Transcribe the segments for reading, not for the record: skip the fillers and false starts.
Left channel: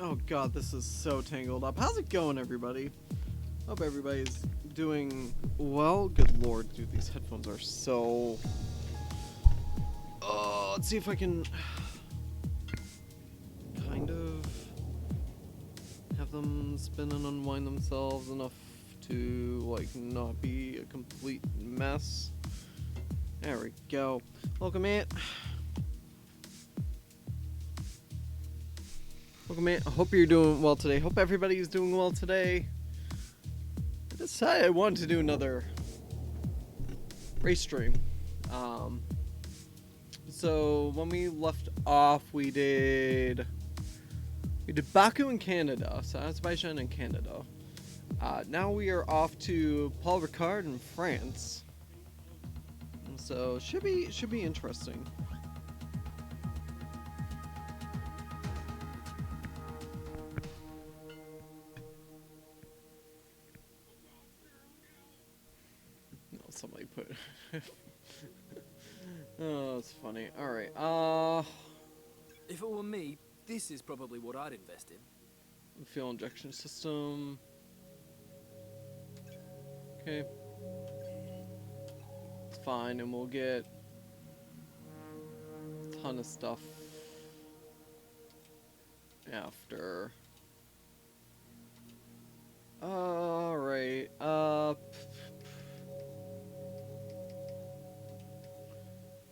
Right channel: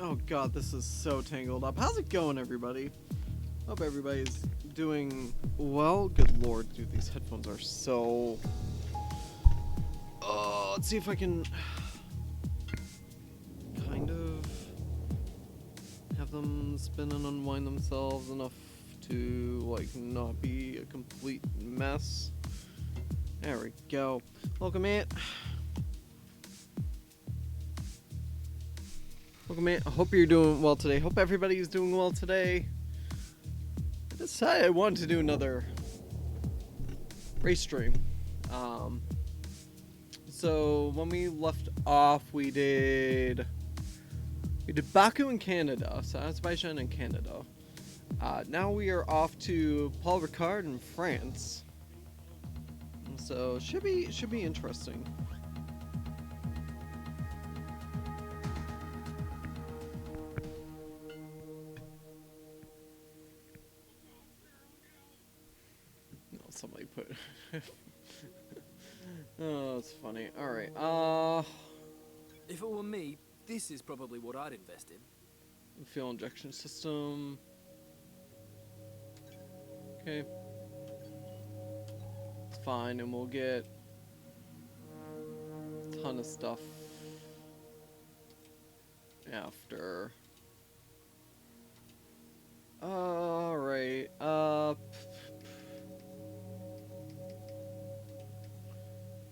Oh god, this is so tangled up. How's it going, everybody? Hope everybody's doing well. Good lord, dude, these headphones are so... Oh, let's see if I can... kind of... have them spin and unwind themselves enough to, like, not be a complete mess. There we go. Welcome, man. Welcome, man. I hope you're doing well today. Hope everybody's doing well today. I decided I wanted to do another race stream. So when we left off, we did Baku in Canada, so Azerbaijan and Canada. Now we are off to Paul Ricard in France. So should be interesting. No, somebody put. Oh, that's funny. All right. If it were me, this is probably what I'd invest in. Fuel injection system. Okay. It's fine, and we'll get a ton of stuff after. Alright.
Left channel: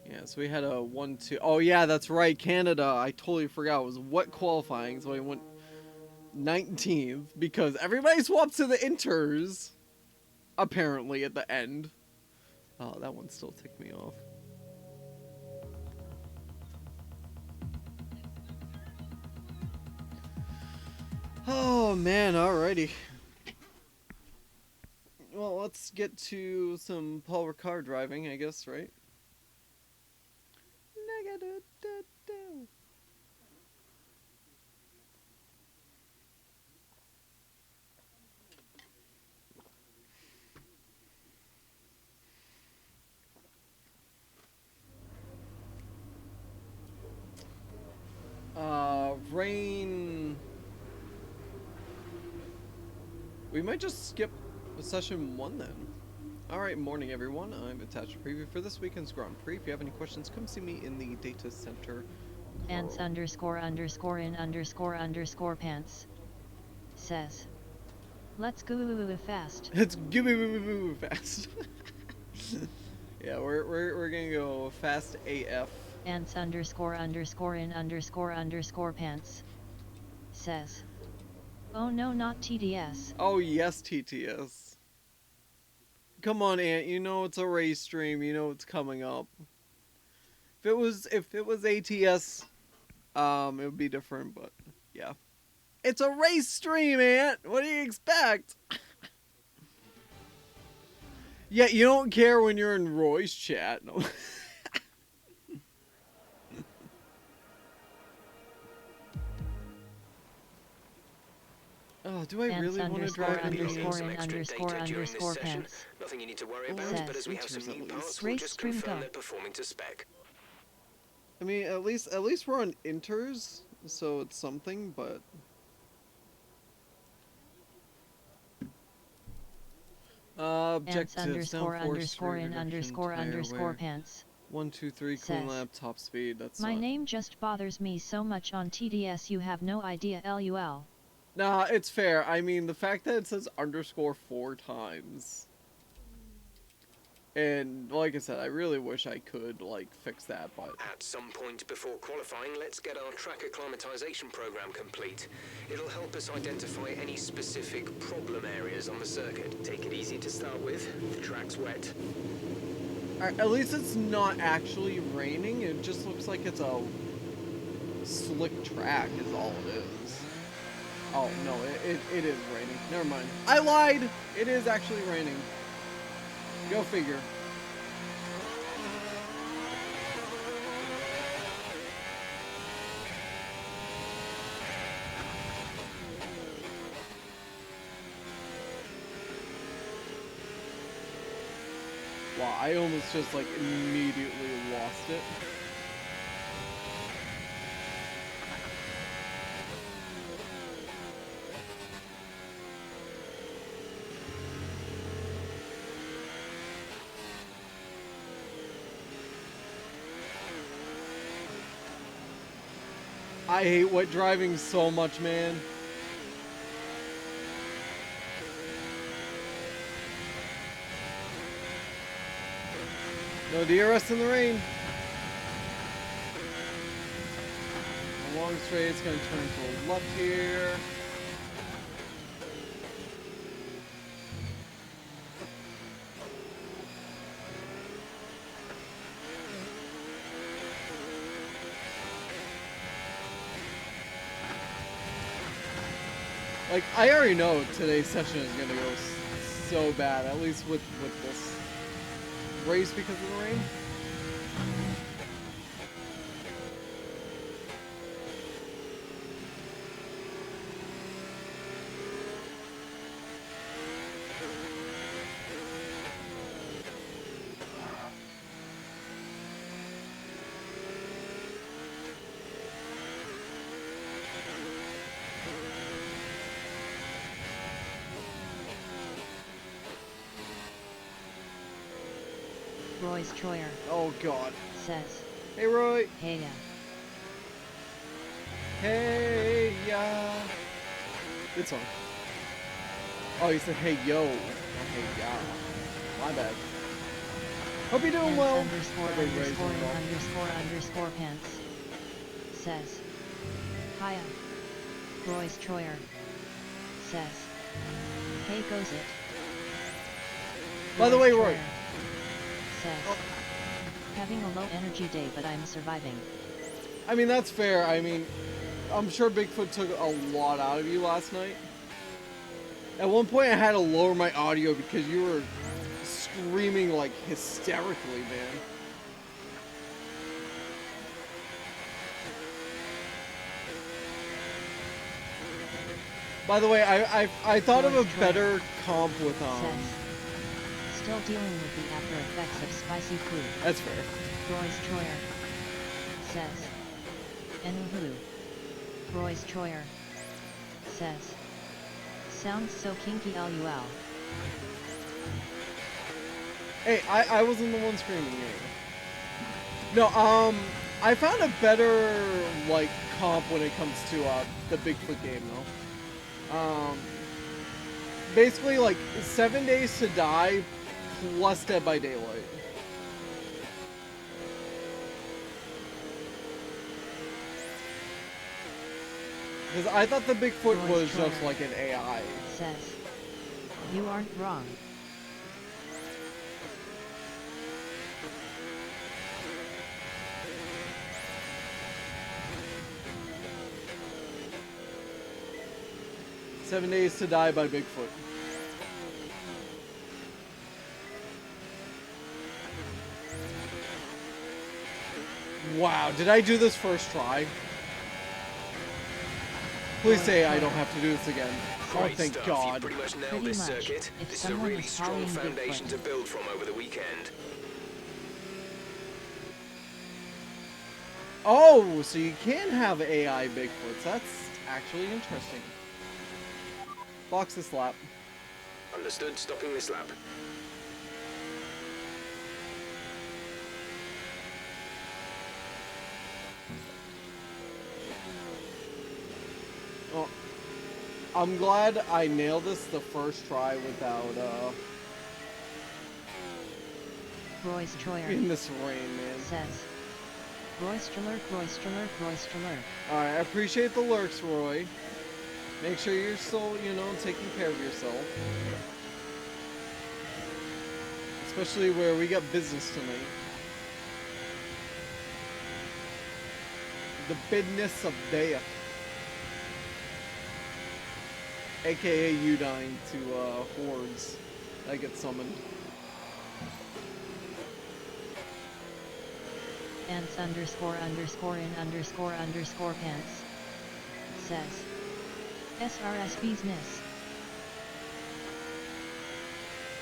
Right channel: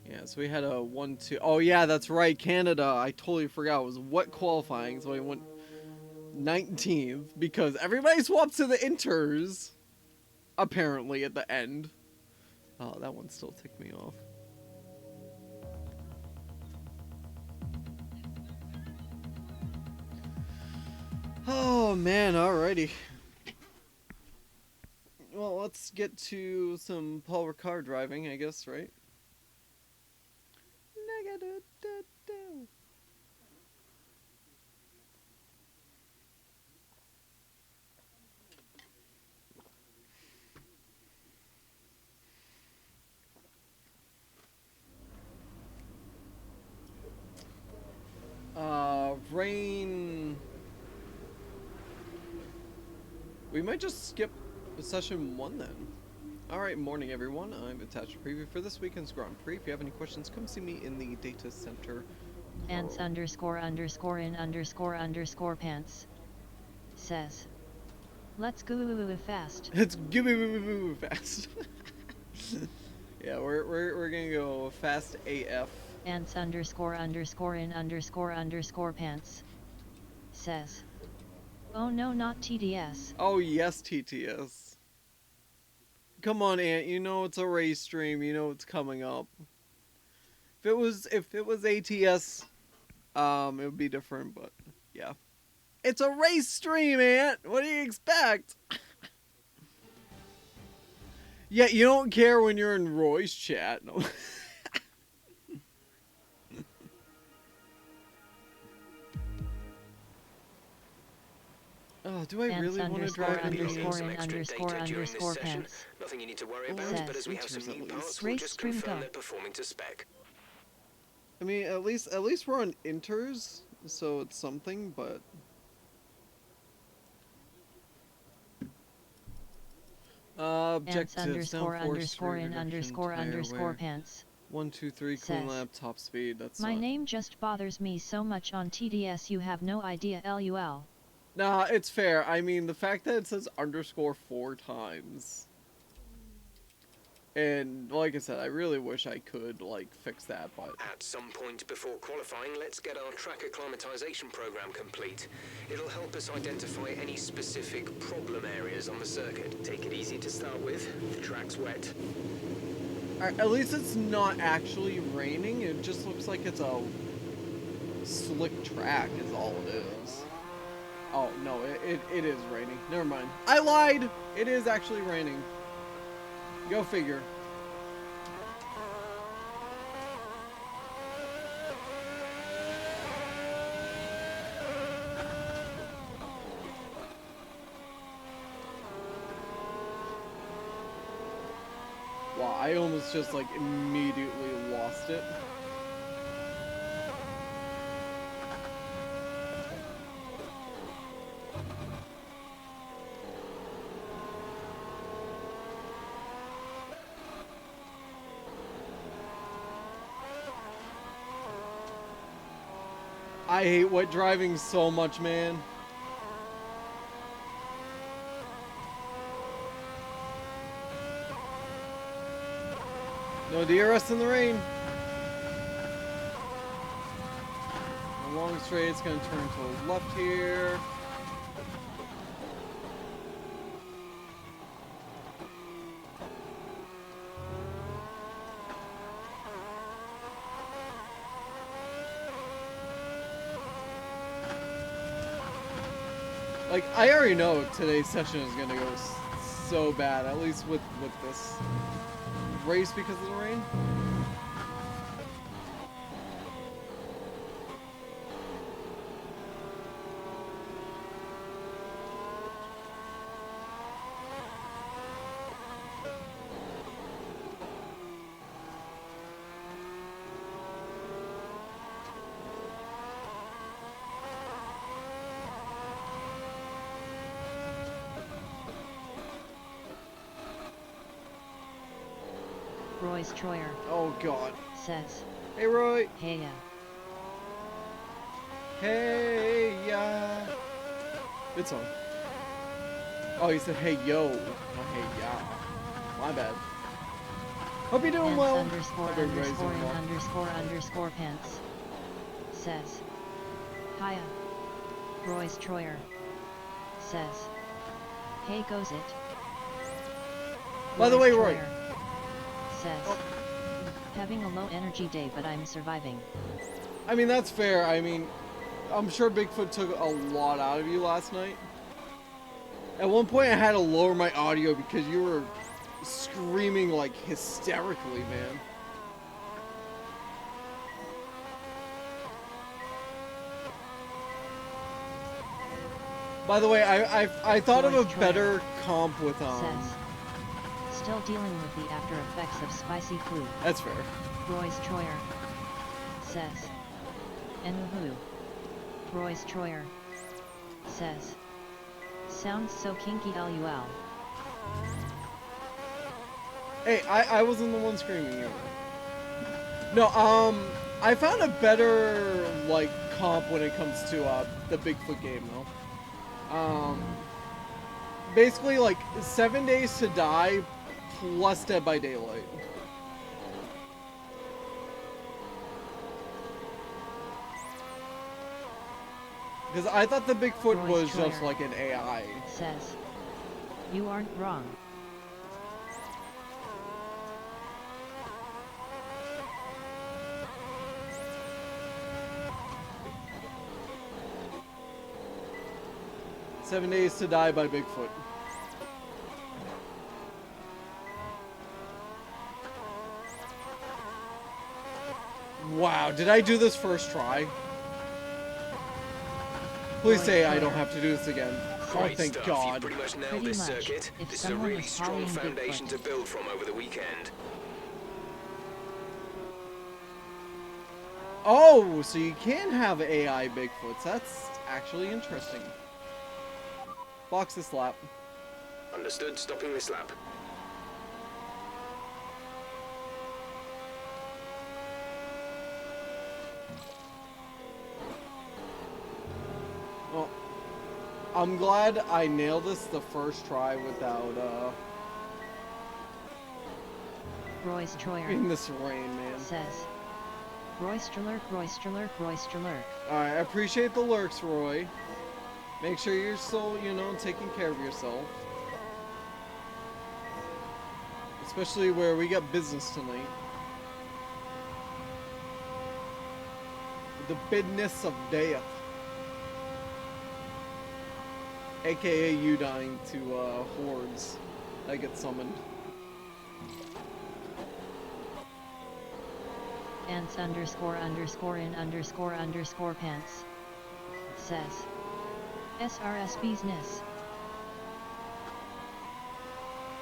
Yeah, so we had a 1-2. Oh, yeah, that's right. Canada. I totally forgot. It was wet qualifying, so I went 19th because everybody swapped to the inters. Apparently, at the end. Oh, that one still ticked me off. Oh, man. Alrighty. Well, let's get to some Paul Ricard driving, I guess, right? Rain. We might just skip session 1 then. Alright, morning everyone. I've attached a preview for this weekend's Grand Prix. If you have any questions, come see me in the data center. Ants __in__underscore pants says, let's go fast. Let's go fast. Yeah, we're gonna go fast AF. Ants __in__underscore pants says, oh no, not TTS. Oh yes, TTS. Come on, Ant. You know it's a race stream. You know it's coming up. If it was ATS, it would be different. But yeah, it's a race stream, Ant. What do you expect? Yeah, you don't care when you're in Roy's chat. No. Oh, do I really want to drive __in__underscore pants? Nothing you need to worry about, but as we have some new parts, we'll just confirm they're performing to spec. I mean, at least we're on inters, so it's something, but objectives __in__underscore pants. 1, 2, 3, cooling lab, top speed. That's my not... name just bothers me so much on TDS. You have no idea. LUL. Nah, it's fair. I mean, the fact that it says underscore 4 times. And, like I said, I really wish I could, like, fix that, but... At some point before qualifying, let's get our track acclimatization program complete. It'll help us identify any specific problem areas on the circuit. Take it easy to start with. The track's wet. Alright, at least it's not actually raining. It just looks like it's a slick track is all it is. Oh, no, it is raining. Never mind. I lied! It is actually raining. Go figure. Wow, I almost just like immediately lost it. I hate wet driving so much, man. No DRS in the rain. A long straight, it's gonna turn to the left here. Like, I already know today's session is gonna go so bad, at least with this race because of the rain. Royce Troyer Oh god. says, Hey Roy. hey ya. Hey ya. Good song. Oh, he said hey yo. Oh, hey ya. My bad. Hope you're doing Pants well. underscore Hope everybody's underscore doing in well. underscore underscore pants says, hiya. Royce Troyer says, hey goes it. By the way, Royce Roy. Troyer says, Oh. having a low energy day but I'm surviving. I mean, that's fair. I mean, I'm sure Bigfoot took a lot out of you last night. At one point, I had to lower my audio because you were screaming like hysterically, man. By the way, I thought of a Royce Troyer better comp with says, still dealing with the after effects of spicy food. That's fair. Royce Troyer says, Enuhu. Royce Troyer says, sounds so kinky lul. Hey, I wasn't the one screaming either. No, I found a better like comp when it comes to the Bigfoot game though. Basically like 7 Days to Die plus Dead by Daylight. Because I thought the Bigfoot Royce was Troyer just like an AI. says, you aren't wrong. "7 Days to Die" by Bigfoot. Wow, did I do this first try? Please say I don't have to do this again. Oh, Great thank stuff. God. You've pretty much nailed Pretty this much. circuit. If This is a someone really is strong following foundation Bigfoot. to build from over the weekend. Oh, so you can have AI Bigfoots. That's actually interesting. Box this lap. Understood. Stopping this lap. Oh, I'm glad I nailed this the first try without Royce Troyer in this rain, man. says, Royster lurk, Royster lurk, Royster lurk. Alright, I appreciate the lurks, Roy. Make sure you're still, you know, taking care of yourself. Especially where we got business tonight. The business of death. AKA you dying to hordes that get summoned. Ants underscore underscore in underscore underscore pants says, SRSB's ness.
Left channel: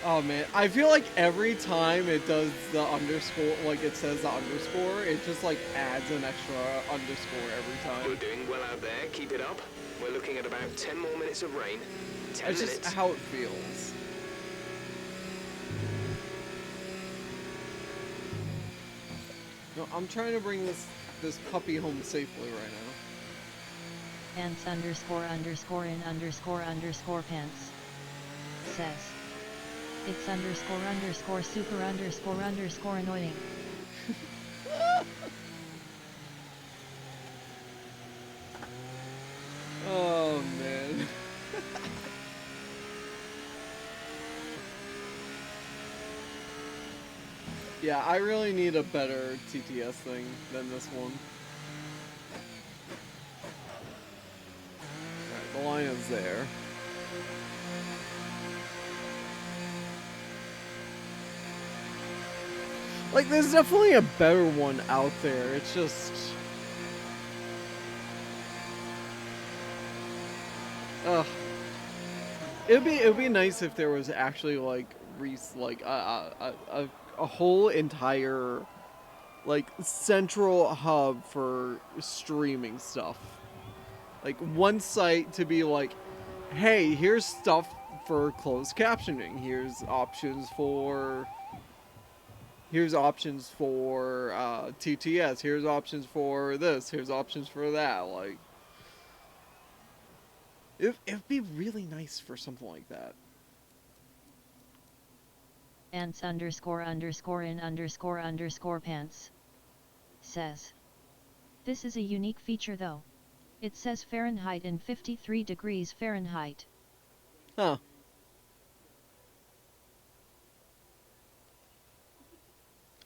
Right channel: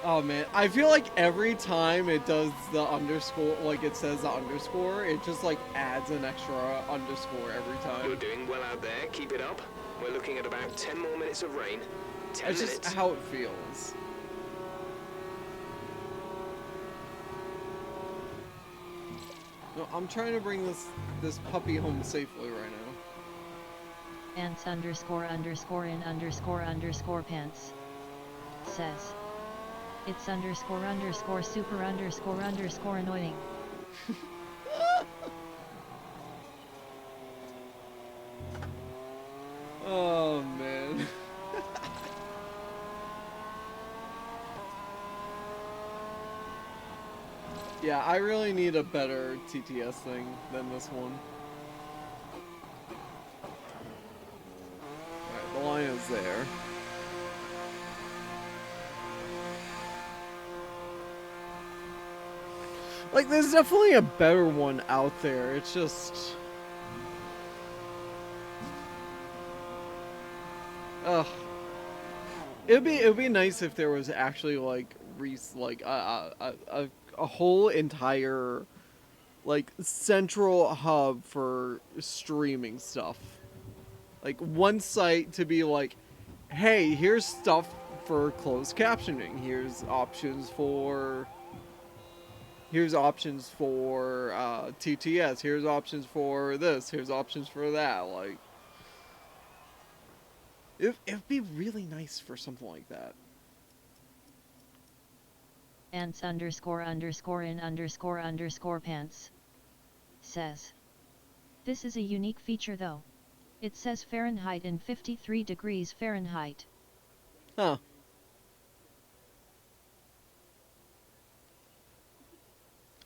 Oh man, I feel like every time it does the underscore, like it says the underscore, it just like adds an extra underscore every You're time. doing well out there. Keep it up. We're looking at about 10 more minutes of rain. 10 That's minutes. just how it feels. No, I'm trying to bring this puppy home safely right now. ants underscore underscore in underscore underscore pants says, it's underscore underscore super underscore underscore annoying. Oh man. Yeah, I really need a better TTS thing than this one. Alright, the line is there. Like, there's definitely a better one out there. It's just... Ugh. It'd be nice if there was actually, like, a whole entire, like, central hub for streaming stuff. Like, one site to be like, hey, here's stuff for closed captioning. Here's options for TTS. Here's options for this. Here's options for that. Like, it'd be really nice for something like that. Ants underscore underscore in underscore underscore pants says, this is a unique feature though. It says Fahrenheit in 53 degrees Fahrenheit. Huh.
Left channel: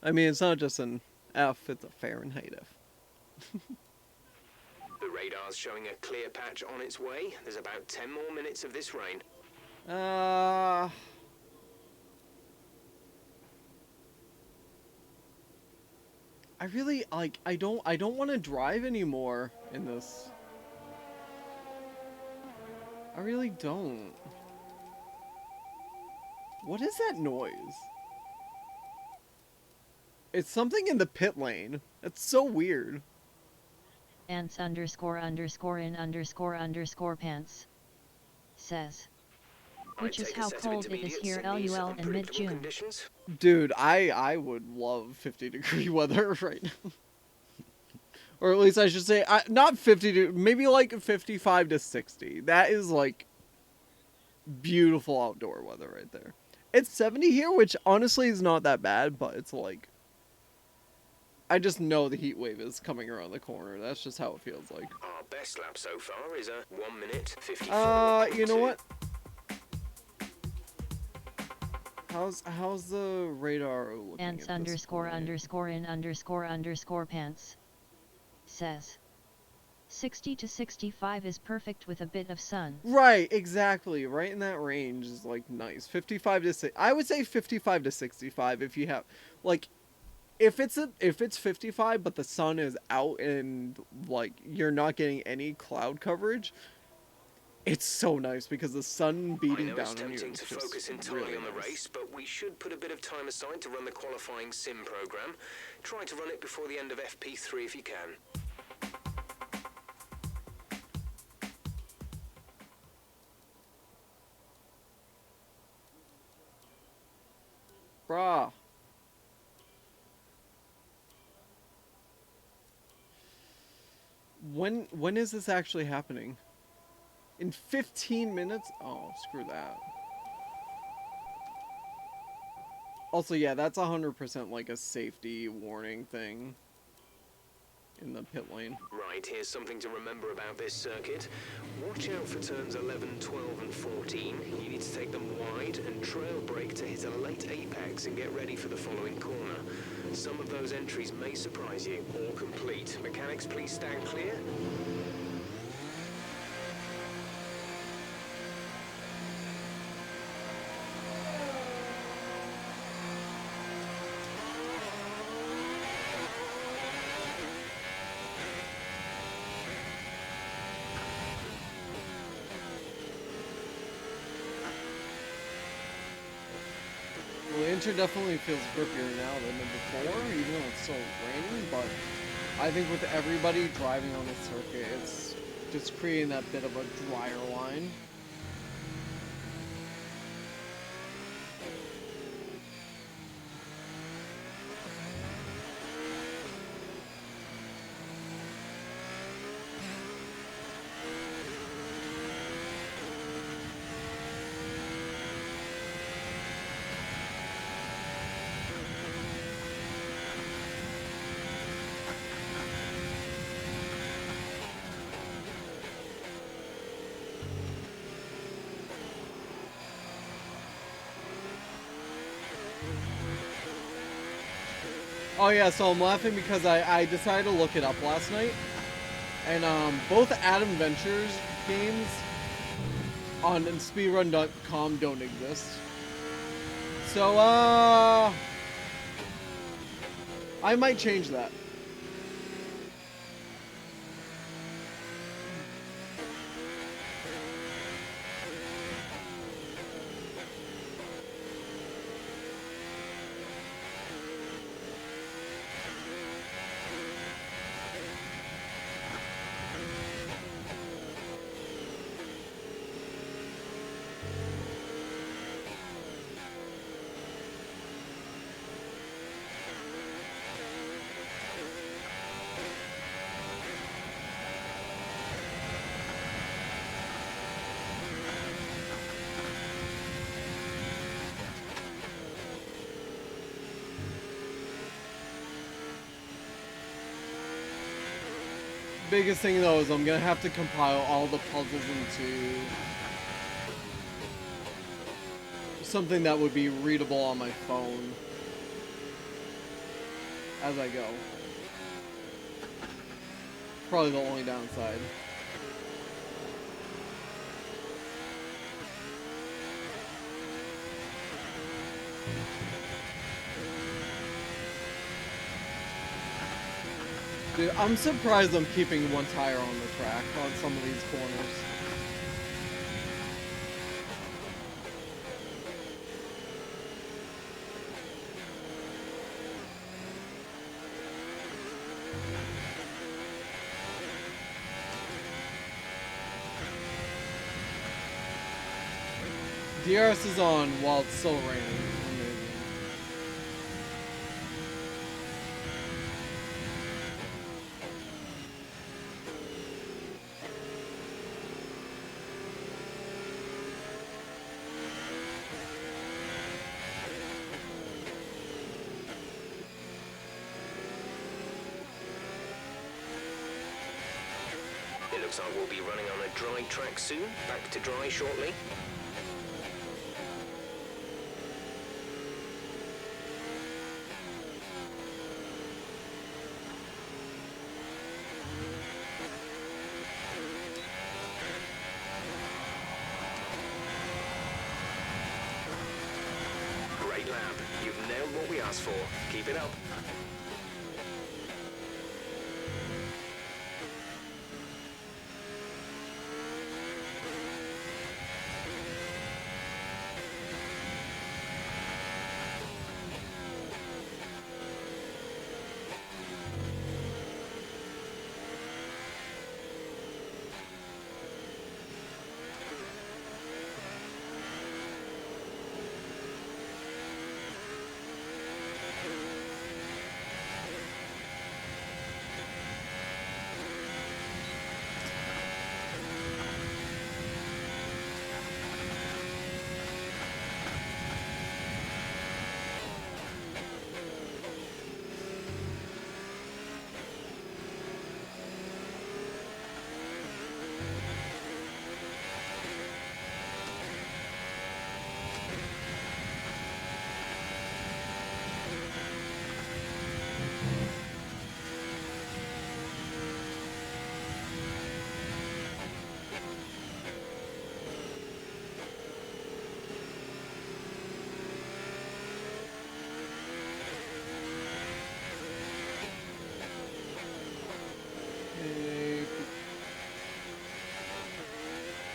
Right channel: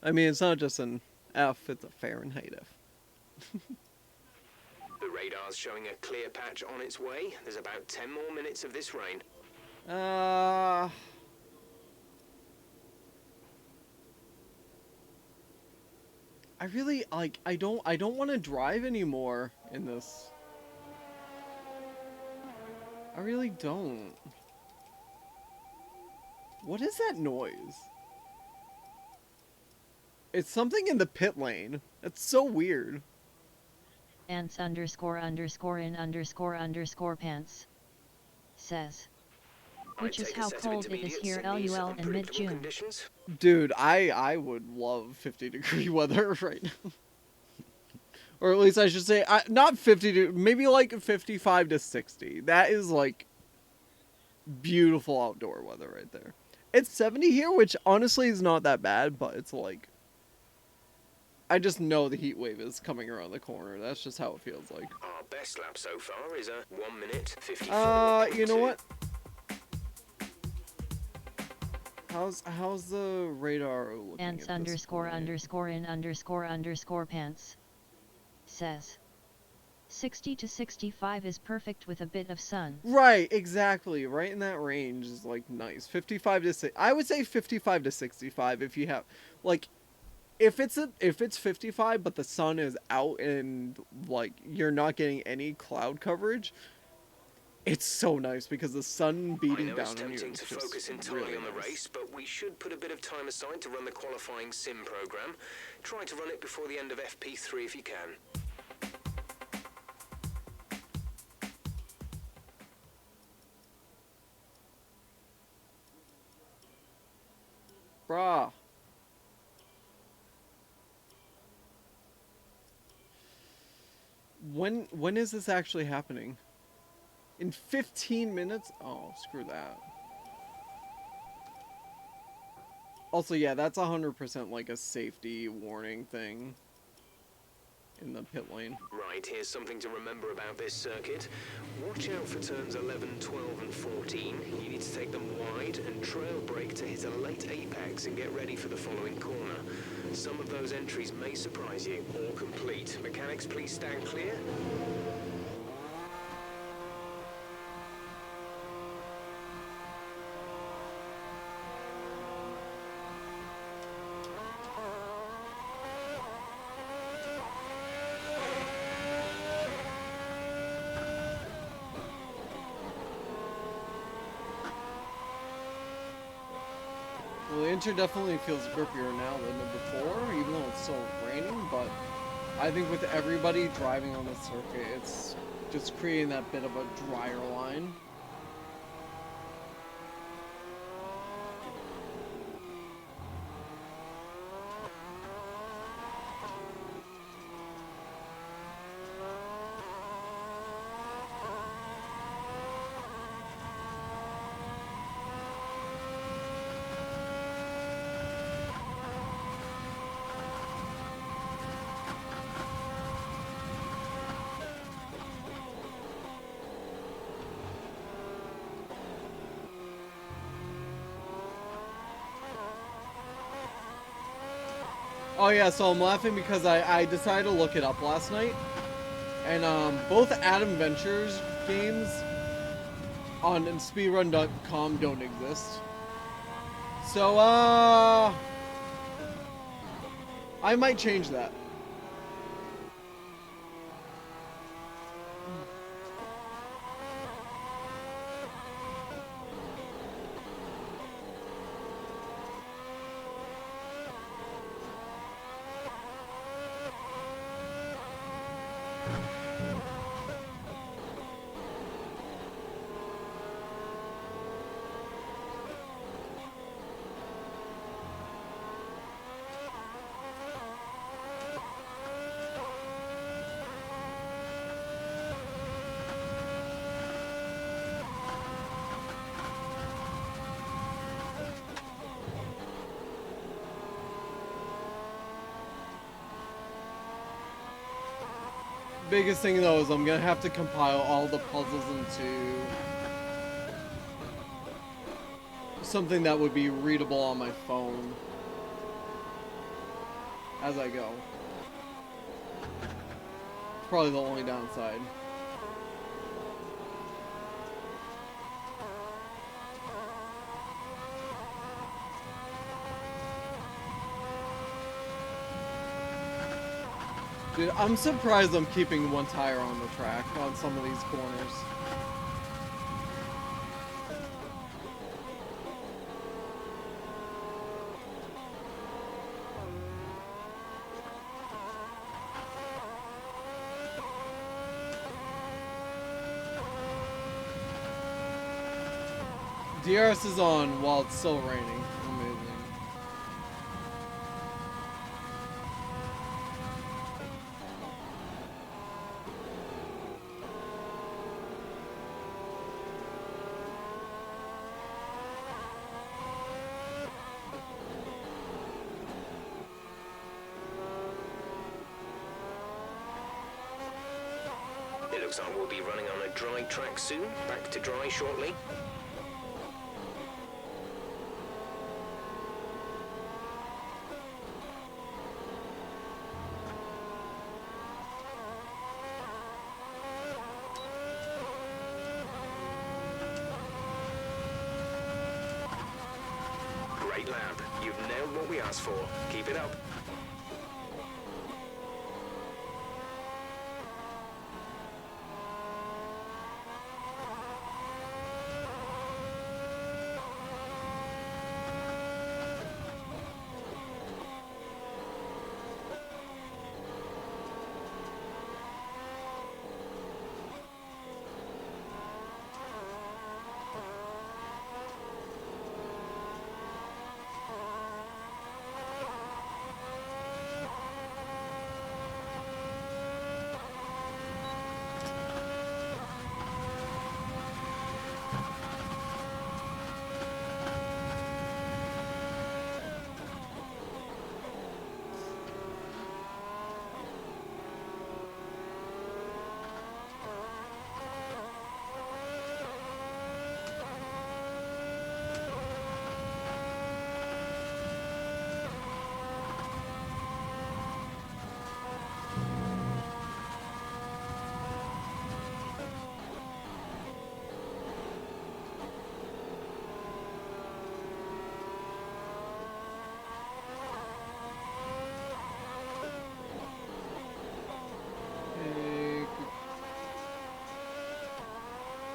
I mean, it's not just an F, it's a Fahrenheit F. The radar's showing a clear patch on its way. There's about 10 more minutes of this rain. I really, like, I don't want to drive anymore in this. I really don't. What is that noise? It's something in the pit lane. That's so weird. Ants underscore underscore in underscore underscore pants says, which is how cold it is here LUL in mid-June. Dude, I would love 50-degree weather right now. Or at least I should say, not 50, maybe like 55 to 60. That is like beautiful outdoor weather right there. It's 70 here, which honestly is not that bad, but it's like, I just know the heat wave is coming around the corner. That's just how it feels like. Our best lap so far is a 1 minute 54. You know what? How's the radar looking? Ants underscore underscore in underscore underscore pants says, 60 to 65 is perfect with a bit of sun. Right, exactly. Right in that range is like nice. 55 to 6. I would say 55 to 65 if you have like if it's 55 but the sun is out and like you're not getting any cloud coverage. It's so nice because the sun beating down on you. It's tempting to focus entirely really on the race, but we should put a bit of time aside to run the qualifying sim program. Try to run it before the end of FP3 if you can. Brah. When is this actually happening? In 15 minutes? Oh, screw that. Also, yeah, that's 100% like a safety warning thing in the pit lane. Right, here's something to remember about this circuit. Watch out for turns 11, 12 and 14. You need to take them wide and trail brake to hit a late apex and get ready for the following corner. Some of those entries may surprise you. All complete. Mechanics, please stand clear. Well, the Inter definitely feels grippier now than before, even though it's still raining, but I think with everybody driving on the circuit, it's just creating that bit of a drier line. Oh yeah, so I'm laughing because I decided to look it up last night, and both Adam Ventures games on speedrun.com don't exist. So I might change that. Biggest thing though is I'm gonna have to compile all the puzzles into something that would be readable on my phone as I go. Probably the only downside. Dude, I'm surprised I'm keeping one tire on the track on some of these corners. DRS is on while it's still raining. Amazing. It looks like we'll be running on a dry track soon. Back to dry shortly. Great lap. You've nailed what we asked for. Keep it up.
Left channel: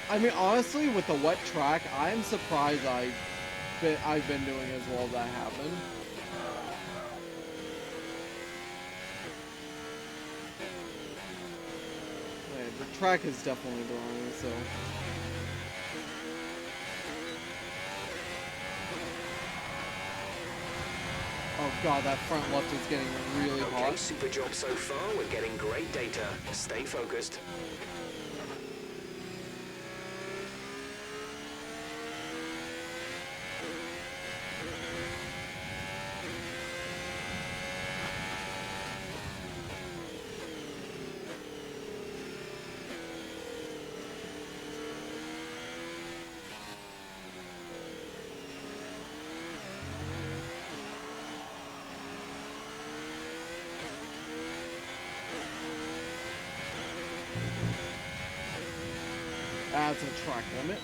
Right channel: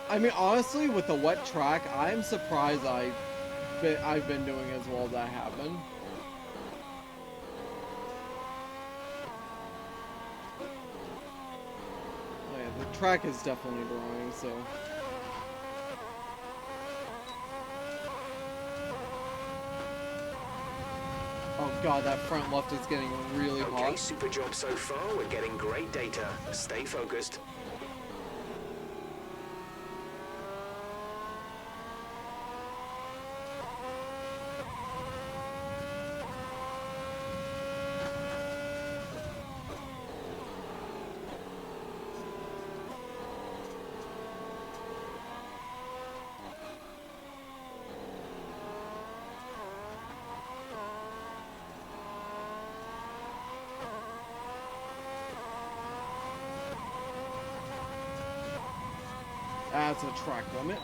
I mean, honestly, with the wet track, I'm surprised I've been doing as well as I have been. Yeah, the track is definitely drying, so. Oh god, that front left is getting really Okay, hot. super job so far. We're getting great data. Stay focused. That's a track limit.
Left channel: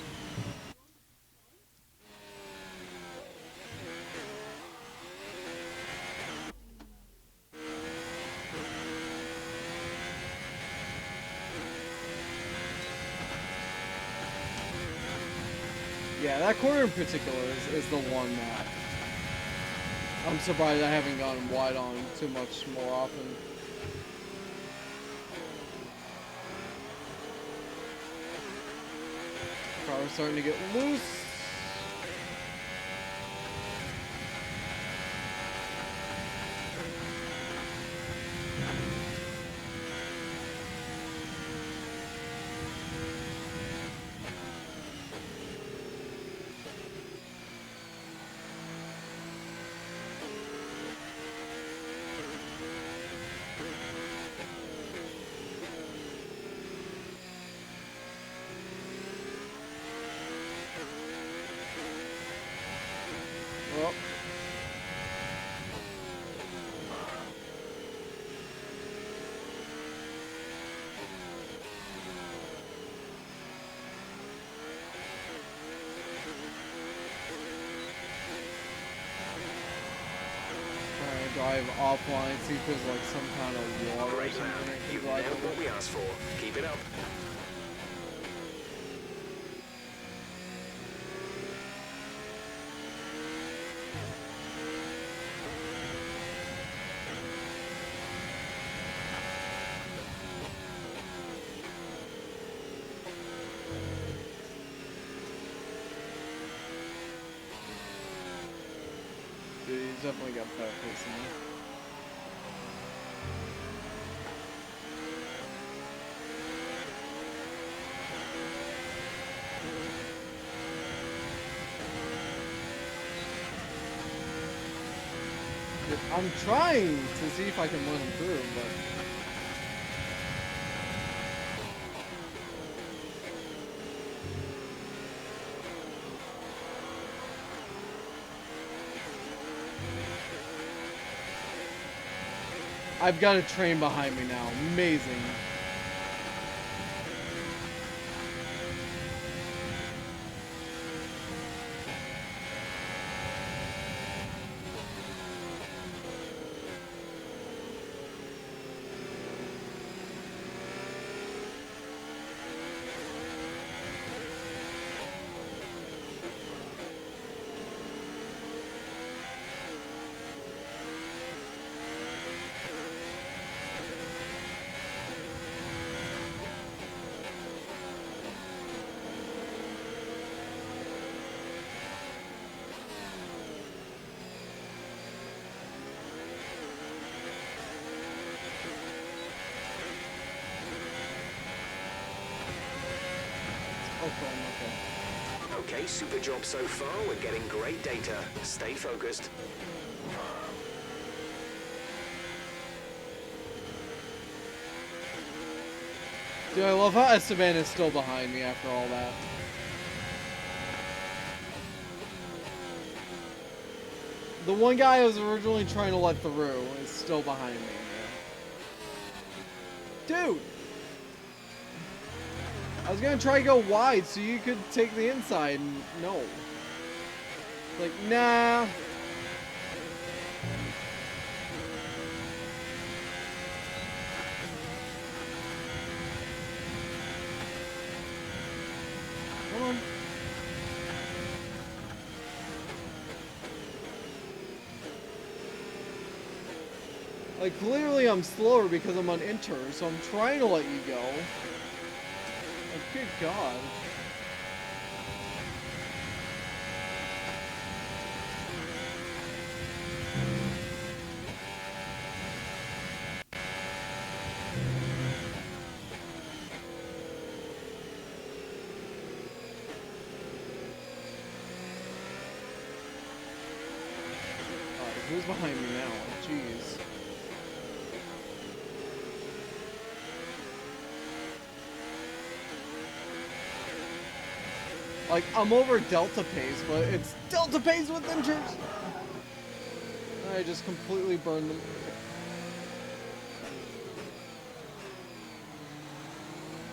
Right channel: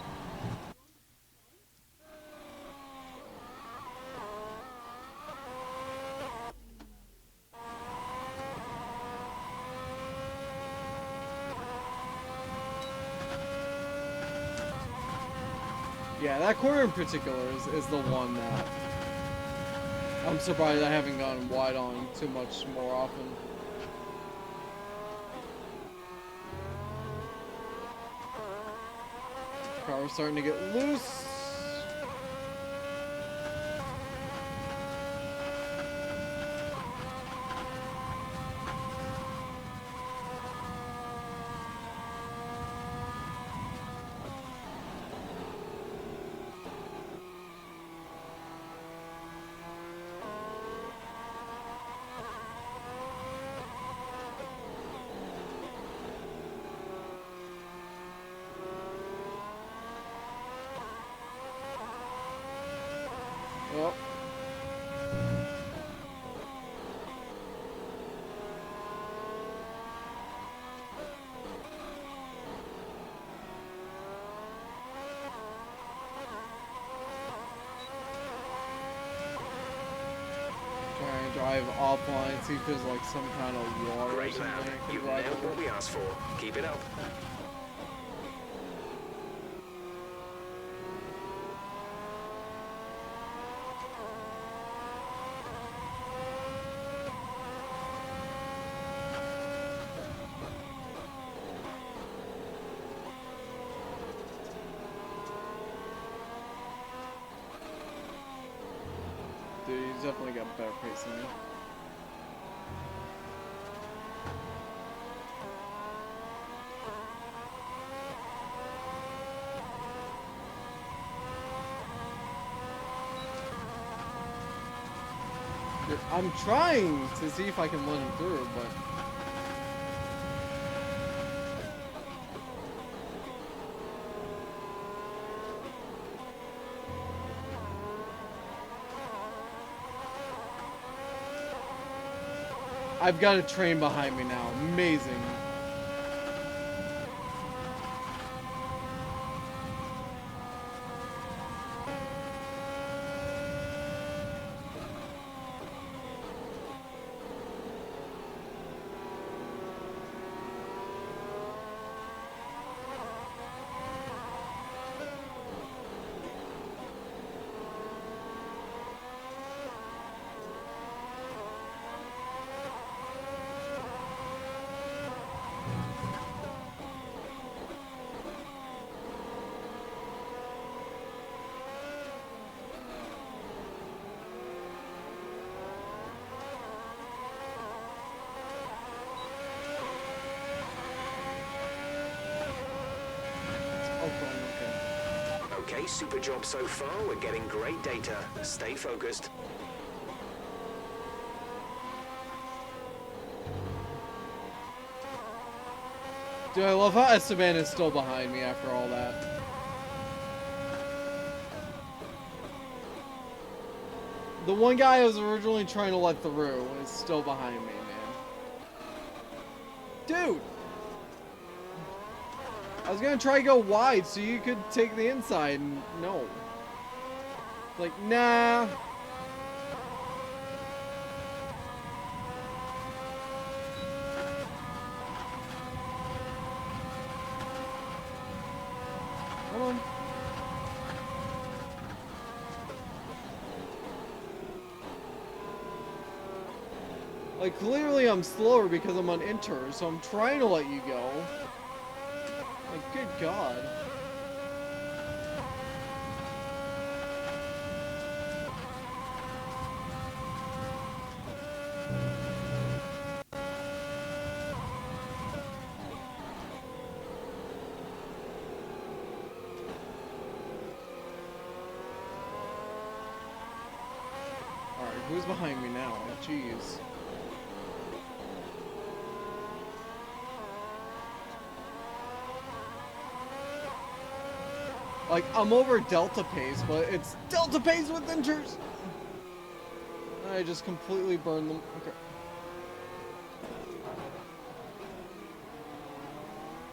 Yeah, that corner in particular is the one that I'm surprised I haven't gone wide on too much more often. Car was starting to get loose. Oh. Try and drive offline, see if there's like some kind of water or Great something lad. I can You've drive nailed over. what we asked for. Keep it up. Dude, he's definitely got better pace than me. Dude, I'm trying to see if I can run him through, but I've got a train behind me now. Amazing. Oh, cool. Okay. Okay, super job so far. We're getting great data. Stay focused. Dude, I love how Esteban is still behind me after all that. The one guy I was originally trying to let through is still behind me, man. Dude! I was gonna try to go wide so you could take the inside, and no. Like, nah. Come on. Like, clearly I'm slower because I'm on enter, so I'm trying to let you go. Like, good God. Alright, who's behind me now? Jeez. Like, I'm over Delta pace, but it's Delta pace with inters! I just completely burned them.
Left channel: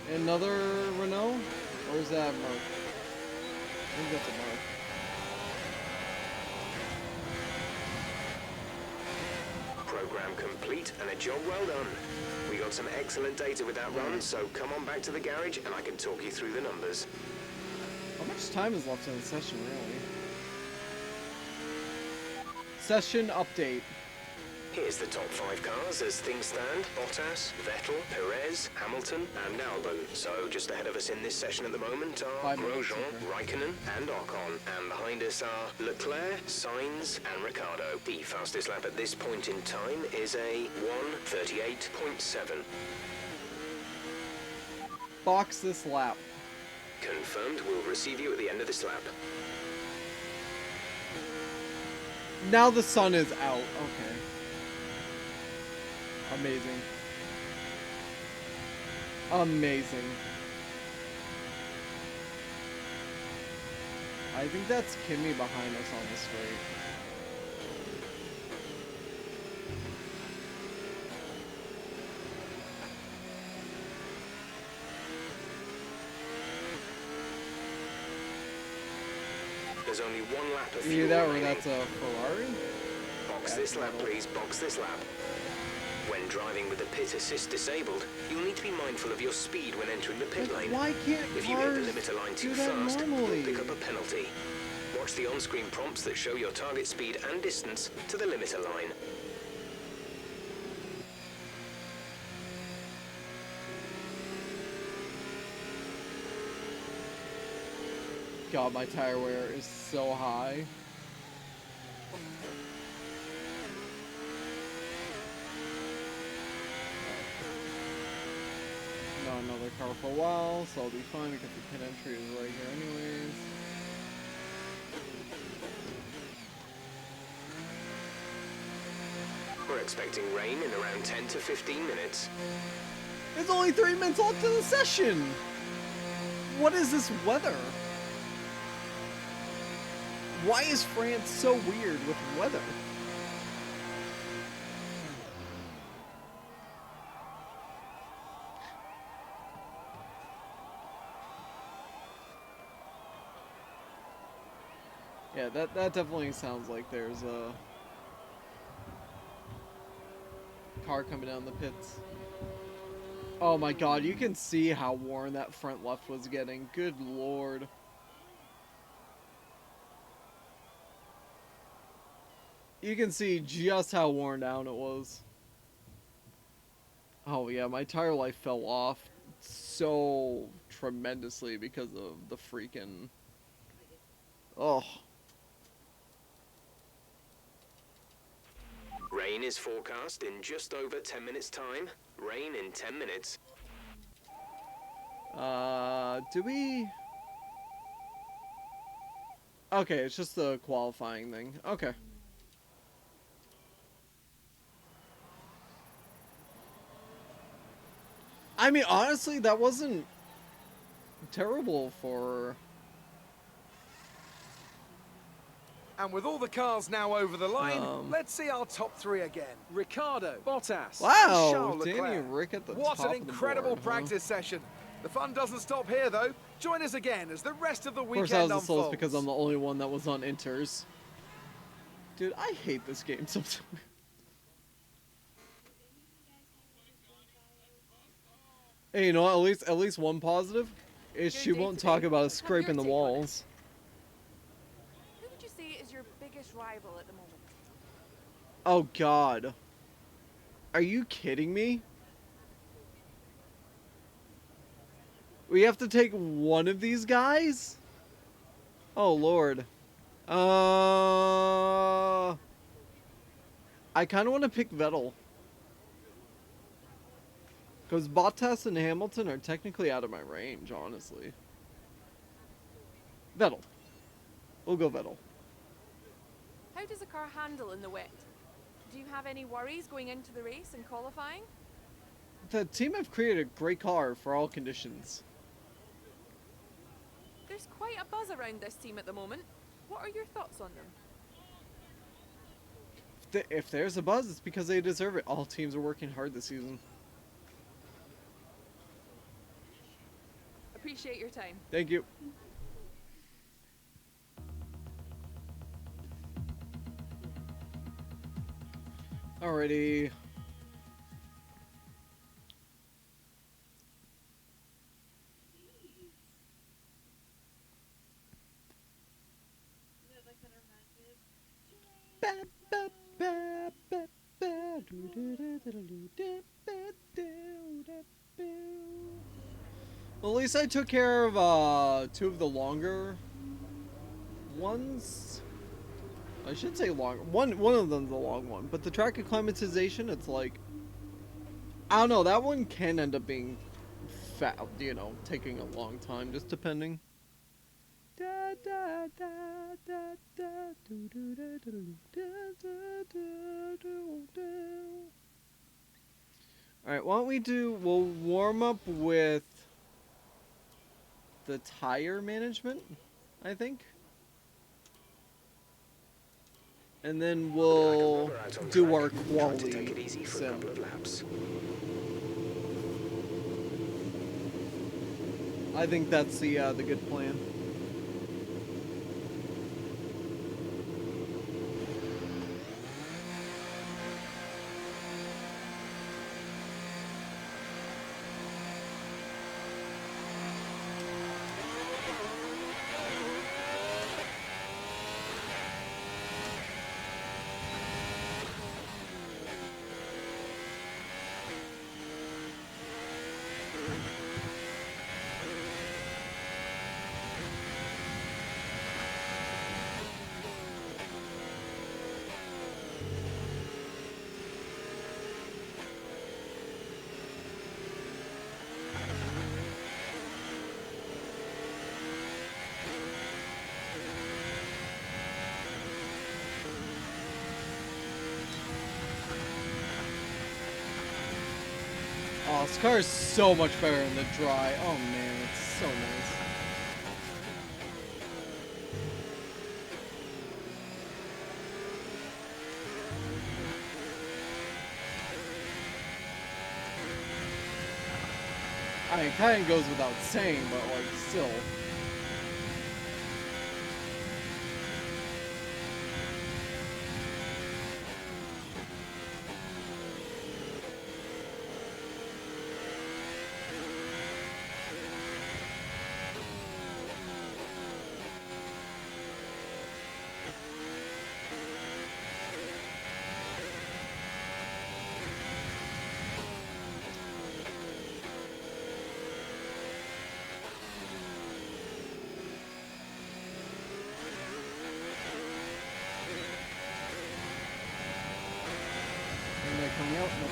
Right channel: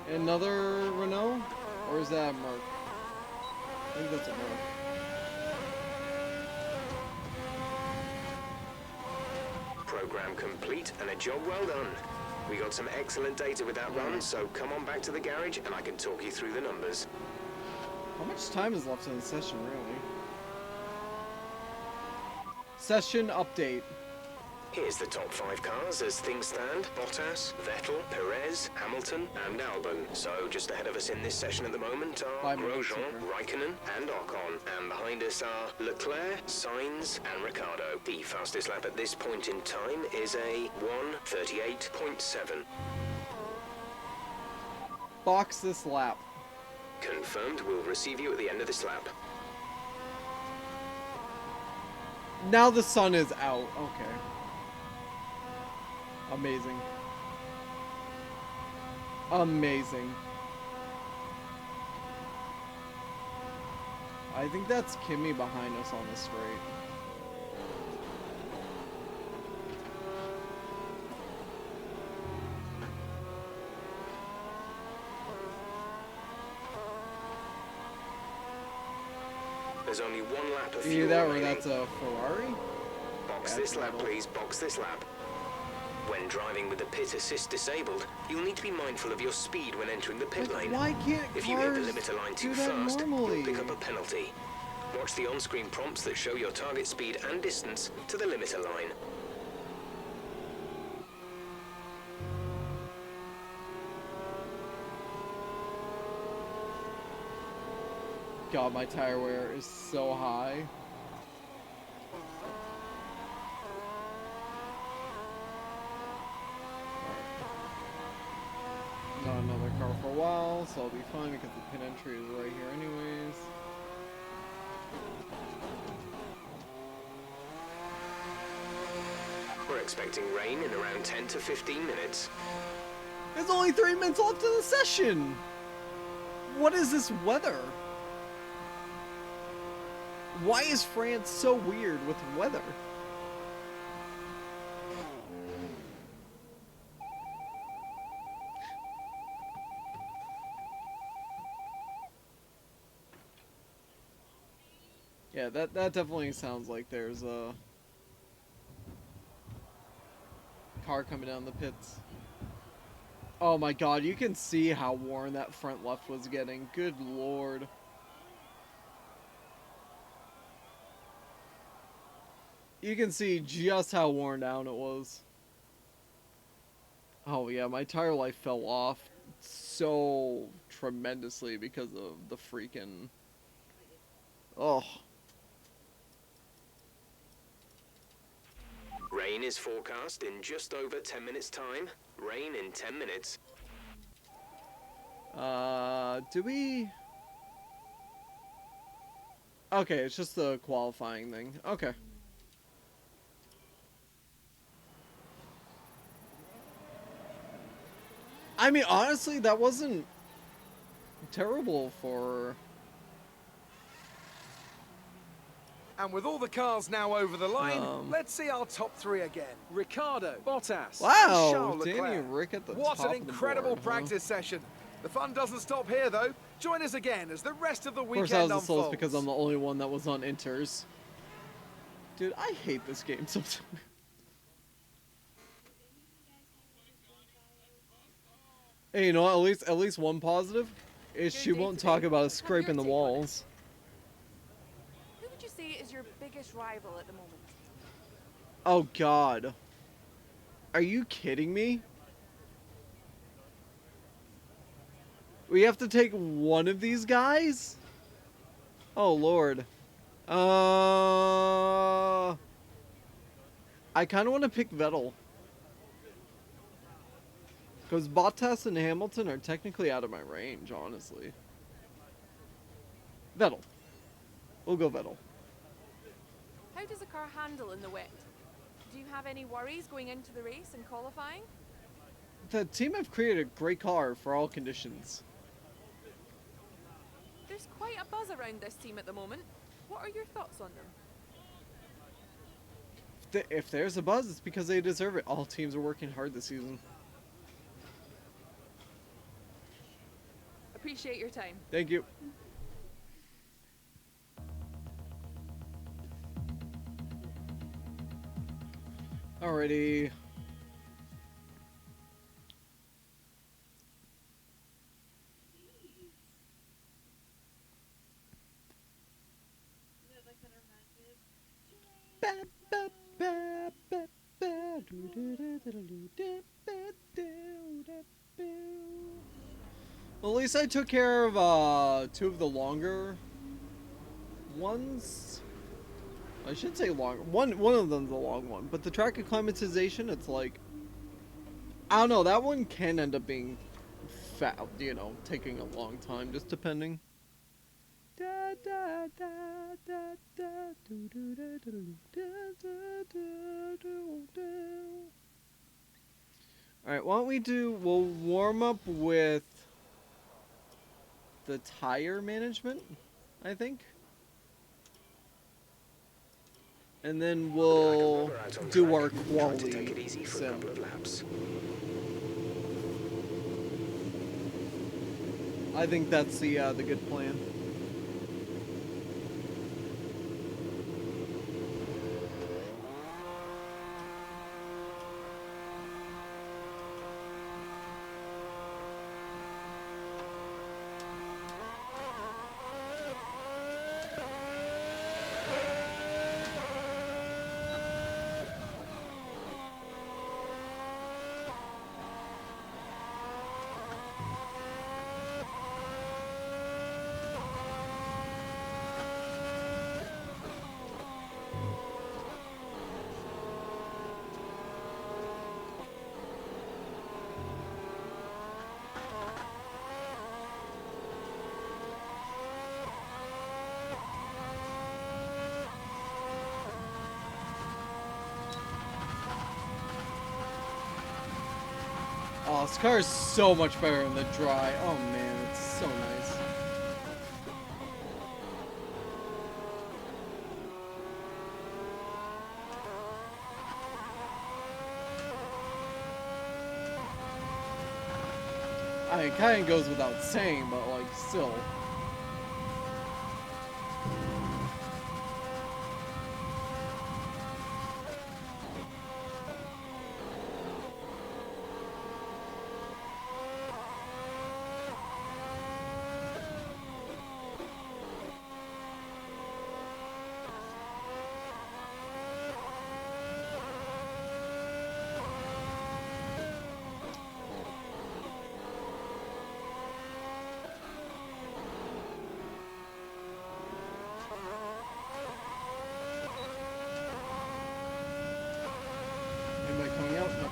Okay. Another Renault? Or is that a Merc? I think that's a Merc. Program complete and a job well done. We got some excellent data with that run, so come on back to the garage and I can talk you through the numbers. How much time is left in the session, really? Session update. Here's the top 5 cars as things stand. Bottas, Vettel, Perez, Hamilton, and Albon. So just ahead of us in this session at the moment are 5 minutes, Grosjean, okay. Raikkonen, and Ocon. And behind us are Leclerc, Sainz, and Ricciardo. The fastest lap at this point in time is a 1:38.7. Box this lap. Confirmed, we'll receive you at the end of this lap. Now the sun is out. Okay. Amazing. Amazing. I think that's Kimmy behind us on the straight. There's only one lap of Either fuel that or remaining. that's a Ferrari? Box Yeah, this lap, metal. please. Box this lap. When driving with the pit assist disabled, you'll need to be mindful of your speed when entering the pit But lane. why can't If you hit cars the limiter line too do that fast, normally? you'll pick up a penalty. Watch the on-screen prompts that show your target speed and distance to the limiter line. God, my tire wear is so high. Not another car for a while, so I'll be fine because the pit entry is right here anyways. We're expecting rain in around 10 to 15 minutes. There's only 3 minutes left in the session! What is this weather? Why is France so weird with weather? Yeah, that definitely sounds like there's a car coming down the pits. Oh my god, you can see how worn that front left was getting. Good lord. You can see just how worn down it was. Oh yeah, my tire life fell off so tremendously because of the freaking... Oh. Rain is forecast in just over 10 minutes' time. Rain in 10 minutes. Do we... Okay, it's just the qualifying thing. Okay. I mean, honestly, that wasn't terrible for... And with all the cars now over the line, let's see our top 3 again. Ricardo, Bottas. Wow, Charles Danny Leclerc. and Rick at the What top an of the incredible board, huh? practice session. The fun doesn't stop here, though. Join us again as the rest of the Of weekend course, I was the unfolds. slowest because I'm the only one that was on inters. Dude, I hate this game sometimes. Hey, you know what? At least one positive is she won't talk about us scraping the walls. Who would you say is your biggest rival at the moment? Oh god. Are you kidding me? We have to take one of these guys? Oh lord. I kind of want to pick Vettel. Because Bottas and Hamilton are technically out of my range, honestly. Vettel. We'll go Vettel. How does a car handle in the wet? Do you have any worries going into the race and qualifying? The team have created a great car for all conditions. There's quite a buzz around this team at the moment. What are your thoughts on them? If there's a buzz, it's because they deserve it. All teams are working hard this season. appreciate your time. Thank you. Alrighty. Well, at least I took care of 2 of the longer ones. I should say long. One of them's a long one, but the track acclimatization, it's like, I don't know. That one can end up being fat, you know, taking a long time, just depending. Alright, why don't we do, we'll warm up with the tire management, I think. And then we'll do our quality sim. I think that's the good plan. Oh, this car is so much better in the dry. Oh man, it's so nice. I mean, it kind of goes without saying, but like, still. Anybody coming out? Nope.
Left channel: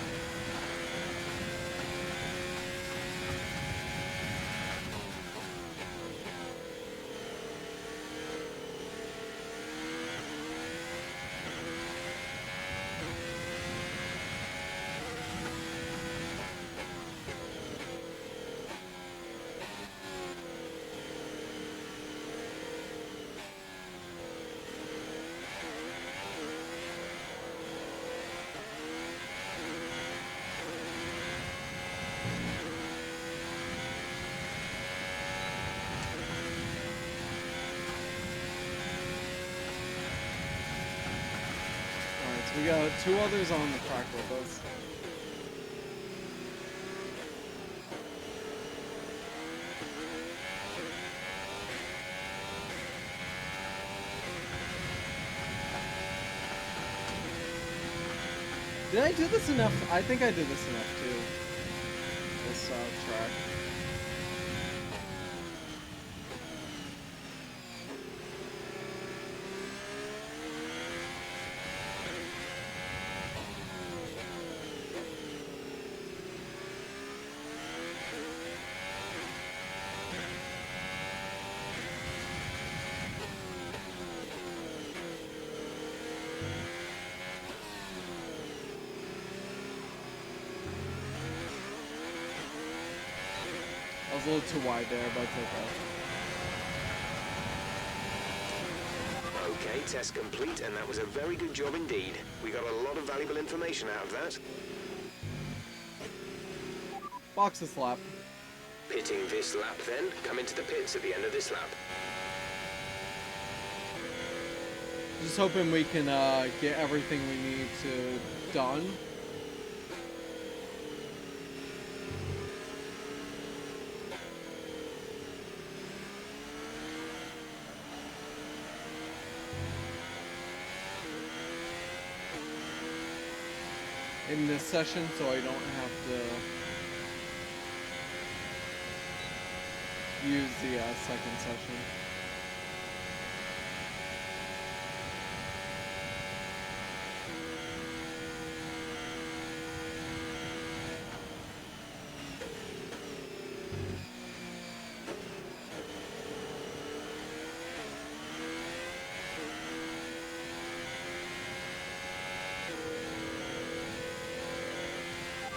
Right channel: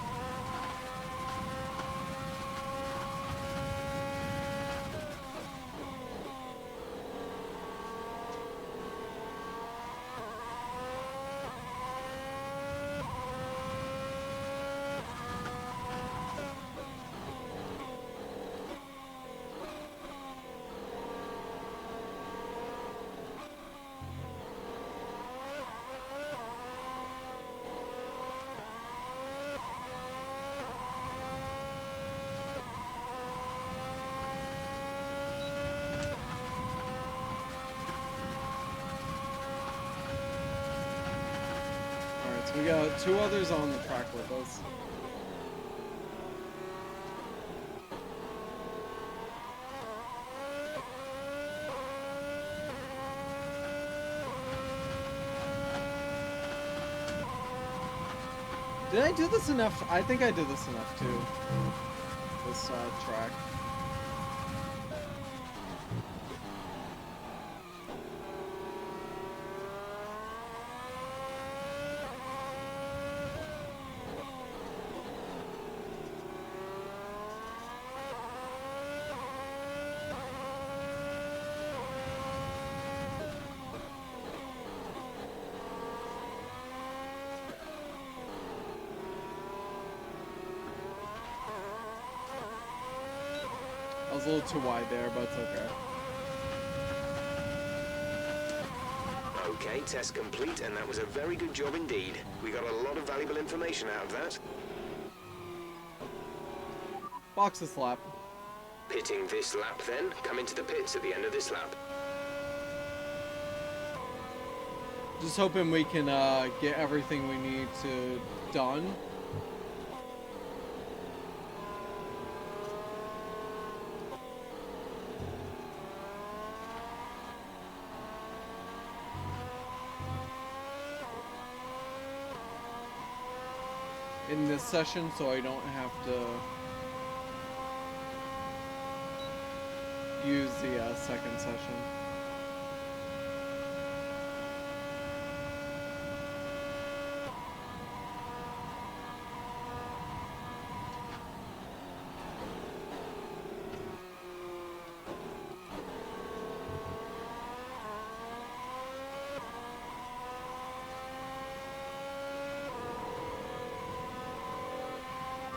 Alright, so we got 2 others on the track with us. Did I do this enough? I think I did this enough too. This track. I was a little too wide there, but it's okay. Okay, test complete, and that was a very good job indeed. We got a lot of valuable information out of that. Box a slap. Pitting this lap then, come into the pits at the end of this lap. Just hoping we can get everything we need to done. In this session, so I don't have to use the second session.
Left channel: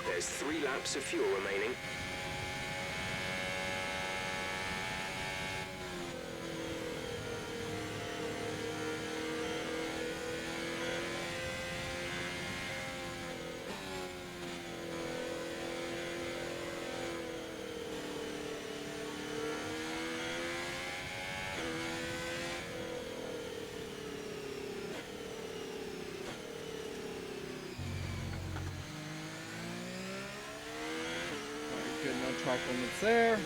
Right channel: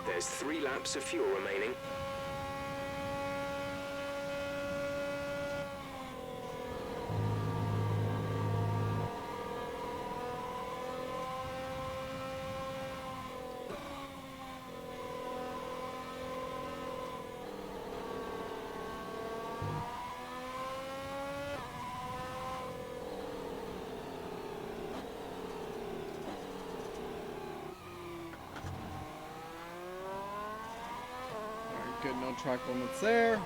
There's 3 laps of fuel remaining. Good, no track limits there.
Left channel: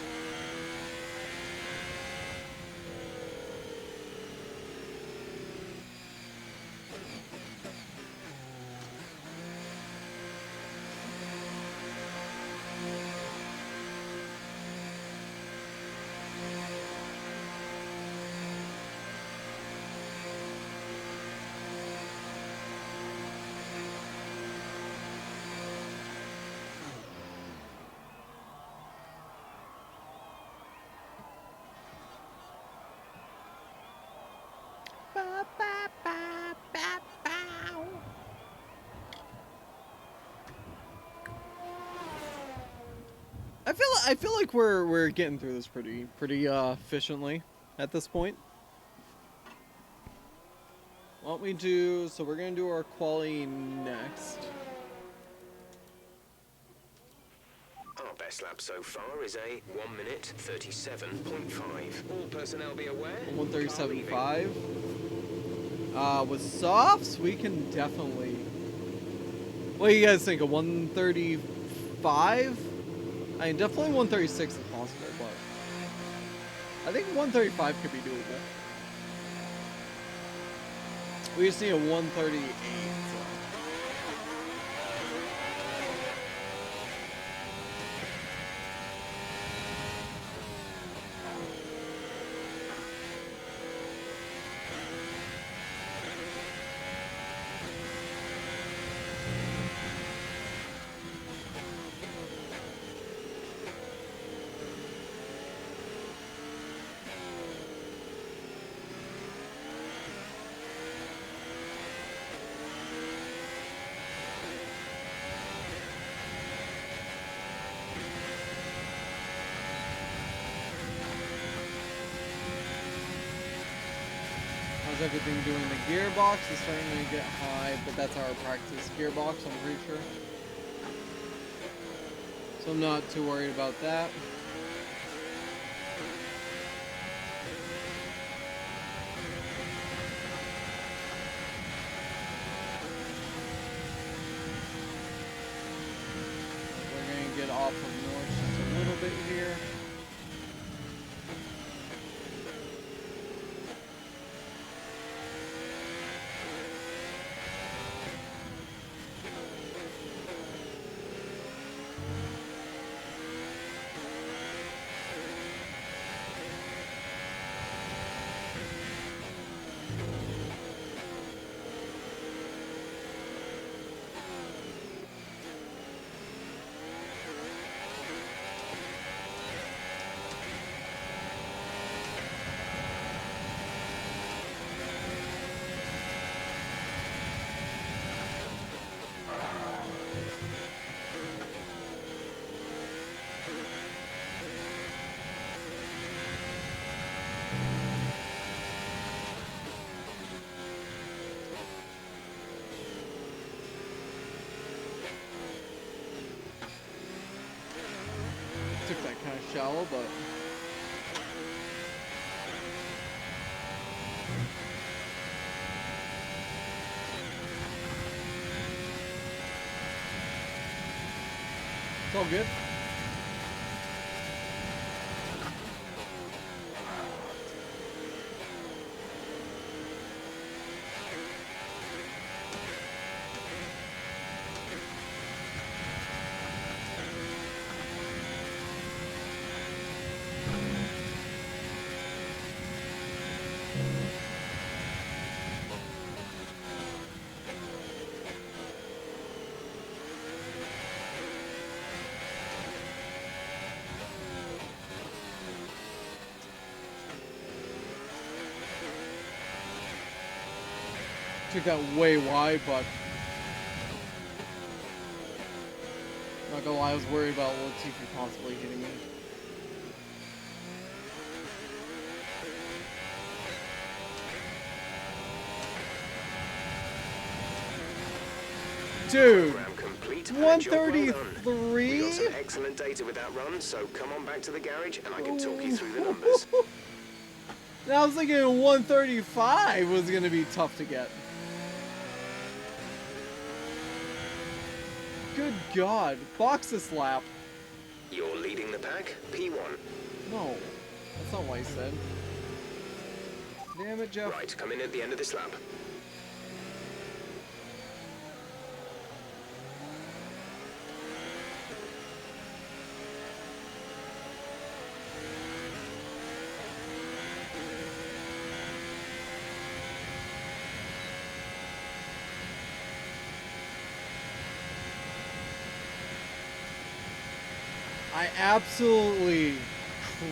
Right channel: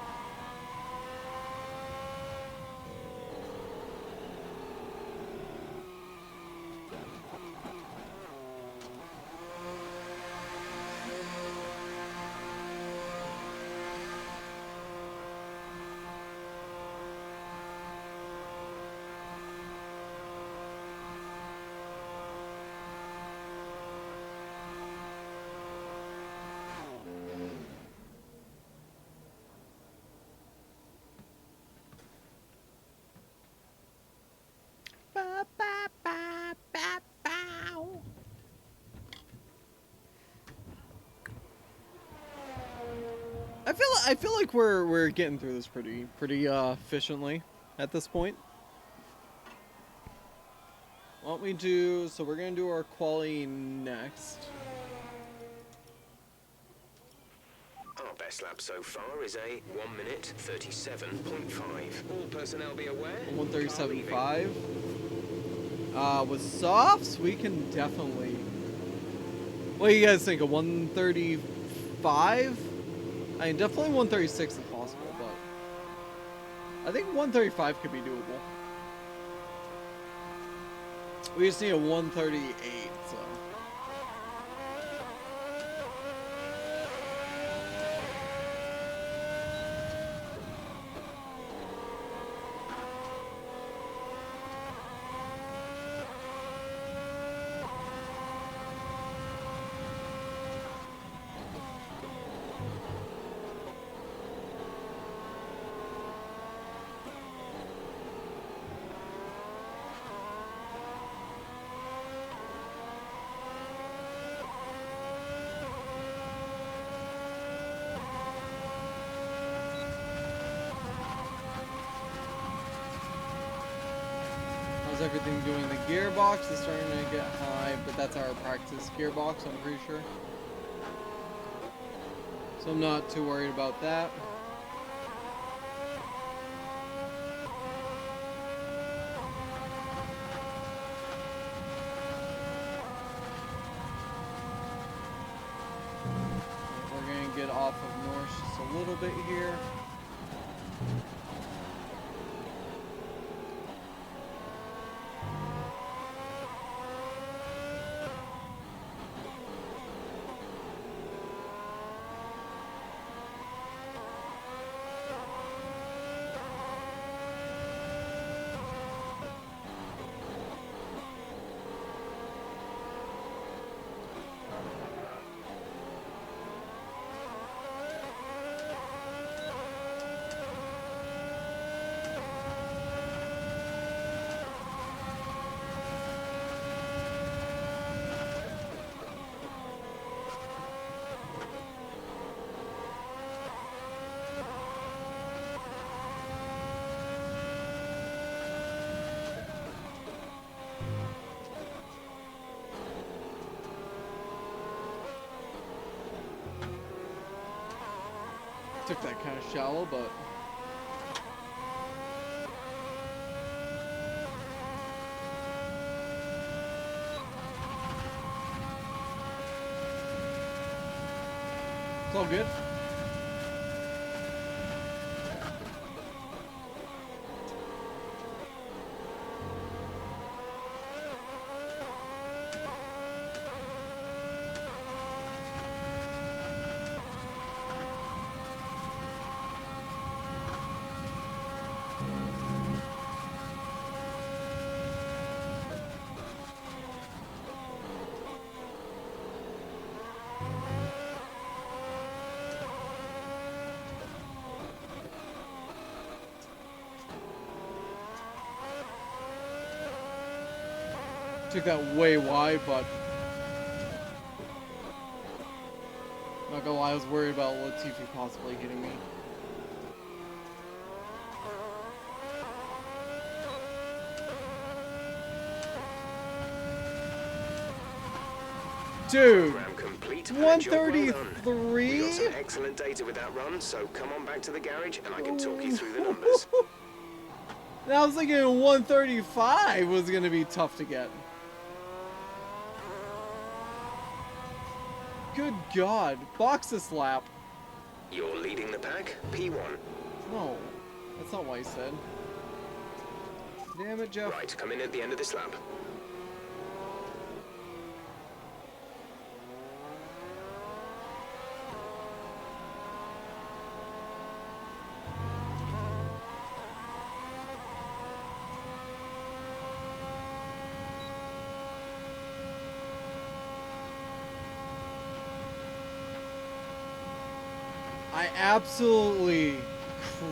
I feel like we're getting through this pretty efficiently at this point. Why don't we do, so we're gonna do our quali next. Our best lap so far is a 1 minute 37.5. All personnel be aware. 137.5. With softs, we can definitely. What do you guys think? A 135? I mean, definitely 136 if possible, but I think 135 could be doable. We just need a 138, so. How's everything doing? The gearbox is starting to get high, but that's our practice gearbox, I'm pretty sure. So I'm not too worried about that. We're going to get off of North just a little bit here. Took that kind of shallow, but it's all good. Took that way wide, but not gonna lie, I was worried about Latifi possibly hitting me. Dude, Program complete. 133? We got some excellent data with that run, so come on back to the garage and I can talk you through the numbers. And I was thinking 135 was gonna be tough to get. Good God, box this lap. You're leading the pack, P1. No, that's not what I said. Damn it, Jeff. Right, come in at the end of this lap. I absolutely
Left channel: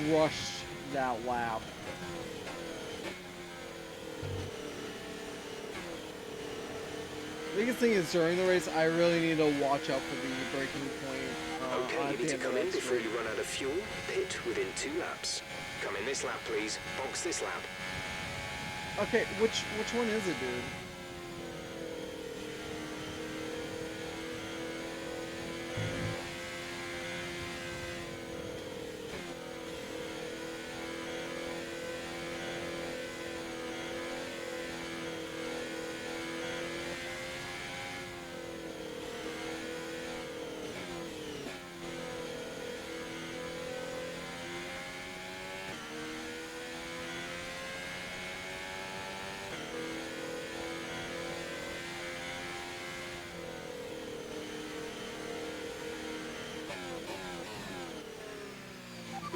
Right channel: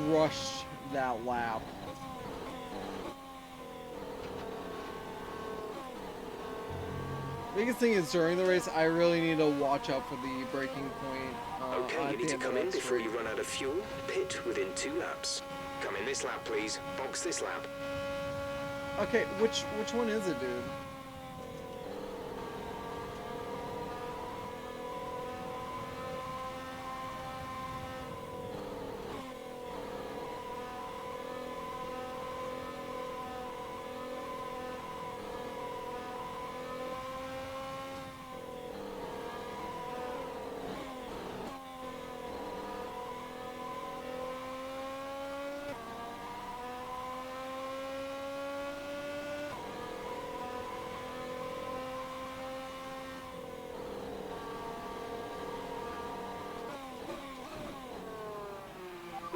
crushed that lap. Biggest thing is during the race, I really need to watch out for the braking point. Okay, you need to come in before you run out of fuel. Pit within 2 laps. Come in this lap, please. Box this lap. Okay, which one is it, dude?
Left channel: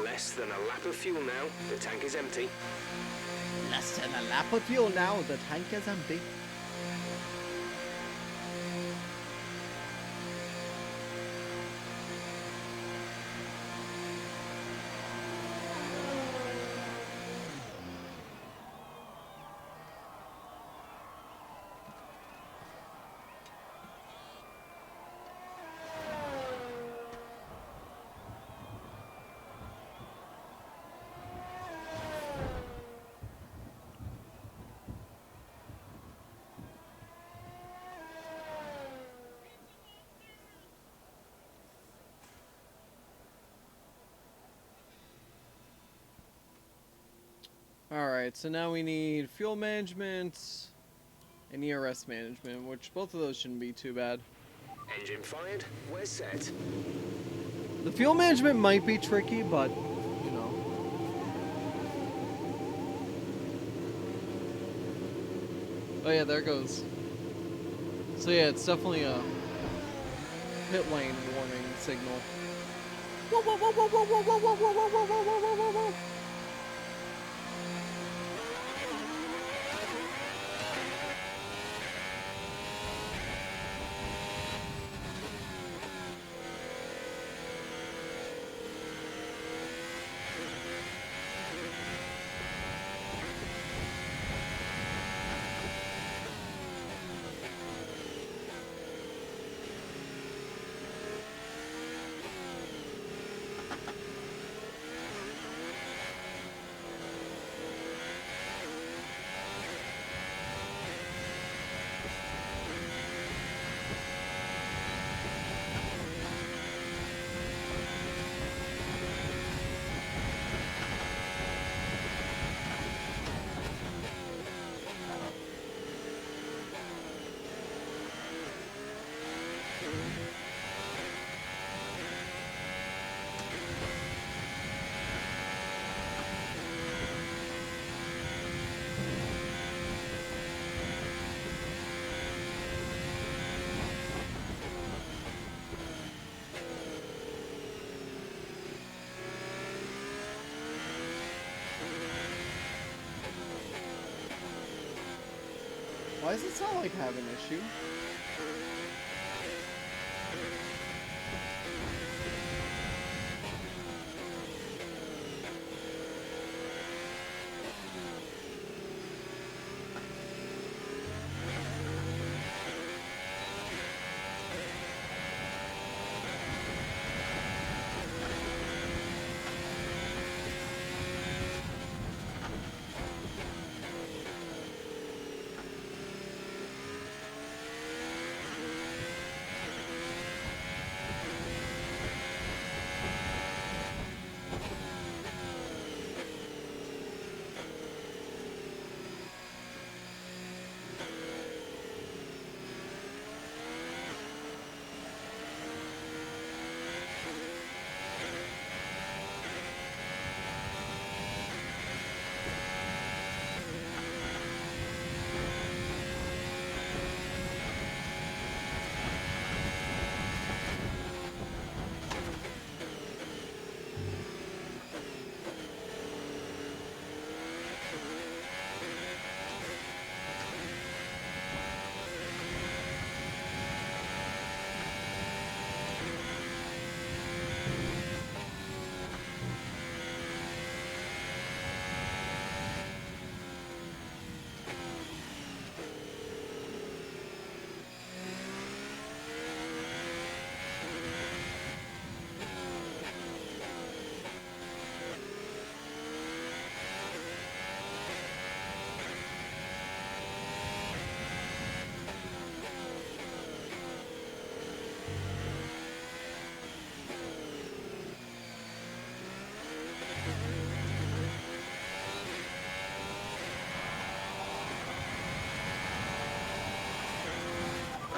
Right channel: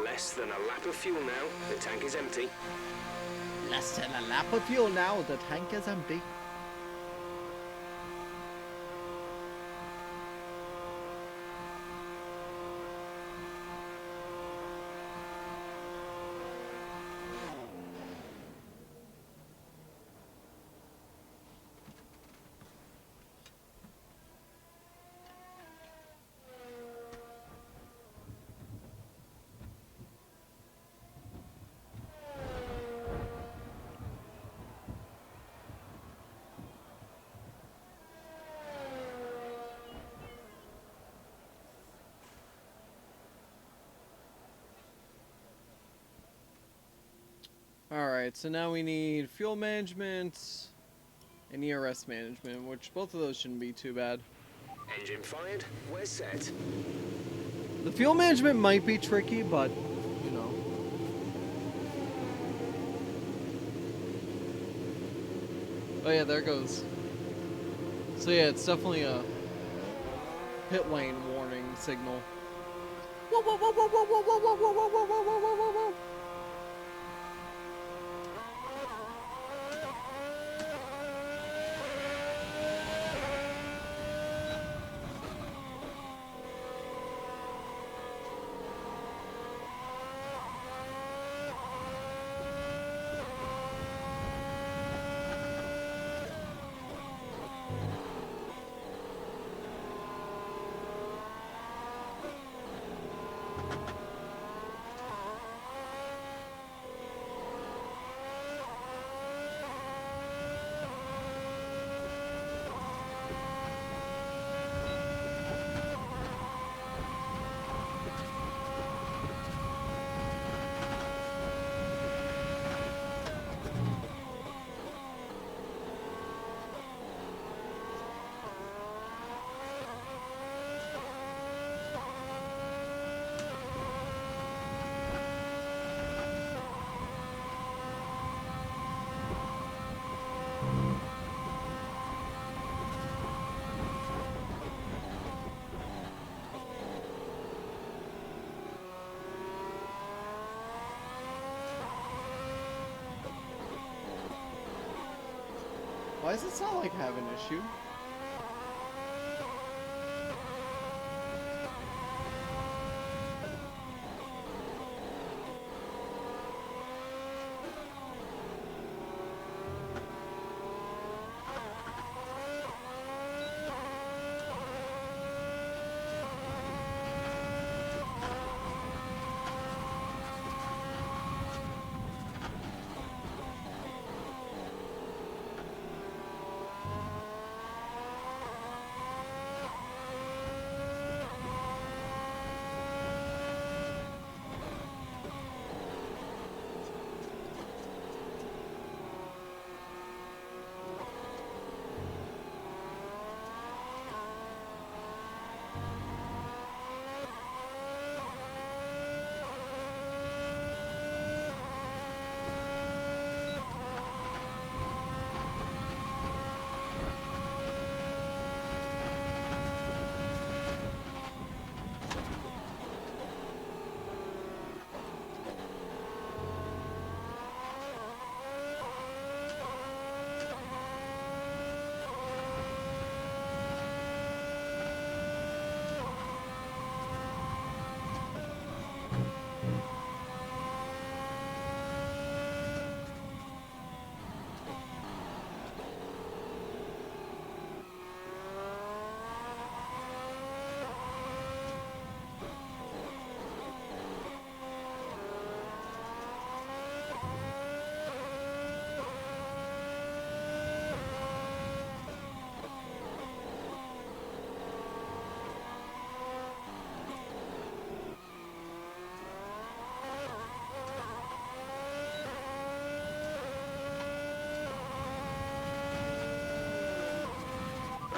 Less than a lap of fuel now. The tank is empty. Less than a lap of fuel now, the tank is empty. Alright, so now we need fuel management and ERS management, which both of those shouldn't be too bad. Engine fired. We're set. The fuel management might be tricky, but, you know. Oh yeah, there it goes. So yeah, it's definitely a pit lane warning signal. Whoa, whoa, whoa, whoa, whoa, whoa, whoa, whoa, whoa, whoa, whoa, whoa, whoa, whoa, whoa. Why does it sound like I have an issue?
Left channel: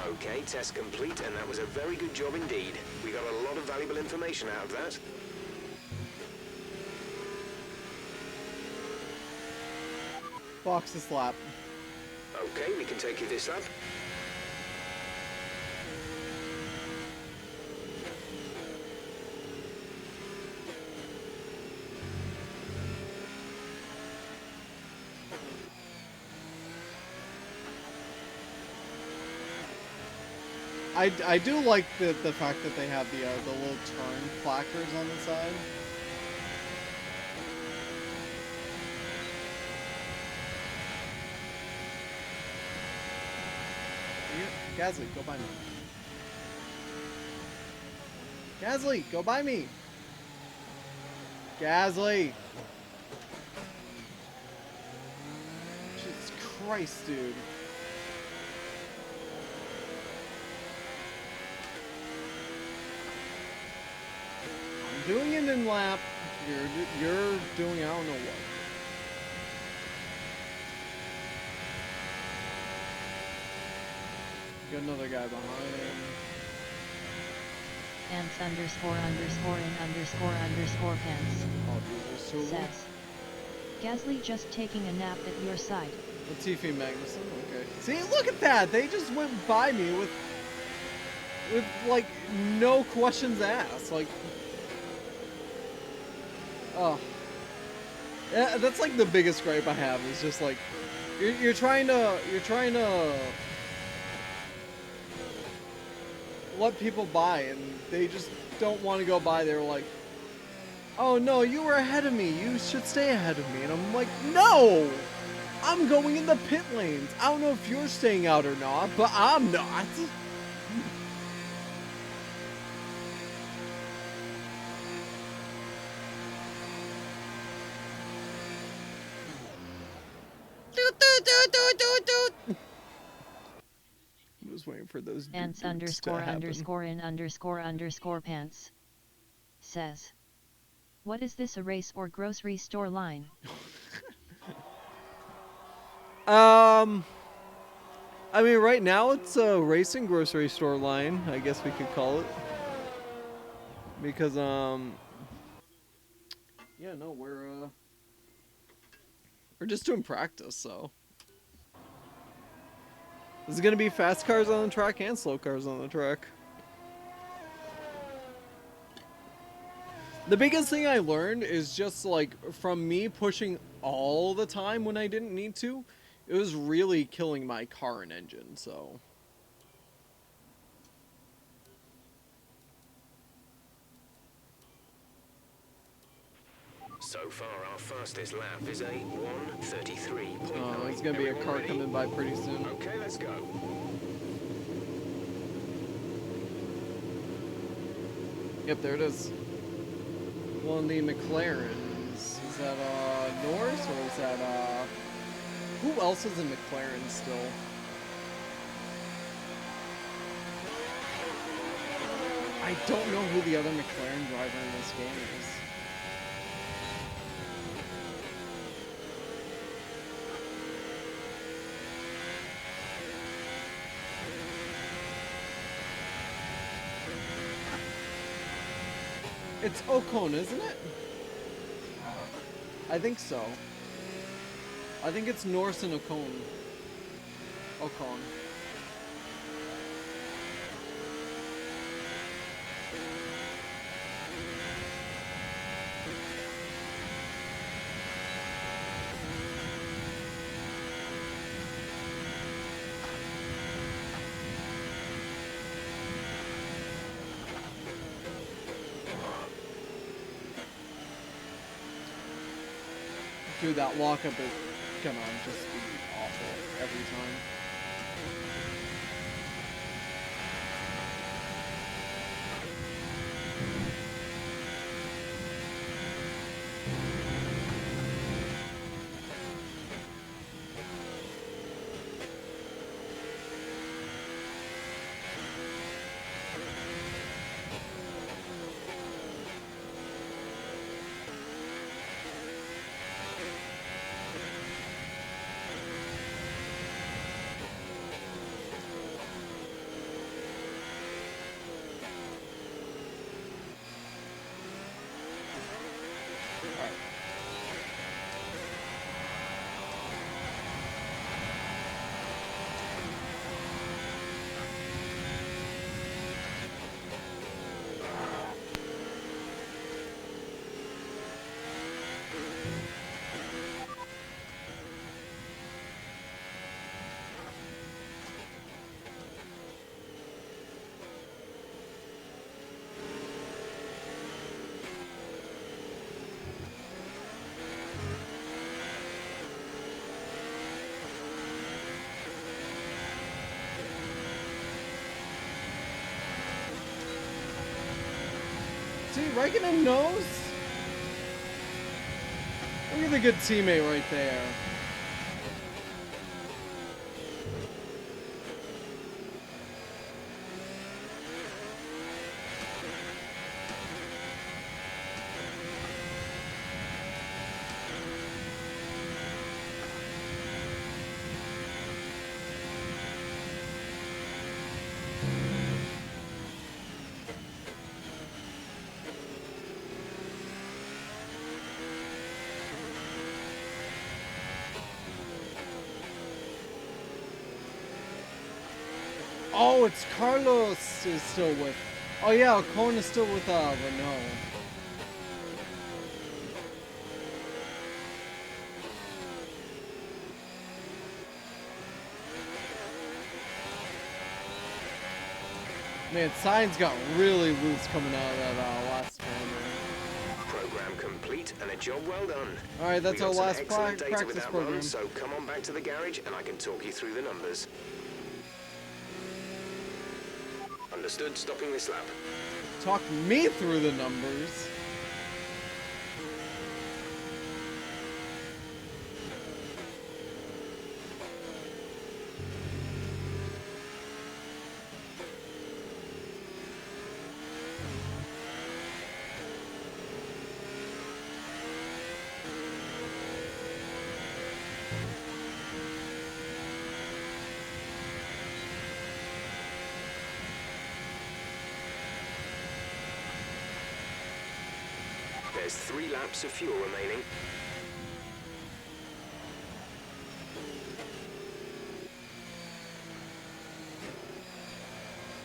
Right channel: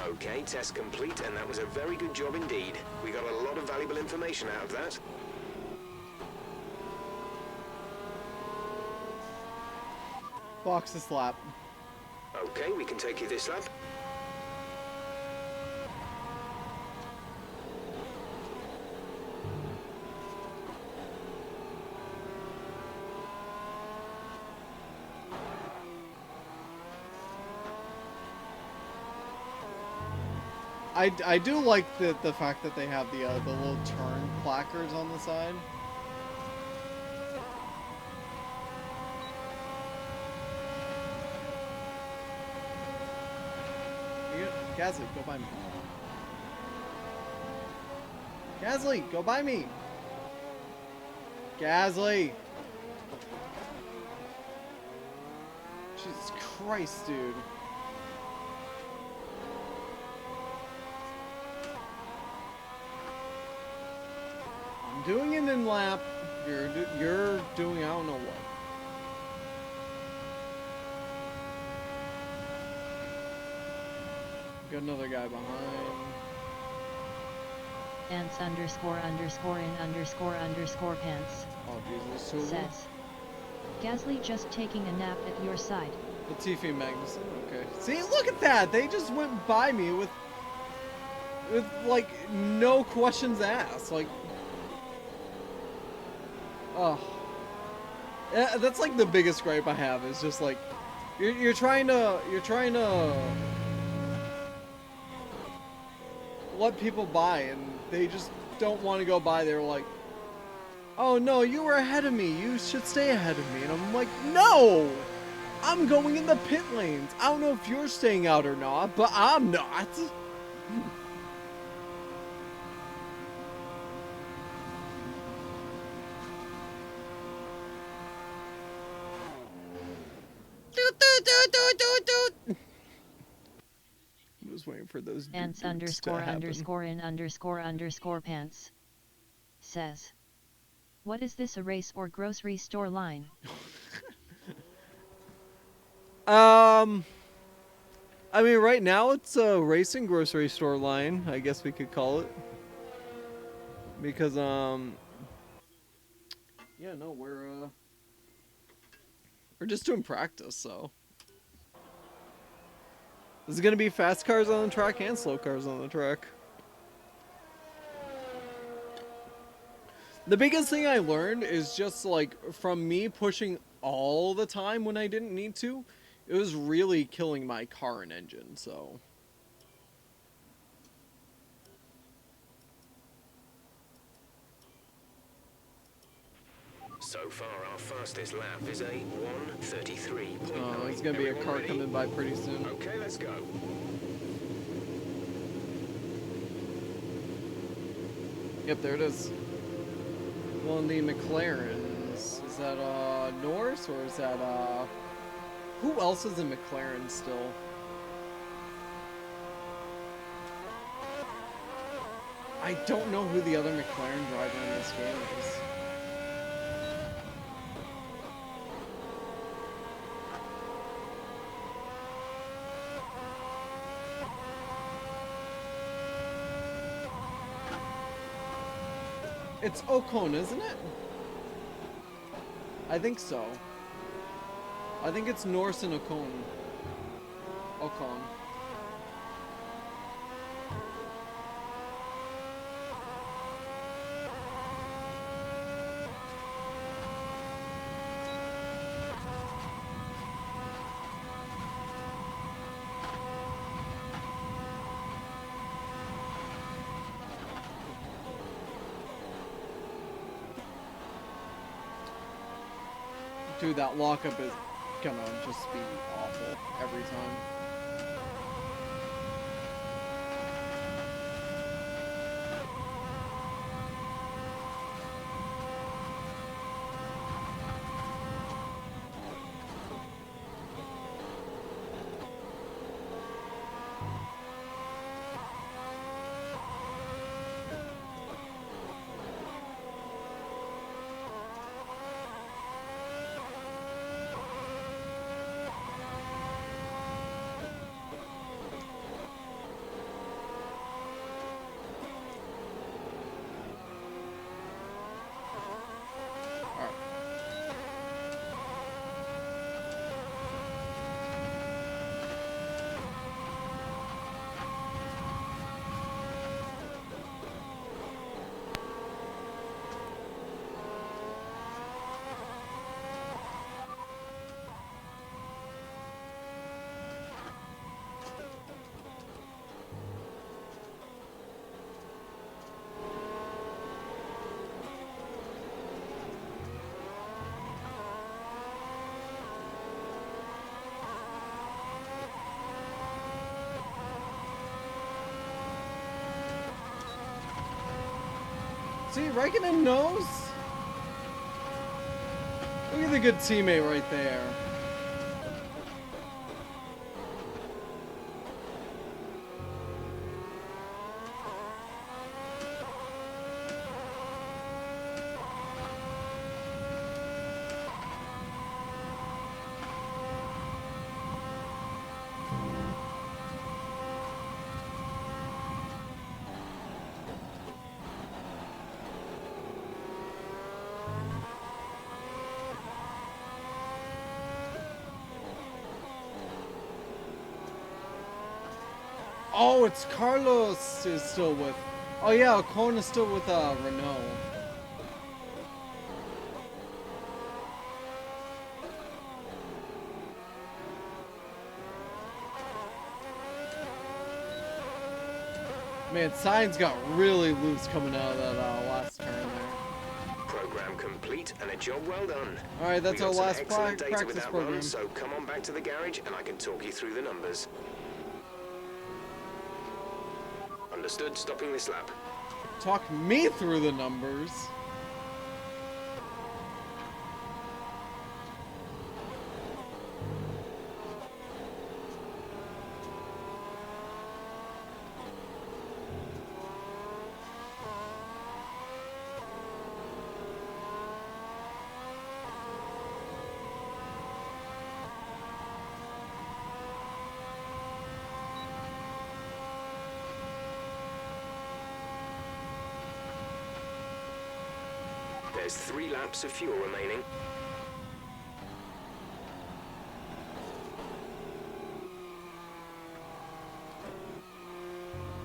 Okay, test complete, and that was a very good job indeed. We got a lot of valuable information out of that. Box this lap. Okay, we can take you this lap. I do like the fact that they have the little turn placards on the side. Gasly, go by me. Gasly, go by me. Gasly. Jesus Christ, dude. I'm doing it in lap. You're doing I don't know what. Got another guy behind. Ants underscore underscore in underscore pants Oh, Jesus. So says, Gasly just taking a nap at your side. Latifi Magnussen, okay. See, look at that! They just went by me with like no questions asked. Like, oh, yeah, that's like the biggest gripe I have is just like you're trying to let people by and they just don't want to go by. They're like, oh no, you were ahead of me. You should stay ahead of me. And I'm like, no, I'm going in the pit lanes. I don't know if you're staying out or not, but I'm not. I'm just waiting for those Ants to underscore happen. underscore in underscore pants says, what is this, a race or grocery store line? I mean, right now it's a racing grocery store line, I guess we could call it. Because, yeah, no, we're just doing practice, so. There's gonna be fast cars on the track and slow cars on the track. The biggest thing I learned is just, like, from me pushing all the time when I didn't need to, It was really killing my car and engine, so... So far, our fastest lap is a 1:33.9. Oh, there's gonna be a car coming by pretty soon. Okay, let's go. Yep, there it is. One of the McLarens. Is that, Norris, or is that, who else is in McLaren still? I don't know who the other McLaren driver in this game is. It's Ocon, isn't it? I think so. I think it's Norris and Ocon. Ocon. Dude, that lockup is gonna just be awful every time. See, Raikkonen knows. Look at the good teammate right there. Oh, it's Carlos is still with... Oh yeah, Ocon is still with Renault. Man, Sainz got really loose coming out of that last turn there. Program complete and a job well done. Alright, that's our last practice practice program. run, so come on back to the garage and I can talk you through the numbers. Understood, stopping this lap. Talk me through the numbers. There's 3 laps of fuel remaining.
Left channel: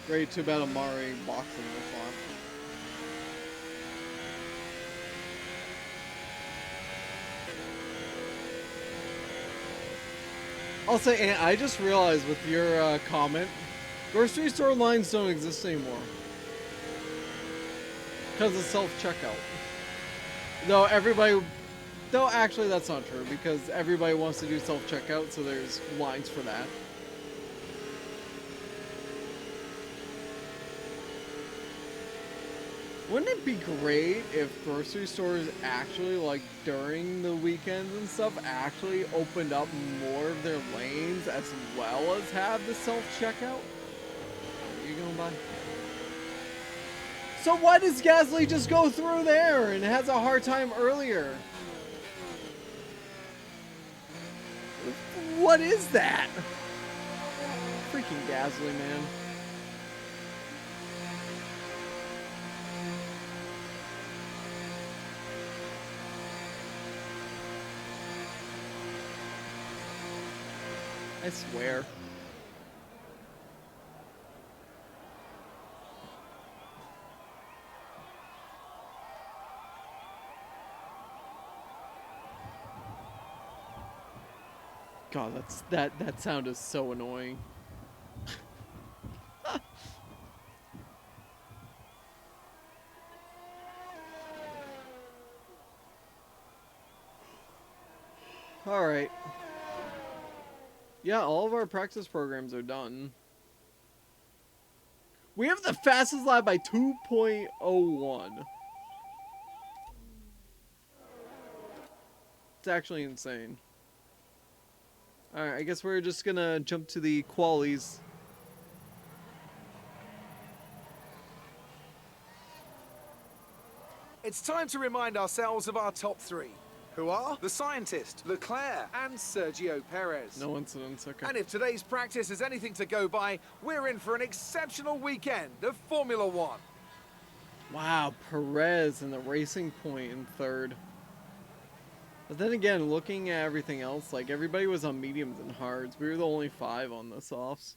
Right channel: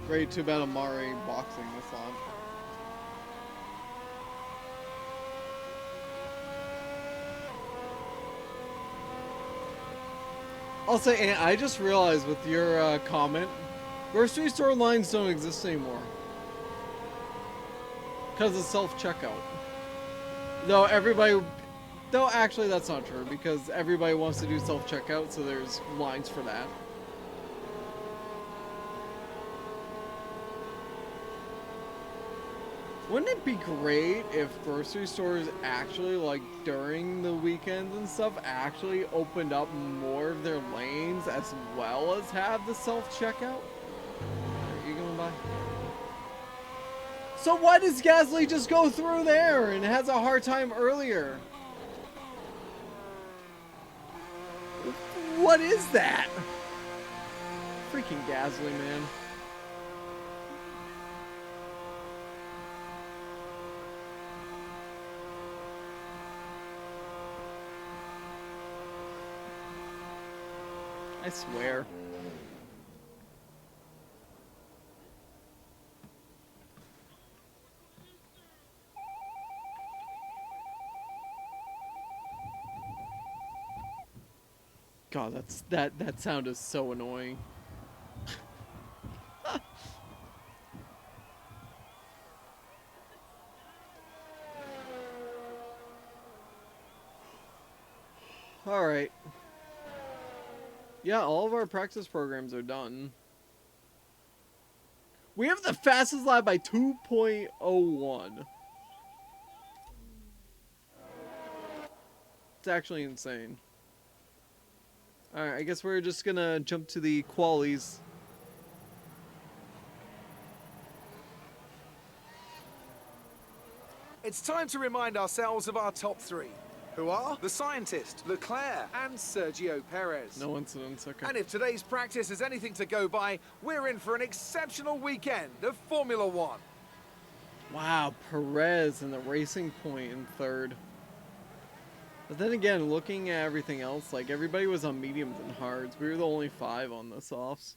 Great, too bad Amari boxing this lap. I'll say, Ant, I just realized with your comment, grocery store lines don't exist anymore. Because of self-checkout. Though everybody... Though actually that's not true, because everybody wants to do self-checkout, so there's lines for that. Wouldn't it be great if grocery stores actually, like, during the weekends and stuff, actually opened up more of their lanes as well as have the self-checkout? Are you going by? So why does Gasly just go through there and has a hard time earlier? What is that? Freaking Gasly, man. I swear. God, that sound is so annoying. All right. Yeah, all of our practice programs are done. We have the fastest lap by 2.01. It's actually insane. Alright, I guess we're just gonna jump to the qualies. It's time to remind ourselves of our top three, who are the scientist, Leclerc, and Sergio Perez. No incidents, okay. And if today's practice is anything to go by, we're in for an exceptional weekend of Formula One. Wow, Perez and the Racing Point in third. But then again, looking at everything else, like everybody was on mediums and hards. We were the only 5 on the softs.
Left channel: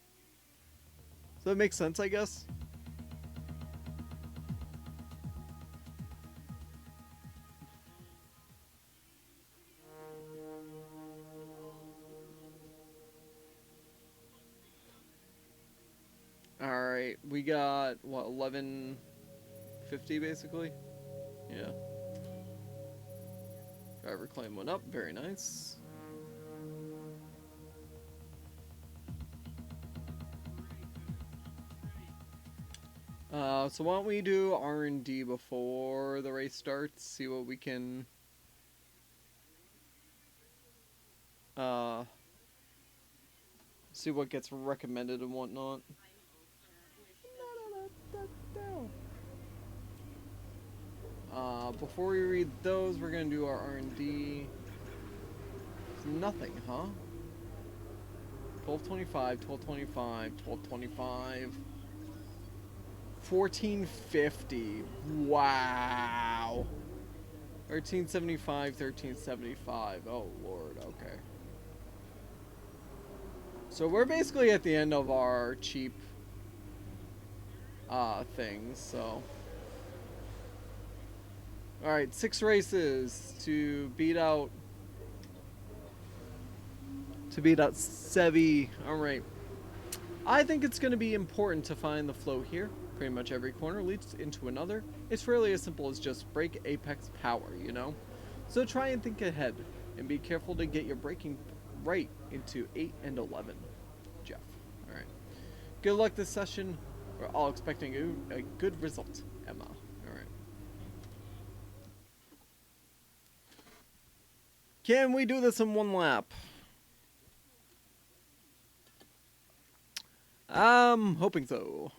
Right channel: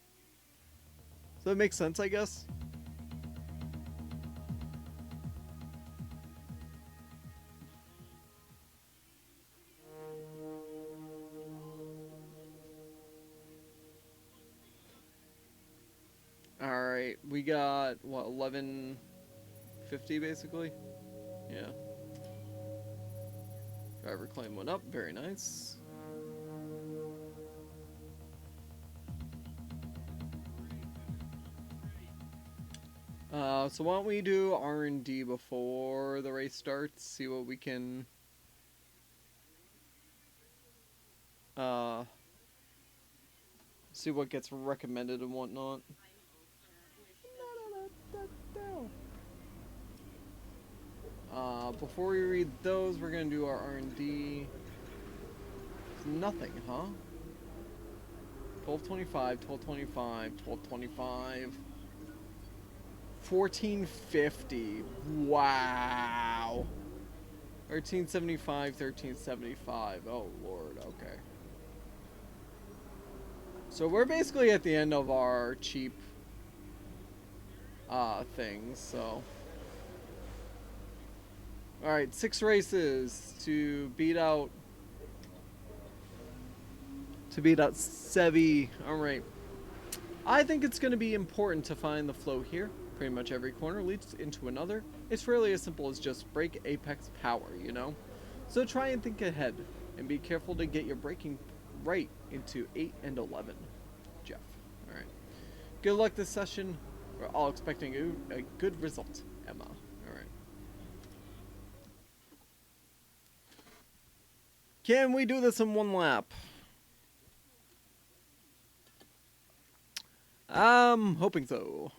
So that makes sense, I guess. Alright, we got, what, 1150 basically? Yeah. Driver claim went up, very nice. So why don't we do R&D before the race starts, see what we can... see what gets recommended and whatnot. Before we read those, we're gonna do our R&D. It's nothing, huh? 1225, 1225, 1225. 1450. Wow. 1375, 1375. Oh, Lord, okay. So we're basically at the end of our cheap things, so. Alright, 6 races to beat out Sevi. Alright. I think it's going to be important to find the flow here. Pretty much every corner leads into another. It's really as simple as just brake apex power, you know? So try and think ahead, and be careful to get your braking right into 8 and 11. Jeff. Alright. Good luck this session. We're all expecting a good result, Emma. Alright. Can we do this in 1 lap? I'm hoping so.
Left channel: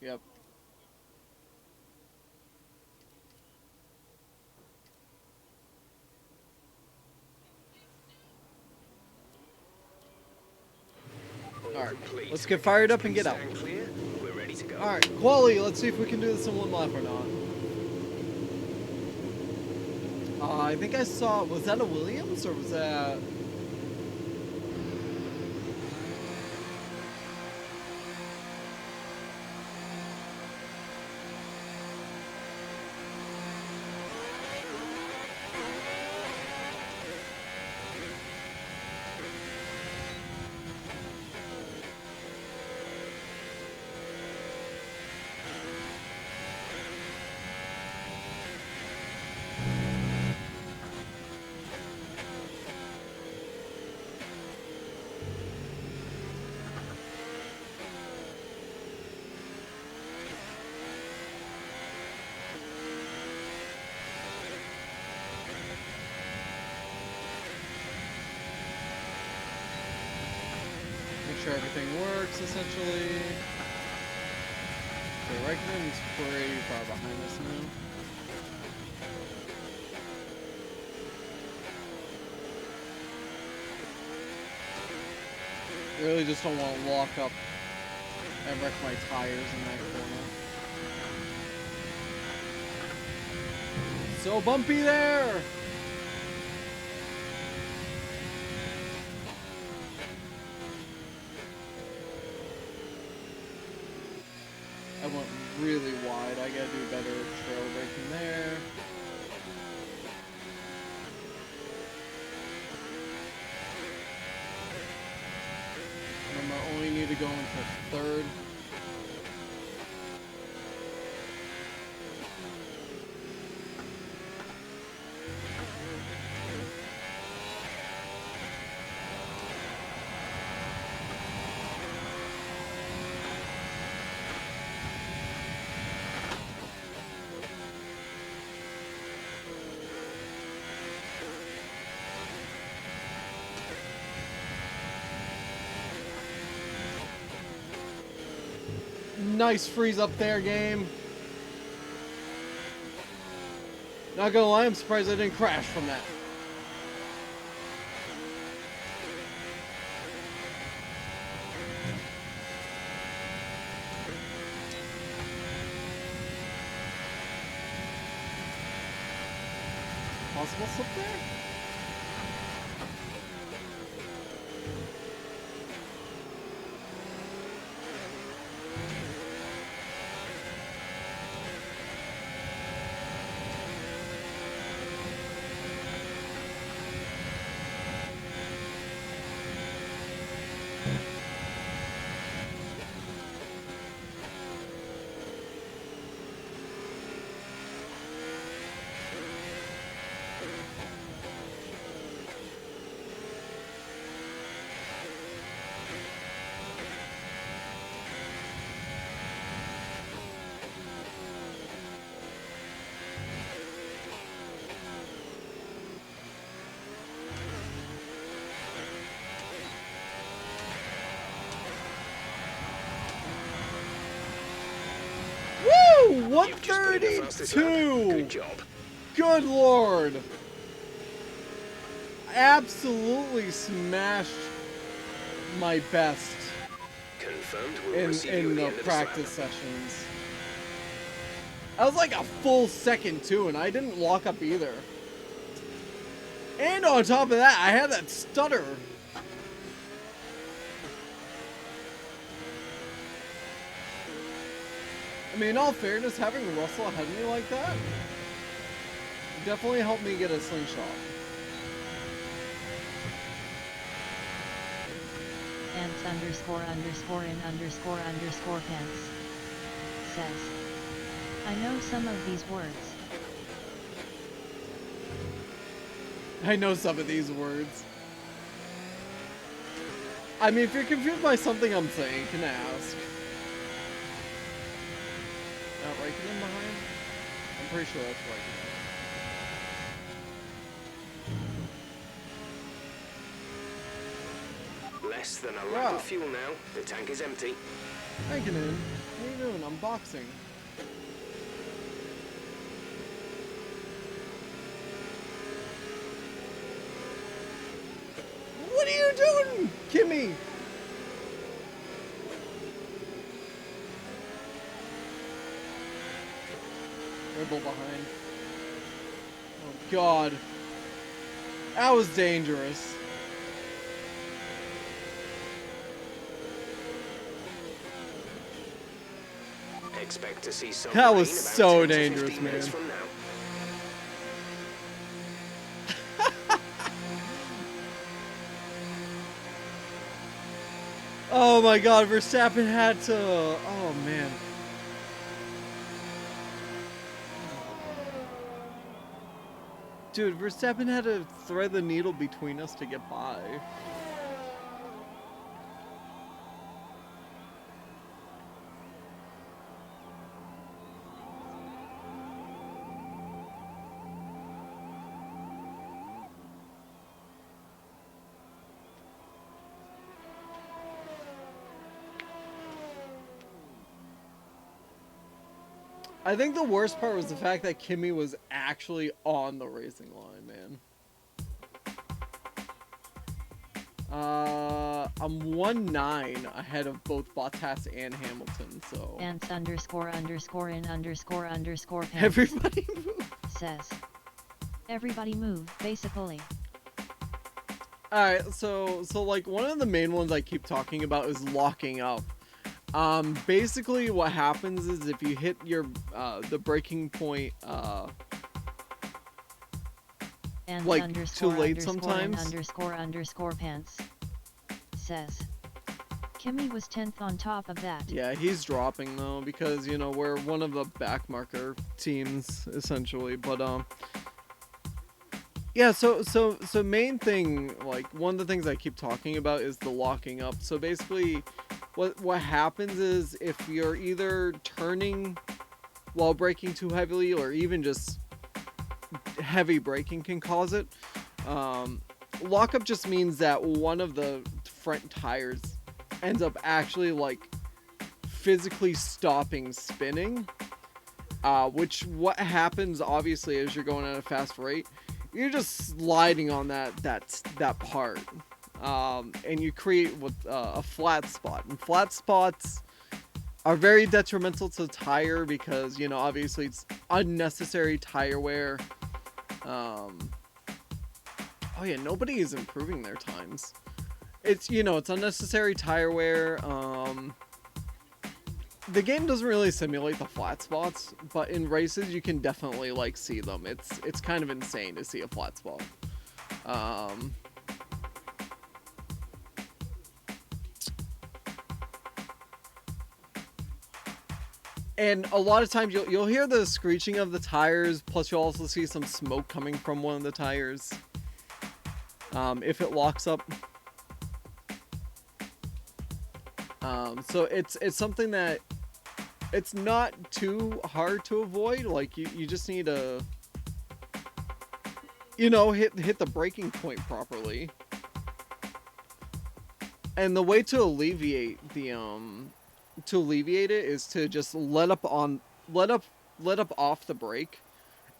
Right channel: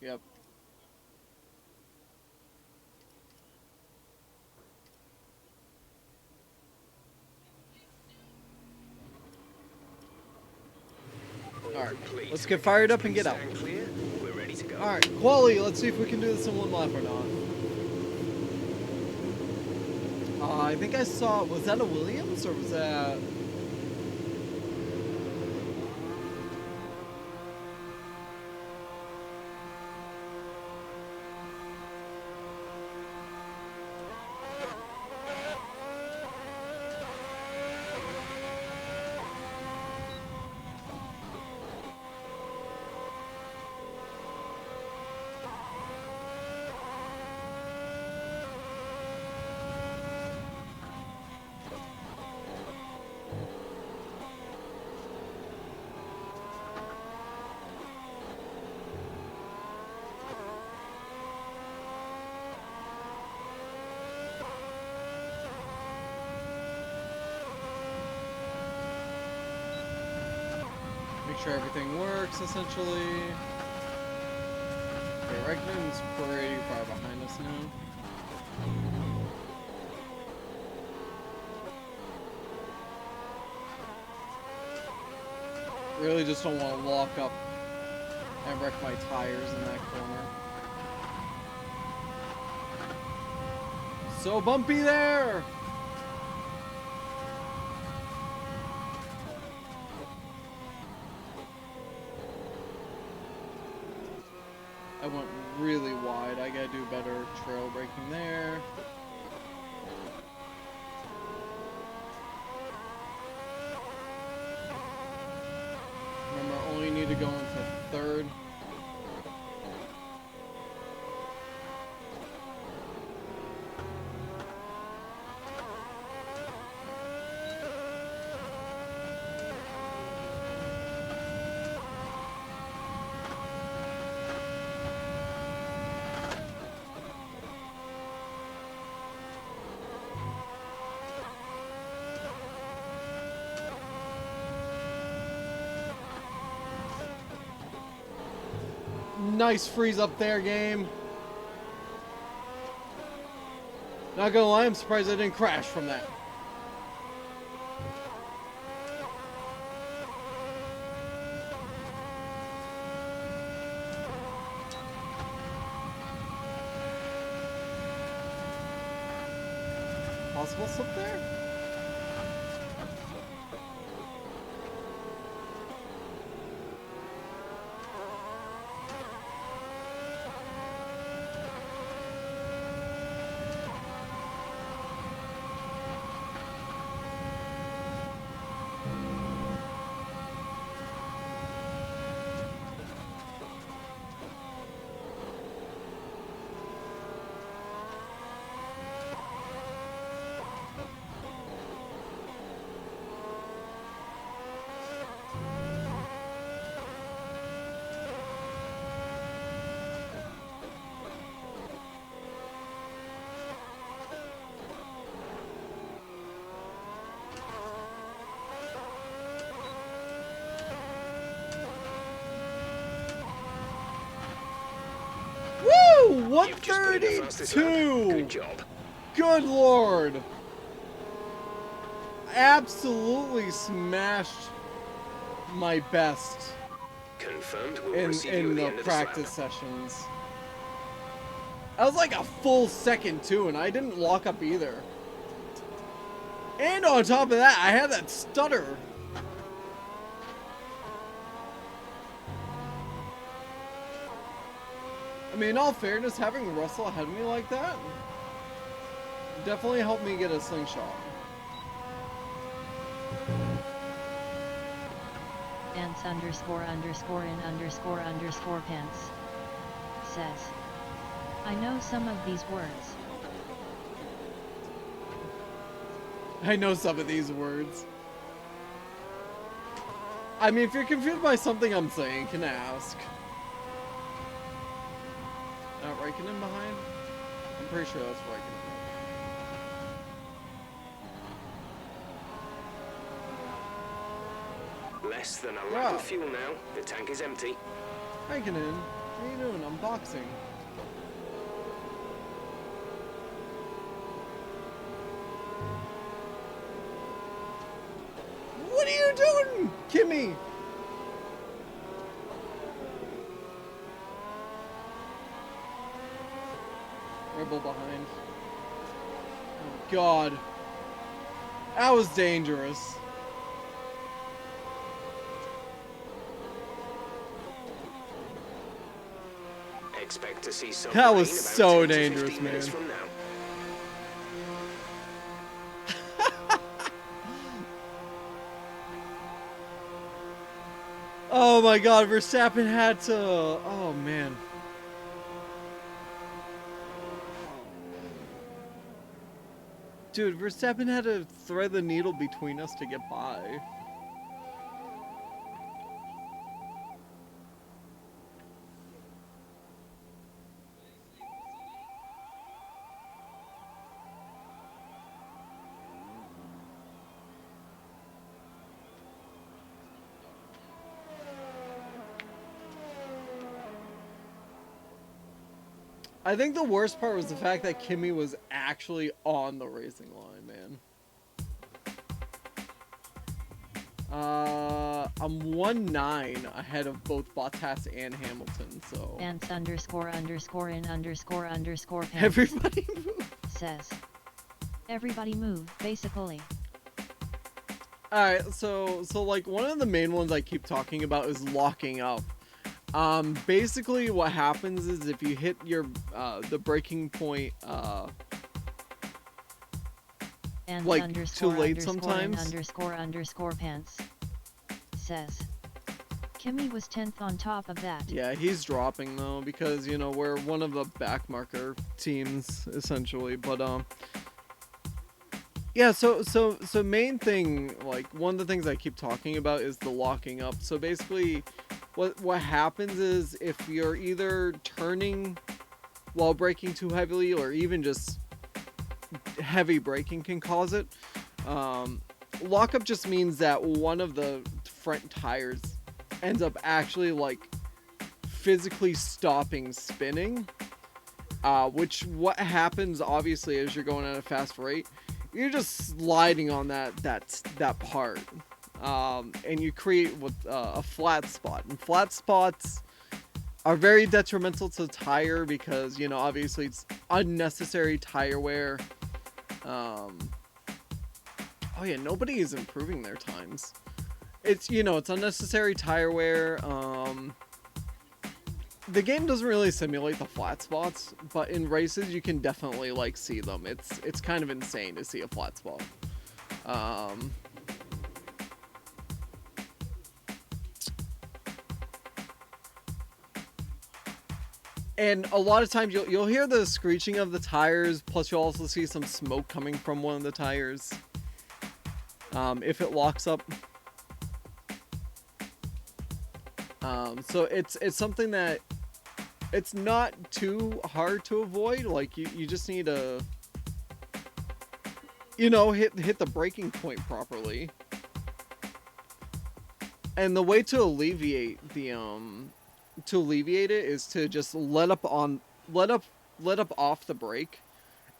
Yep. Alright, let's get fired up and get out. Clear. We're ready to go. Alright, quality, let's see if we can do this in 1 lap or not. I think I saw, was that a Williams or was that... Make sure everything works, essentially. Okay, Reikkonen's pretty far behind us now. Really just don't want to lock up and wreck my tires in that corner. So bumpy there! I went really wide. I gotta do better trail braking there. Remember, I only need to go into third. Nice freeze up there, game. Not gonna lie, I'm surprised I didn't crash from that. Possible slip there? Woo! You've just put in the fastest lap. 132! Good job. Good lord! Absolutely smashed my best Confirmed. We'll in receive you at the the end of practice this lap. sessions. I was like a full second too, and I didn't lock up either. And on top of that, I had that stutter. I mean, in all fairness, having Russell ahead of me like that definitely helped me get a slingshot. Ants underscore underscore in underscore underscore pants says, I know some of these words. I know some of these words. I mean, if you're confused by something I'm saying, you can ask. Raikkonen behind? I'm pretty sure that's Raikkonen. Less than a lap Wow. of fuel now. The tank is empty. Raikkonen, what are you doing? I'm boxing. What are you doing, Kimmy? Red Bull behind. god. That was dangerous. Expect to see some That was rain about so 10 to 15 dangerous, minutes man. from now. Oh my god, Verstappen had to... Oh man. Dude, Verstappen had to thread the needle between us to get by. I think the worst part was the fact that Kimi was actually on the racing line, man. I'm 1-9 ahead of both Bottas and Hamilton, so... Ants underscore underscore in underscore underscore pants Everybody move. says. Everybody move, basically. Alright, so like one of the main ones I keep talking about is locking up. Basically what happens is if you hit your, the breaking point, And like, underscore too late underscore in sometimes. underscore underscore pants says. Kimi was 10th on top of that. Yeah, he's dropping though because, you know, we're one of the backmarker teams essentially, but yeah, so main thing, like one of the things I keep talking about is the locking up. So basically what happens is if you're either turning while braking too heavily or even just heavy braking can cause it. Lockup just means that one of the front tires ends up actually like physically stopping spinning, which what happens obviously as you're going at a fast rate, you're just sliding on that part, and you create what a flat spot, and flat spots are very detrimental to the tire because, you know, obviously it's unnecessary tire wear. Oh yeah, nobody is improving their times. It's, you know, it's unnecessary tire wear. The game doesn't really simulate the flat spots, but in races you can definitely like see them. It's kind of insane to see a flat spot. And a lot of times you'll hear the screeching of the tires, plus you'll also see some smoke coming from one of the tires. If it locks up. So it's something that it's not too hard to avoid. Like you just need to, you know, hit the braking point properly. And the way to alleviate it is to just let up off the brake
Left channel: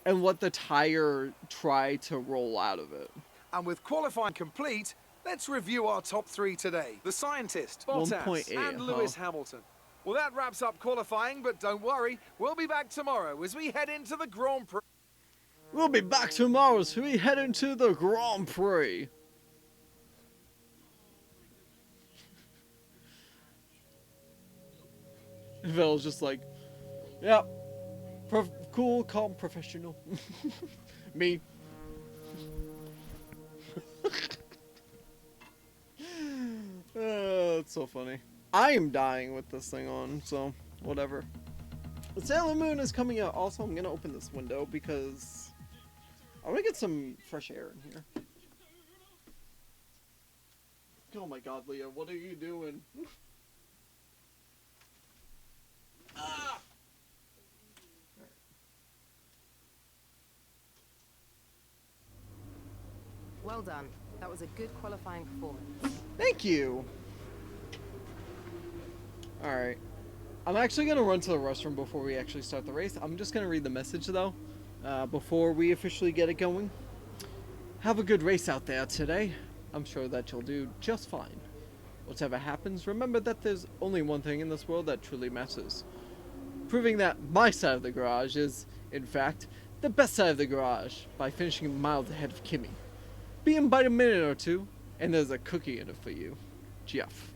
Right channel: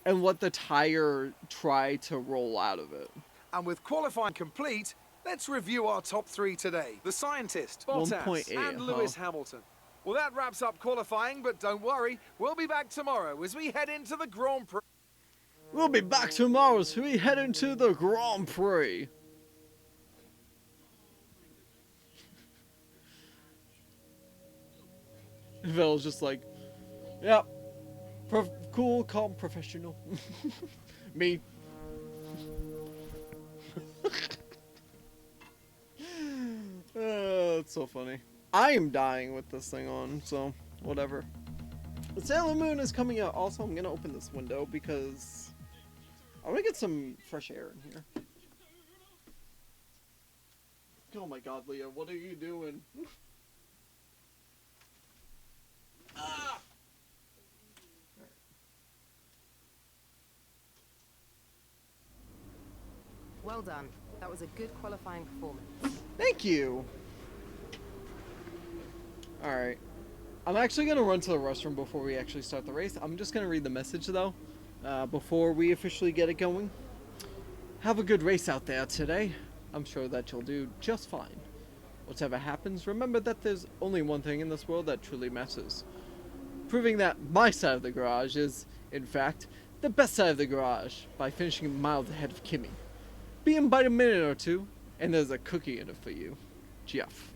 and let the tire try to roll out of it. And with qualifying complete, let's review our top three today. The scientist, Bottas, 1.8, and Lewis Hamilton. Well, that wraps up qualifying, but don't worry, we'll be back tomorrow as we head into the Grand Prix. We'll be back tomorrow as we head into the Grand Prix. Vel's just like, yeah, cool, calm, professional. Me. That's so funny. I am dying with this thing on, so whatever. The Sailor Moon is coming out. Also, I'm gonna open this window because I want to get some fresh air in here. Oh my god, Leah, what are you doing? Ah! Well done. That was a good qualifying performance. Thank you. Alright. I'm actually going to run to the restroom before we actually start the race. I'm just going to read the message, though, before we officially get it going. Have a good race out there today. I'm sure that you'll do just fine. Whatever happens, remember that there's only one thing in this world that truly matters. Proving that my side of the garage is, in fact, the best side of the garage by finishing miles ahead of Kimmy. Be in by a minute or two, and there's a cookie in it for you. Jeff.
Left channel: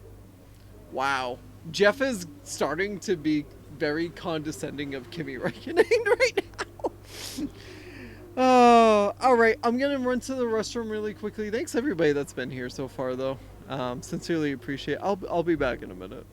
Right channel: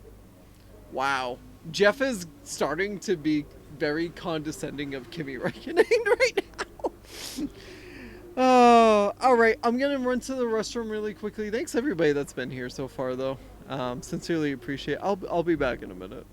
Wow. Jeff is starting to be very condescending of Kimi Räikkönen right now. Alright, I'm gonna run to the restroom really quickly. Thanks everybody that's been here so far though. Sincerely appreciate it. I'll be back in a minute.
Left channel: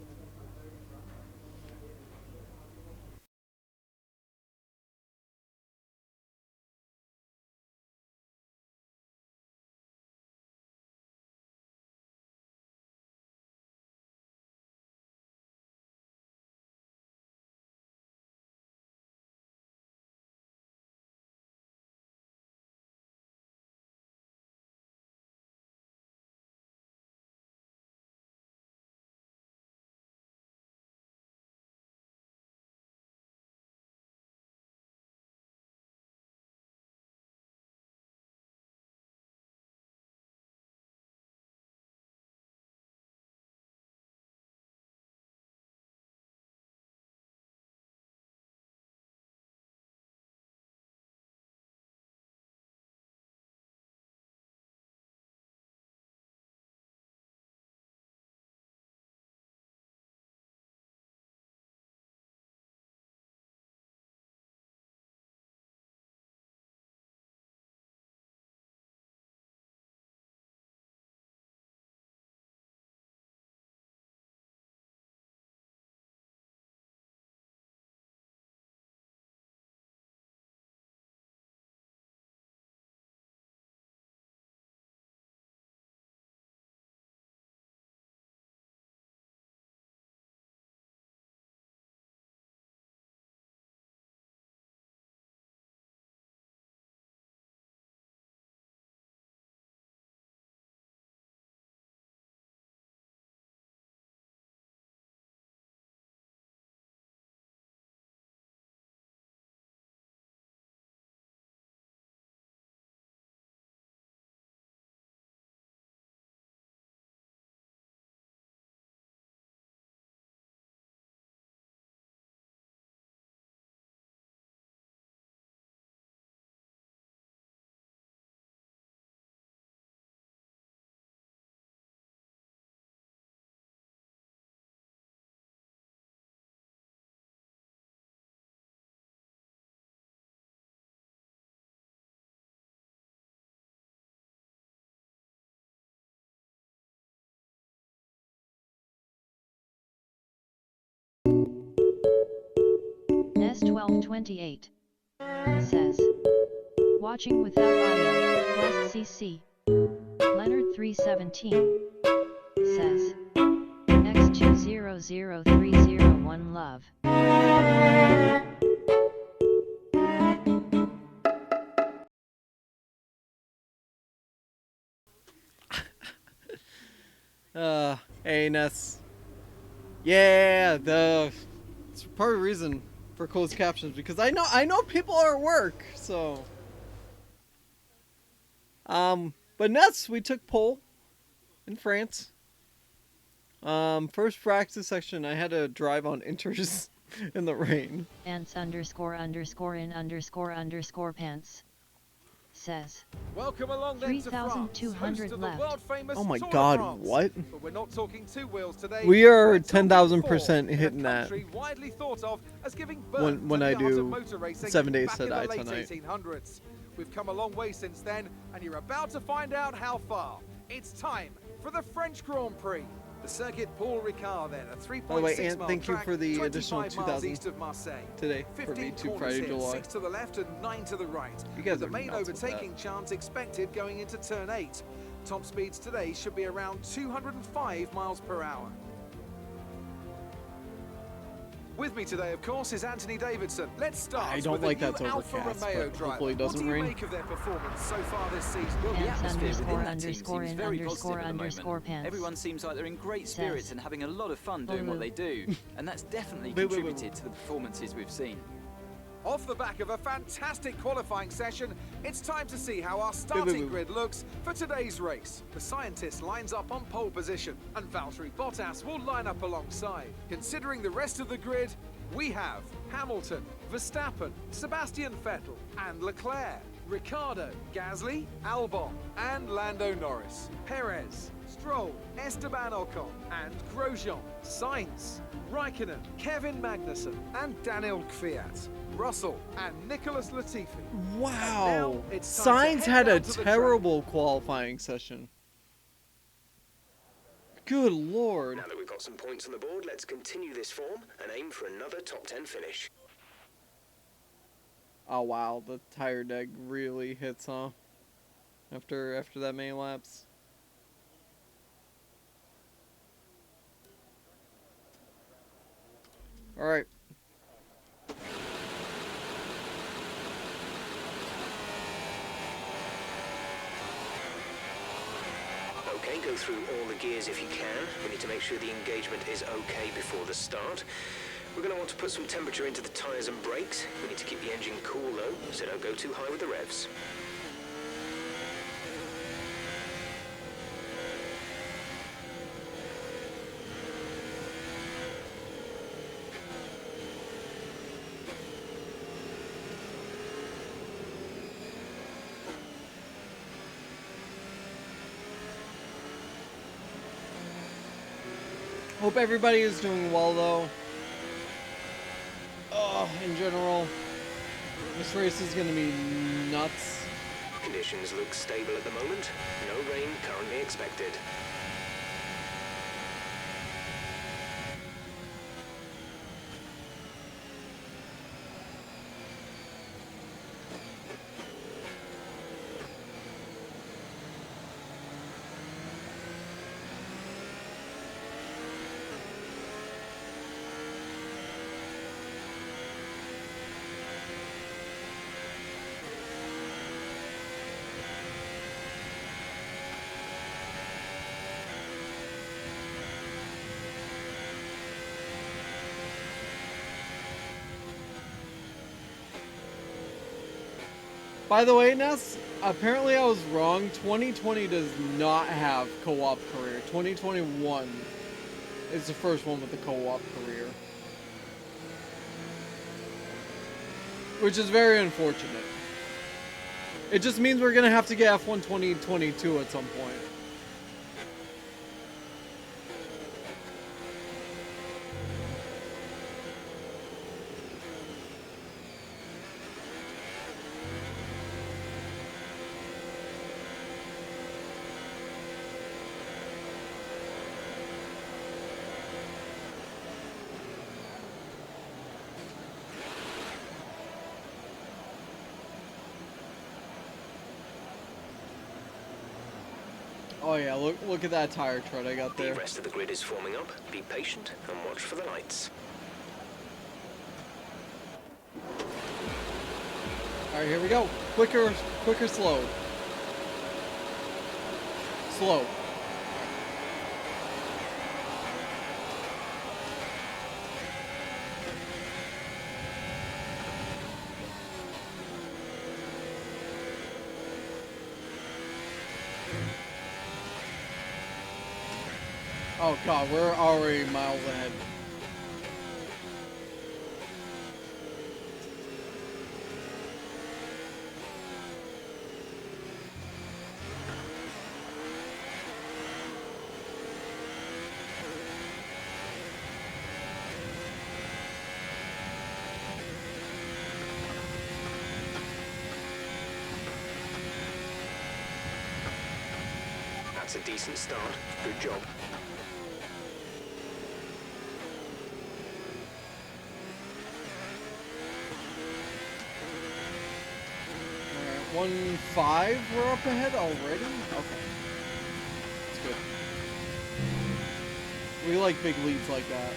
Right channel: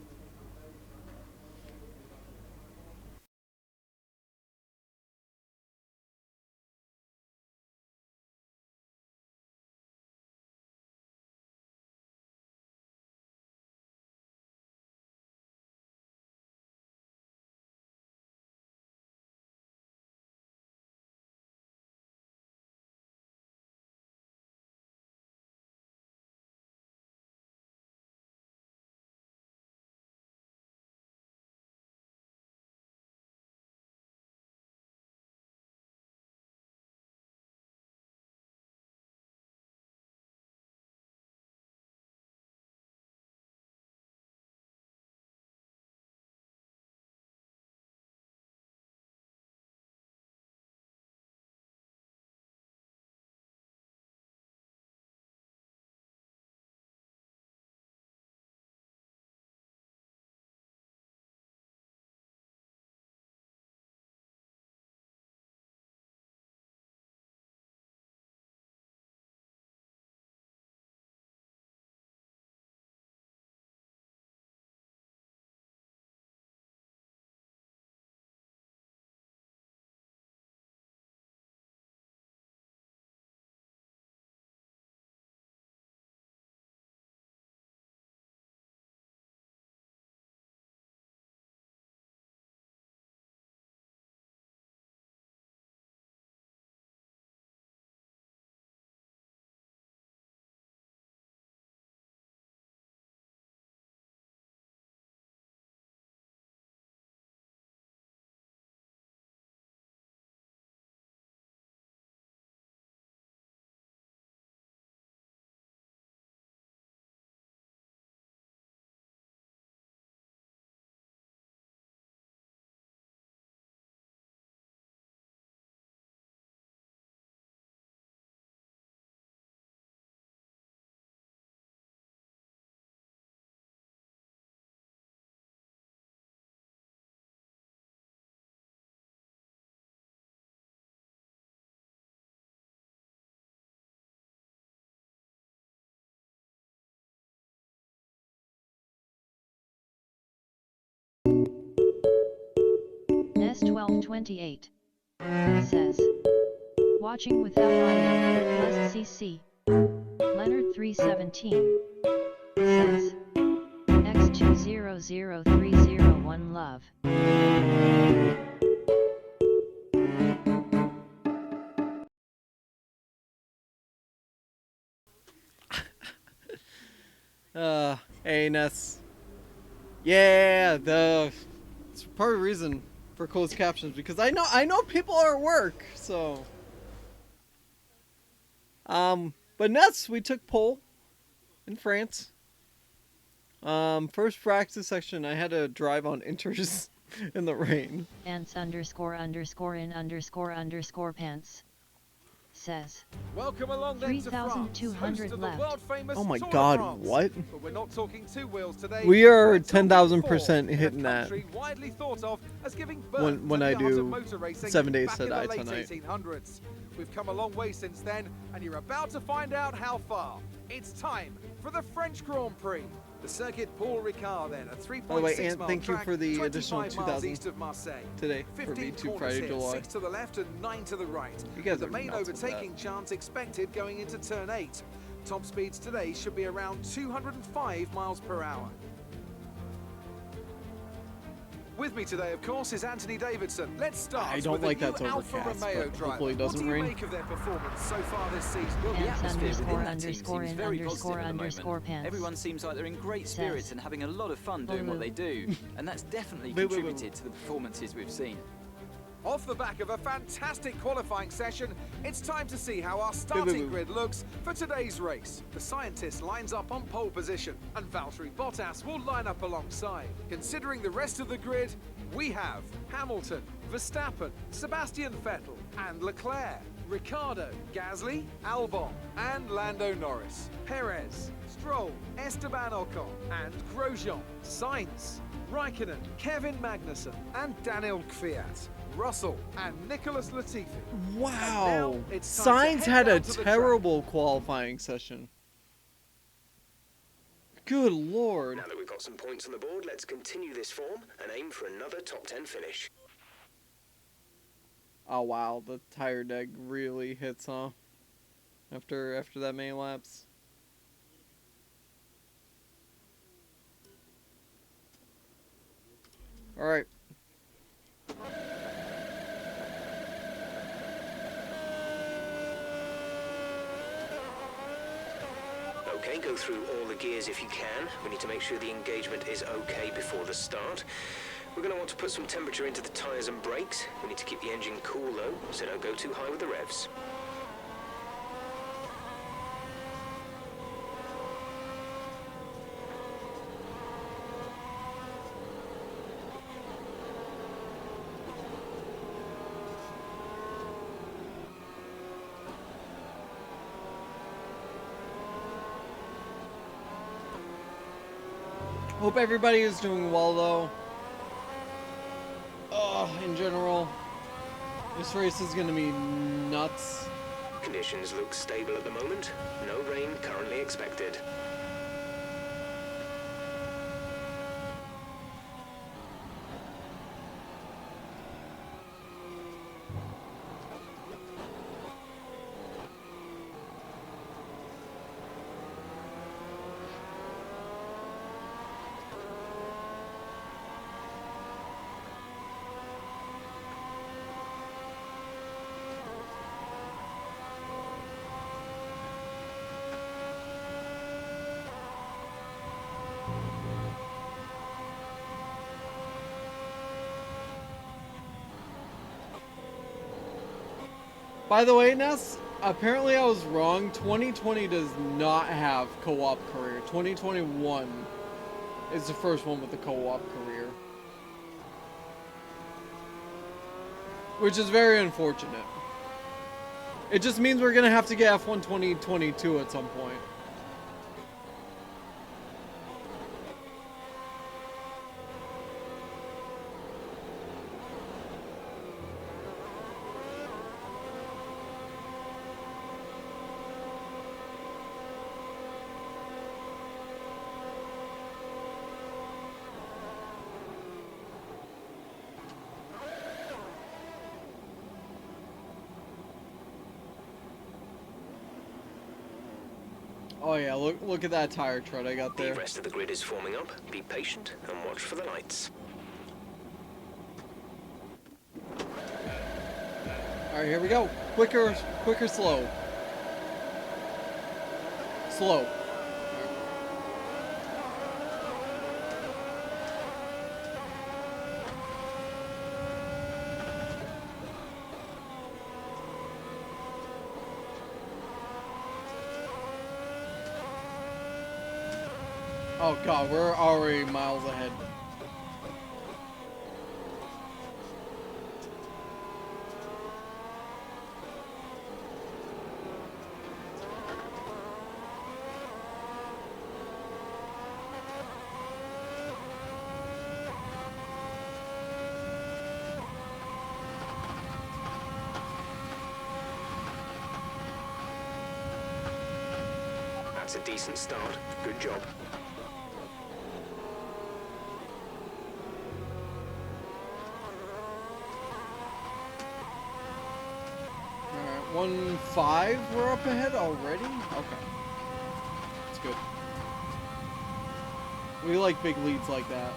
S1228 says, watching without audio, last CC. Leonard 317 says, X200301 love. Hey Ness. Yeah, it's part of the reason for closed captions because I know people are at work, so. But Ness, we took pole in France. First practice section, I had to drive on inters in the rain. Ants __in__ pants says, Welcome along then to France, 3,200 host of the left. world-famous Oh my Tour de God, France. what? But we're not talking two wheels today. We are We're talking 10,000% four, hitting in a that country widely thought of as giving birth when to I the art do of motor racing 7 days back to in the die late tonight. 1800s. We've come a long way since then, and you're about to find out how far. It's time for the French Grand Prix. The circuit Paul Ricard then, a 3.6 By the way, Ant, mile thank you track, for the 25 additional miles 2,000 east of Marseille. today for 15 me to corners Friday, here, July. 6 to the left and 9 to the right. You guys with the are main nuts with overtaking chance expected going into turn 8. Top speeds today should be around 205 miles per hour. With me today, of course, is Anthony Davidson. Let's start I don't with like the new that's Alfa overcast, Romeo but driver. hopefully it doesn't what do you rain. make of their performance so far this season? Well, the Ants atmosphere within that team __ seems in very _ positive at the moment. pants. Everyone seems like they're in great spirits Says, and having a lot of fun doing what they do, and that's definitely Wait. contributed to the performances we've seen. Off the back of a fantastic qualifying session, it's time to see how our starting grid looks for today's race. The scientist lines up on pole position, and Valtteri Bottas will line up alongside. Considering the rest of the grid, we have Hamilton, Verstappen, Sebastian Vettel, and Leclerc. Ricciardo, Gasly, Albon, and Lando Norris. Perez, Stroll, Esteban Ocon, and Grosjean. Sainz, Raikkonen, Kevin Magnussen, and Daniel Kvyat. Russell and Nicholas Latifi. Wow. It's time to Sainz head had a down to the track. terrible qualifying session. Good lord. Now that we've got some points on the board, let's continue this form and aim for another top 10 finish. Oh wow, the tire deck really hits, huh? After that many laps. Alright. Okay, go through all the gears if you can. We need to make sure the engagement is okay before the start. We're going to want to put some temperature into the tyres and brakes. We need to keep the engine cool though, so don't go too high with the revs. Hope everybody is doing well though. In general, this race is gonna be nuts. Conditions look stable at the moment. No rain currently expected. By the way, Ness, apparently I was wrong. 2020 does not have co-op career. 2021 is the first one with the co-op career. Which is very unfortunate. It just means we're going to have to get F1 2022 at some point. Oh yeah, look at that tire tread I got there. The rest of the grid is forming up. Be patient and watch for the lights. Alright, here we go. Quicker, slow. Slow. Oh god, we're already miles ahead. That's a decent start. Good job. Alright, 1-5 we're up ahead already? Okay. That's good. We like big leads like that.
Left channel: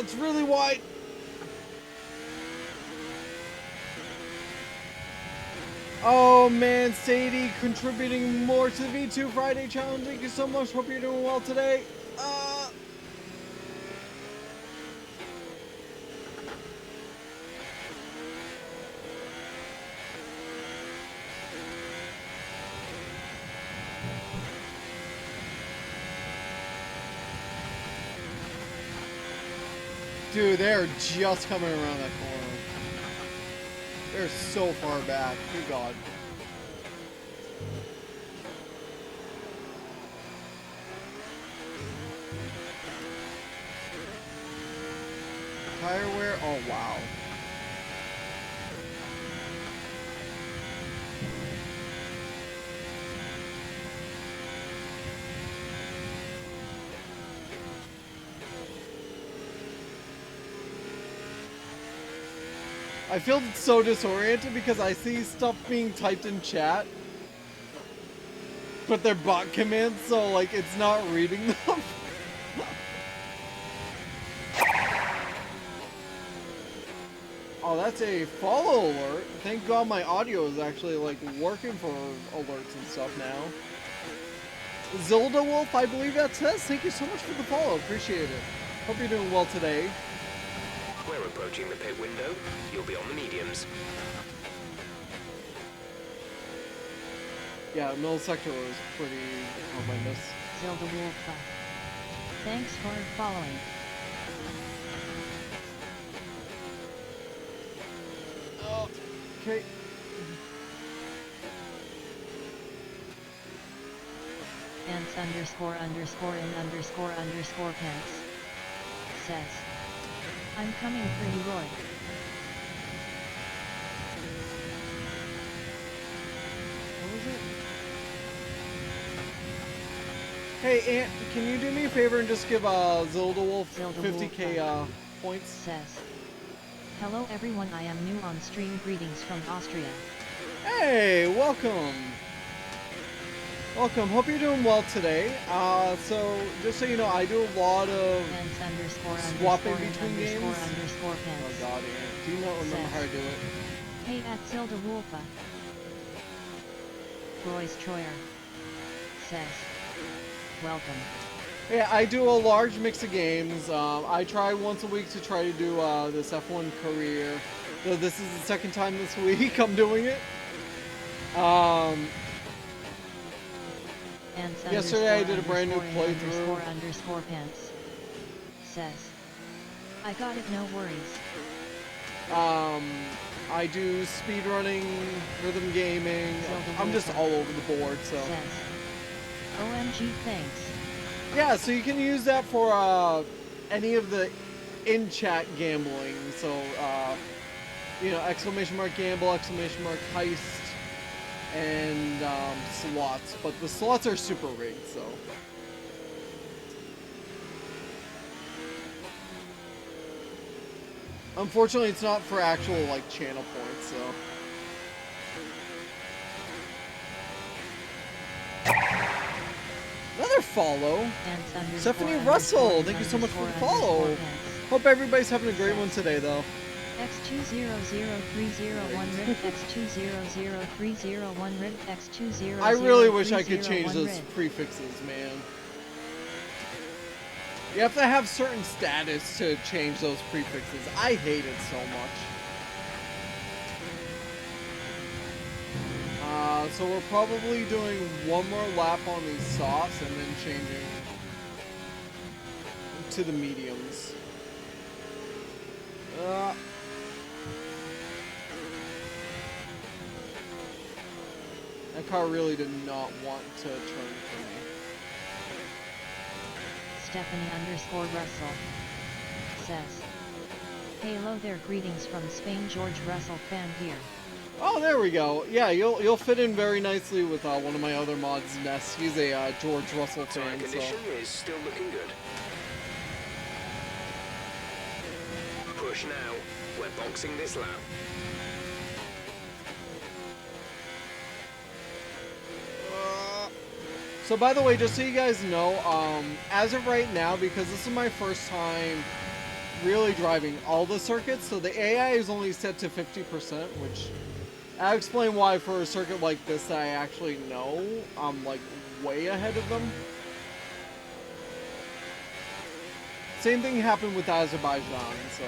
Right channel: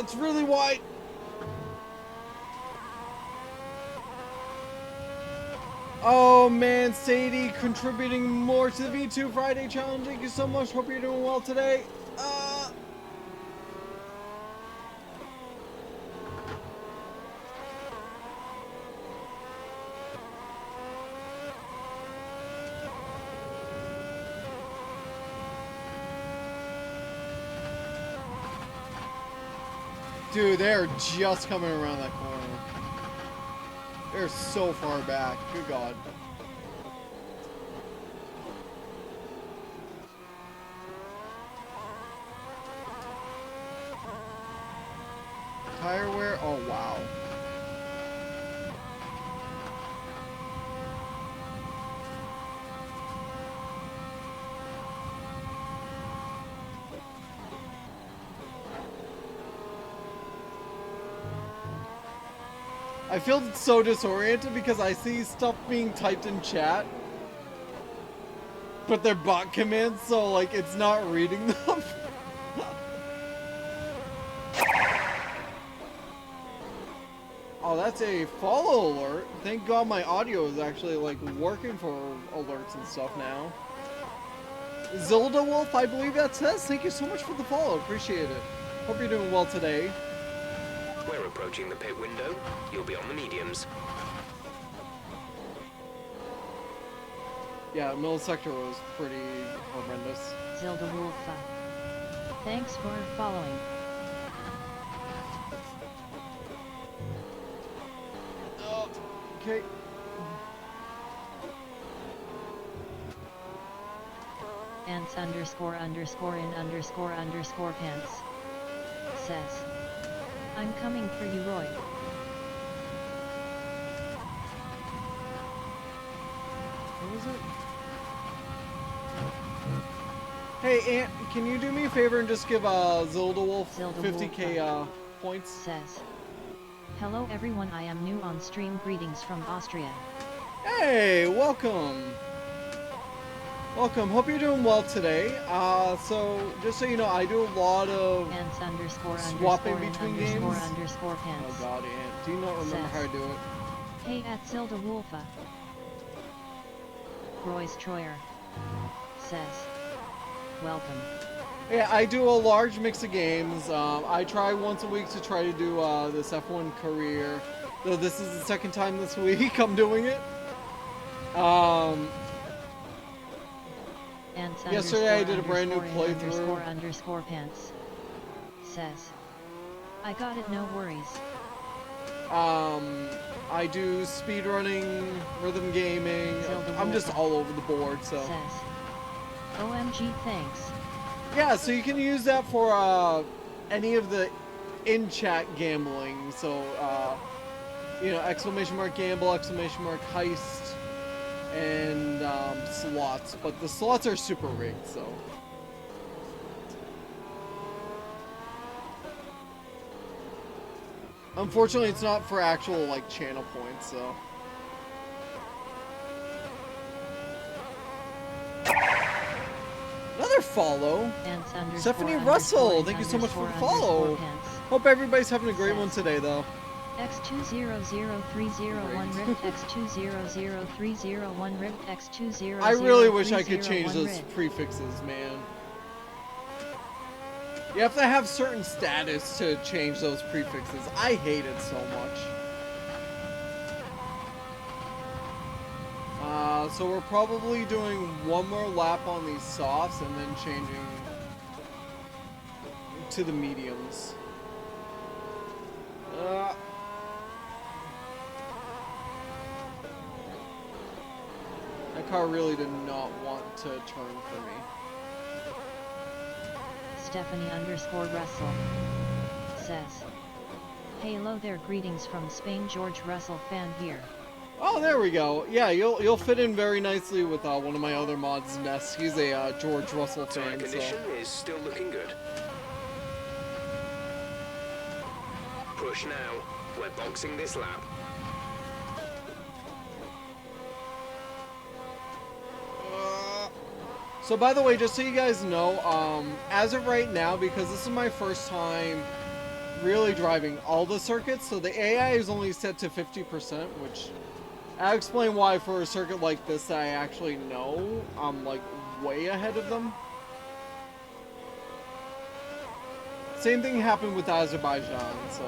it's really wide. Oh man, Sadie contributing more to the V2 Friday challenge. Thank you so much. Hope you're doing well today. Dude, they're just coming around that corner. They're so far back. Good God. Tire wear? Oh, wow. I feel so disoriented because I see stuff being typed in chat, but they're bot commands, so like it's not reading them. Oh, that's a follow alert. Thank God my audio is actually like working for alerts and stuff now. Zilda Wolf, I believe that says. Thank you so much for the follow. Appreciate it. Hope you're doing well today. We're approaching the pit window. You'll be on the mediums. Yeah, middle sector was pretty horrendous. Zilda Wolfa. Thanks for following. Oh, okay. Ants underscore underscore in underscore underscore pants says, I'm coming for you, Roy. What was it? Hey, Ant, can you do me a favor and just give Zilda Wolf Zilda 50k Wolf, points? says, hello everyone, I am new on stream, greetings from Austria. Hey, welcome. Welcome. Hope you're doing well today. So just so you know, I do a lot of Ants underscore swapping underscore between underscore games. underscore Oh pants. God, Ant, do you not remember Says, how to do it? Hey at Zilda Wolfa. Royce Troyer says, welcome. Yeah, I do a large mix of games. I try once a week to try to do this F1 career. Though this is the second time this week I'm doing it. Ants Yesterday I did a underscore brand new underscore in playthrough. underscore underscore pants says, I got it, no worries. I do speedrunning, rhythm gaming. Zelda I'm just Wolfa all over the board, so. says, OMG thanks. Yeah, so you can use that for any of the in-chat gambling. So, you know, exclamation mark gamble, exclamation mark heist, and slots. But the slots are super rigged, so. Unfortunately, it's not for actual, like, channel points, so. Another follow. Ants underscore Stephanie underscore Russell, in thank you so much for the underscore follow. underscore pants Hope everybody's having a great one Says, today, though. X200301 ribbed X200301 ribbed X200301 I really wish I could change those prefixes, man. You have to have certain status to change those prefixes. I hate it so much. So we're probably doing one more lap on these softs and then changing to the mediums. That car really did not want to turn for me. Stephanie underscore Russell says, hello there, greetings from Spain, George Russell fan here. Oh, there we go. Yeah, you'll fit in very nicely with one of my other mods, Ness. He's a George Russell Tire fan, condition so. is still looking good. Push now. We're boxing this lap. So by the way, just so you guys know, as of right now, because this is my first time really driving all the circuits, so the AI is only set to 50%, which I'll explain why for a circuit like this that I actually know, I'm like way ahead of them. Same thing happened with Azerbaijan, so.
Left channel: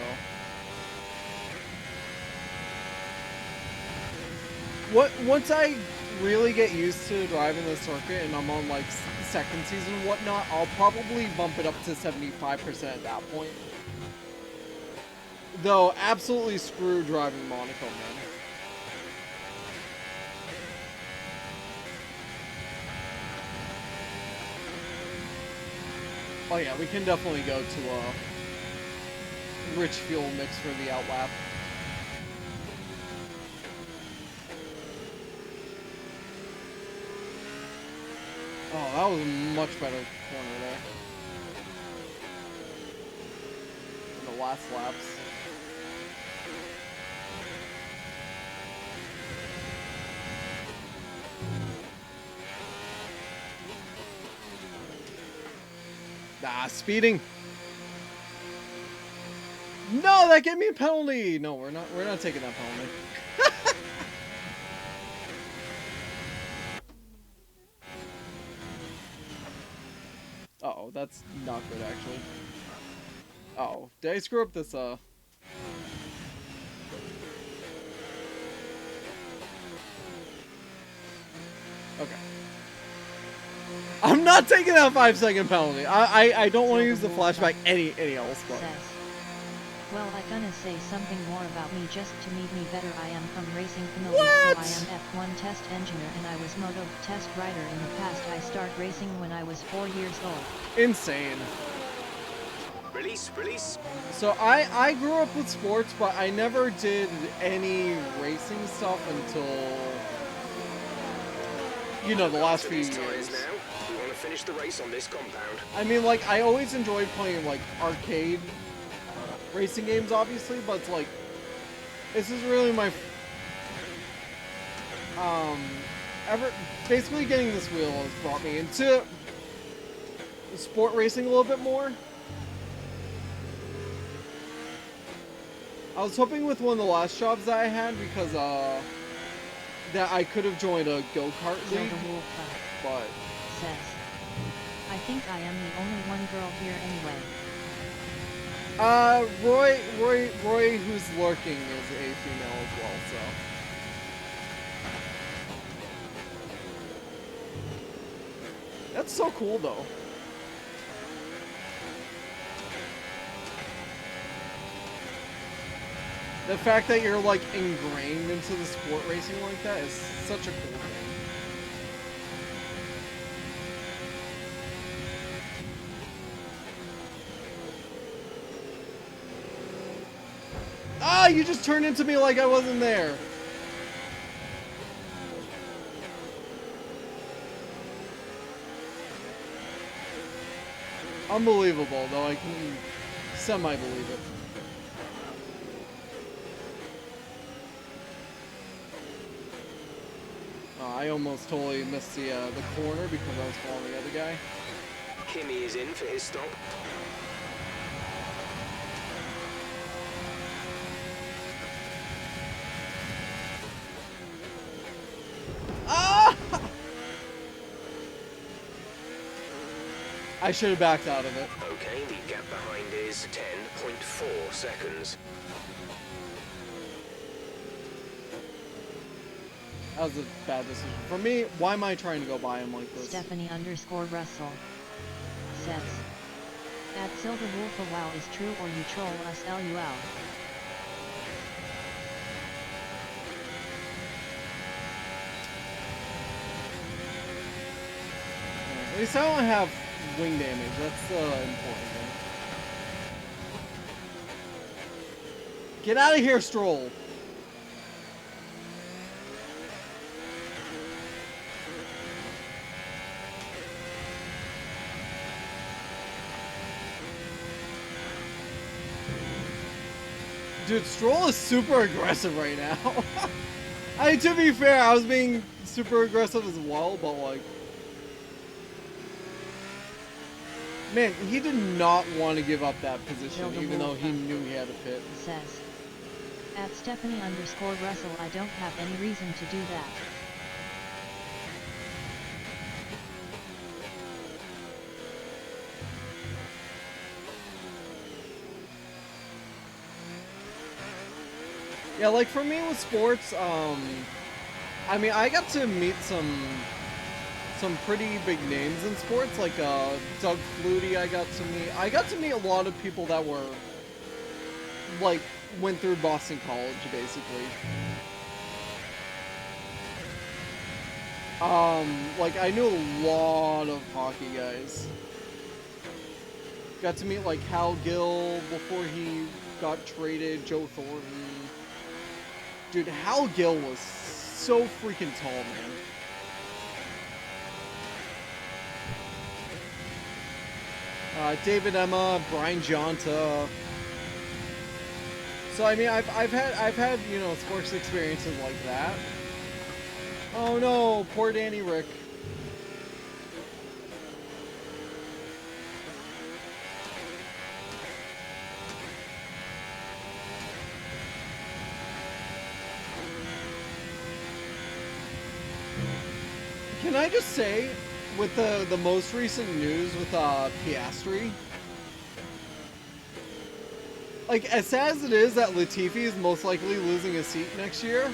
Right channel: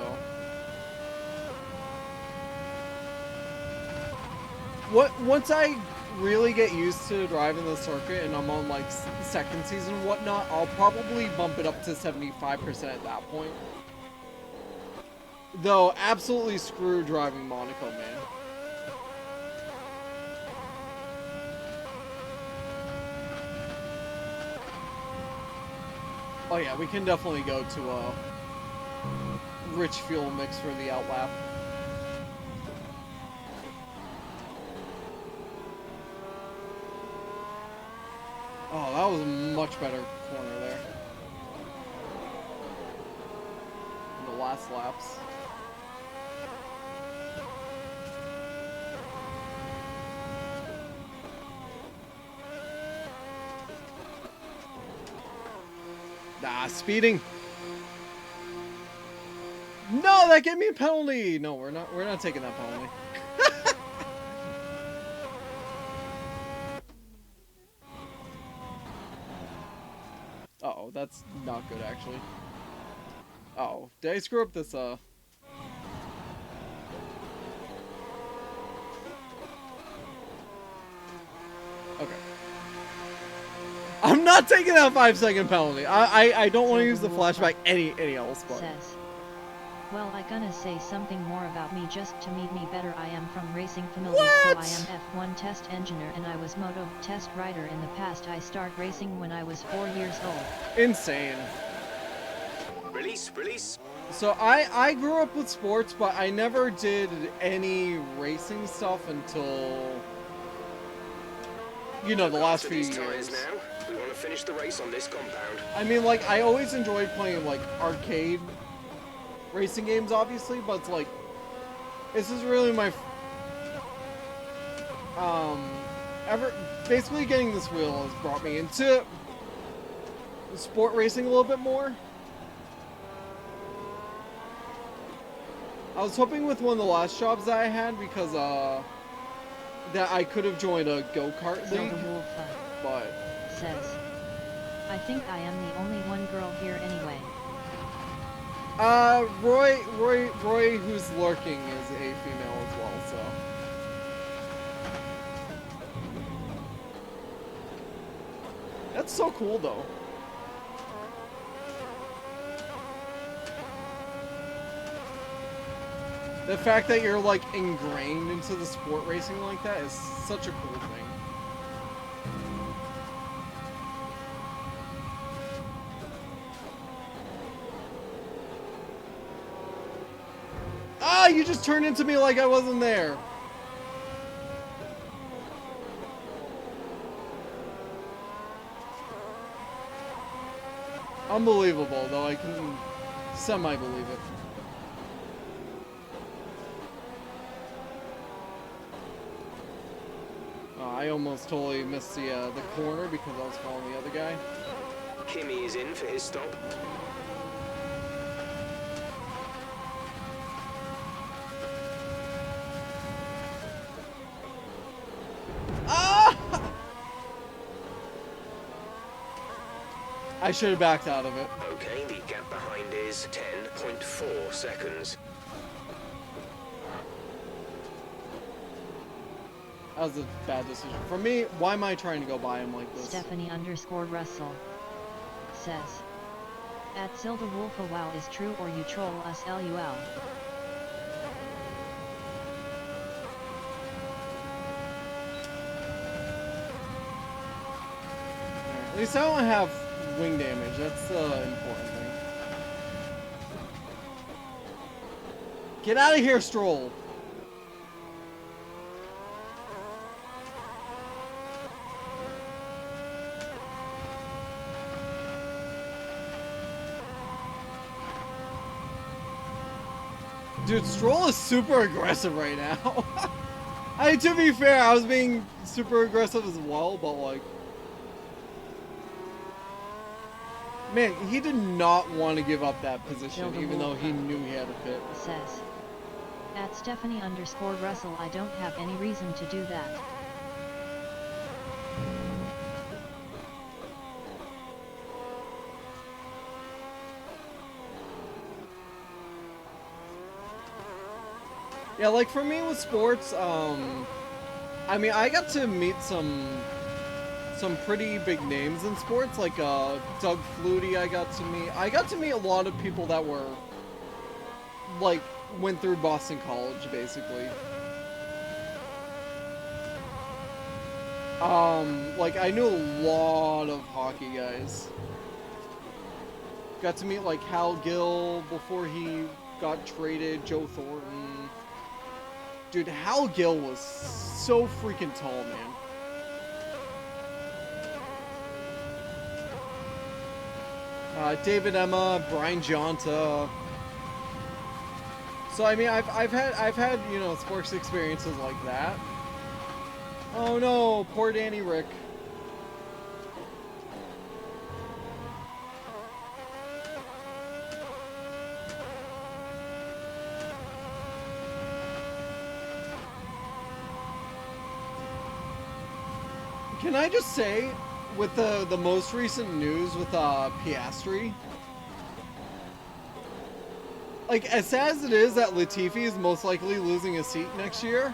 Once I really get used to driving the circuit and I'm on like second season and whatnot, I'll probably bump it up to 75% at that point. Though, absolutely screw driving Monaco, man. Oh yeah, we can definitely go to a rich fuel mix for the outlap. Oh, that was a much better corner there. In the last laps. Nah, speeding. No, that gave me a penalty. No, we're not taking that penalty. Uh-oh, that's not good actually. Uh-oh, did I screw up this Okay. I'm not taking that 5-second penalty. I don't want to use the flashback any else but. Says, well, I gonna say something more about me just to meet me better. I am from Racing Families, so I am F1 test engineer and I was moto test rider in the past. I start racing when I was 4 years old. Insane. Release. So I grew up with sports, but I never did any racing stuff until, you know, the last few years. Now, we want to finish the race on this compound. I mean, like, I always enjoyed playing, like, arcade racing games, obviously, but it's like, this is really my, basically getting this wheel has brought me into sport racing a little bit more. I was hoping with one of the last jobs that I had, because, that I could have joined a go-kart league, but... Says, I think I am the only one girl here anyway. Roy, who's lurking, is a female as well, so... That's so cool, though. The fact that you're, like, ingrained into the sport racing like that is such a cool thing. Ah, you just turned into me like I wasn't there. Unbelievable, though I can semi-believe it. I almost totally missed the corner because I was following the other guy. Kimmy is in for his stop. Ah! I should have backed out of it. Okay, the gap behind is 10.4 seconds. That was a bad decision. For me, why am I trying to go by him like this? Stephanie_Russell says, at Silver Wolf a wow is true or you troll us LUL. At least I don't have wing damage. That's the important thing. Get out of here, Stroll! Dude, Stroll is super aggressive right now. I mean, to be fair, I was being super aggressive as well, but like... Man, he did not want to give up that position, Build a even though wall he up. knew he had a pit. Says. At Stephanie_Russell, I don't have any reason to do that. Yeah, like for me with sports, I mean, I got to meet some pretty big names in sports, like Doug Flutie. I got to meet a lot of people that were like went through Boston College, basically. Like I knew a lot of hockey guys. Got to meet like Hal Gill before he got traded, Joe Thornton. Dude, Hal Gill was so freaking tall, man. David Emma, Brian Jonta. So I mean, I've had you know sports experiences like that. Oh no, poor Danny Rick. Can I just say, with the most recent news with Piastri, like as sad as it is that Latifi is most likely losing a seat next year,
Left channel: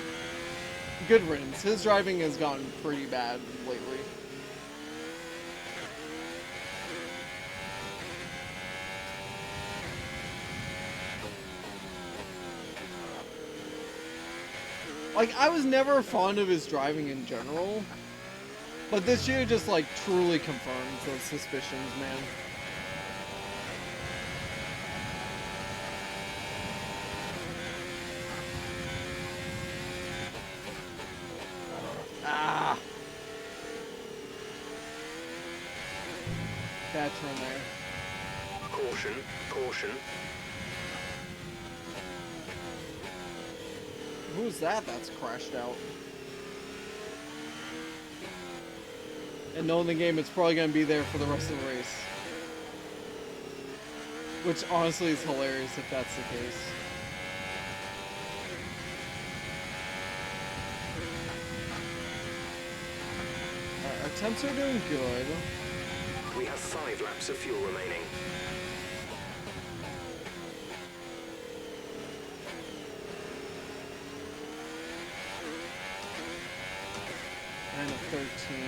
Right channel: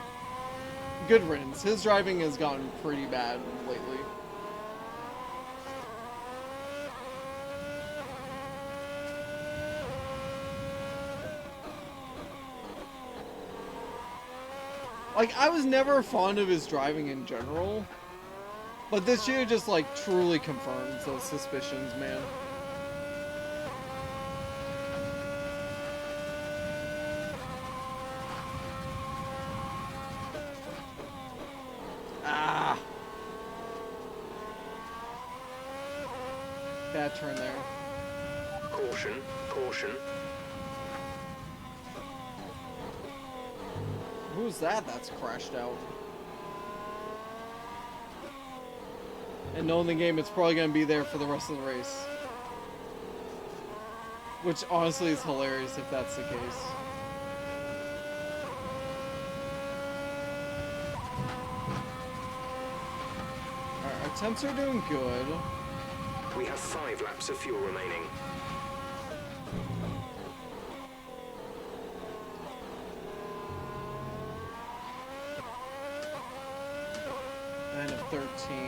good riddance. His driving has gotten pretty bad lately. Like I was never fond of his driving in general. But this year just, like, truly confirms those suspicions, man. Ah! Bad turn there. Caution, caution. Who's that that's crashed out? And knowing the game, it's probably going to be there for the rest of the race. Which honestly is hilarious if that's the case. Alright, our temps are doing good. We have 5 laps of fuel remaining. And a 13.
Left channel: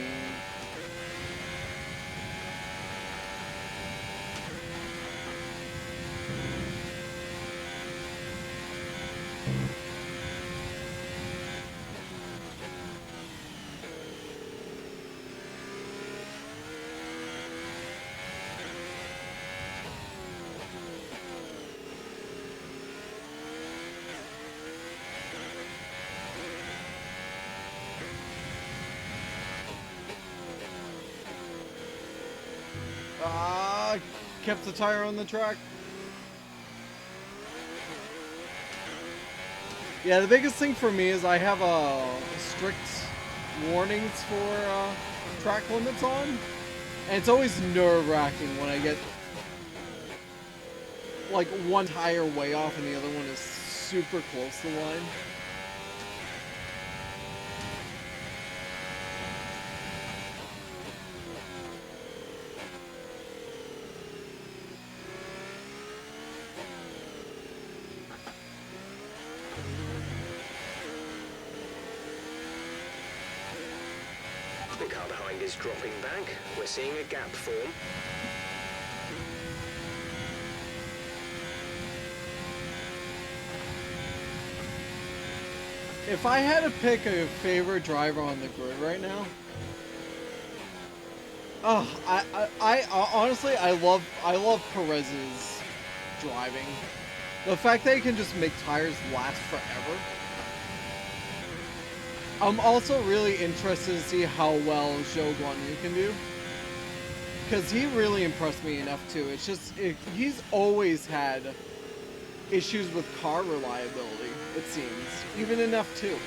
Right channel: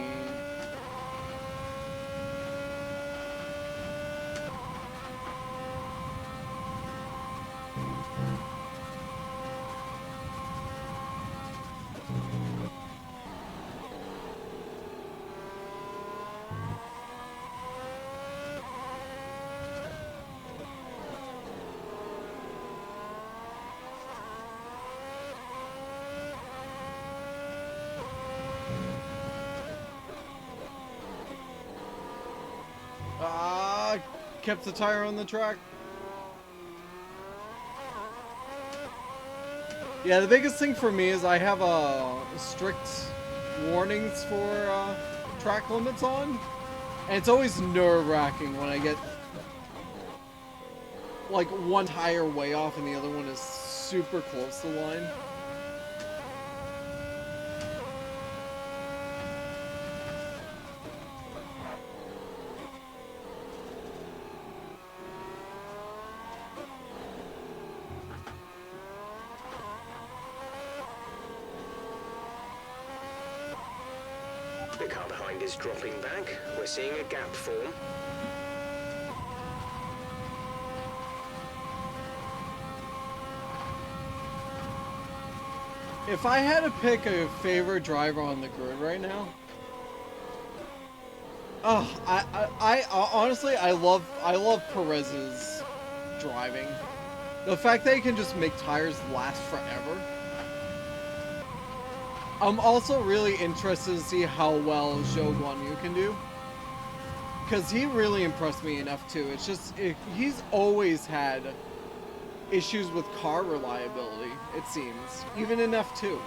Kept the tire on the track. Yeah, the biggest thing for me is I have strict warnings for track limits on, and it's always nerve-wracking when I get like one tire way off and the other one is super close to the line. The car behind is dropping back. We're seeing a gap form. If I had to pick a favorite driver on the grid right now, I honestly I love Perez's driving. The fact that he can just make tires last forever. I'm also really interested to see how well Zhou Guanyu can do. Because he really impressed me in F2. It's just, he's always had issues with car reliability, it seems. Even in F2.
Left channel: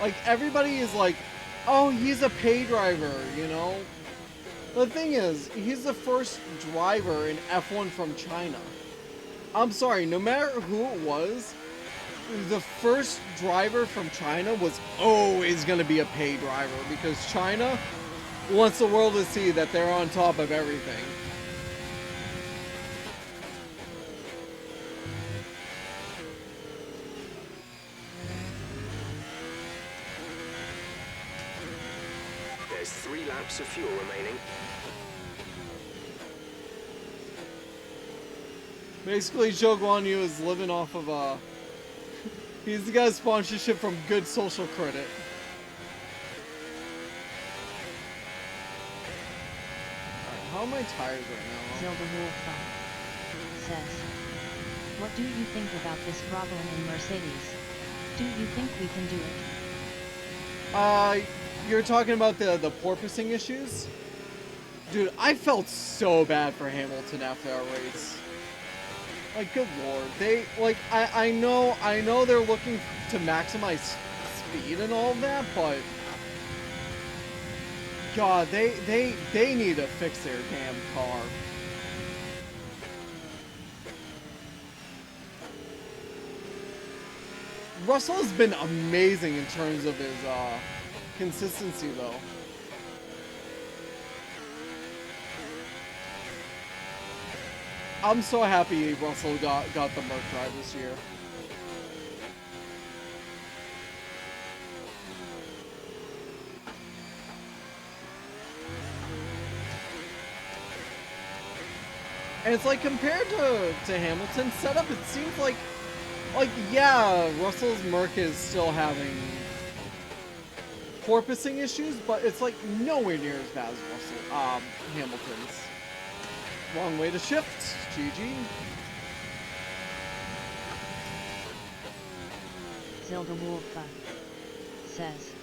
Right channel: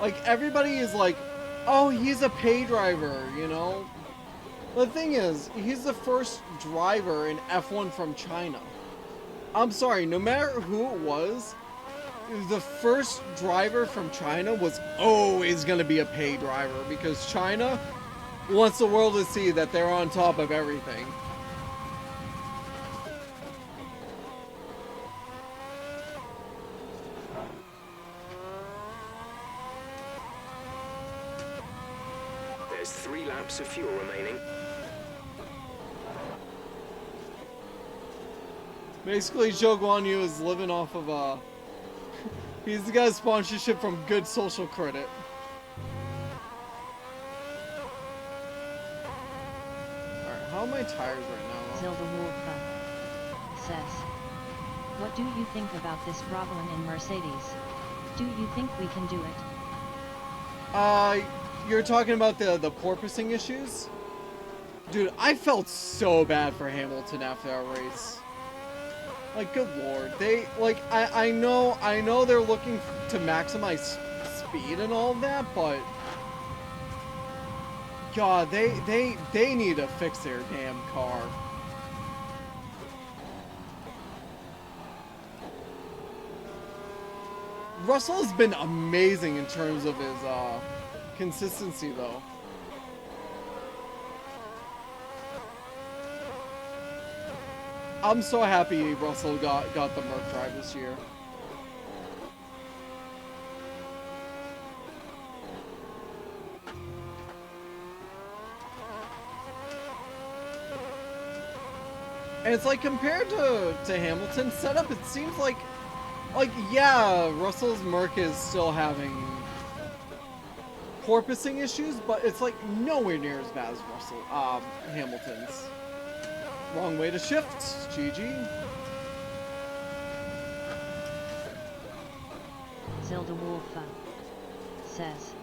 Like, everybody is like, oh, he's a pay driver, you know? The thing is, he's the first driver in F1 from China. I'm sorry, no matter who it was, the first driver from China was always going to be a pay driver because China wants the world to see that they're on top of everything. There's 3 laps of fuel remaining. Basically, Zhou Guanyu is living off of, he's the guy's sponsorship from Good Social Credit. Alright, how are my tires right now? Zilda Wolfa says, what do you think about this problem in Mercedes? Do you think we can do it? You're talking about the porpoising issues? Dude, I felt so bad for Hamilton after that race. Like, good lord. They, like, I know they're looking to maximize speed and all of that, but... God, they need to fix their damn car. Russell has been amazing in terms of his, consistency, though. I'm so happy Russell got the Merc drive this year. And it's like, compared to Hamilton's setup, it seems like, yeah, Russell's Merc is still having porpoising issues, but it's like nowhere near as bad as Hamilton's. Wrong way to shift. GG. Zilda Wolfa says,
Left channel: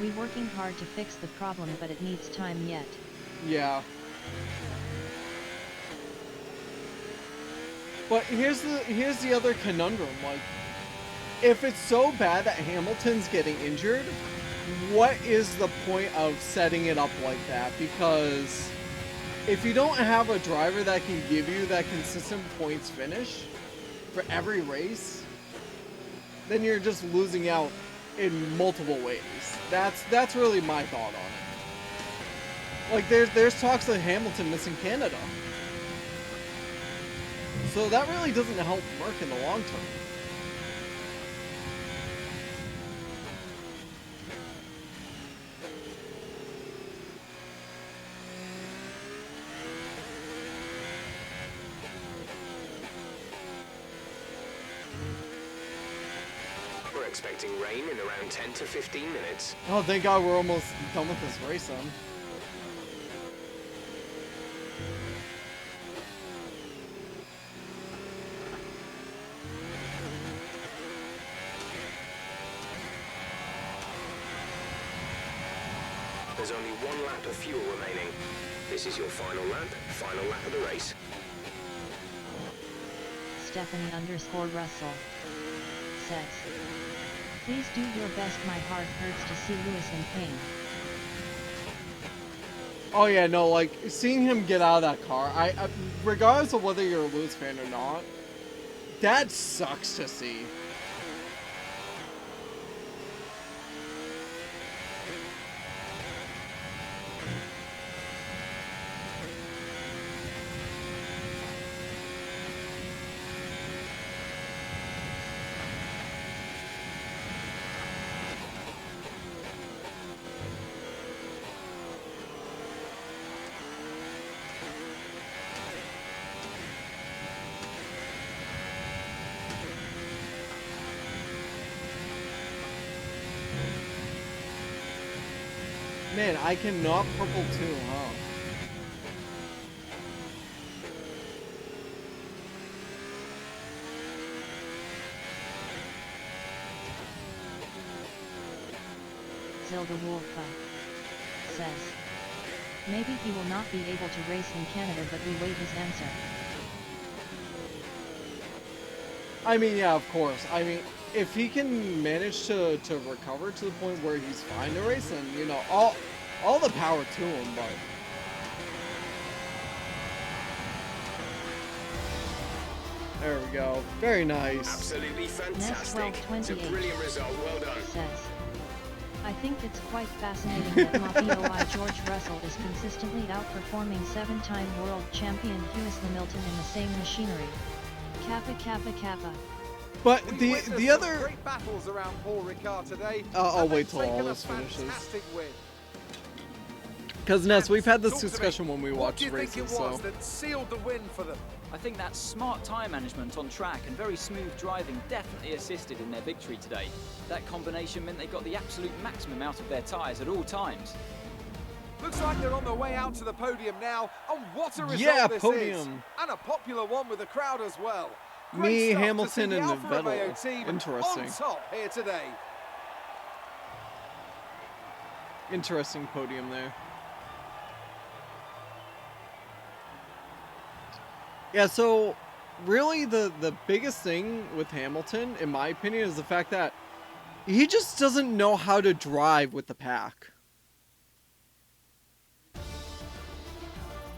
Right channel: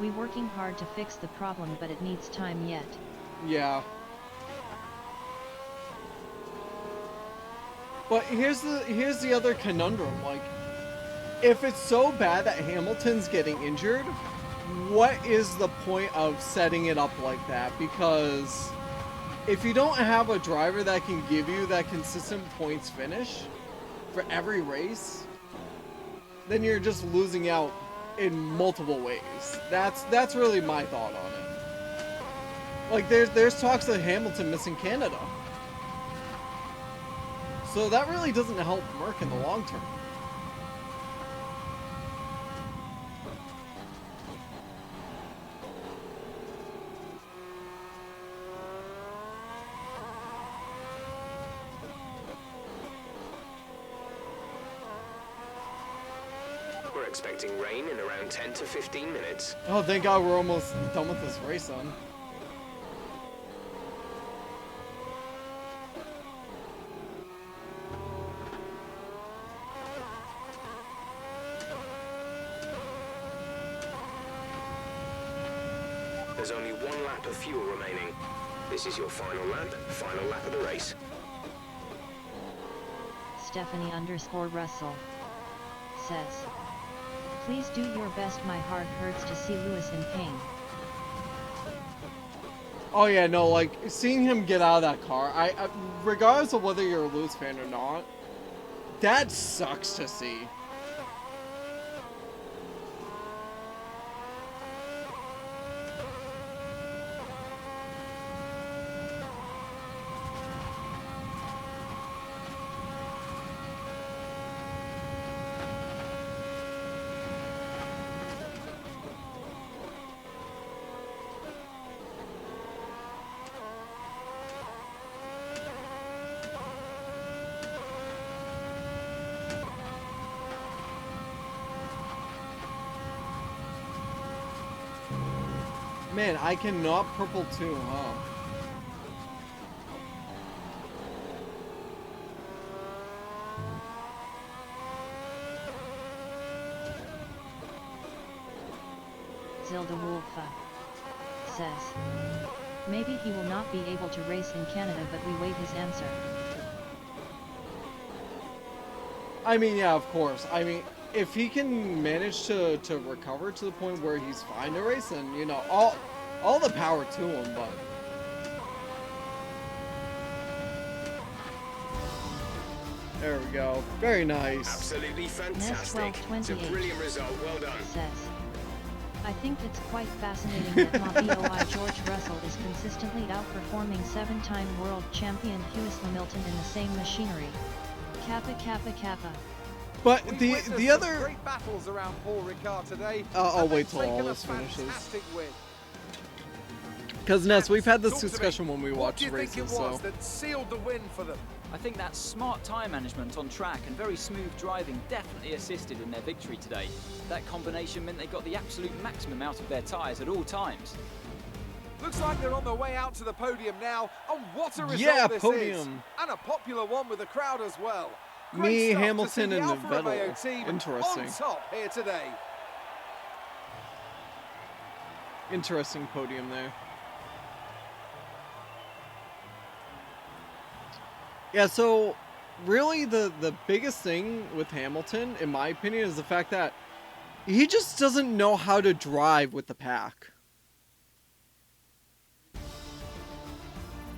we working hard to fix the problem, but it needs time yet. Yeah. But here's the other conundrum. Like, if it's so bad that Hamilton's getting injured, what is the point of setting it up like that? Because if you don't have a driver that can give you that consistent points finish for every race, then you're just losing out in multiple ways. That's really my thought on it. Like, there's talks of Hamilton missing Canada. So that really doesn't help Merc in the long term. We're expecting rain in around 10 to 15 minutes. Oh, thank God we're almost done with this race, son. There's only 1 lap of fuel remaining. This is your final lap of the race. Stephanie_Russell says, please do your best, my heart hurts to see Lewis in pain. Oh yeah, no, like, seeing him get out of that car, I regardless of whether you're a Lewis fan or not, that sucks to see. Man, I cannot purple too, huh? Zilda Wolfa says, maybe he will not be able to race in Canada, but we wait his answer. I mean, yeah, of course. I mean, if he can manage to recover to the point where he's fine to race, then, you know, all the power to him, but... There we go. Very nice. Absolutely Nest fantastic. It's a 1228 brilliant result. Well done. says, I think it's quite fascinating that Mafia George Russell is consistently outperforming 7-time world champion Lewis Hamilton in the same machinery. Kappa Kappa Kappa. But We've the witnessed other... some great battles around Paul Ricard today. I'll and wait they've till all taken a this finishes. fantastic win. Because, Ness, we've had this Talk to me. discussion when we What watch do you races, think it was so... that sealed the win for them? I think that smart tyre management on track and very smooth driving definitely assisted in their victory today. That combination meant they got the absolute maximum out of their tyres at all times. Looks like they're on their way out to the podium now, and what a result Yeah, this is! podium. And a popular one with the crowd as well. Me, Great stuff to Hamilton, see the and Alfa Romeo Vettel. team Interesting. on top here today. Interesting podium there. Yeah, so really the biggest thing with Hamilton, in my opinion, is the fact that he just doesn't know how to drive with the pack.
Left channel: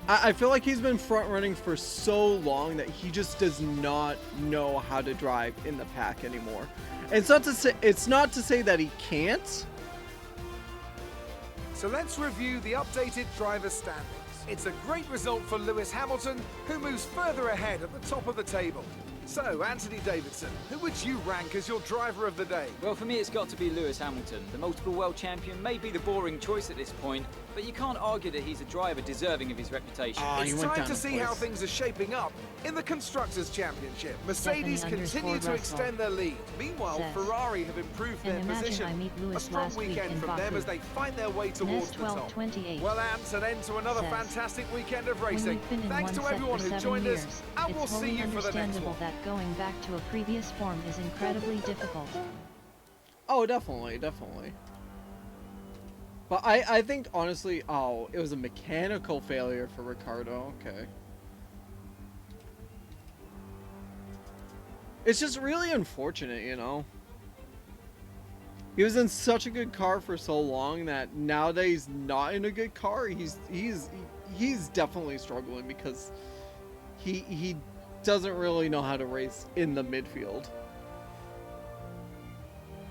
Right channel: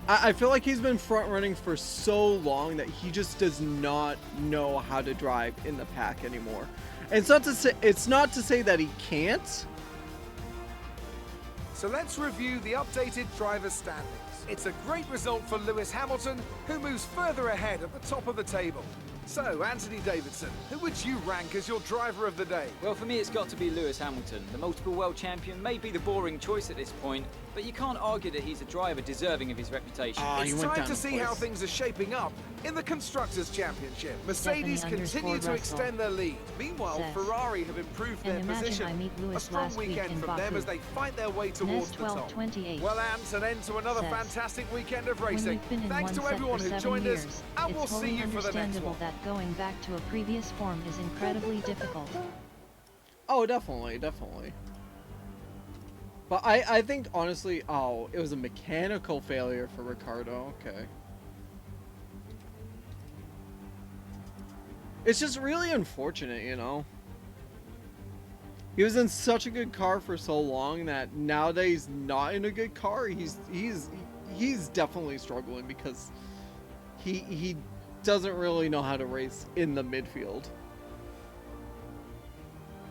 I feel like he's been front running for so long that he just does not know how to drive in the pack anymore. And it's not to say that he can't. So let's review the updated driver standings. It's a great result for Lewis Hamilton, who moves further ahead at the top of the table. So, Anthony Davidson, who would you rank as your driver of the day? Well, for me, it's got to be Lewis Hamilton. The multiple world champion may be the boring choice at this point, but you can't argue that he's a driver deserving of his reputation. It's time to see how things are shaping up in the Constructors' Championship. Mercedes continue to extend their lead. Meanwhile, says, Ferrari have improved and their imagine position. I meet A Lewis strong last week weekend in from them Baku. as they fight their way towards the top. 1228 Well, Ant, an end to another says, fantastic weekend of when racing. you've been in Thanks one to set everyone for who 7 joined years, us, and it's we'll see wholly you for the next understandable one. that going back to a previous form is incredibly difficult. Oh, definitely. But I think, honestly, it was a mechanical failure for Ricardo. Okay. It's just really unfortunate, you know? He was in such a good car for so long that now that he's not in a good car, he's definitely struggling because he doesn't really know how to race in the midfield.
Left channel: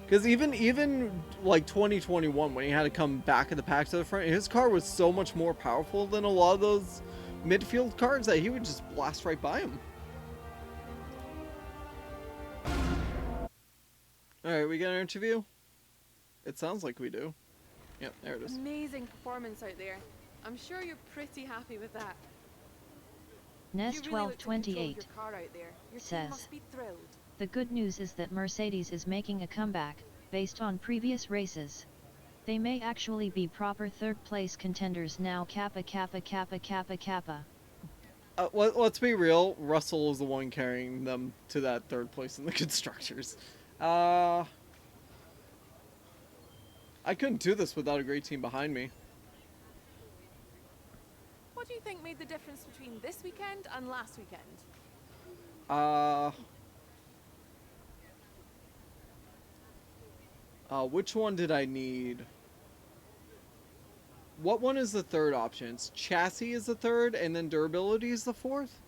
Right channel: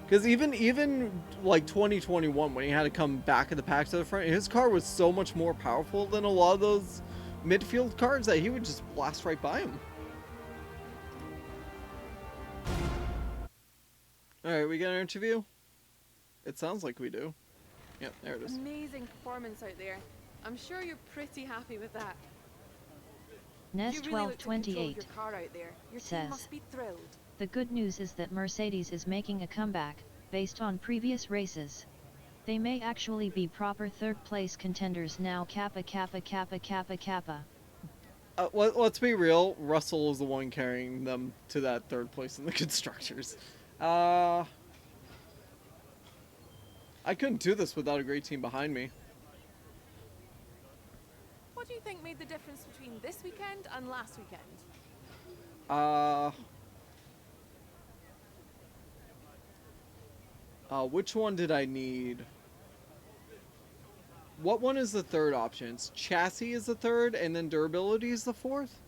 Because even like 2021, when he had to come back at the pack to the front, his car was so much more powerful than a lot of those midfield cars that he would just blast right by him. Alright, we got an interview? It sounds like we do. Yep, there it is. Amazing performance out there. I'm sure you're pretty happy with that. Nest You really look to control 1228 your car out there. Your says, team must be thrilled. the good news is that Mercedes is making a comeback, based on previous races. They may actually be proper third-place contenders now. Kappa Kappa Kappa Kappa Kappa. Let's be real, Russell is the one carrying them to that third place in the Constructors. I couldn't do this without a great team behind me. What do you think made the difference between this weekend and last weekend? Which one did I need? What one is the third option? It's chassis is the third, and then durability is the fourth?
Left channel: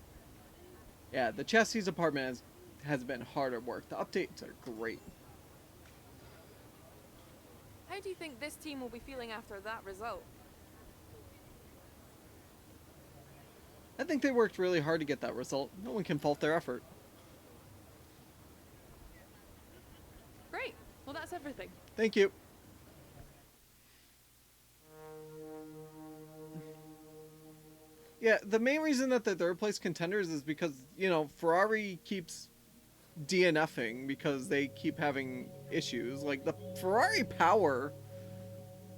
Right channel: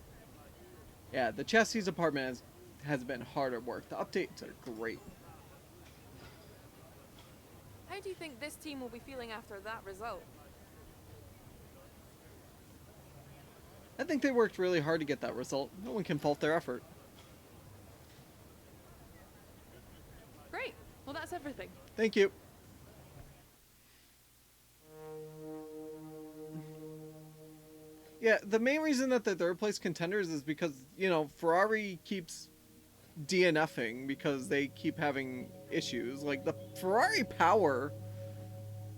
Yeah, the chassis department has been hard at work. The updates are great. How do you think this team will be feeling after that result? I think they worked really hard to get that result. No one can fault their effort. Great. Well, that's everything. Thank you. Yeah, the main reason that they're third place contenders is because, you know, Ferrari keeps DNFing because they keep having issues. Like, the Ferrari power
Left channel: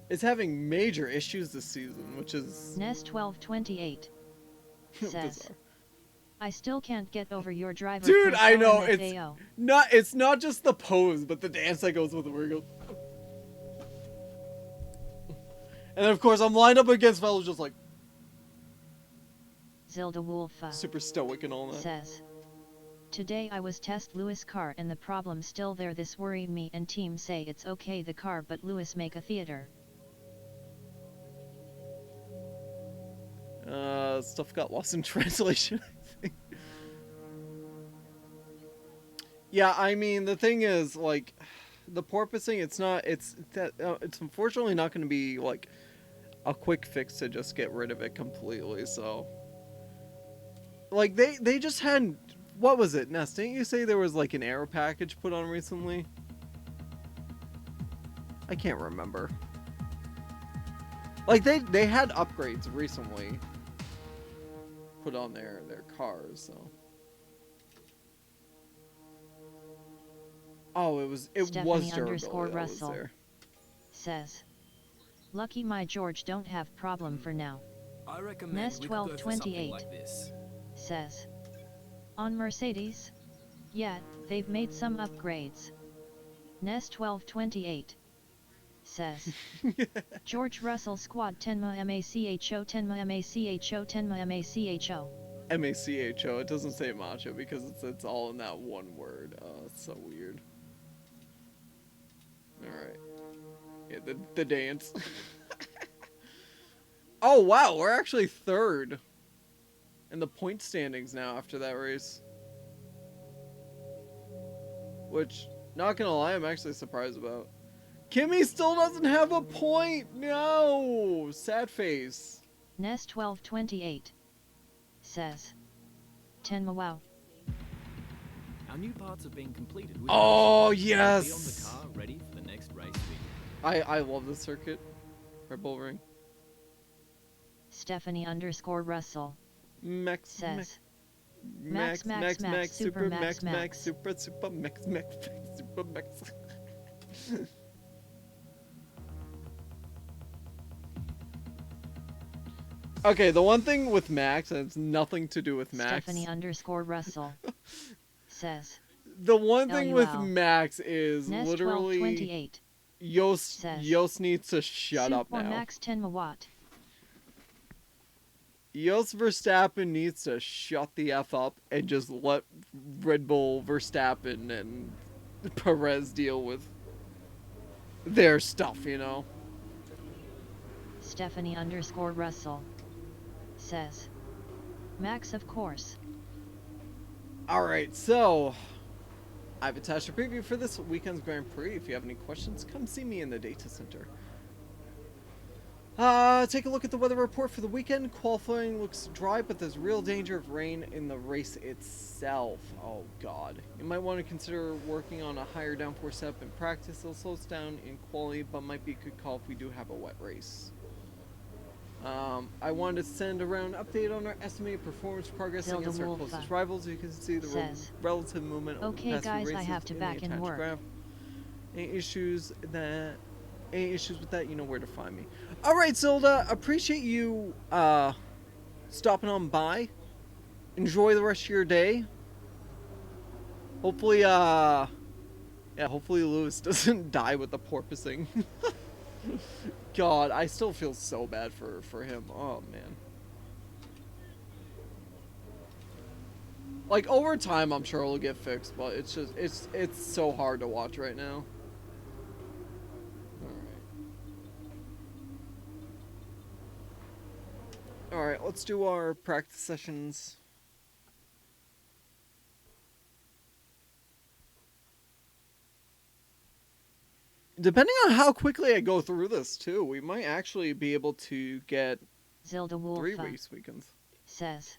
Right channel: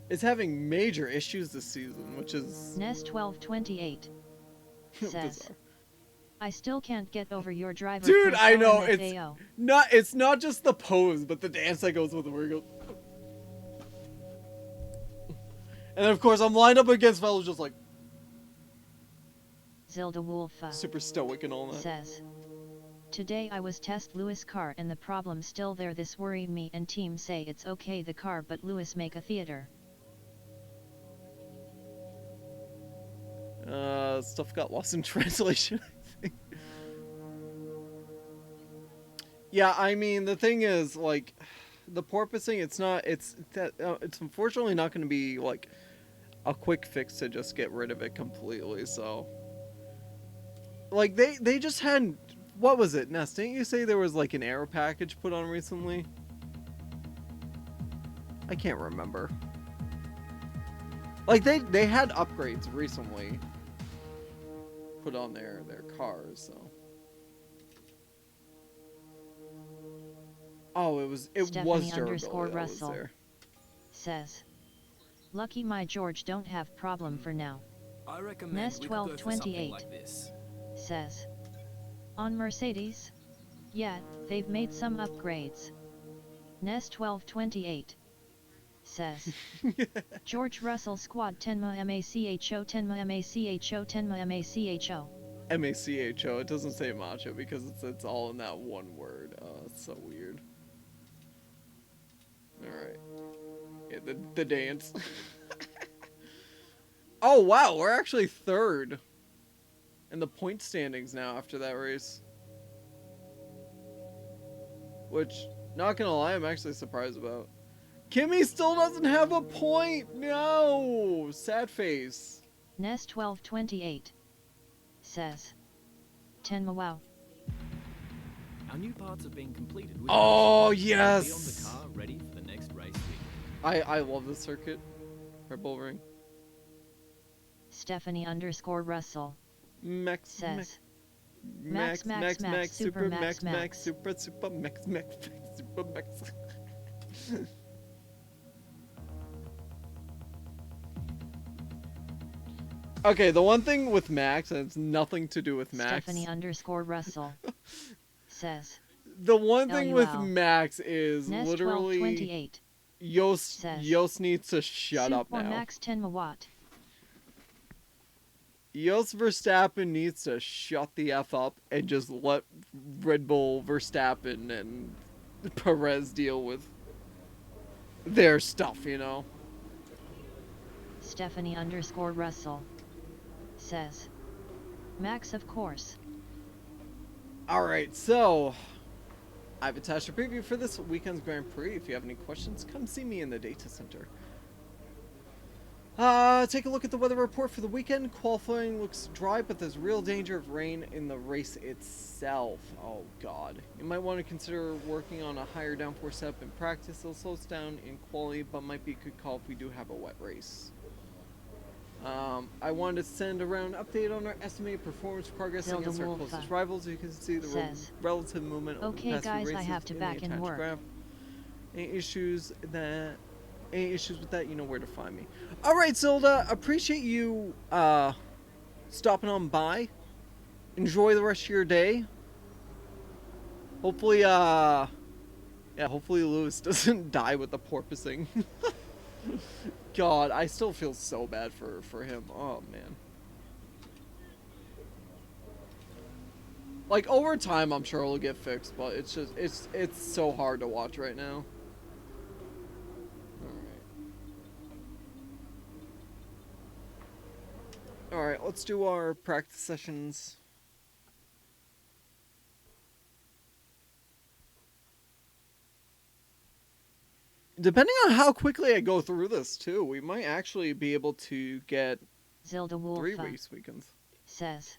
is having major issues this season, which is... Nest 1228 says, bizarre. I still can't get over your driver. Dude, Chris I know, LMFAO. it's not just the pose, but the dance that goes with it, where he goes... And then, of course, I'm lined up against fellows just like... Zilda Wolfa super stoic and all that. says, Today I was test Lewis car and the problem still there. This worry me and team say it's okay the car but Lewis make a theater. Stuff got lost in translation, I think. Yeah, I mean, the thing is, like, the porpoising, it's unfortunately not going to be, like, a quick fix to just get rid of it completely, so. Like, they just had, what was it, Ness? Didn't you say there was, like, an air package put on recently? I can't remember. Like, they had upgrades recently put on their cars, so. Oh, it was Stephanie durability that Russell was there. Says, lucky my George don't have problem for now. I recommend Nest we could go for something 1228 like this. says, on Mercedes? Yeah, they've made some upgrades. Nest 1228 says, George Russell Squad Tenma Macho Tenma Macho Tenma Macho. MACHO. It doesn't say macho because it's all in that one word. Oh, it's so weird. Alright. Yeah, the dance. Oh, wow. We're actually third in the point standings now after that race. Which, not gonna lie, I'm actually surprised about. Kimmy still doesn't have a point. No. Sad face. Nest 1228 says, Tenma wow. Our new parts have been completed. Oh, Be on the yes. car, ready for the next race week. I love this circuit. Red Bull Ring. Stephanie Russell Max says, Max super Max super super Max. Okay, the one thing with Max, and it's nothing to do with Max. Stephanie Russell says, The one thing with LUL. Max is Nest literally 1228 Yost needs to shut up Super now. Max 10 watt. Jos Verstappen needs to shut the F up and just let Red Bull Verstappen and Perez deal with their stuff, you know? Stephanie Russell says, Max of course. Alright, so I've attached a preview for this weekend's Grand Prix. If you have any questions, come see me in the data center. Take a look at the weather report for the weekend. Qualifying looks dry, but there's real danger of rain in the race itself. Oh god. You might want to consider working on a higher downforce setup in practice. It'll slow us down in quality, but might be a good call if we do have a wet race. I wanted to send around an update on our estimated performance progress Zelda against our Wolfa closest rivals. You can see the says, relative movement over okay the past guys, few I races have to in back the in attached work. graph. Any issues with that, you know where to find me. Alright, Zilda, appreciate you stopping on by. Enjoy the rest of your day. Hopefully, hopefully Lewis doesn't die with the porpoising. God, I still feel so bad for him. Oh, man. Like, over time, I'm sure it'll get fixed, but it's just, it's so hard to watch right now. Alright, let's do our practice sessions. Depending on how quickly I go through this, too, we might actually be able to get Zelda 3 Wolfa race weekends. says,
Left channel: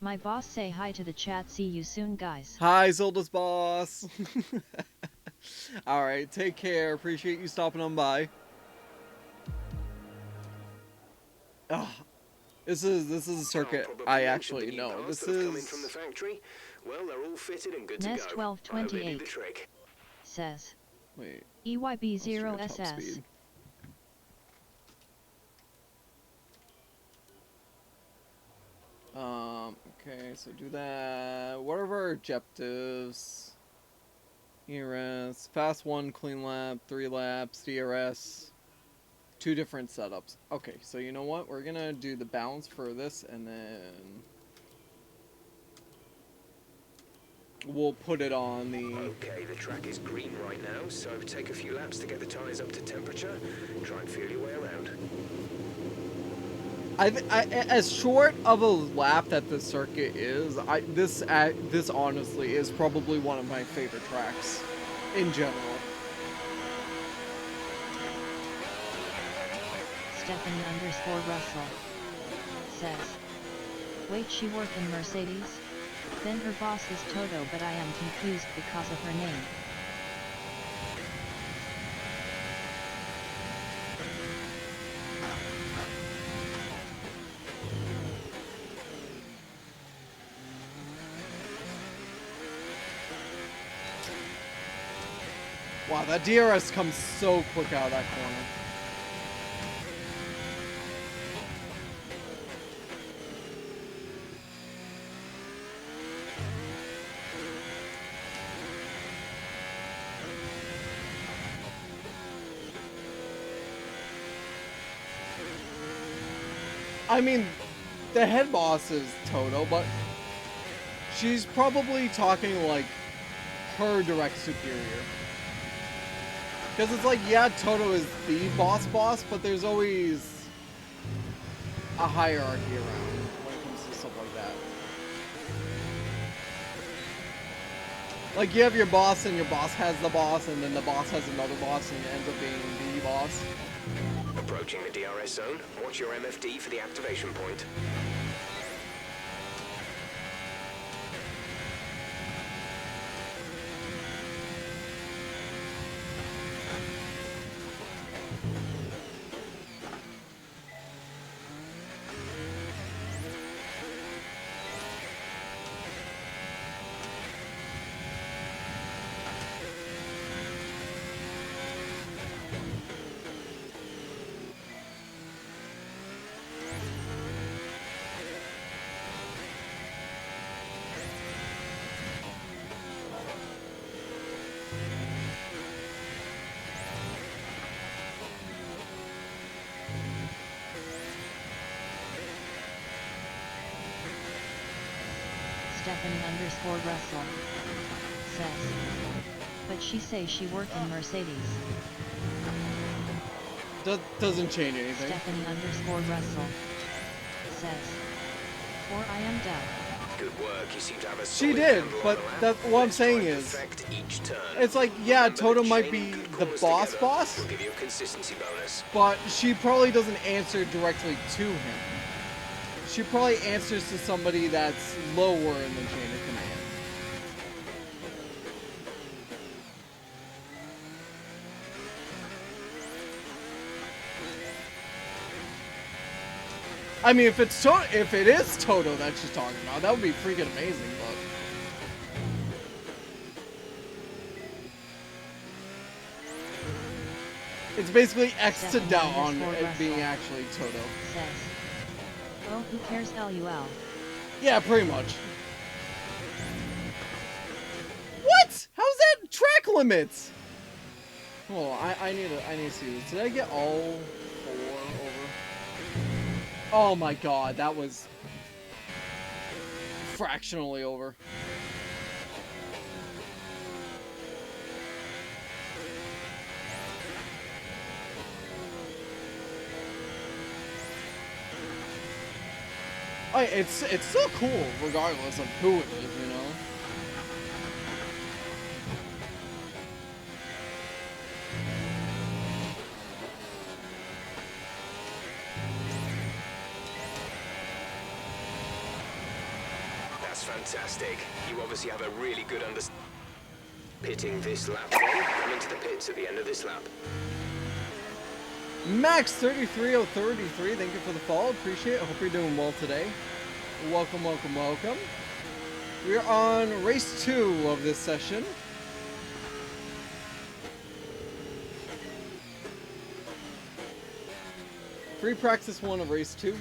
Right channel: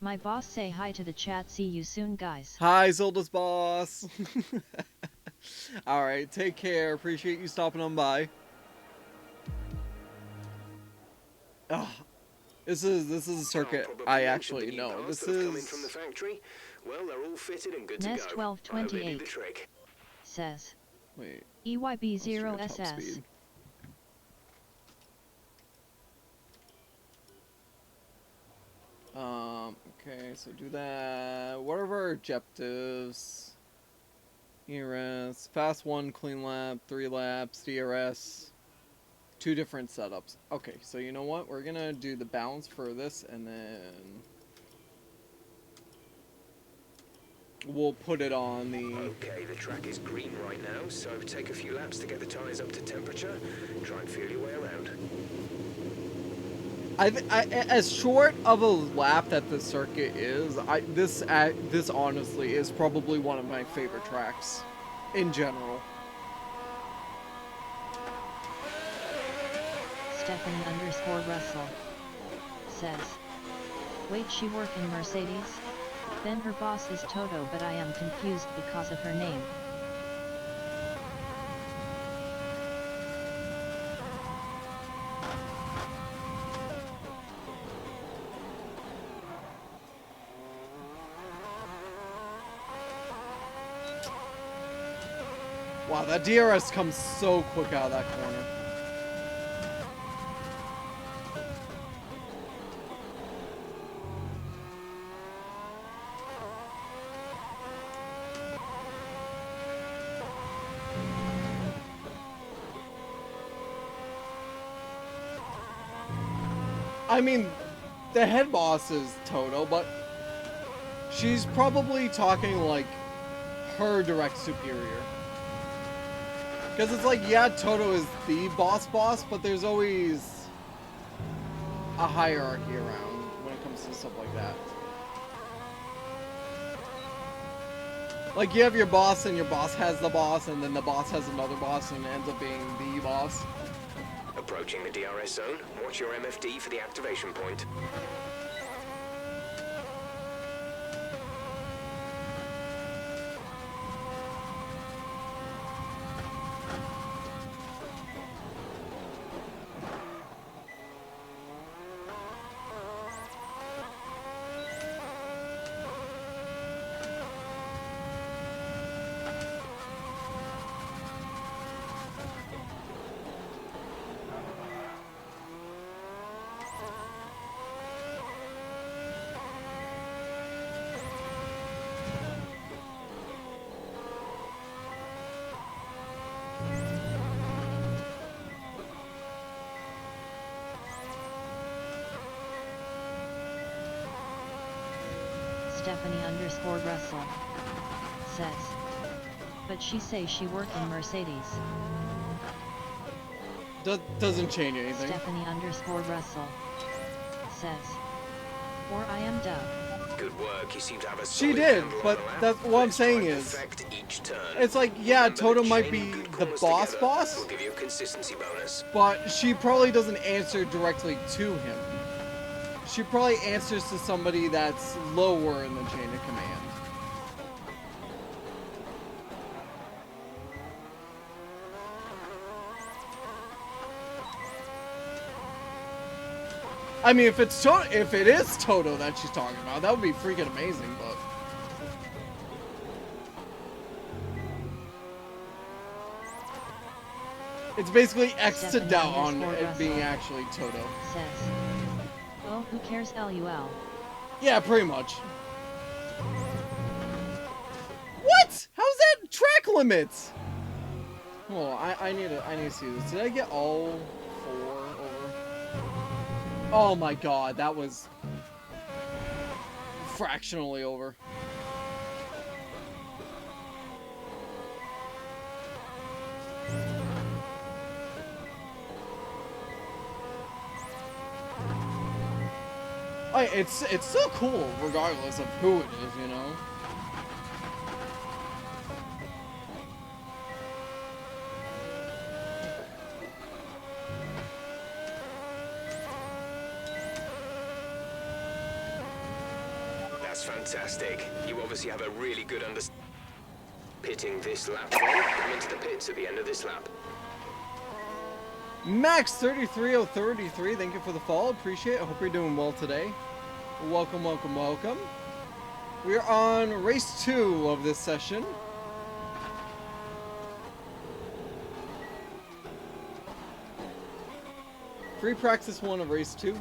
my boss say hi to the chat. See you soon, guys. Hi, Zilda's boss. Alright, take care. Appreciate you stopping on by. Ugh. This is a circuit I actually know. This is from the factory. Well, they're all fitted and good Nest to go. 1228 trick. says, wait. EYB0SS. Speed. Okay, so do that. What are our objectives? ERS, fast 1, clean lap, 3 laps, DRS. 2 different setups. Okay, so you know what? We're gonna do the balance for this and then we'll put it on the... Okay, the track is green right now, so take a few laps to get the tyres up to temperature. Try and feel your way around. As short of a lap that the circuit is, this honestly is probably one of my favorite tracks in general. Stephanie_Russell says, wait, she work in Mercedes? Then her boss is Toto, but I am confused because of her name. Wow, that DRS comes so quick out of that corner. I mean, the head boss is Toto, but she's probably talking like her direct superior. Because it's like, yeah, Toto is the boss, but there's always a hierarchy around when it comes to stuff like that. Like, you have your boss, and your boss has the boss, and then the boss has another boss, and it ends up being the boss. Approaching the DRS zone, watch your MFD for the activation point. Stephanie_Russell says, but she say she work in Mercedes. Doesn't change anything. Stephanie_Russell says, or I am dumb. Good work. You seem to have a She solid did, handle on but the lap. that's what I'm Let's try saying and is, perfect each turn. it's like, yeah, Remember Toto that might chaining be good the corners boss, together will give you a consistency bonus. but she probably doesn't answer directly to him. She probably answers to somebody that's lower in the chain of command. I mean, if it is Toto that she's talking about, that would be freaking amazing, but... It's basically X to doubt on it being actually Toto. Says, oh, who cares, LUL? Yeah, pretty much. What? How's that track limits? Hold on, I need to see this. Did I get all 4 over? Oh my god, that was fractionally over. It's still cool regardless of who it is, you know. That's fantastic. You obviously have a really good understanding. Pitting this lap then, come into the pits at the end of this lap. Max 33033, thank you for the follow. Appreciate it. Hope you're doing well today. Welcome, welcome, welcome. We're on race 2 of this session. Free practice 1 of race 2.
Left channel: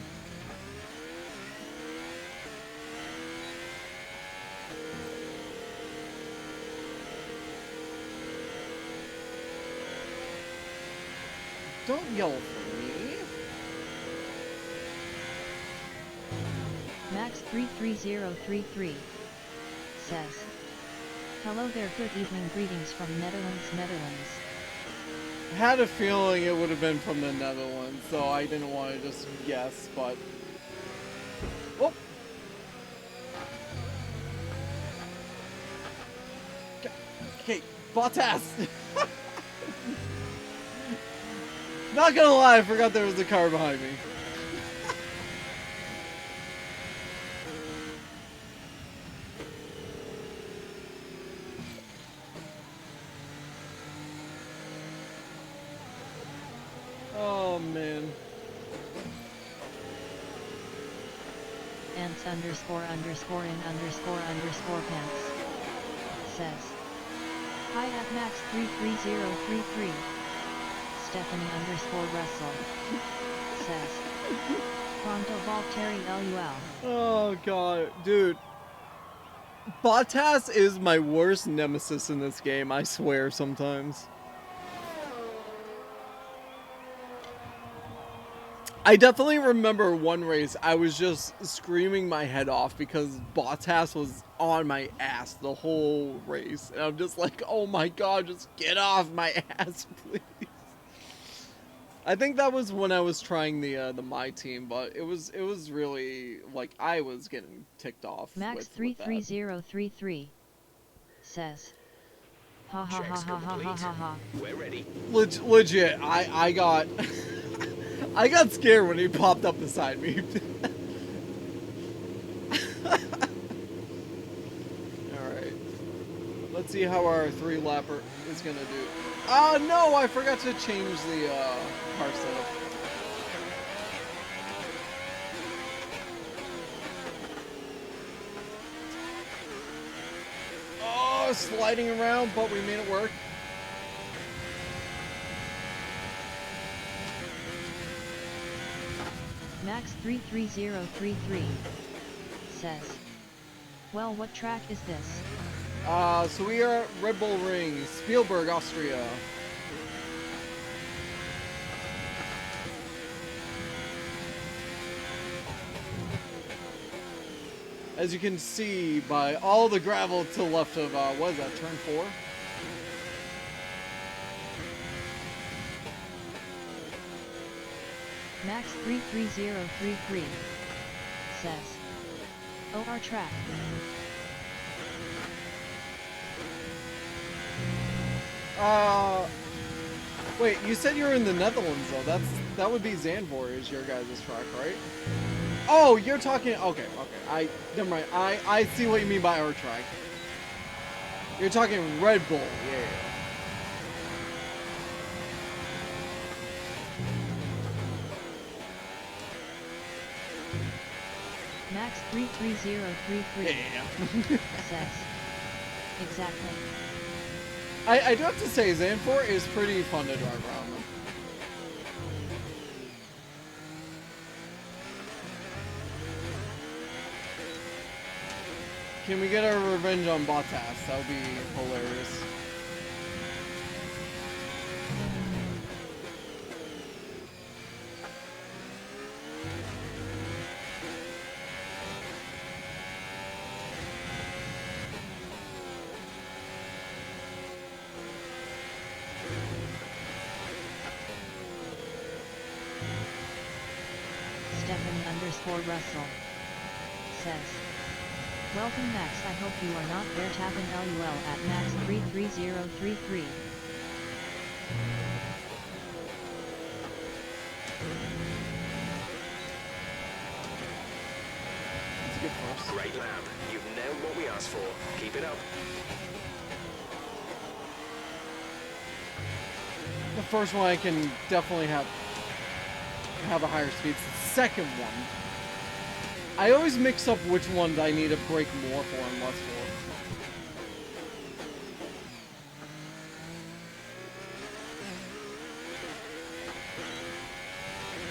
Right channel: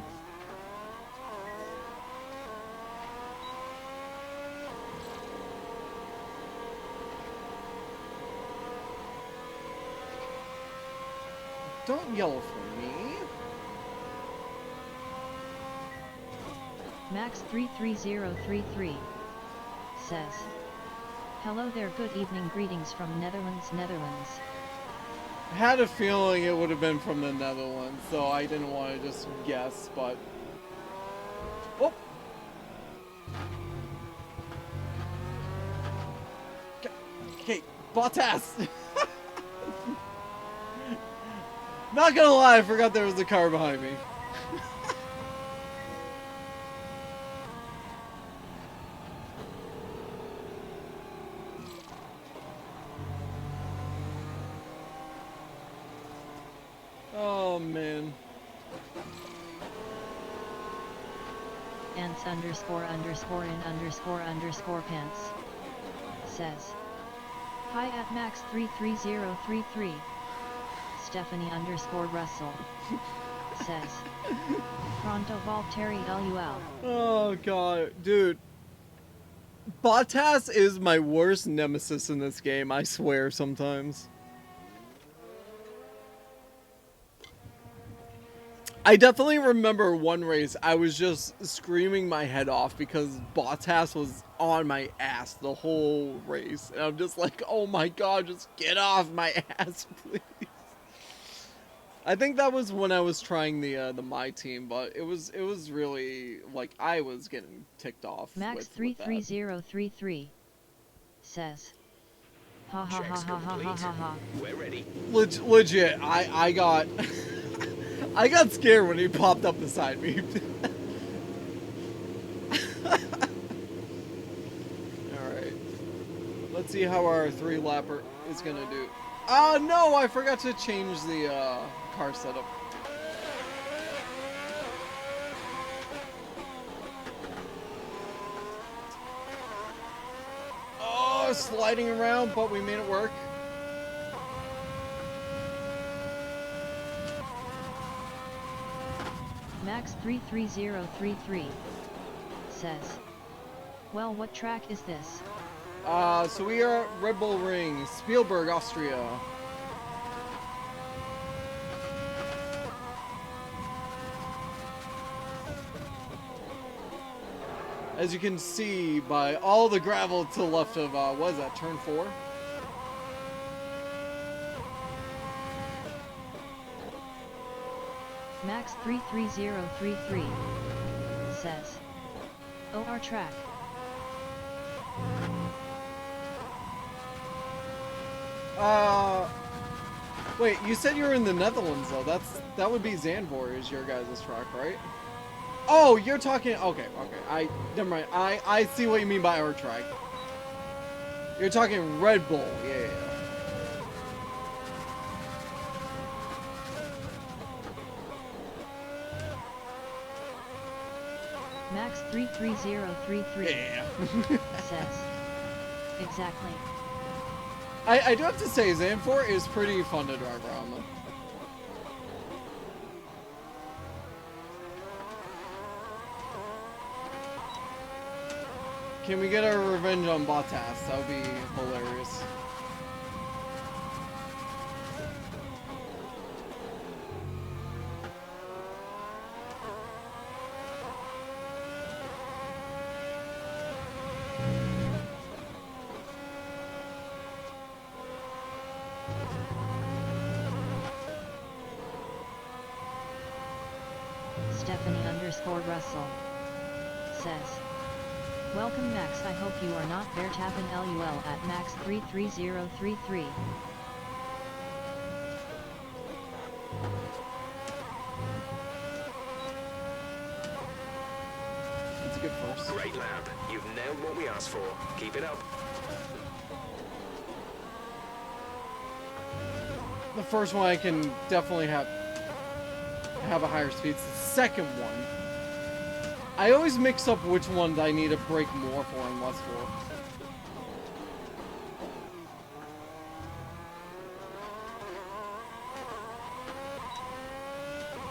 Don't yell for me. Max 33033 says, Hello there, good evening, greetings from Netherlands, Netherlands. I had a feeling it would have been from the Netherlands, so I didn't want to just guess, but... Oh! Okay, Bottas! Not gonna lie, I forgot there was a car behind me. Oh, man. Ants underscore underscore in underscore underscore pants says, hi at max 33033. Stephanie underscore Russell says, pronto Valtteri LUL. Oh, God. Dude. Bottas is my worst nemesis in this game, I swear sometimes. I definitely remember one race, I was just screaming my head off because Bottas was on my ass the whole race. And I'm just like, oh my god, just get off my ass, please. I think that was when I was trying the my team, but it was really, like, I was getting ticked off Max with 33033 says, ha ha ha Checks ha ha ha complete. ha ha. We're ready. Legit, I got I got scared when he popped up beside me. Alright. Let's see how our 3-lapper is gonna do. Oh no, I forgot to change the car setup. Oh, sliding around, but we made it work. Max 33033 says, well, what track is this? So we are at Red Bull Ring, Spielberg, Austria. As you can see by all the gravel to the left of, what is that, turn 4? Max 33033 says, oh, our track. Wait, you said you were in the Netherlands though. That would be Zandvoort is your guys' track, right? Oh, you're talking. Okay. Never mind. I see what you mean by our track. You're talking Red Bull. Yeah. Max 33033 Yeah. says, exactly. I do have to say, Zandvoort is pretty fun to drive around though. Can we get our revenge on Bottas? That would be hilarious. Stephanie underscore Russell says, welcome Max, I hope you are not Verstappen LUL at Max 33033. That's a good first. Great lap. You've nailed what we asked for. Keep it up. The first one I can definitely have a higher speed. It's the second one. I always mix up which ones I need to brake more for and less for.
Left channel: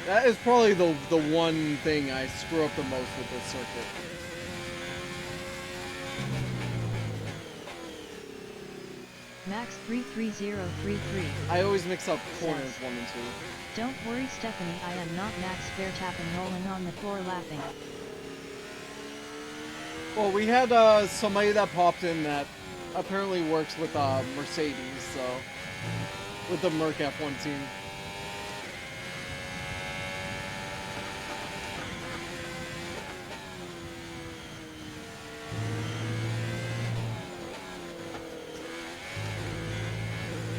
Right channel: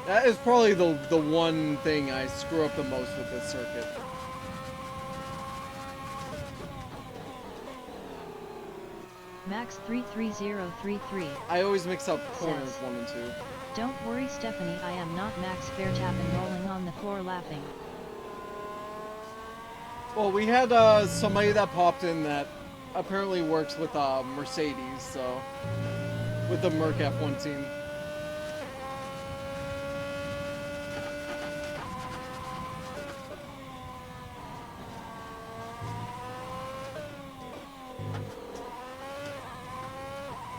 That is probably the one thing I screw up the most with this circuit. Max 33033. I always mix up corners 1 and 2. Don't worry Stephanie, I am not Max Verstappen rolling on the floor laughing. Well, we had somebody that popped in that apparently works with Mercedes, so with the Merc F1 team.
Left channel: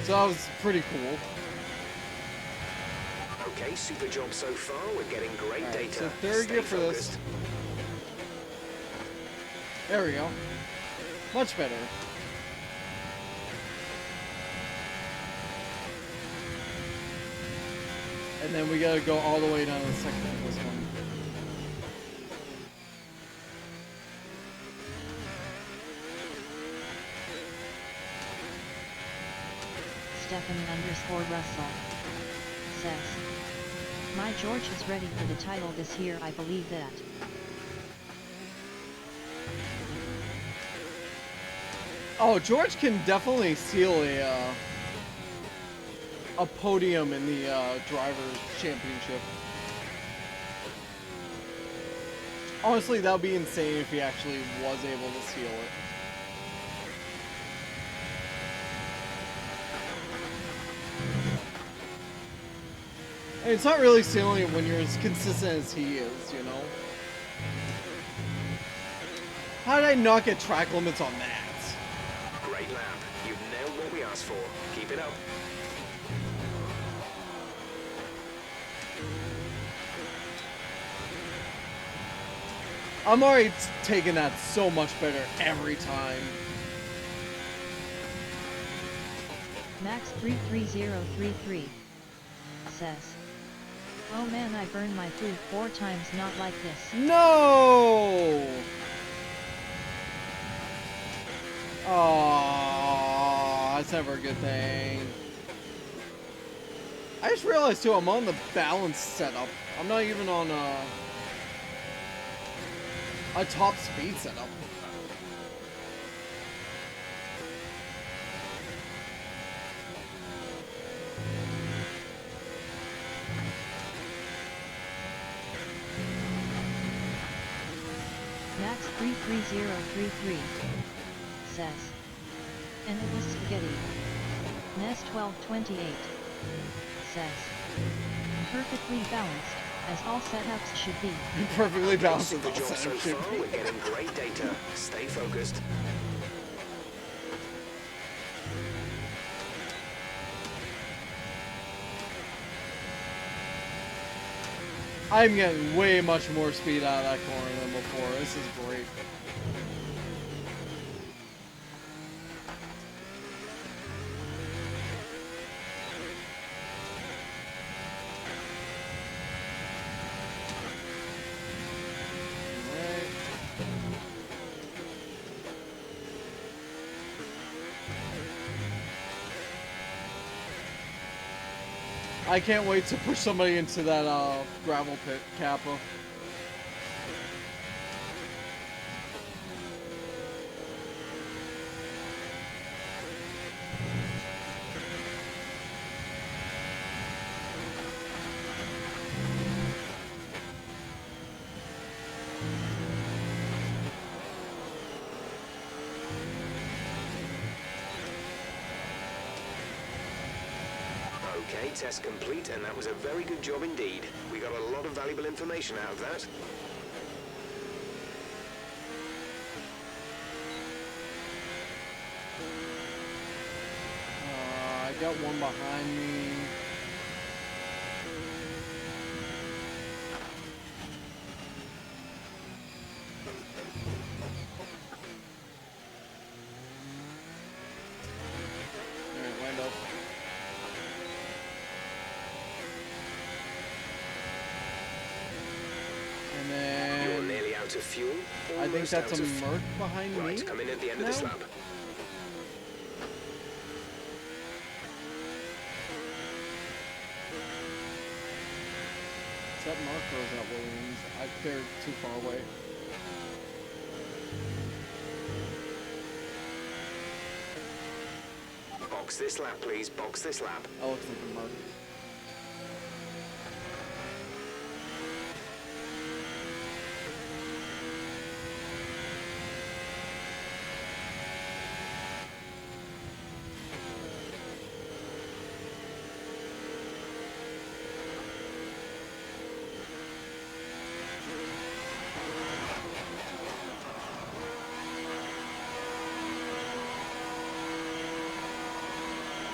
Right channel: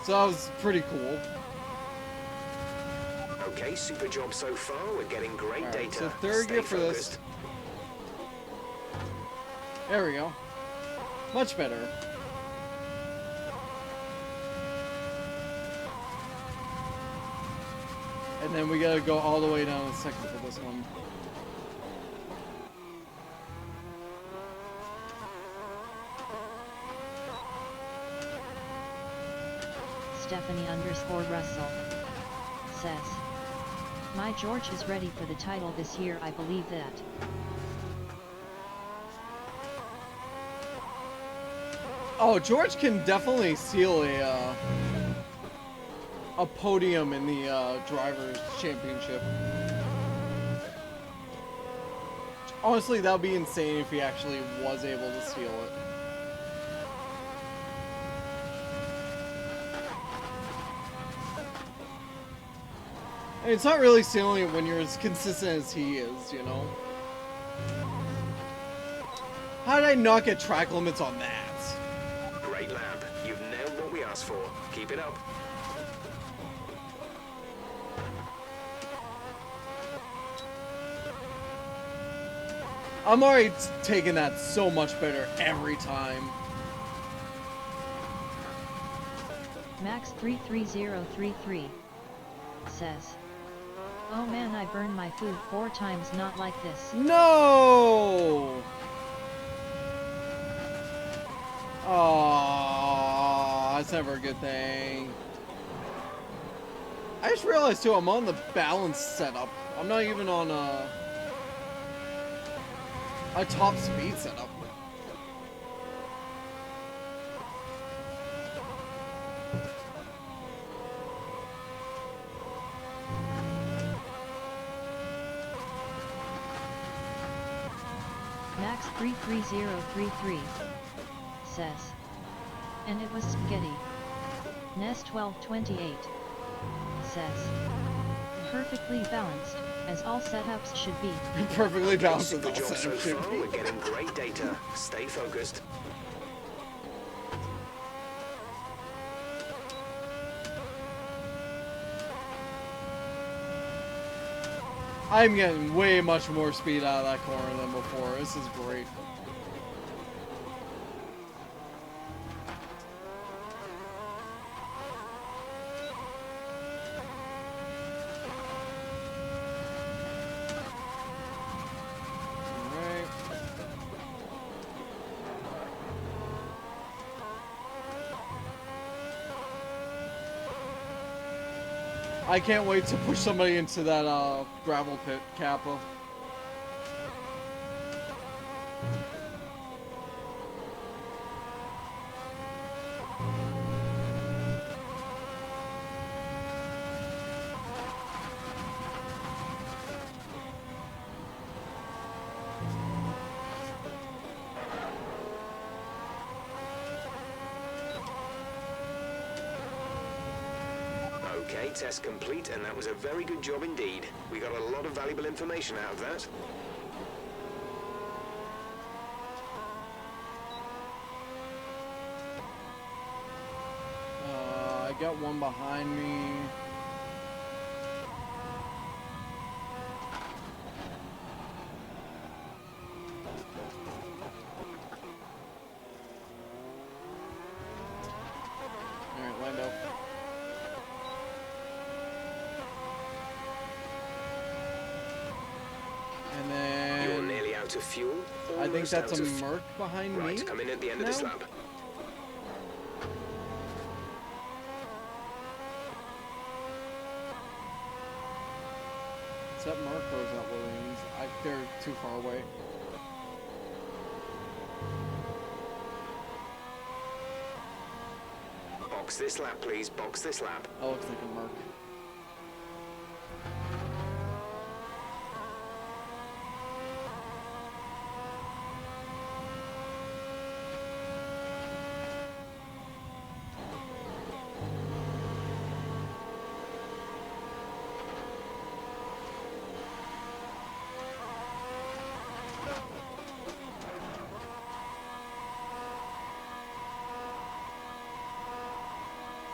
So that was pretty cool. Okay, super job so far. We're getting great Right, data. so third Stay gear for focused. this. There we go. Much better. And then we gotta go all the way down to the second for this one. Stephanie_Russell says, my George is ready for the title this year. I believe that. Oh, George can definitely seal a podium in the drivers' championship. Honestly, that would be insane if he actually was able to seal it. And it's not really sealing it when you're as consistent as he is, you know? How did I not get track limits on that? Great lap. You've nailed what we asked for. Keep it up. I'm already taking that so much better every time. Max33033 says, oh man, I burned my food 4 times, not like this. No! Oh, that's never a good thing. I just realized too, I'm on the balance setup. I'm not even on a top speed setup. Max33033 says, and it was spaghetti. Nest1228 says, perfectly balanced, as all setups should be. Perfectly balanced as Super all job so setup should far. be. We're getting great data. Stay focused. I'm getting way much more speed out of that corner than before. This is great. Alright. I can't wait to push somebody into that gravel pit, Kappa. Okay, test complete, and that was a very good job indeed. We got a lot of valuable information out of that. I got one behind me. Alright, Lando. And You're then nearly out of fuel. I think Almost that's out a of Merc behind me. Right, come in at the end of this now? lap. Is that Mark or is that Williams? They're too far away. Box this lap, please. Box this lap. That looks like a Merc.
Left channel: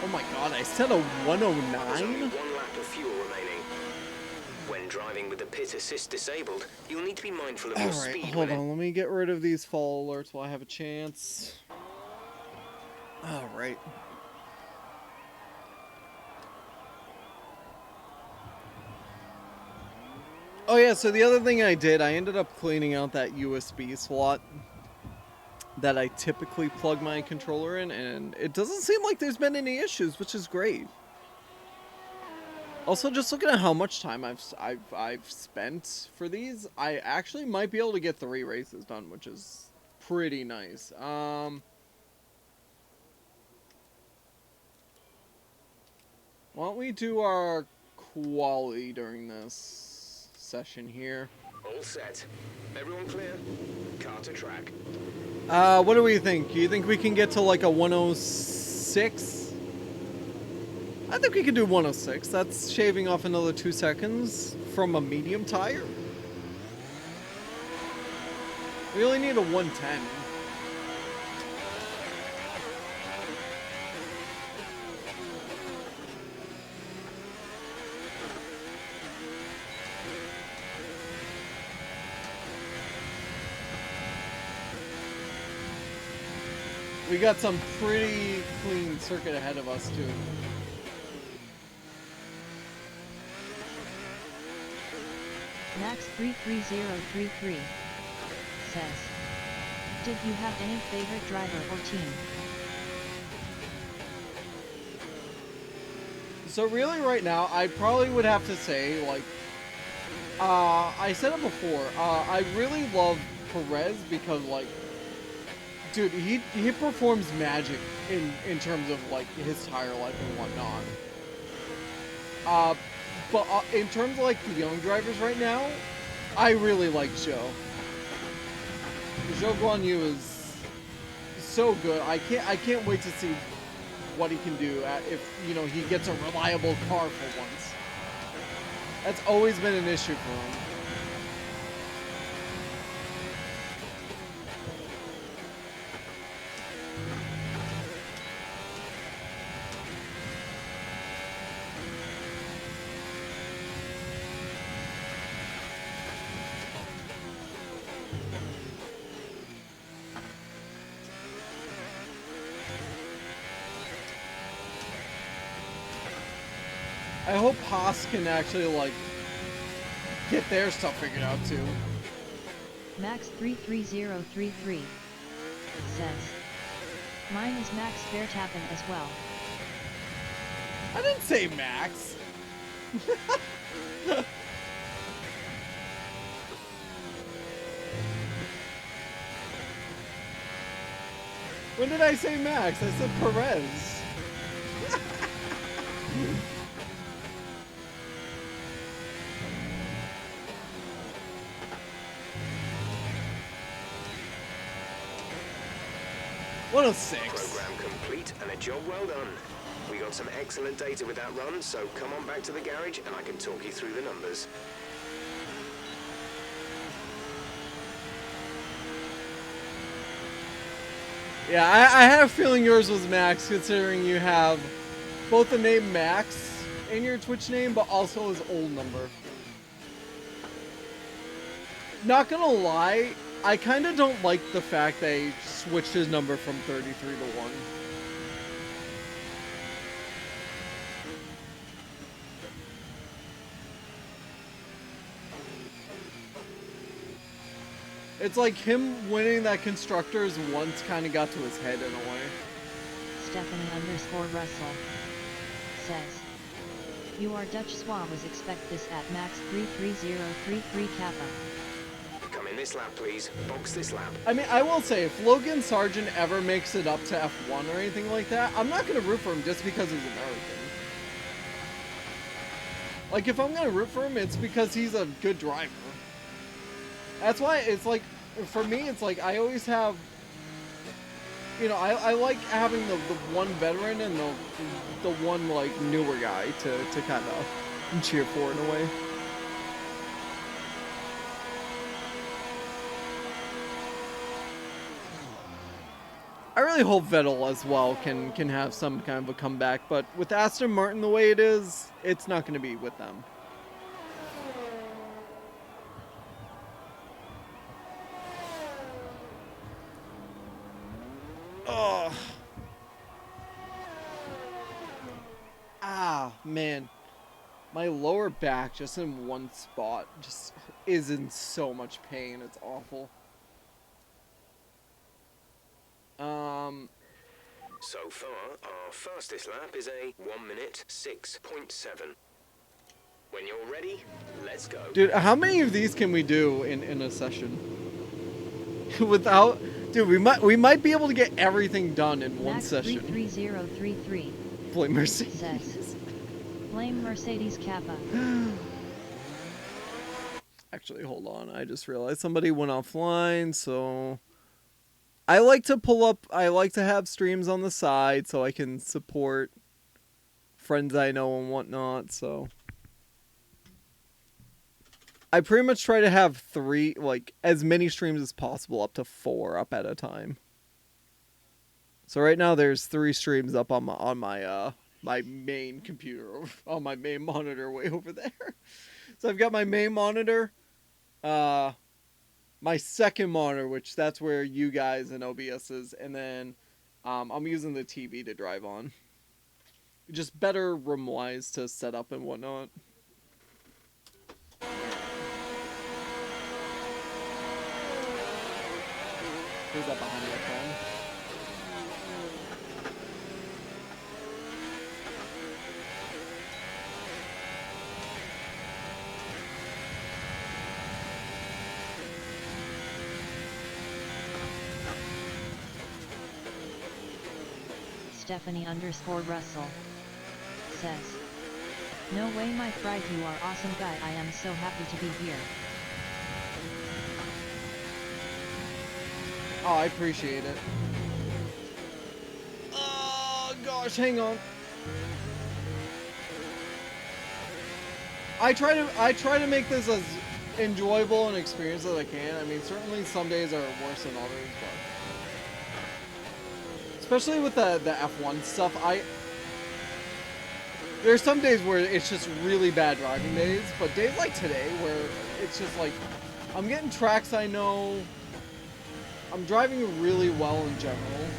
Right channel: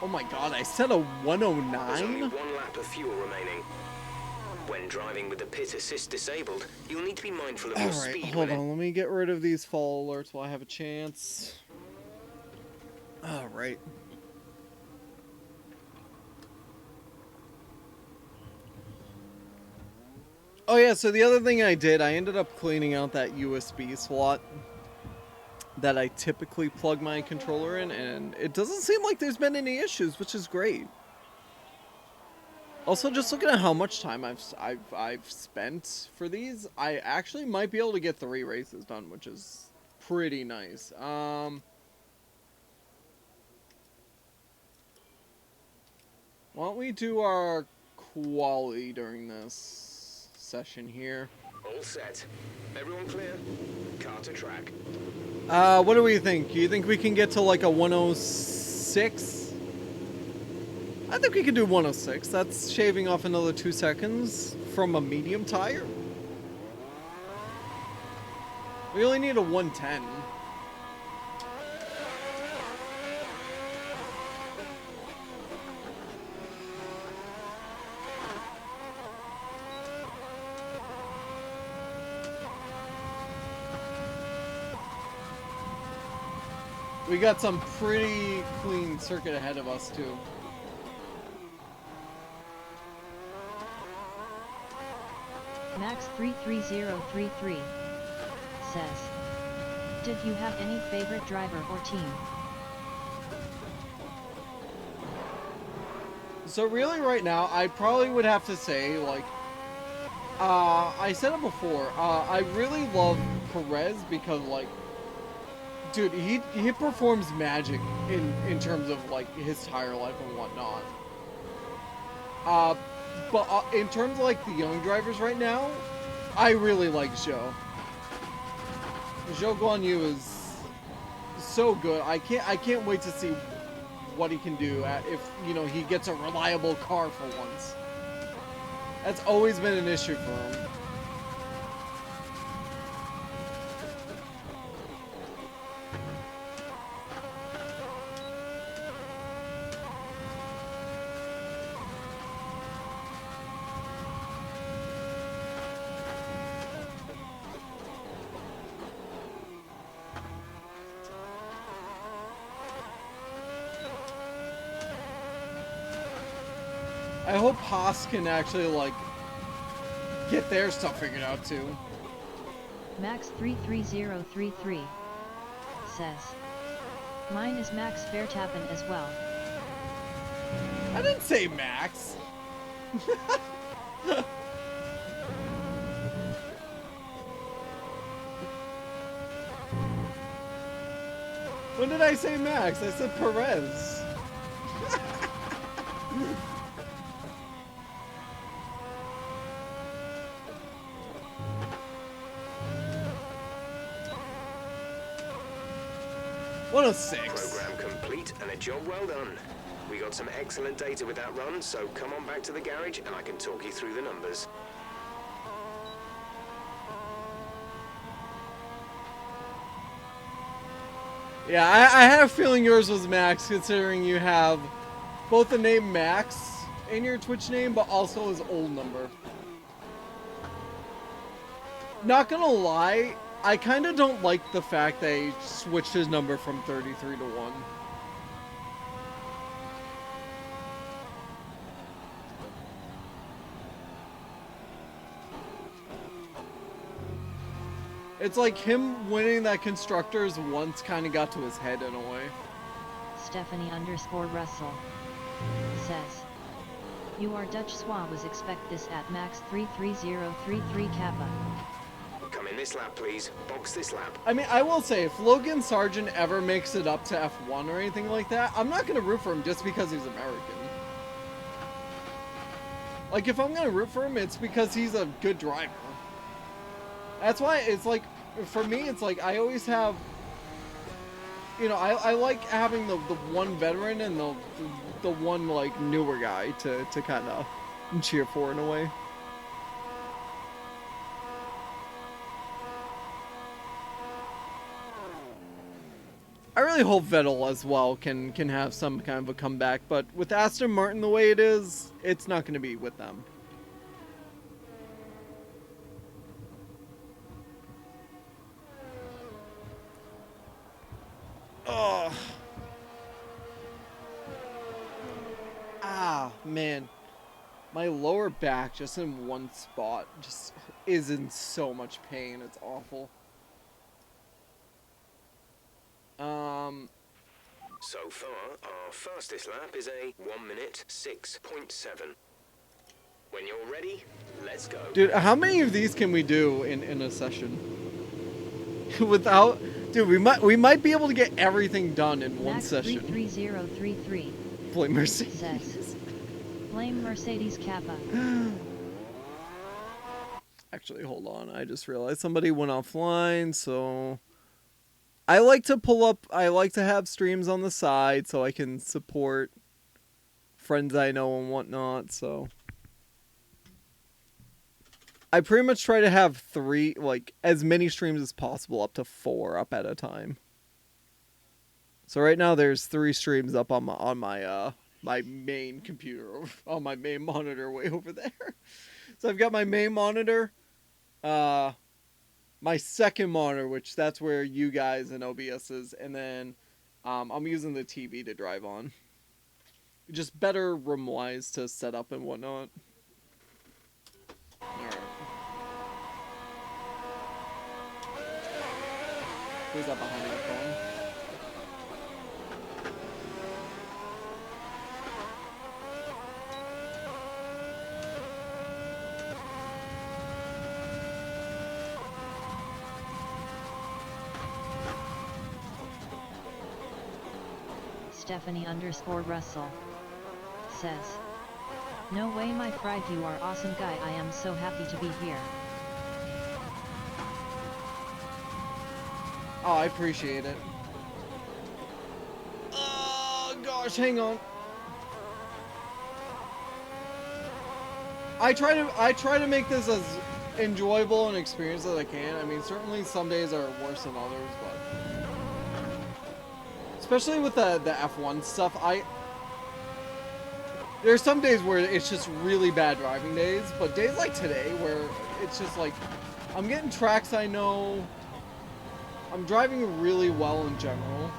Oh my god, I said a There's only 109? one lap of fuel remaining. When driving with the pit assist disabled, you'll need to be mindful of your Alright, speed hold limit. on. Let me get rid of these fall alerts while I have a chance. Alright. Oh yeah, so the other thing I did, I ended up cleaning out that USB slot that I typically plug my controller in, and it doesn't seem like there's been any issues, which is great. Also, just looking at how much time I've spent for these, I actually might be able to get 3 races done, which is pretty nice. Why don't we do our quali during this session here? All set. Everyone clear? Car to track. What do we think? Do you think we can get to like a 106? I think we can do 106. That's shaving off another 2 seconds from a medium tire. We only need a 110. We got some pretty clean circuit ahead of us too. Max 33033 says, did you have any favorite driver or team? So really right now, I probably would have to say, like, I said it before, I really love Perez because, like, dude, he performs magic in terms of, like, his tire life and whatnot. But in terms of, like, the young drivers right now, I really like Zhou. Zhou Guan Yu is so good. I can't wait to see what he can do if, you know, he gets a reliable car for once. That's always been an issue for him. I hope Haas can actually, like, get their stuff figured out too. Max 33033 says, mine is Max Verstappen as well. I didn't say Max. When did I say Max? I said Perez. 106. Program complete and a job well done. We got some excellent data with that run, so come on back to the garage and I can talk you through the numbers. Yeah, I had a feeling yours was Max, considering you have both the name Max in your Twitch name, but also his old number. Not gonna lie, I kind of don't like the fact they switched his number from 33 to 1. It's like him winning that Constructors once kind of got to his head in a way. Stephanie_Russell says, you are Dutch swabs expect this at Max 33033 Kappa. Come in this lap, please. Box this lap. I mean, I will say, if Logan Sargent ever makes it up to F1 or anything like that, I'm not going to root for him just because he's American. Like, if I'm going to root for him, it's because he's a good driver. That's why it's like, for me, it's like, I always have, you know, I like having the one veteran and the one, like, newer guy to kind of cheer for in a way. really hope Vettel as well can have some kind of a comeback, but with Aston Martin the way it is, it's not going to be with them. Oh. Ah, man. My lower back just in one spot just is in so much pain. It's awful. So far, our fastest lap is a 1 minute 6.7. When you're ready, let's go. Dude, how many of these can we do in a session? Without, dude, we might be able to get everything done in one Max session. 33033 Blame Mercedes. says, blame Mercedes Kappa. Actually, hold on. I just realized somebody went offline, so I like to have streams on the side so I can support friends I know and whatnot, so I pretty much try to have as many streams as possible, up to 4 up at a time. So right now there's 3 streams up on my main computer, on my main monitor way over there. So I've got my main monitor, my second monitor, which that's where you guys and OBS is, and then I'm using the TV to drive on. Just better room-wise to set up and whatnot. Alright. Who's that behind that phone? Stephanie_Russell says, no way my friend, you are awesome guy, I am so happy to be here. Oh, I appreciate it. Oh gosh, hang on. I try to make this as enjoyable an experience as I can. I mean, certainly some days are worse than others, but especially with the F1 stuff, there's some days where it's just really bad driving days, but days like today where it's just like I'm getting tracks I know, I'm driving really well in general.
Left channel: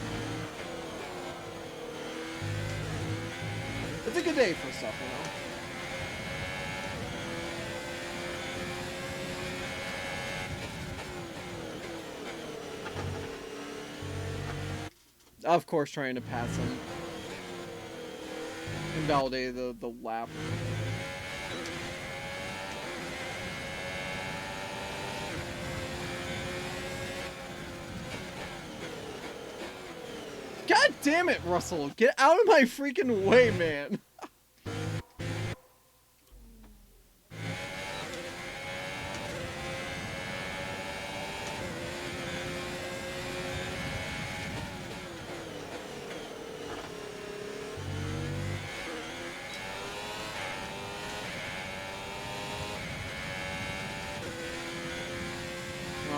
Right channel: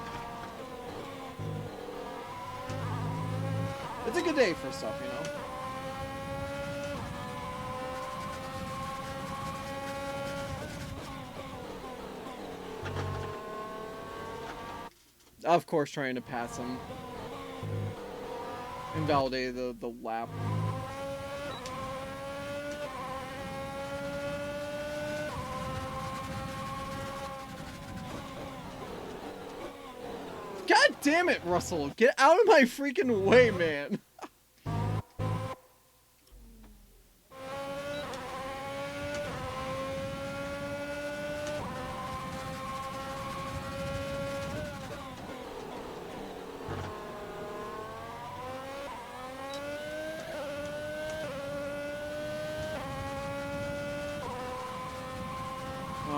It's a good day for stuff, you know? Of course, trying to pass him. Invalidate the lap. God damn it, Russell! Get out of my freaking way, man!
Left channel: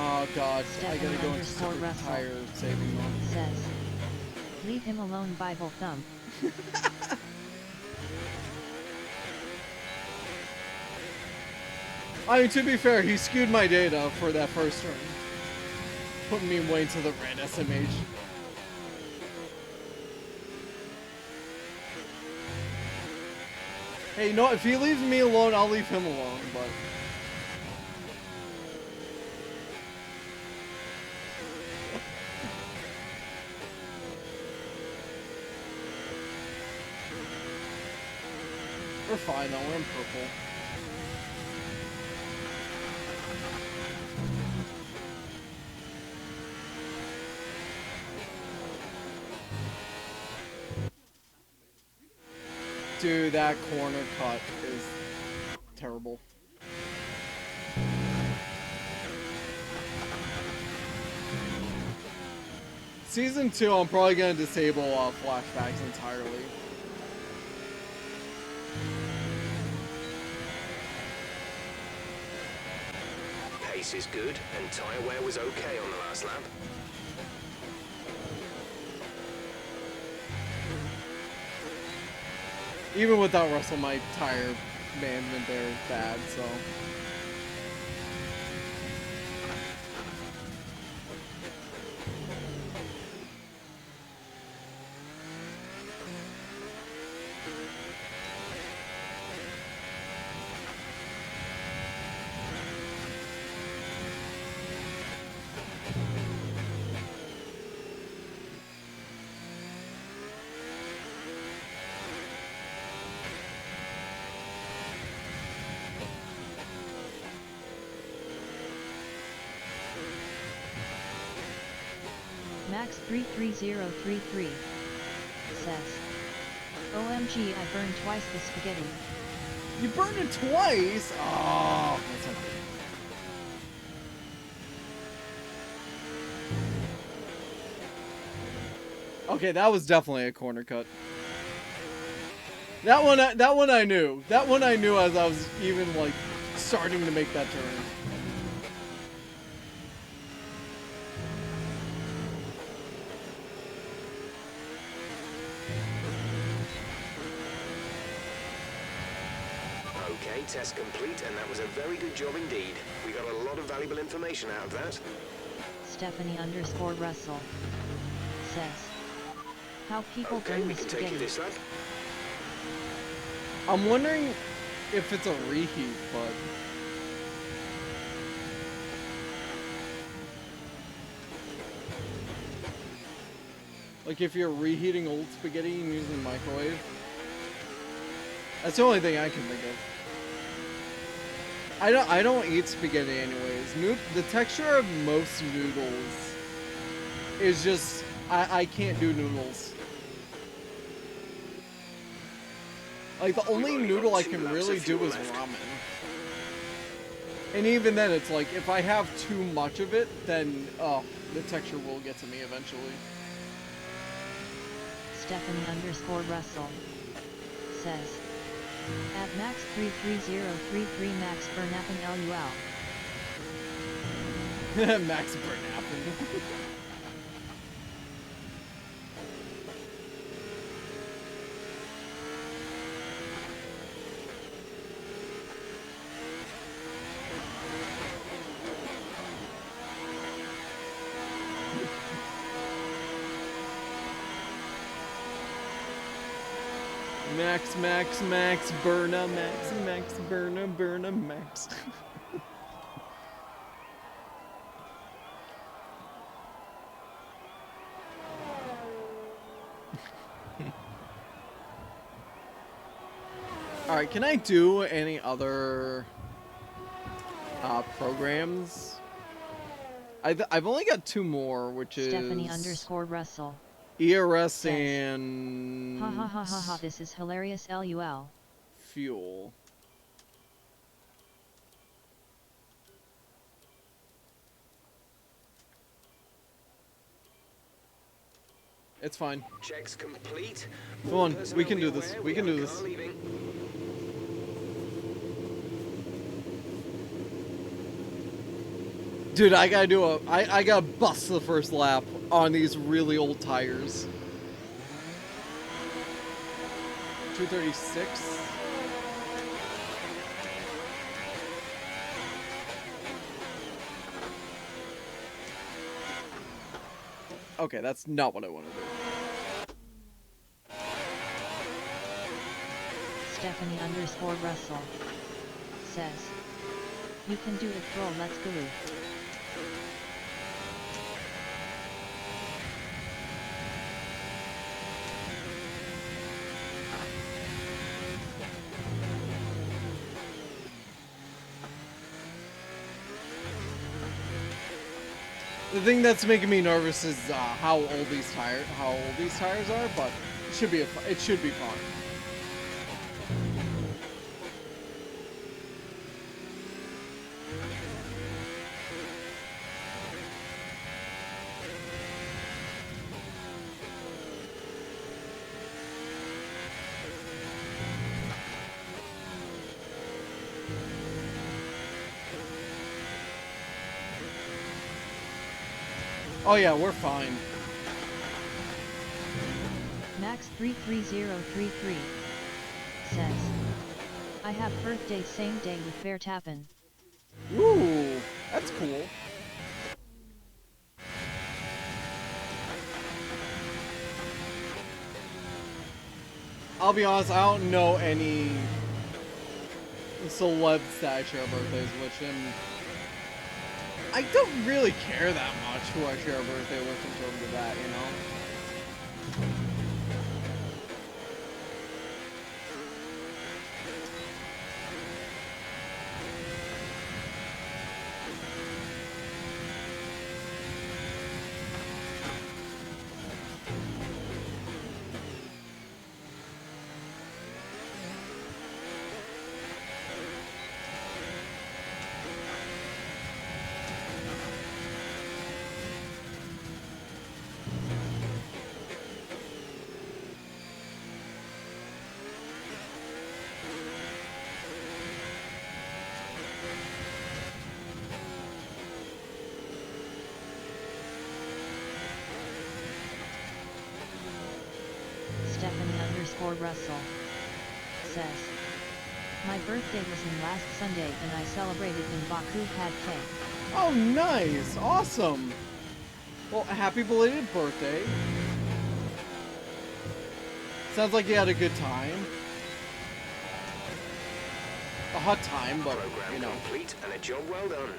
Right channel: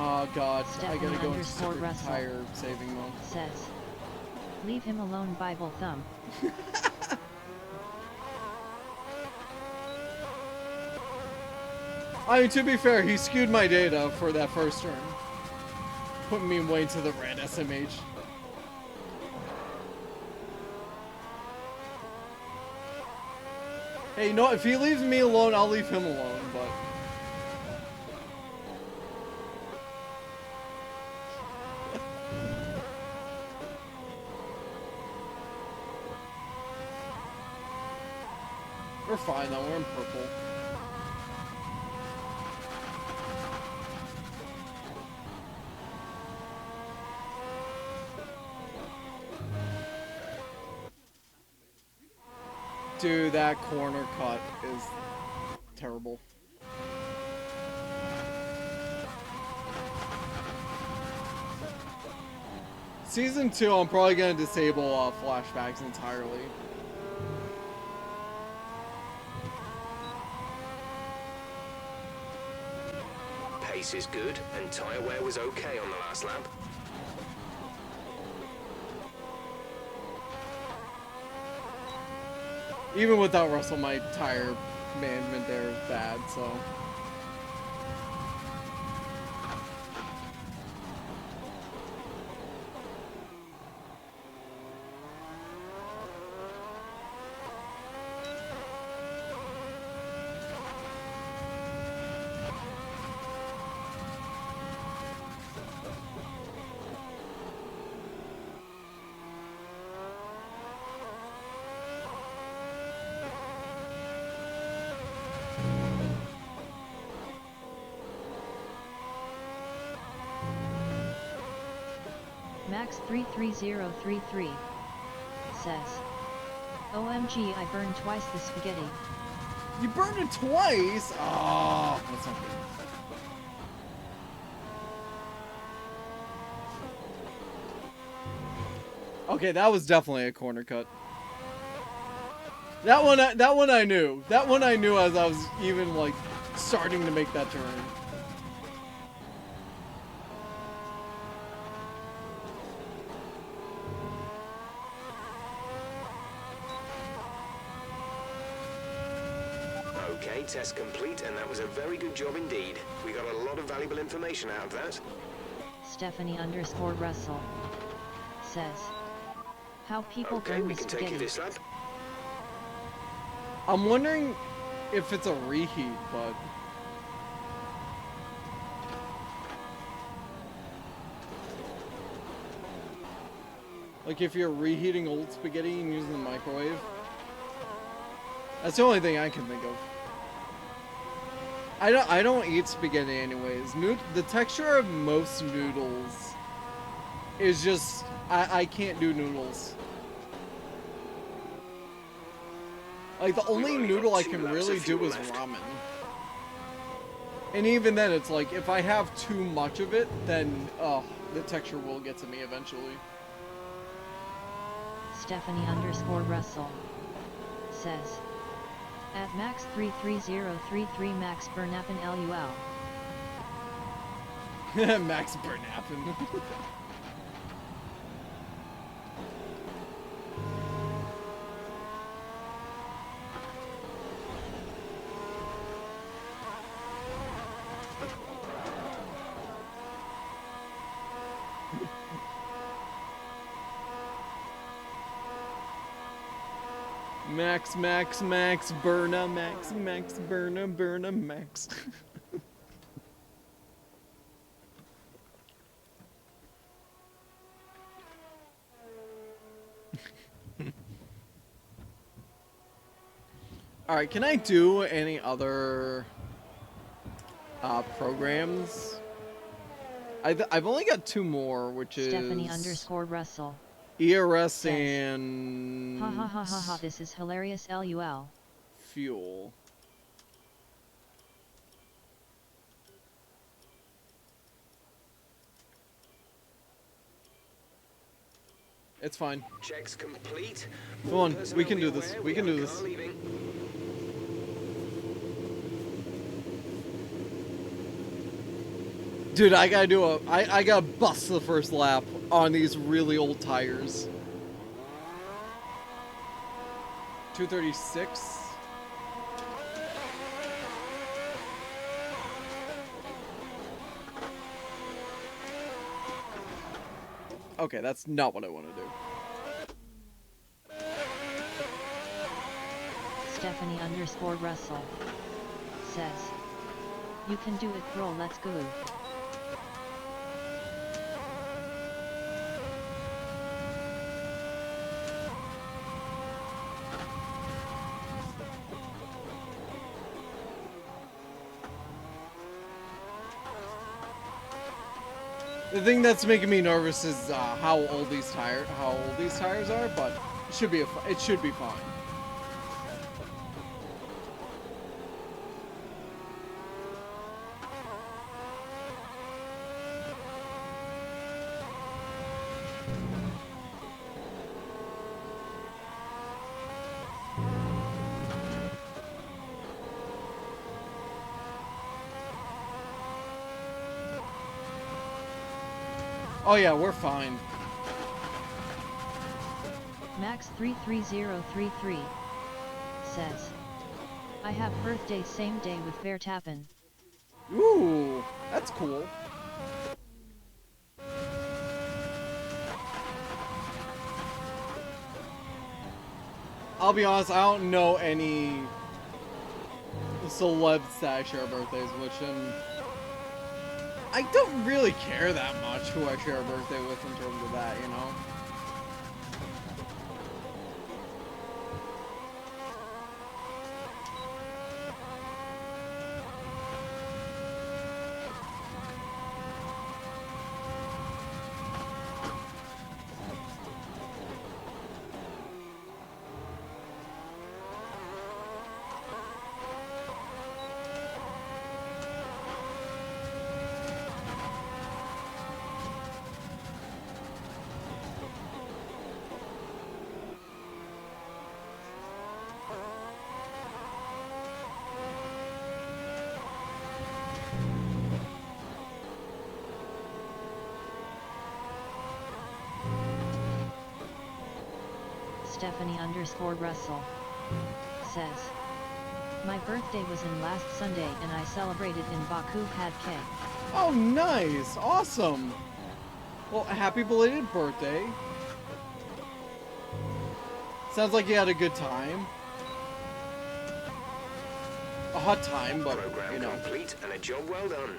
Oh god, I gotta go into super tire saving mode. Says, leave him alone, Bible thumb. I mean, to be fair, he skewed my data for that first turn, putting me way to the red SMH. Hey, you know what? If he leaves me alone, I'll leave him alone, but we're fine though, we're in purple. Dude, that corner cut is terrible. Season 2, I'm probably gonna disable flashbacks entirely. Pace is good, and tyre wear was okay on the last lap. Even without Russell, my tire management there is bad, so. Max 33033 says, OMG, I burned twice the spaghetti. You burned it twice? Oh, that's not good. Okay, that was definitely a corner cut. That one I knew. That one I knew as I was even like starting to make that turn. Okay, test complete, and that was a very good job indeed. We got a lot of valuable information out of that. Stephanie_Russell says, how people Okay, burn we the can take you spaghetti. this lap. I'm wondering if it's a reheat, but like if you're reheating old spaghetti and using the microwave. That's the only thing I can think of. I don't eat spaghetti anyways. The texture of most noodles is just I can't do noodles. Like the only noodle I can really do is ramen. And even then it's like if I have too much of it, then the texture will get to me eventually. Stephanie_Russell says, at max 33033 max Bernappen LUL. Max Bernappen. Max, Berna, Max, Berna, Max. Alright, can I do any other programs? I've only got two more, which is Stephanie_Russell ERS says, and ha ha ha ha ha, this is hilarious LUL. fuel. It's fine. Checks complete. Come on, we can do this. We can do this. Dude, I gotta bust the first lap on these really old tires. 236. Okay, that's not what I want to do. Stephanie_Russell says, you can do it bro, let's go. The thing that's making me nervous is how old these tires are, but it should be fine. Oh yeah, we're fine. Max 33033 says. I have birthday same day with Vertappen. Ooh, that's cool. I'll be honest, I don't know any celebs that I share birthdays with, and I don't really care that much who I share a birthday with in terms of that, you know? Stephanie_Russell says. My birthday was in last Sunday and I celebrated in Baku had cake. Oh, nice! Awesome! Well, happy belated birthday. Sounds like you had a good time. A hot time, but, Program you know. complete and a job well done.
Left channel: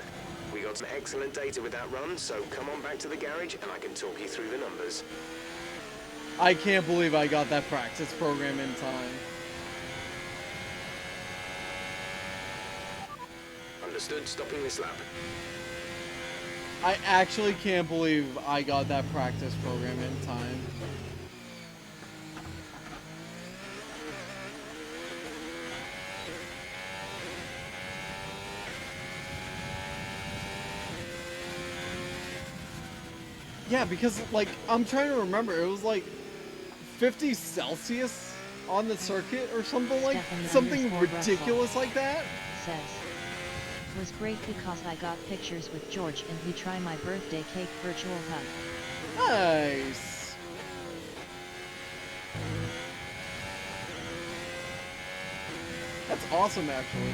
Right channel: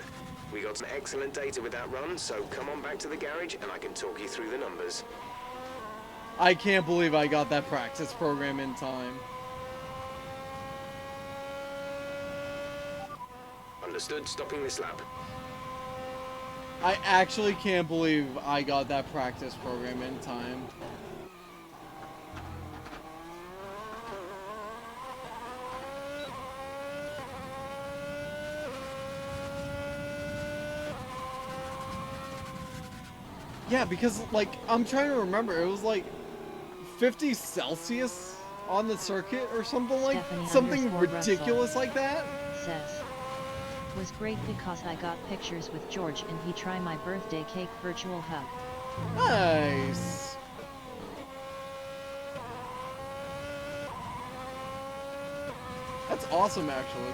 We got some excellent data with that run, so come on back to the garage and I can talk you through the numbers. I can't believe I got that practice program in time. Understood, stopping this lap. I actually can't believe I got that practice program in time. Yeah, because, like, I'm trying to remember, it was like 50 Celsius on the circuit or something like something ridiculous like that. Says. Was great because I got pictures with George and he tried my birthday cake virtual hug. Nice. That's awesome, actually.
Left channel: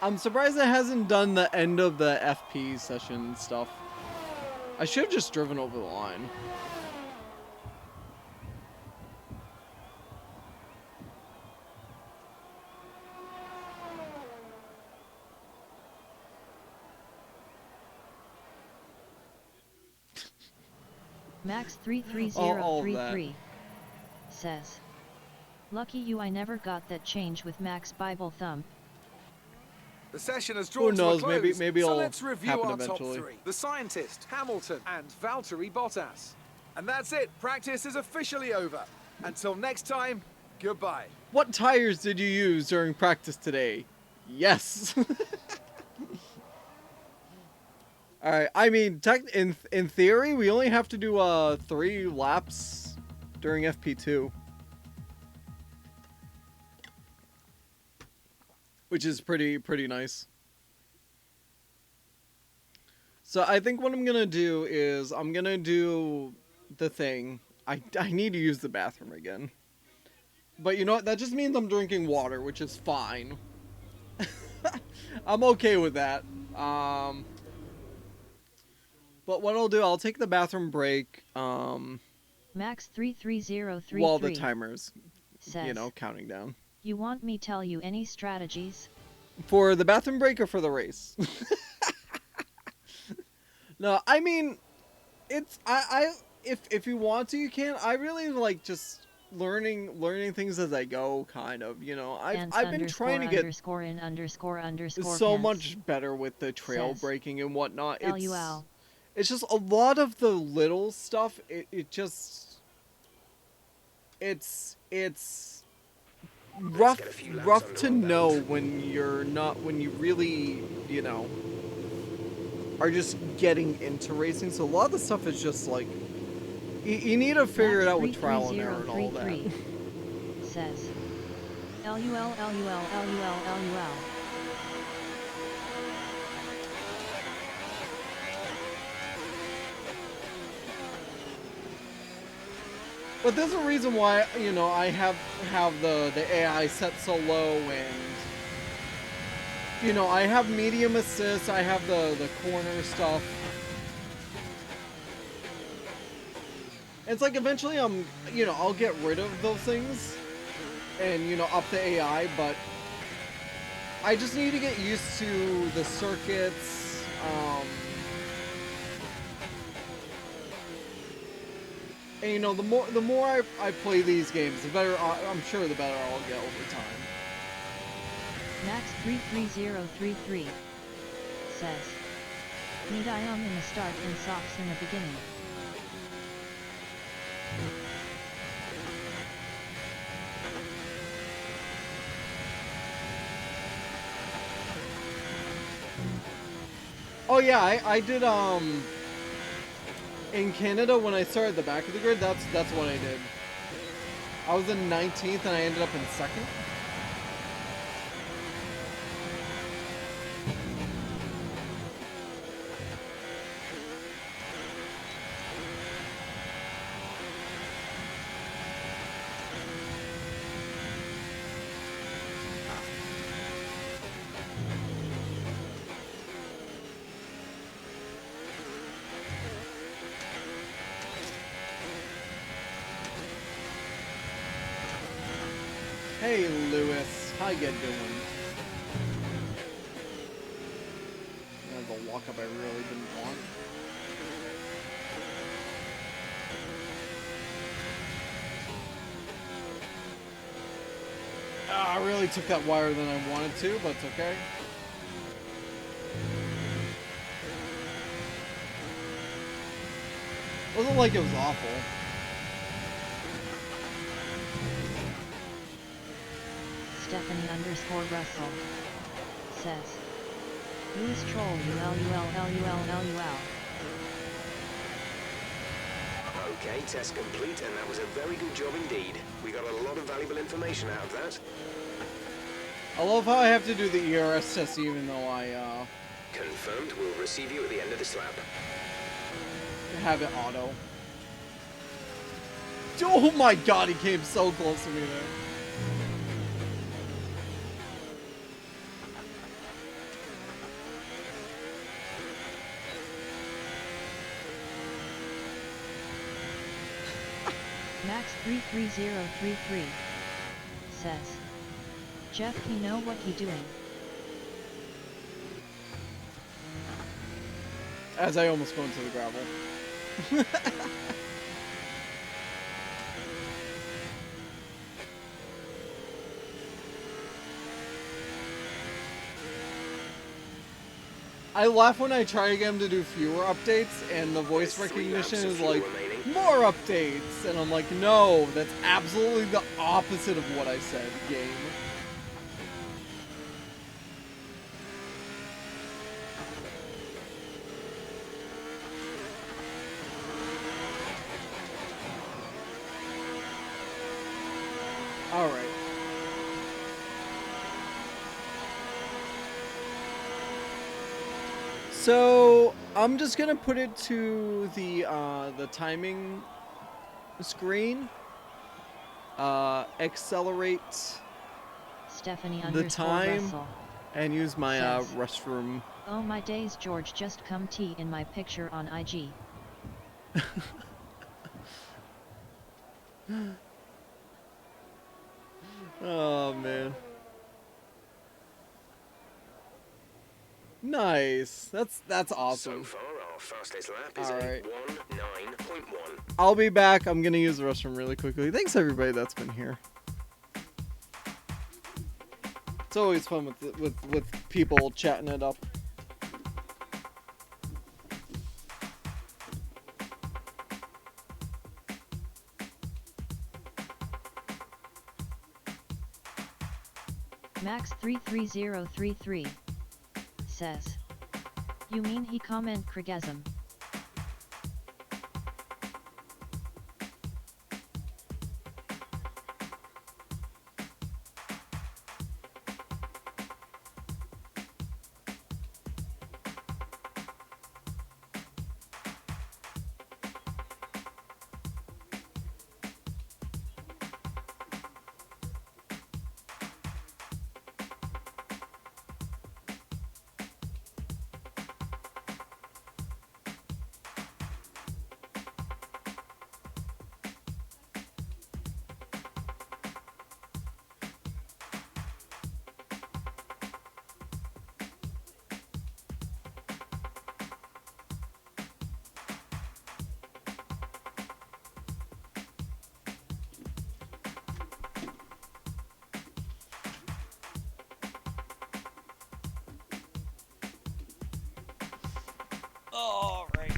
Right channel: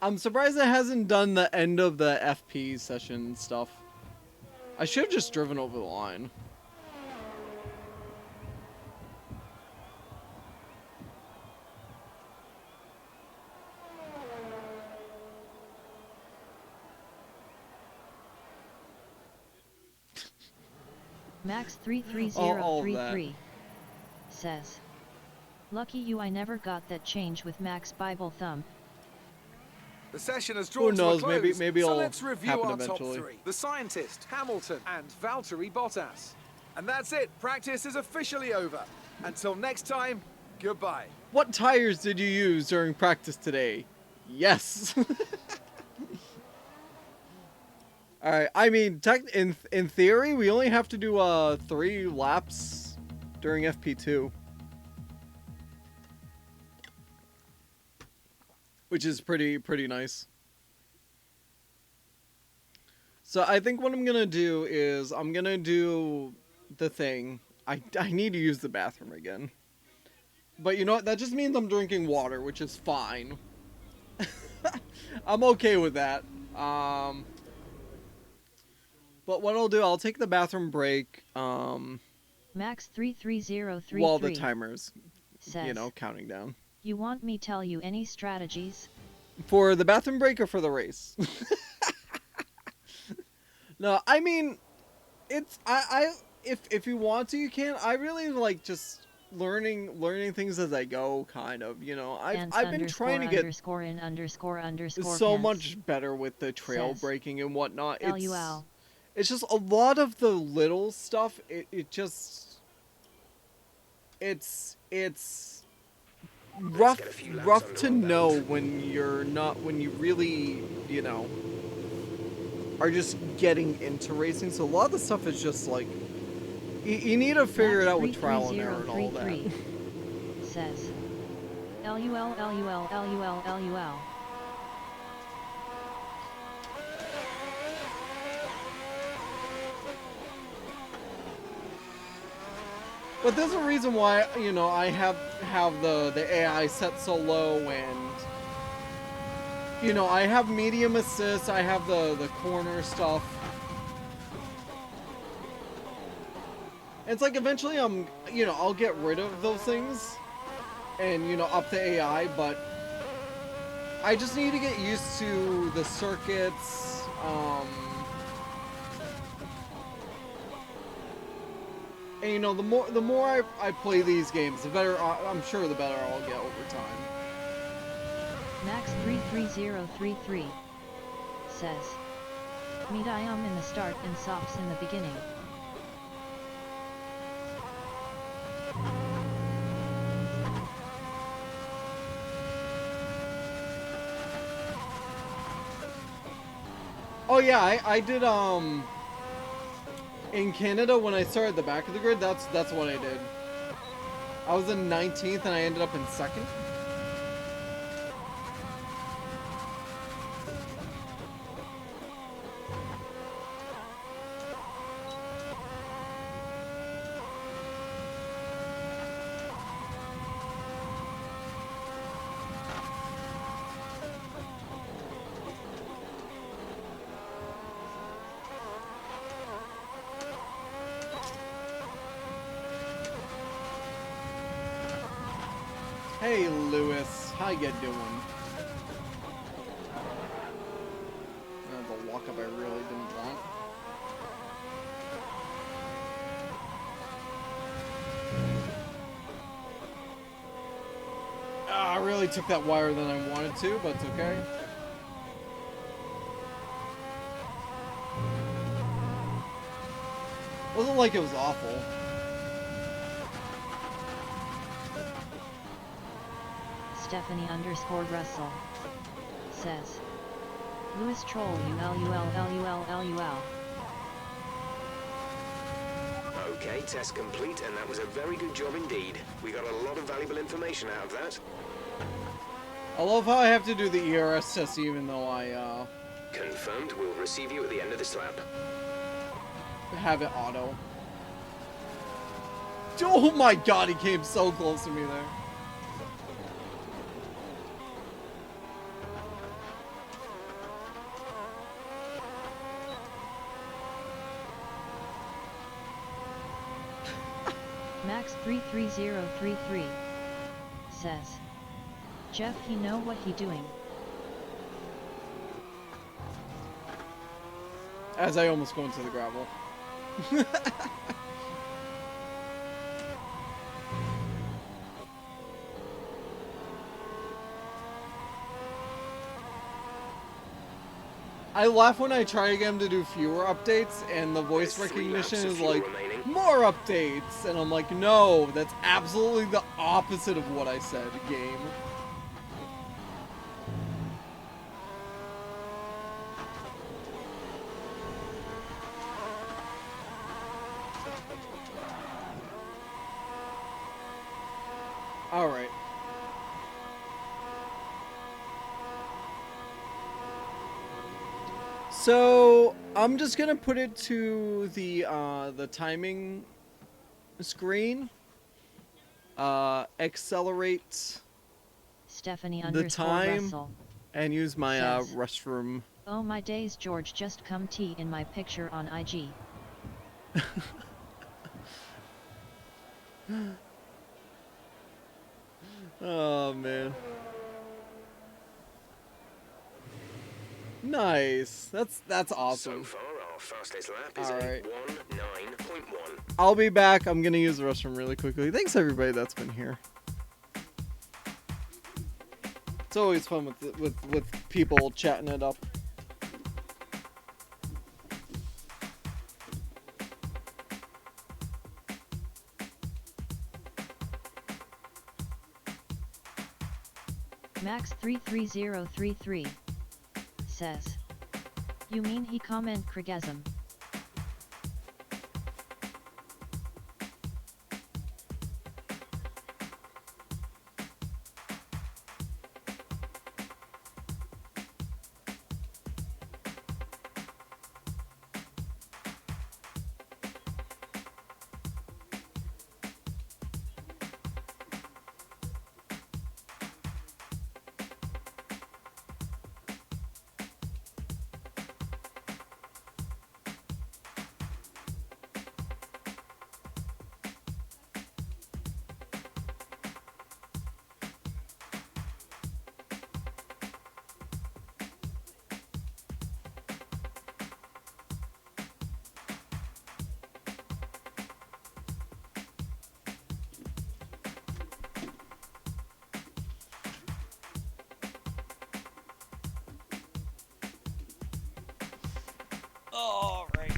I'm surprised it hasn't done the end of the FP session stuff. I should have just driven over the line. Max33033 says. Lucky you, I never got that change with Max Bible Thumb. The session has drawn Who knows? to a close, Maybe so it'll let's review happen our eventually. top three. The scientist, Hamilton, and Valtteri Bottas. And that's it. Practice is officially over. Until next time, goodbye. What tires did you use during practice today? Yes. All right. I mean, in theory, we only have to do 3 laps during FP2, which is pretty nice. So I think what I'm gonna do is I'm gonna do the thing. I need to use the bathroom again. But you know what? That just means I'm drinking water, which is fine. I'm okay with that. But what I'll do, I'll take the bathroom break. Max33033 While the timer's, says, you know, counting down. You want me tell you any strategies? For the bathroom break or for the race? No, I mean, it's if you want to, you can. I really like just learning things as I go, kind of. You know, I've been trying to get so much better with the trail breaking and whatnot. It's just a lot of the little stuff. It just it's rough get a few laps rough under to our know belt. when you really, are just getting into racing. So a lot of the stuff is just like you need to figure it out with trial and error and all that. 33033 says LUL LUL LUL LUL. But there's a reason why, I have the AI set so low, and I have medium assist, I have the corner stuff. It's like eventually I'll get rid of those things and up the AI, but I just need to get used to the circuits. And the more I play these games, the better I'm sure the better I'll get over time. Max 33033 says need IOM in the start and socks in the beginning. Oh yeah, I did in Canada when I started at the back of the grid. That's what I did. I was in 19th and I ended up in 2nd. Hey Lewis, how you doing? That's a walk up I really didn't want. I really took that wire than I wanted to, but it's okay. Wasn't like it was awful. Stephanie_Russell says Lewis troll ULUL. Okay, test complete, and that was a very good job indeed. We got a lot of valuable information out of that. I love how I have to do the ERS test even though I Confirmed, we'll receive you at the end of this lap. have it auto. Oh my god, he came so close to me there. Max 33033 says Jeff he know what he doing. As I almost go into the gravel. I laugh when I try again to do fewer updates and the voice There's 3 laps recognition of is fuel like, remaining. more updates! And I'm like, no, that's absolutely the opposite of what I said, game. Alright. So I'm just gonna put it to the timing screen. Accelerate the time Stephanie_Russell and use my says, restroom. oh my days George just come tea in my picture on IG. Oh man. Nice. That's awesome. So far, our fastest lap is Alright. a 1:09.1. I'll be back. I'm gonna use the restroom really quickly. Thanks everybody that's been here. It's always fun with people chatting it up. Max33033 says. You mean he comment Krigasm? Alright.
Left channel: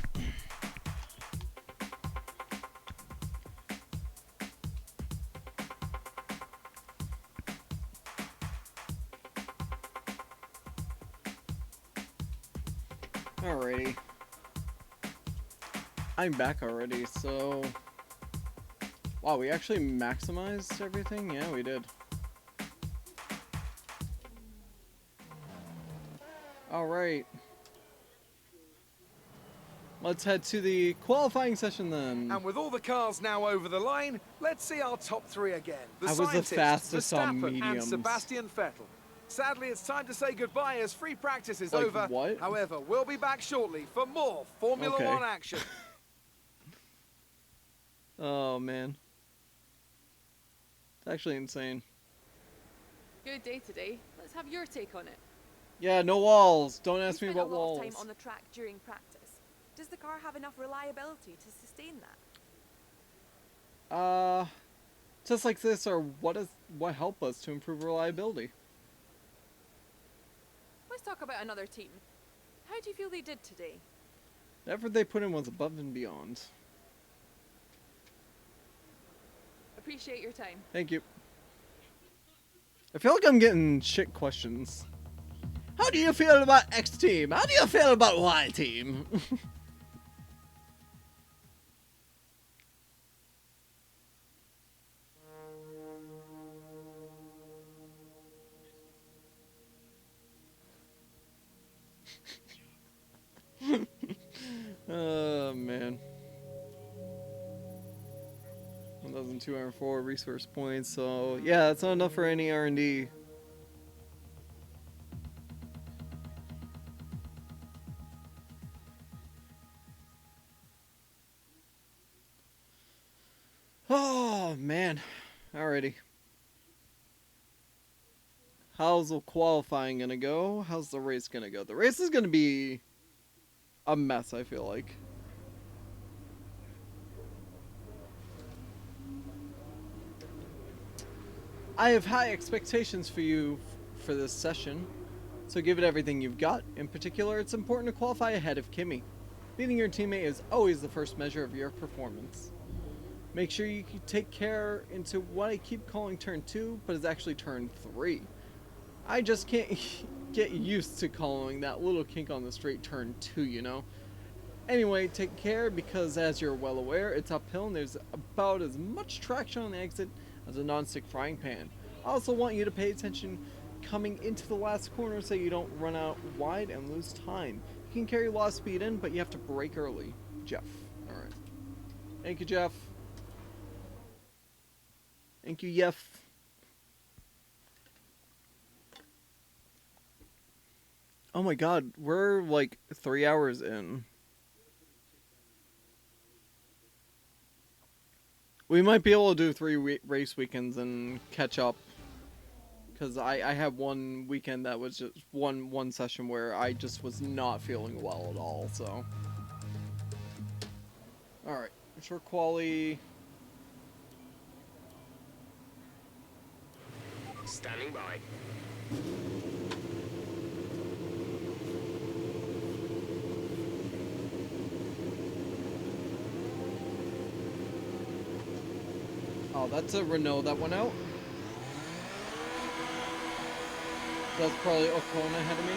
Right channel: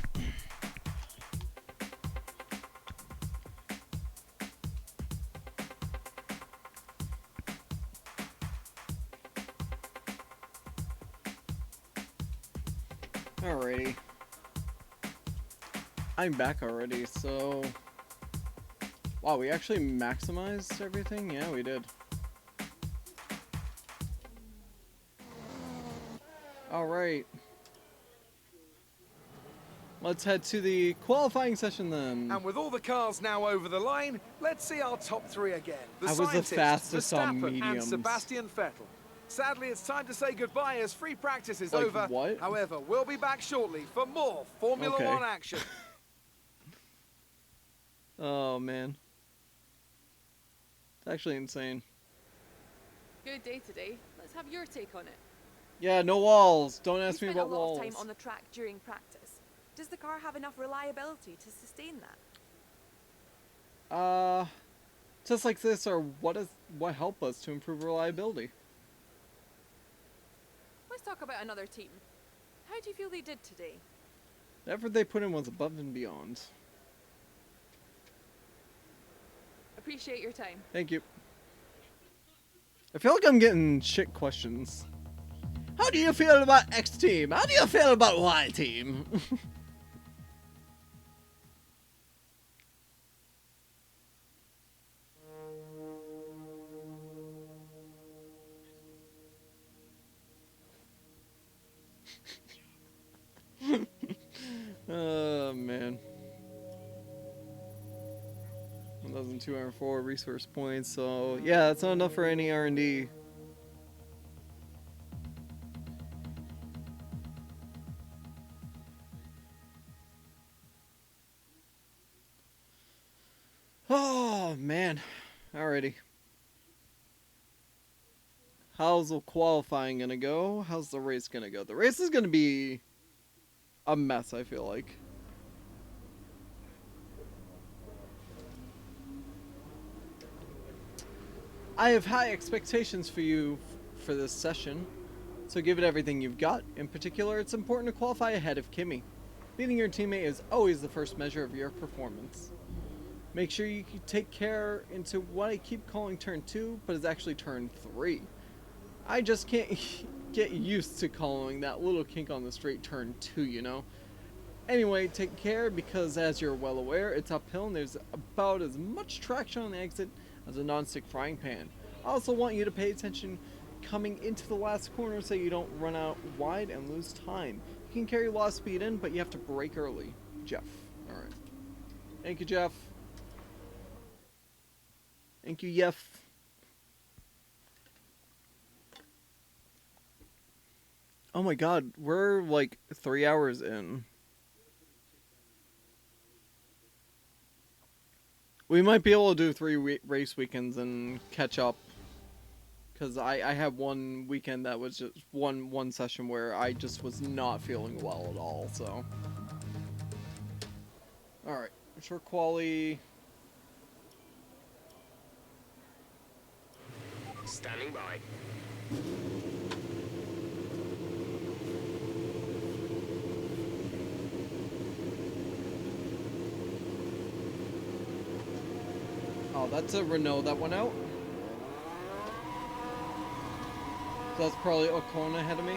Alrighty. I'm back already, so... Wow, we actually maximized everything? Yeah, we did. Alright. Let's head to the qualifying session then. And with all the cars now over the line, let's see our top three again. The I was the scientists, fastest on Verstappen and mediums. Sebastian Vettel. Sadly, it's time to say goodbye as free practice is Like over. what? However, we'll be back shortly for more Formula Okay. One action. Oh, man. It's actually insane. Good day today. Let's have your take on it. Yeah, no walls. Don't You ask me spent about a lot walls. of time on the track during practice. Does the car have enough reliability to sustain that? Just like this, or what help us to improve reliability? Let's talk about another team. How do you feel they did today? The effort they put in was above and beyond. Appreciate your time. Thank you. I feel like I'm getting shit questions. How do you feel about X team? How do you feel about Y team? Oh man. 1,204 resource points, so yeah, that's not enough for any R&D. Oh man. Alrighty. How's the qualifying gonna go? How's the race gonna go? The race is gonna be a mess, I feel like. I have high expectations for you for this session, so give it everything you've got. In particular, it's important to qualify ahead of Kimmy. Beating your teammate is always the first measure of your performance. Make sure you take care into what I keep calling turn 2, but is actually turn 3. I just can't get used to calling that little kink on the straight turn 2, you know? Anyway, take care because as you're well aware, it's uphill and there's about as much traction on the exit as a non-stick frying pan. I also want you to pay attention coming into the last corner so you don't run out wide and lose time. You can carry a lot of speed in, but you have to brake early. Jeff. Alright. Thank you, Jeff. Thank you, Jeff. Oh my god, we're like 3 hours in. We might be able to do 3 race weekends and catch up. Because I have one weekend that was just one session where I just was not feeling well at all, so. Alright, short quali. Standing by. Oh, that's a Renault that went out. That's probably Ocon ahead of me.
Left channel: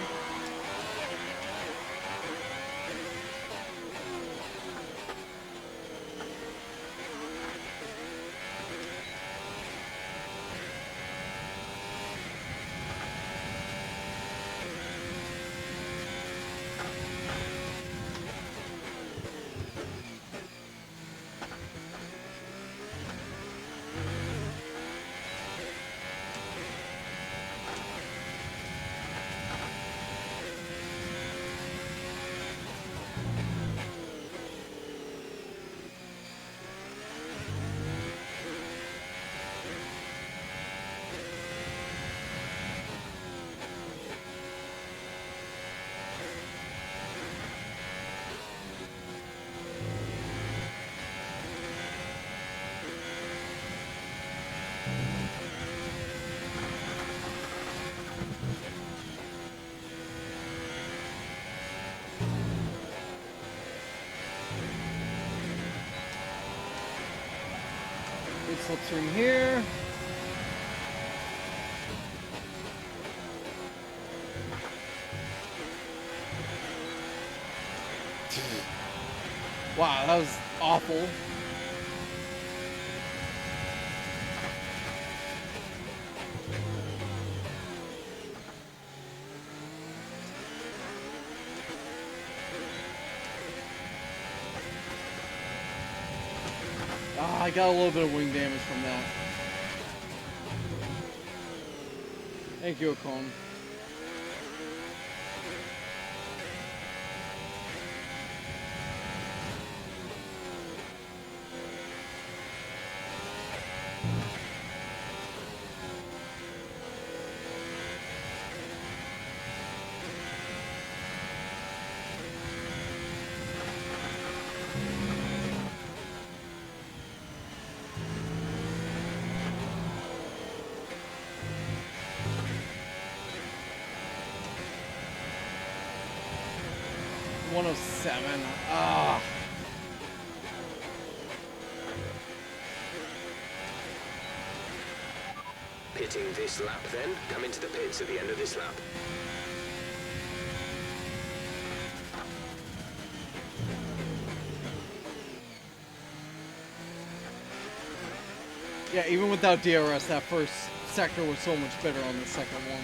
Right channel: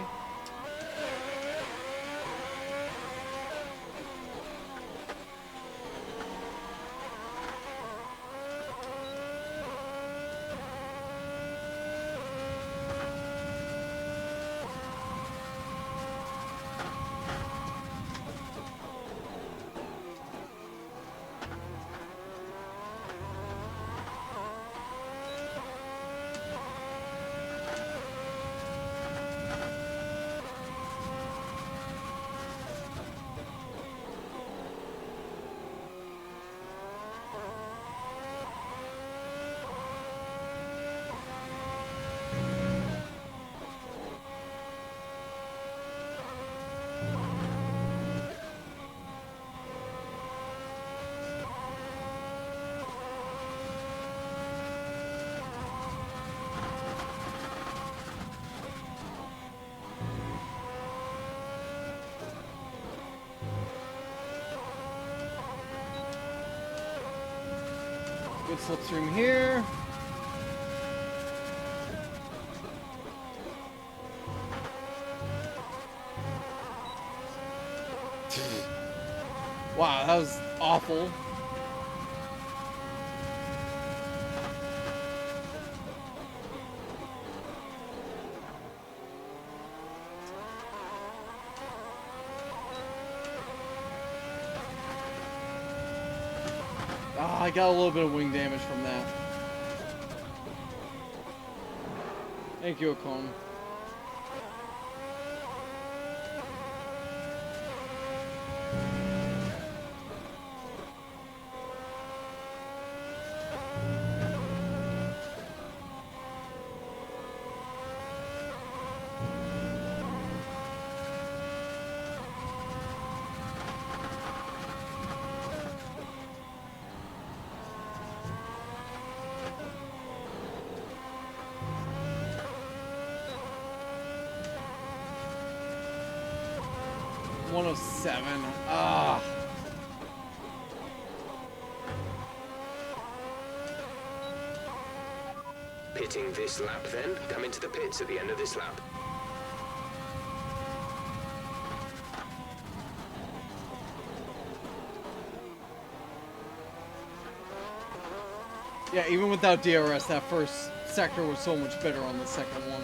Good slipstream here. Wow, that was awful. Ah, I got a little bit of wing damage from that. Thank you, Ocon. .107. Ah. Pitting this lap then. Come into the pits at the end of this lap. Yeah, even without DRS, that first sector was so much better on the second one.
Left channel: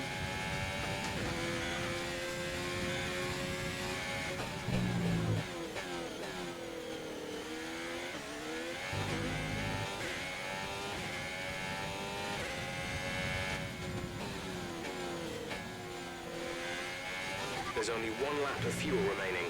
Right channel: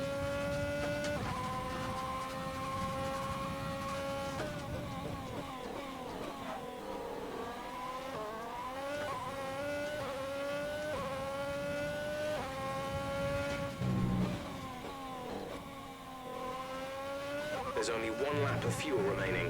There's only one lap of fuel remaining.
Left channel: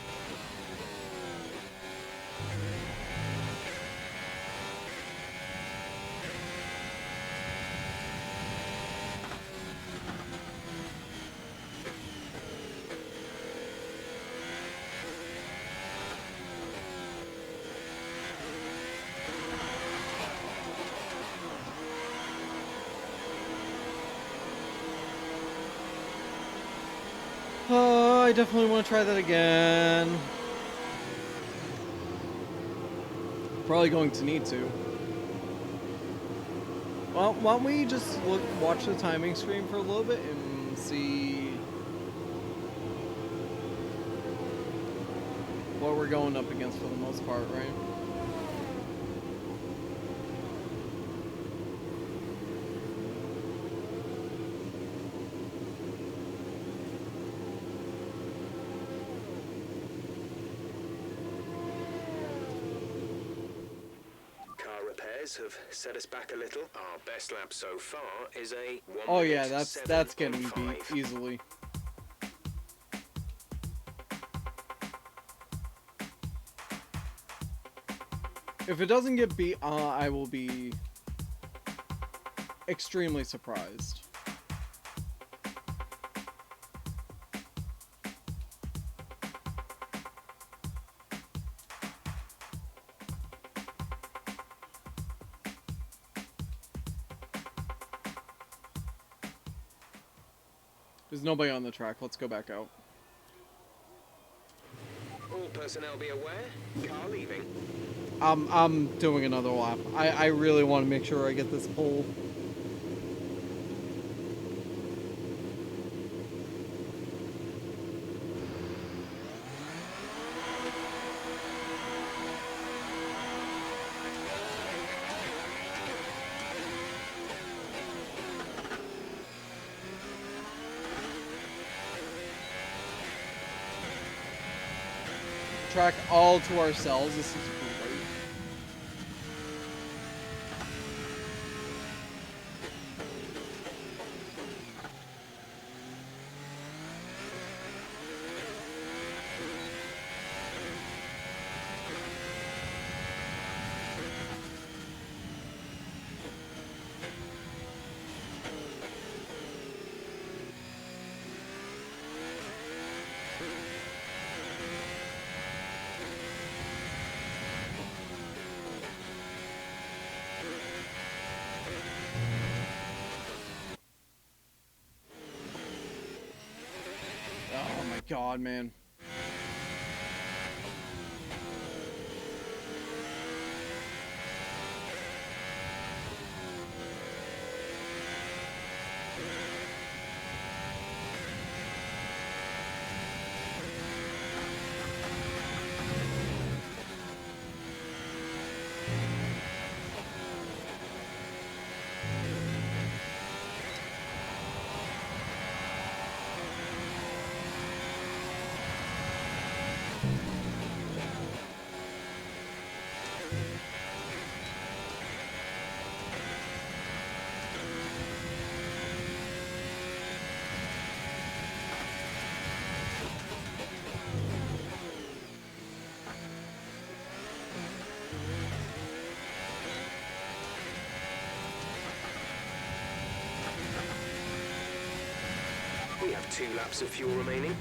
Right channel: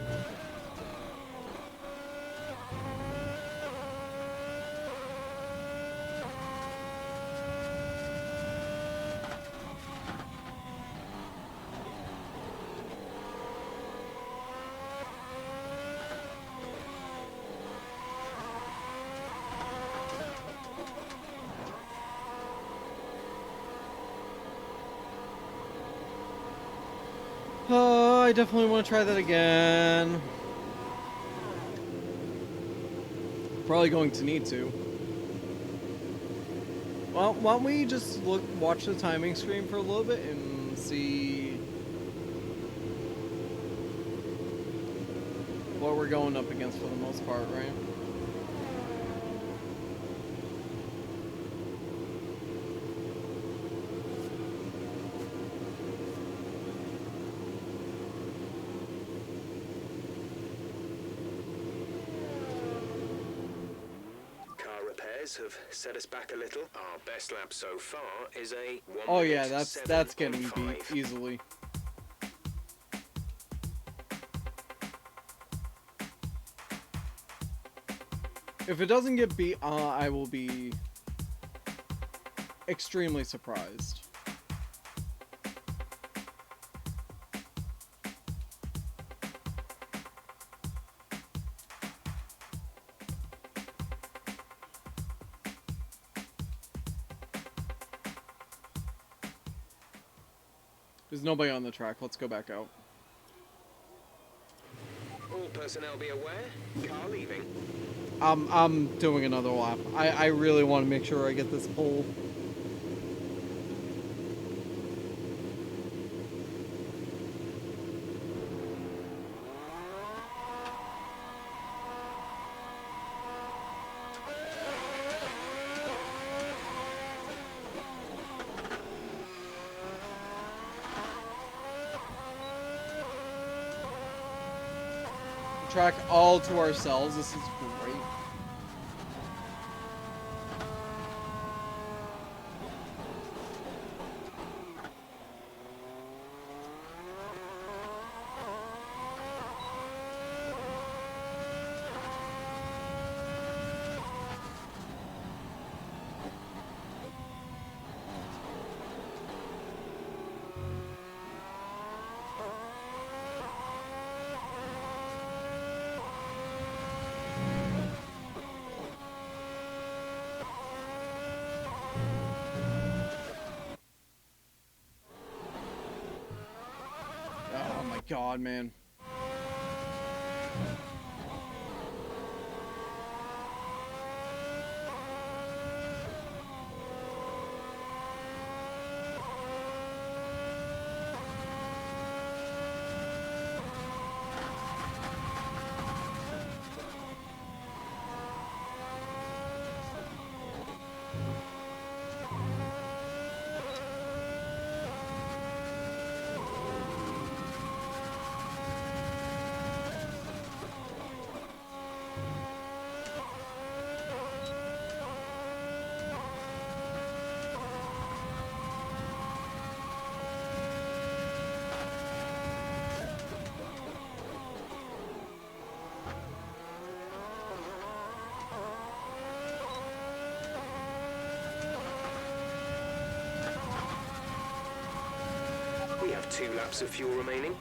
I definitely want to try that again. Probably going to need to. Well, why don't we just watch the timing screen for a little bit and see what we're going up against for the most part, right? Have set us back a little. Our best lap so far is a 1 Oh yeah, minute that's getting 7.5. beat easily. If it doesn't get beat, I will be extremely surprised. There's nobody on the track. Let's go back out. All personnel be aware. Car leaving. I'm doing another lap. I really want to make sure I get this pole. track all to ourselves. This is great. Oh my god, man. We have 2 laps of fuel remaining.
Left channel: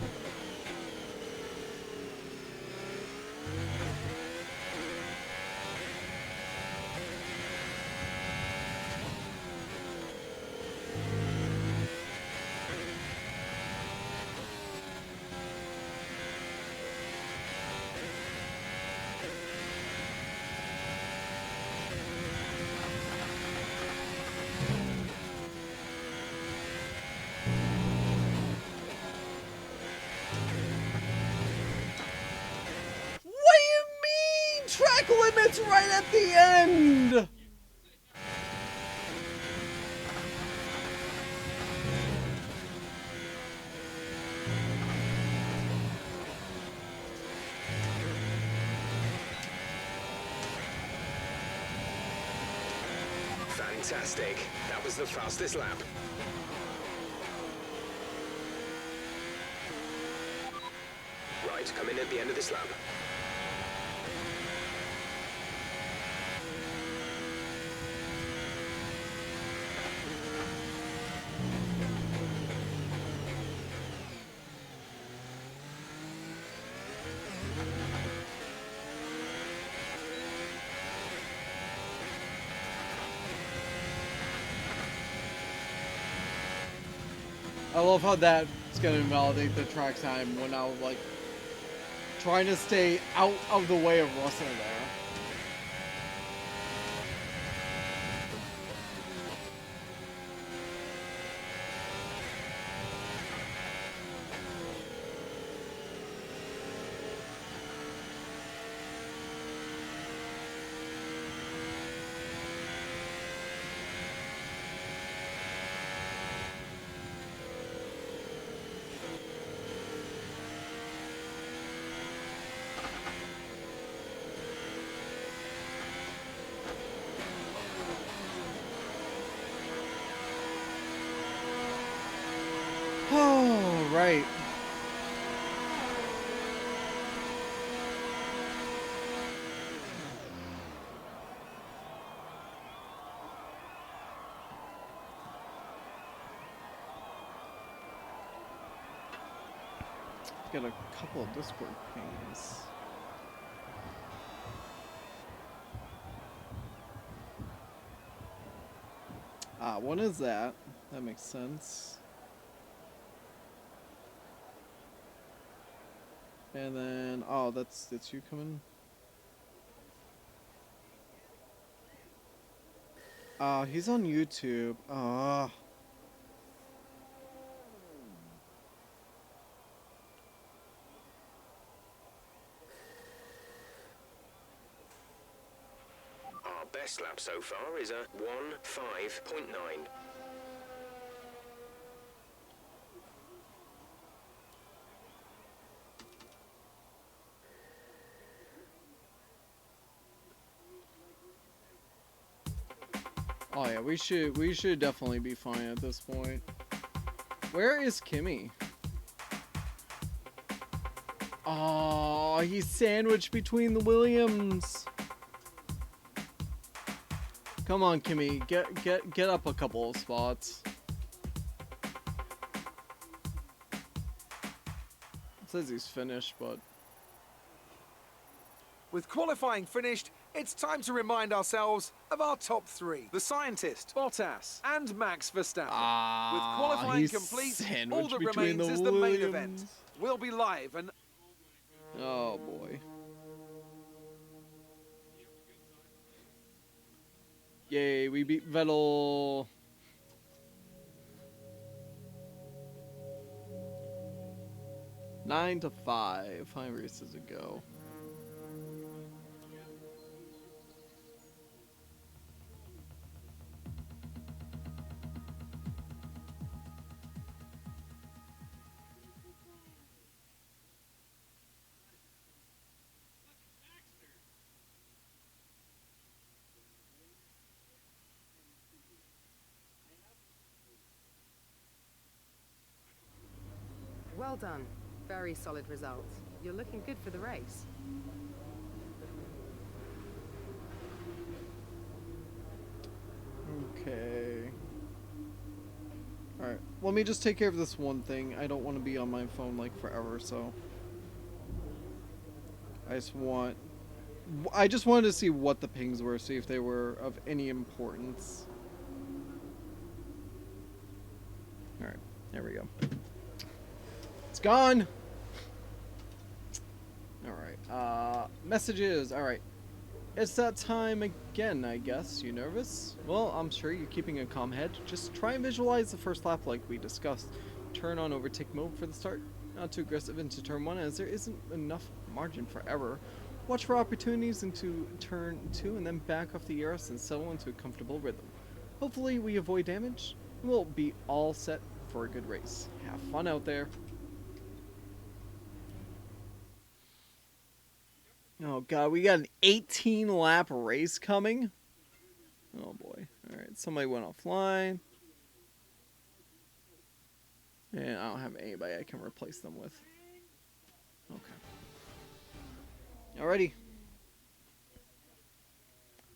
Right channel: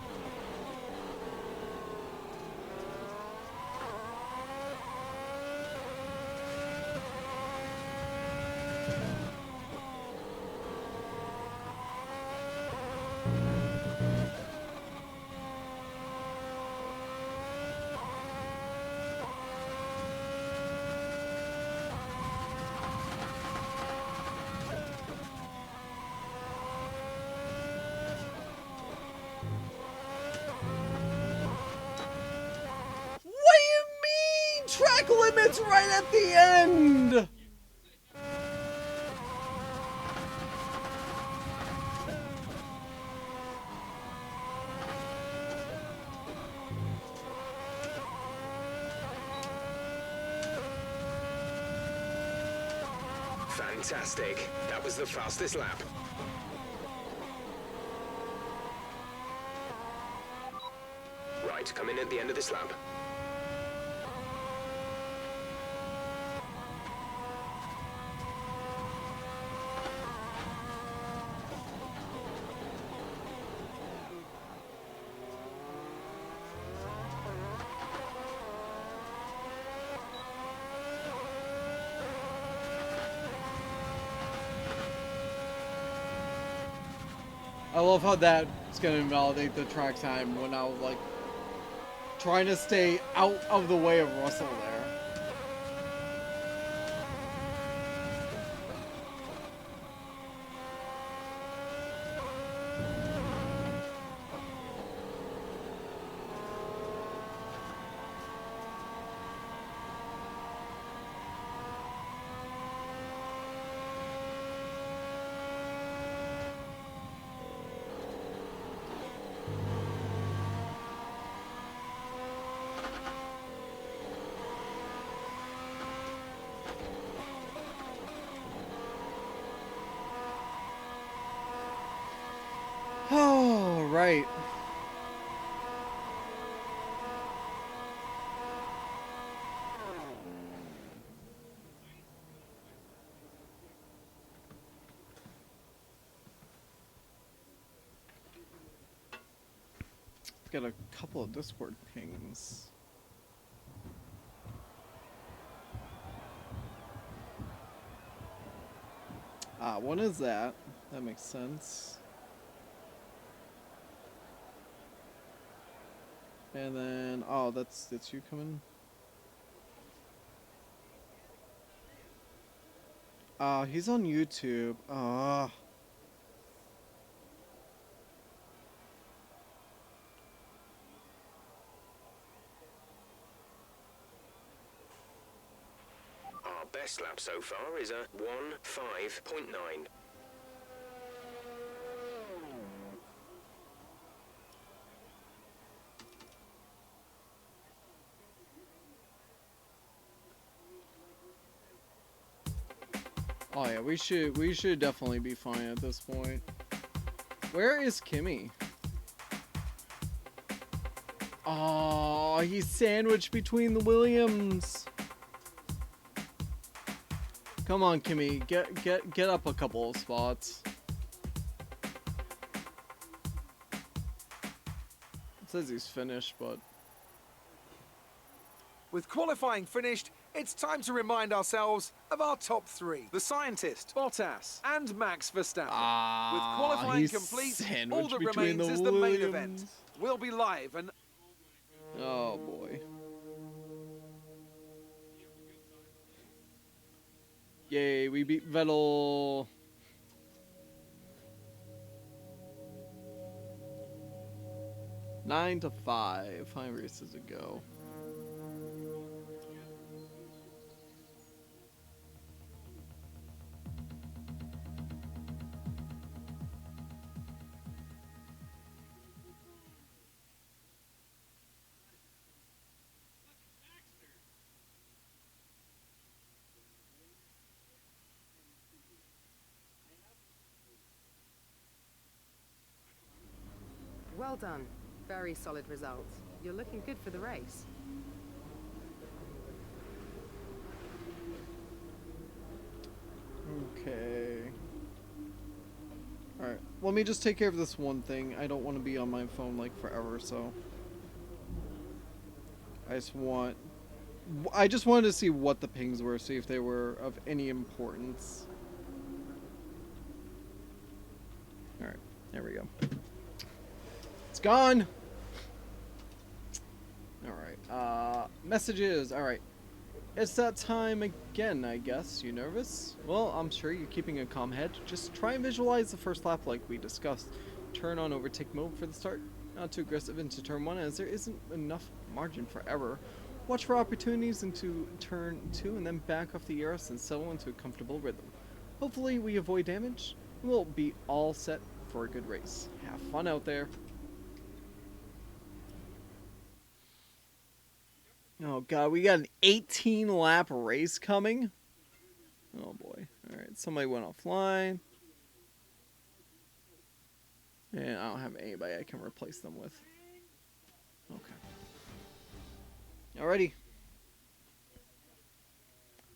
What do you mean? Track limits right at the end! Fantastic. That was the fastest lap. Right, come in at the end of this lap. I love how that's gonna invalidate the track time when I was like trying to stay out of the way of Russell there. Oh, right. Got a couple of Discord pings. One is that. That makes sense. And then, oh, that's you coming. He's on YouTube. Our best lap so far is a 1:05.9. Oh yeah, we should definitely be fine at this point. Where is Kimmy? Oh, he's sandwiched between the Williams. Come on, Kimmy, get up a couple of spots. It says he's finished, but With qualifying finished, it's time to remind ourselves of our top three. The scientist, Bottas, and Max Verstappen. With qualifying he's complete, all sandwiched that between remains the is the main Williams. event. We'll be live and Oh boy. Yay, we beat Vettel. Nine to 5. 5 races to go. Well done. Very solid results. You're looking good for the race. Okay. Alright, let me just take care of this one thing. I don't want to be on my phone like forever, so I just wanted to see what the pings were, see if they were of any importance. Alright, there we go. It's gone! Alright, messages, alright. It's that time again, I guess. You nervous? Well, I'm sure you're keeping a calm head. Just try and visualize the first lap like we discussed. Turn on overtake mode for the start. Not too aggressive into turn 1 as there isn't enough margin for error. Watch for opportunities into turn 2 and then back off the ERS and settle into a comfortable rhythm. Hopefully we avoid damage. We'll be all set for a good race. Have fun out there. Oh god, we got an 18 lap race coming? Oh boy. Alright, somebody went offline. And I don't have anybody I can replace them with. Okay. Alrighty.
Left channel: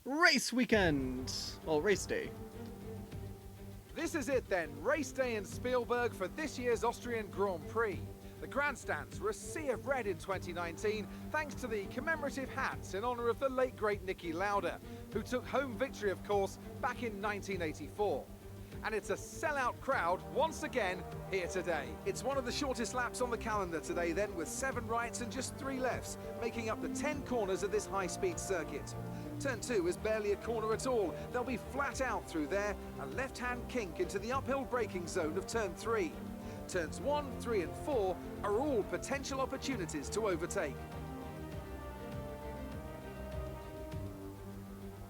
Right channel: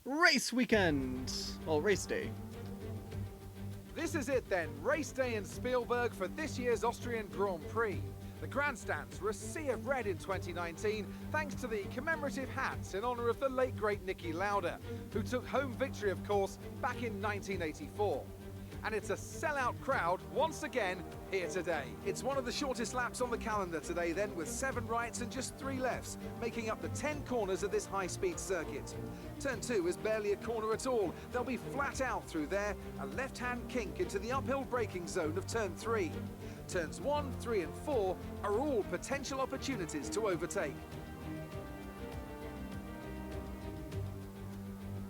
Race weekend! Well, race day. this is it then. Race day in Spielberg for this year's Austrian Grand Prix. The grandstands were a sea of red in 2019 thanks to the commemorative hats in honour of the late great Niki Lauda, who took home victory of course back in 1984. And it's a sellout crowd once again here today. It's one of the shortest laps on the calendar today then, with 7 rights and just 3 lefts, making up the 10 corners of this high-speed circuit. Turn 2 is barely a corner at all. They'll be flat out through there, a left-hand kink into the uphill braking zone of turn 3. Turns 1, 3 and 4 are all potential opportunities to overtake.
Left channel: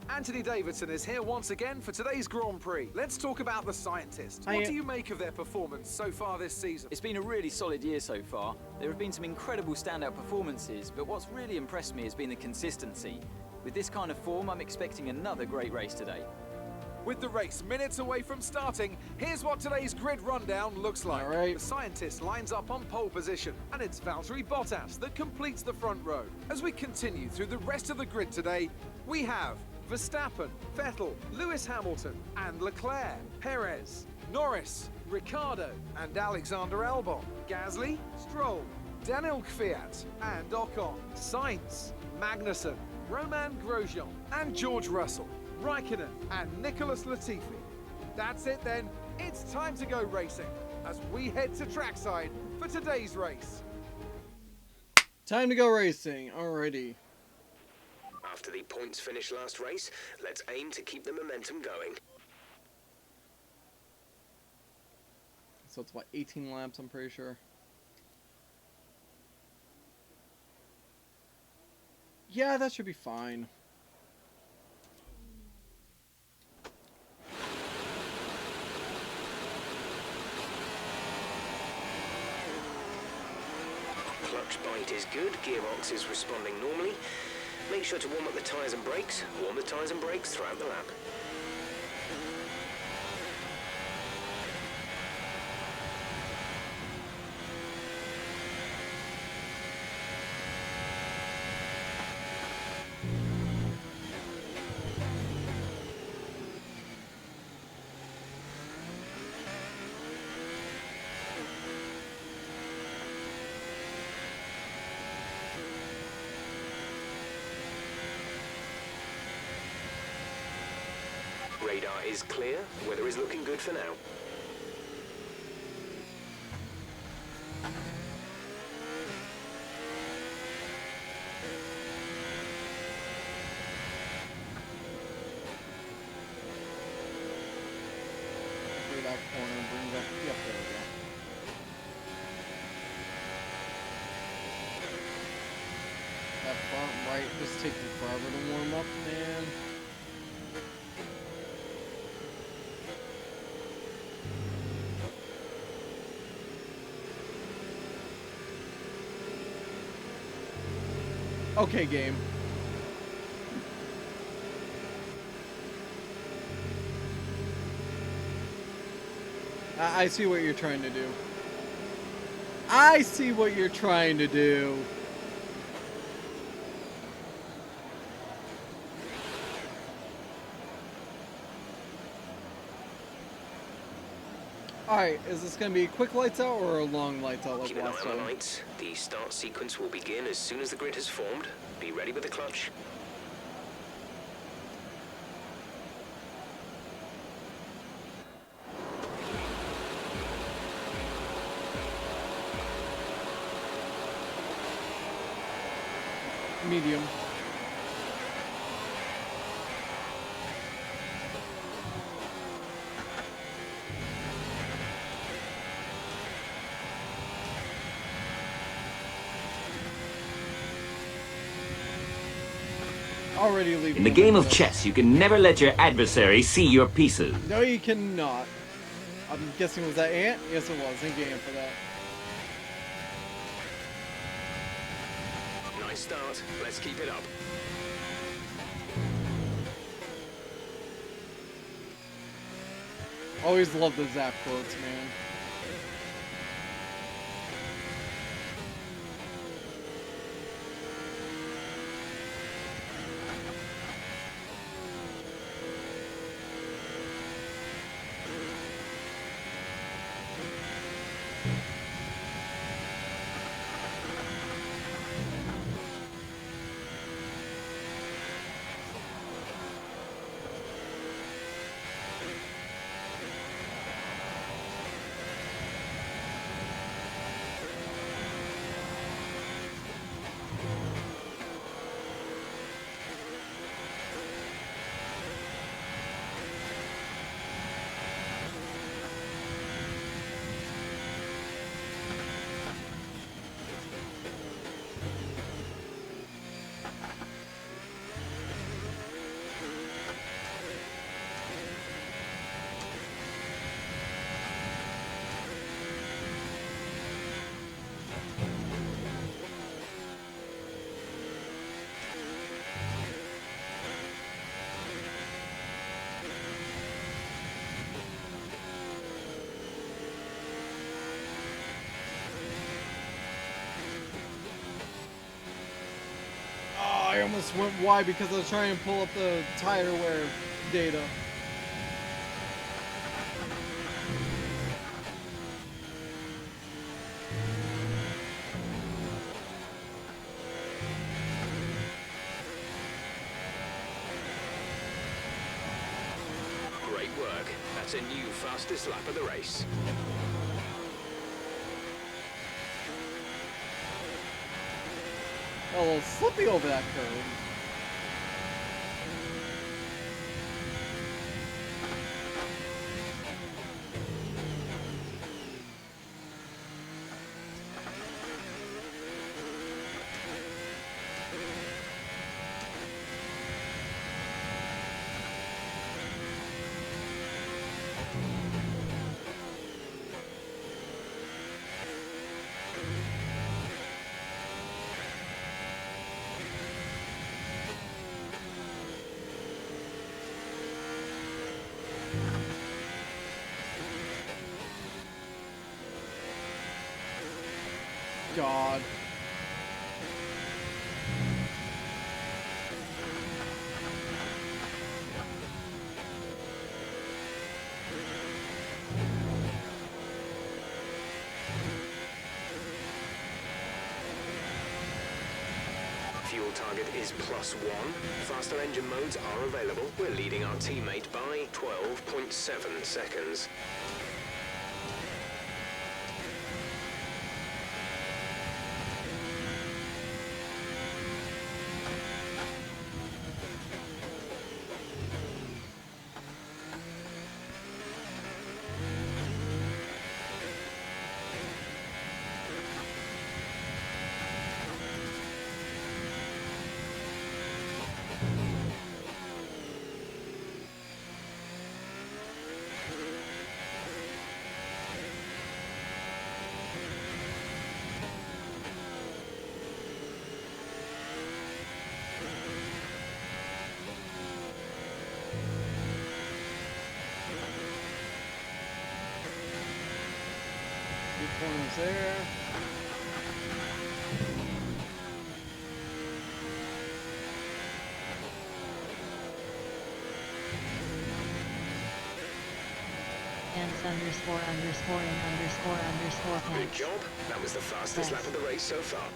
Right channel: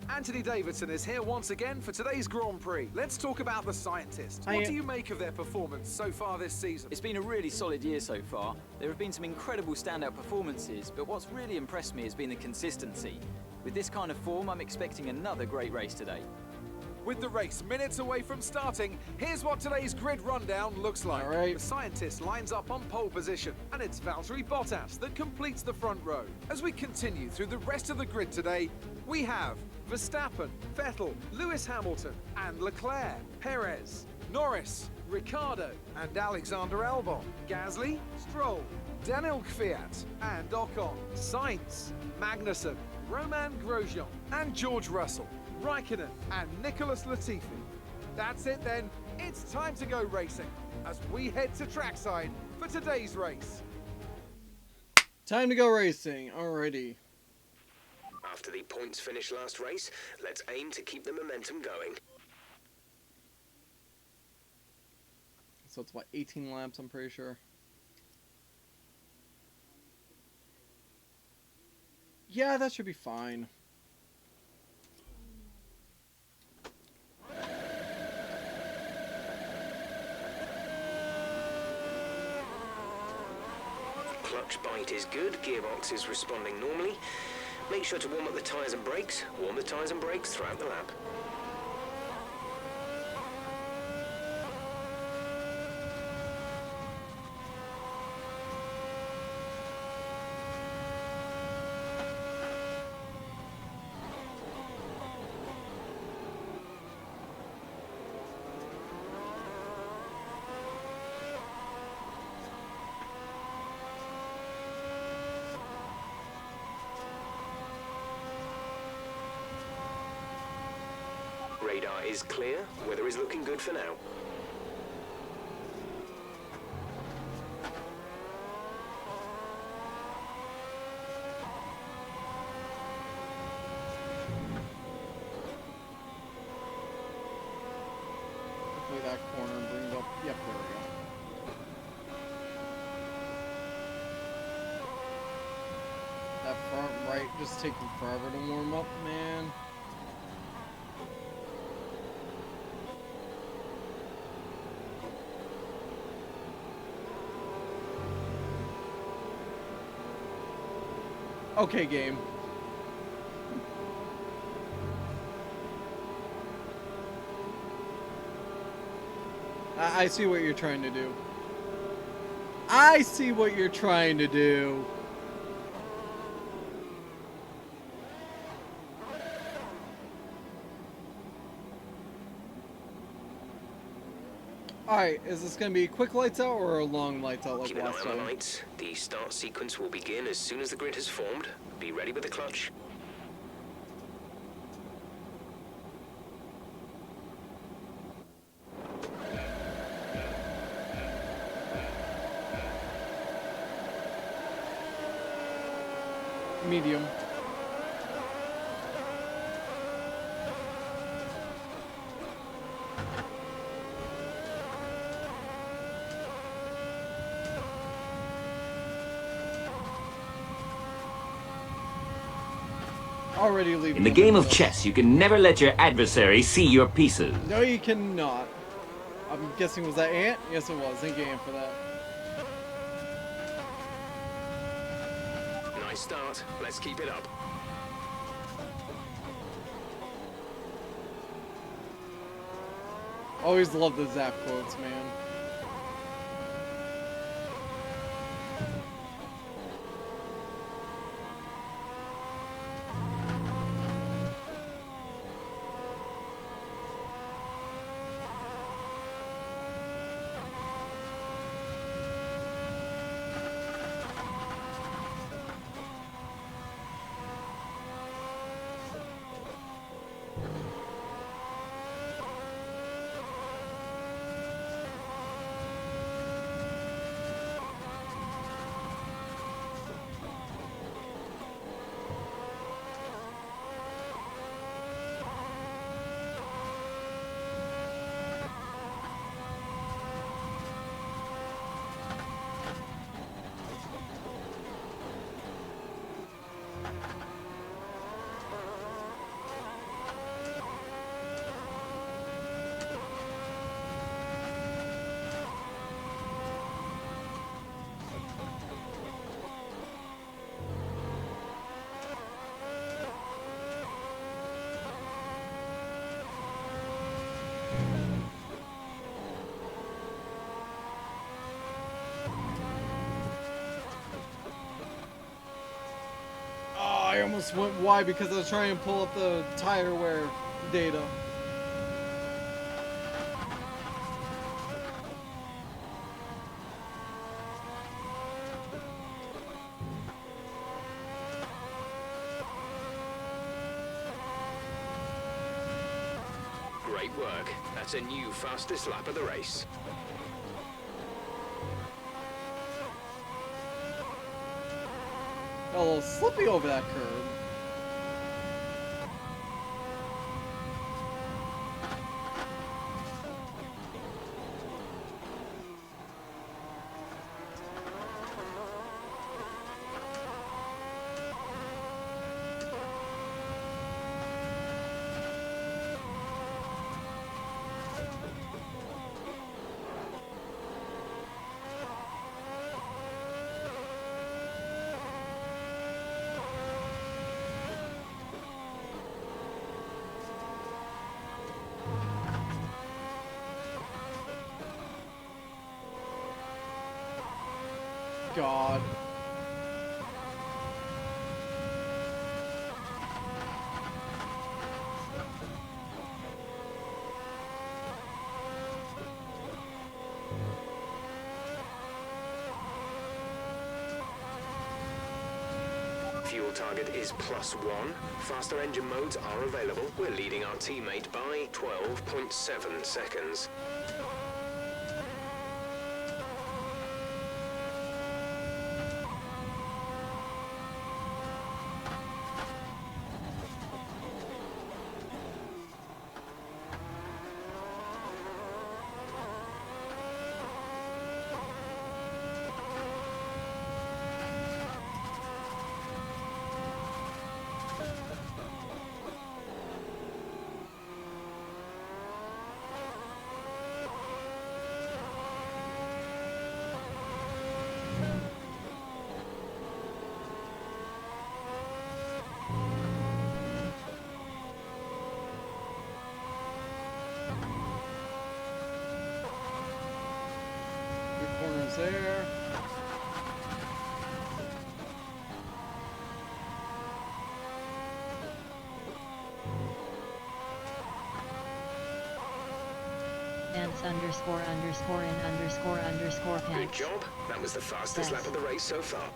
Anthony Davidson is here once again for today's Grand Prix. Let's talk about the scientist. What do you make of their performance so far this season? It's been a really solid year so far. There have been some incredible standout performances, but what's really impressed me has been the consistency. With this kind of form, I'm expecting another great race today. With the race minutes away from starting, here's what today's grid rundown looks like. All right. The scientist lines up on pole position, and it's Valtteri Bottas that completes the front row. As we continue through the rest of the grid today, we have Verstappen, Vettel, Lewis Hamilton, and Leclerc, Perez, Norris, Ricciardo, and Alexander Albon, Gasly, Stroll, Daniel Kvyat, and Ocon, Sainz, Magnussen, Romain Grosjean, and George Russell, Raikkonen, and Nicholas Latifi. That's it then, it's time to go racing, as we head to trackside for today's race. Time to go racing. Alrighty. After the points finish last race, let's aim to keep the momentum going. So it's what, 18 laps, I'm pretty sure. Yeah, that should be fine. Clutch bite is good, gearbox is responding normally. Make sure to warm up the tyres and brakes. Warm the tyres and brakes throughout the lap. Radar is clear. Weather is looking good for now. Hopefully that corner brings up. Yep, there we go. That front right just taking forever to warm up, man. Okay, game. I see what you're trying to do. I see what you're trying to do. Alright, is this gonna be quick lights out or a long lights out like Keep an eye last on the time? lights. The start sequence will begin as soon as the grid has formed. Be ready with the clutch. Medium. Already leaving. In the game of chess, you can never let your adversary see your pieces. No, you cannot. I'm guessing, was that Ant? Yes, it was. Thank you, Ant, for that. Nice start. Let's keep it up. Always love the Zap quotes, man. I almost went wide because I was trying to pull up the tire wear data. Great work. That's a new fastest lap of the race. A little slippy over that curve. God. Fuel target is +1. Faster engine modes are available. We're leading our teammate by 12.7 seconds. Good corners there. Ants underscore underscore in underscore underscore Good pants. job. That was the fastest lap of the race so far.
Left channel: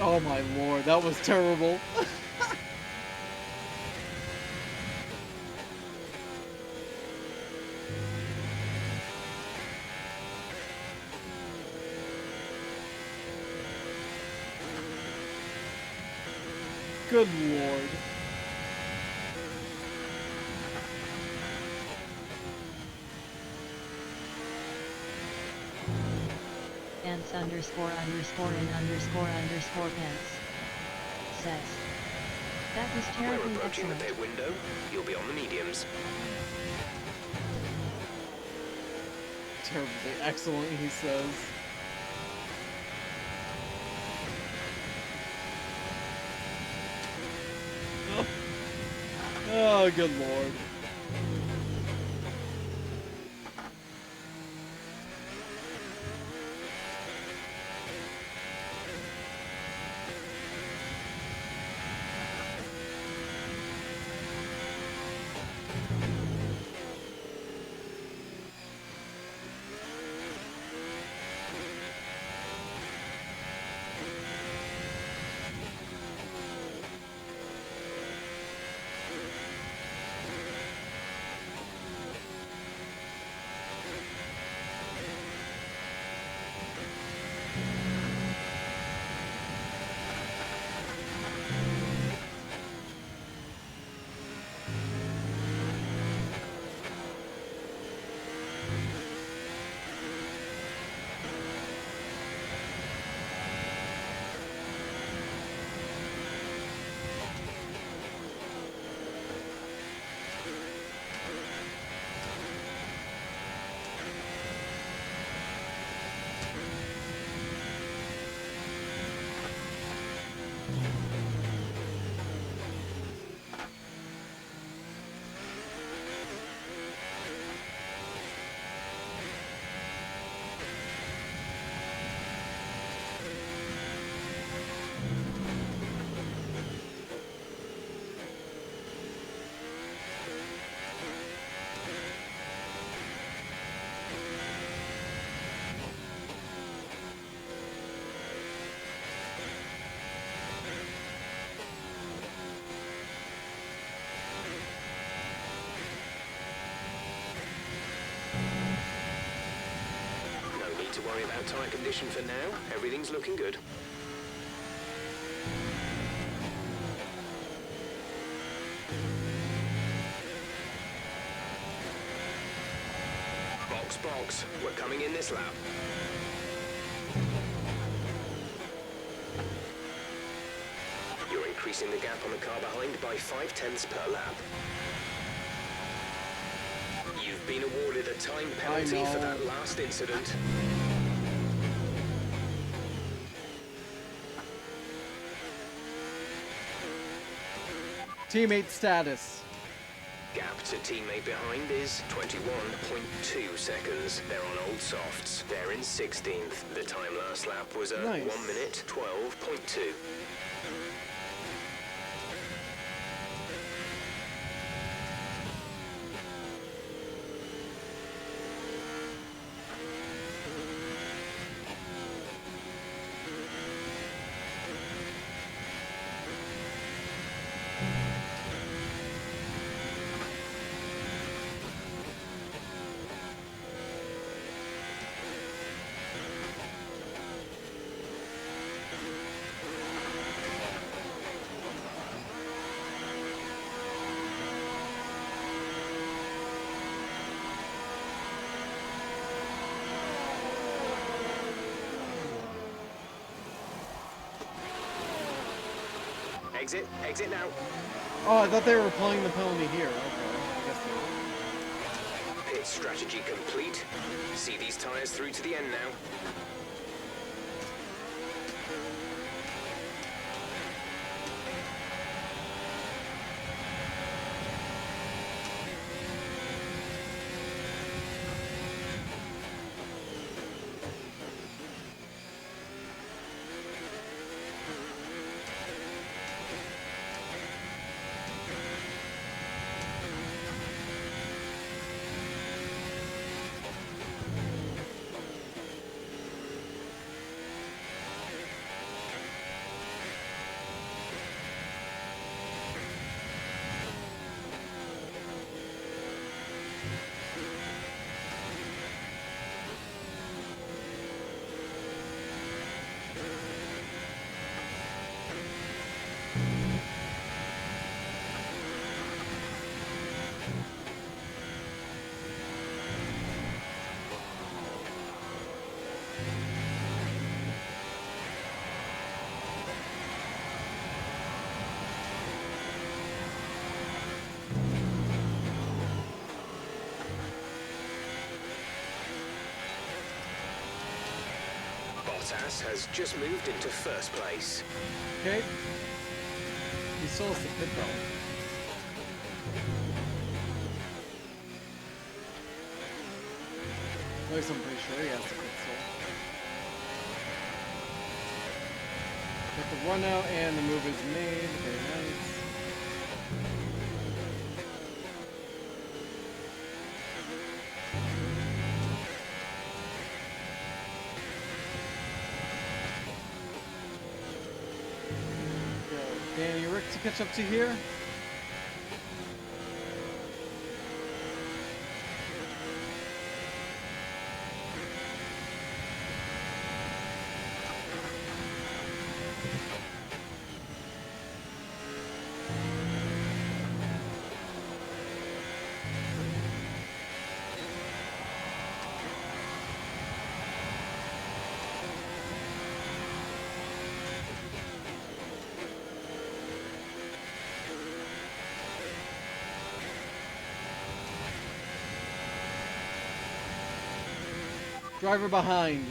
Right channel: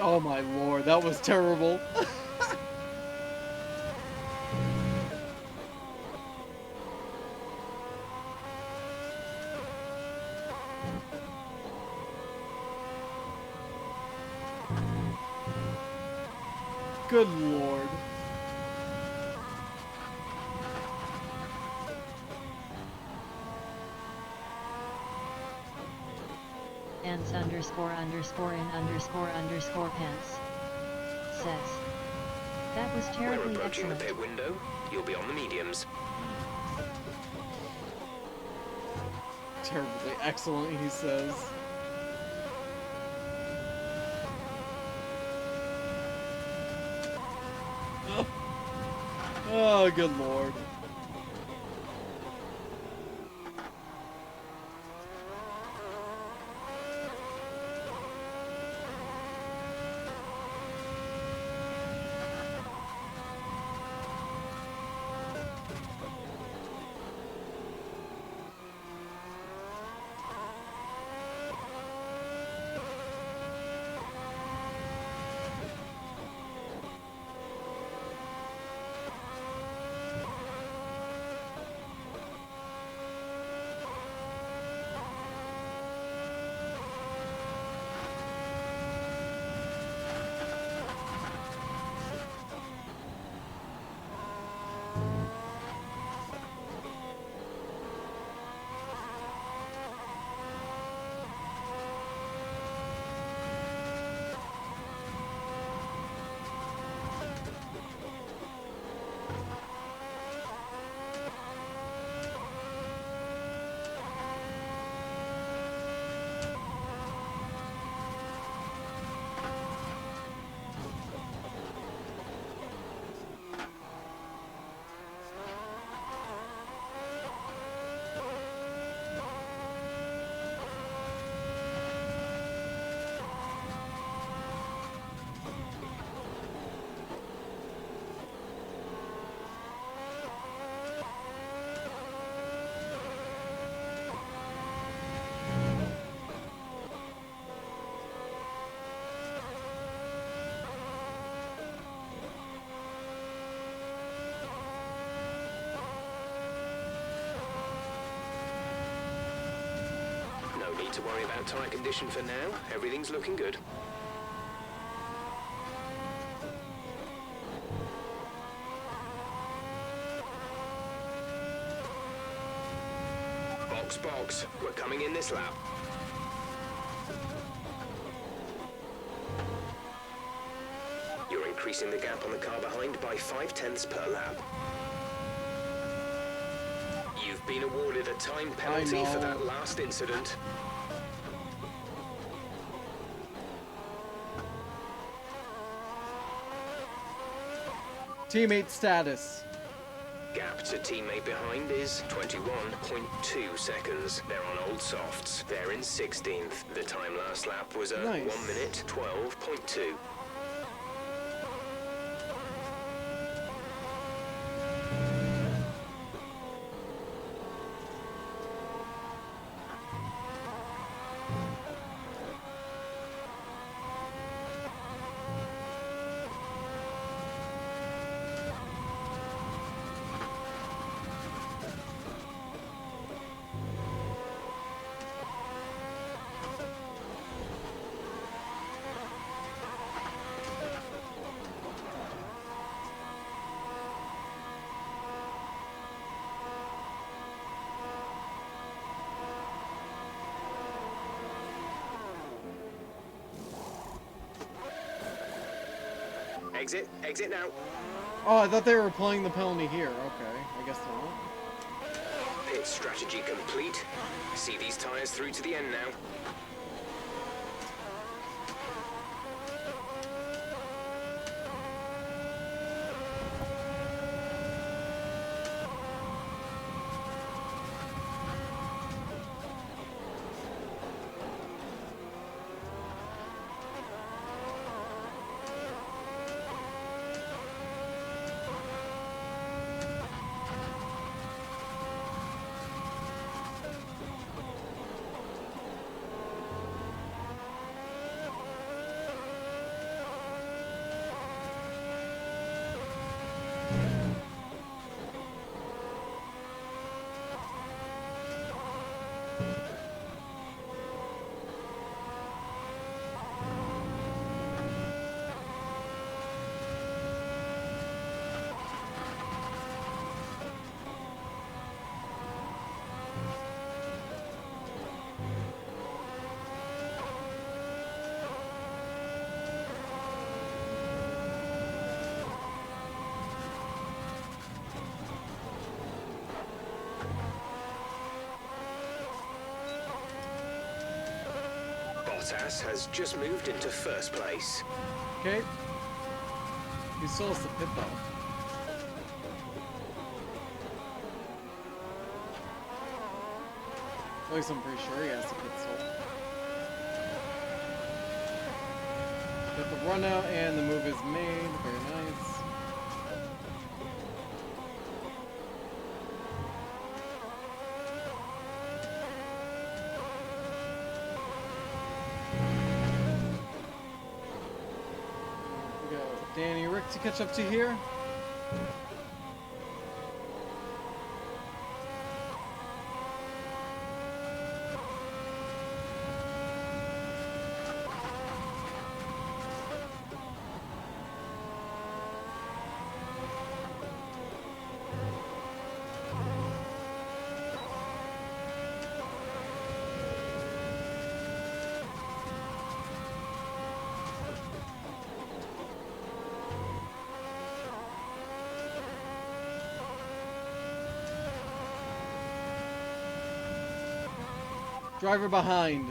Oh my lord, that was terrible. Good lord. Ants underscore underscore in underscore underscore pants. Says. That was We're terribly approaching excellent. the pit window. You'll be on the mediums. Terribly excellent, he says. Oh, good lord. No need to worry about tyre condition for now. Everything's looking good. Box. We're coming in this lap. You're increasing the gap on the car behind by 0.5 per lap. You've been awarded a time penalty for that last incident. Teammate status. Gap to teammate behind is 21.2 seconds. They're on old softs. They're in 16th. The time last lap was a Nice. 1 minute 12.2. Exit now. Oh, I thought they were playing the penalty here. Okay, I guess not. Pit strategy complete. See these tyres through to the end now. Bottas has just moved into first place. Okay. He still has the pit though. At least I'm pretty sure he has the pit still. Got the run out and the move is made. Very nice. Go Danny Rick to catch up to here. Driver behind.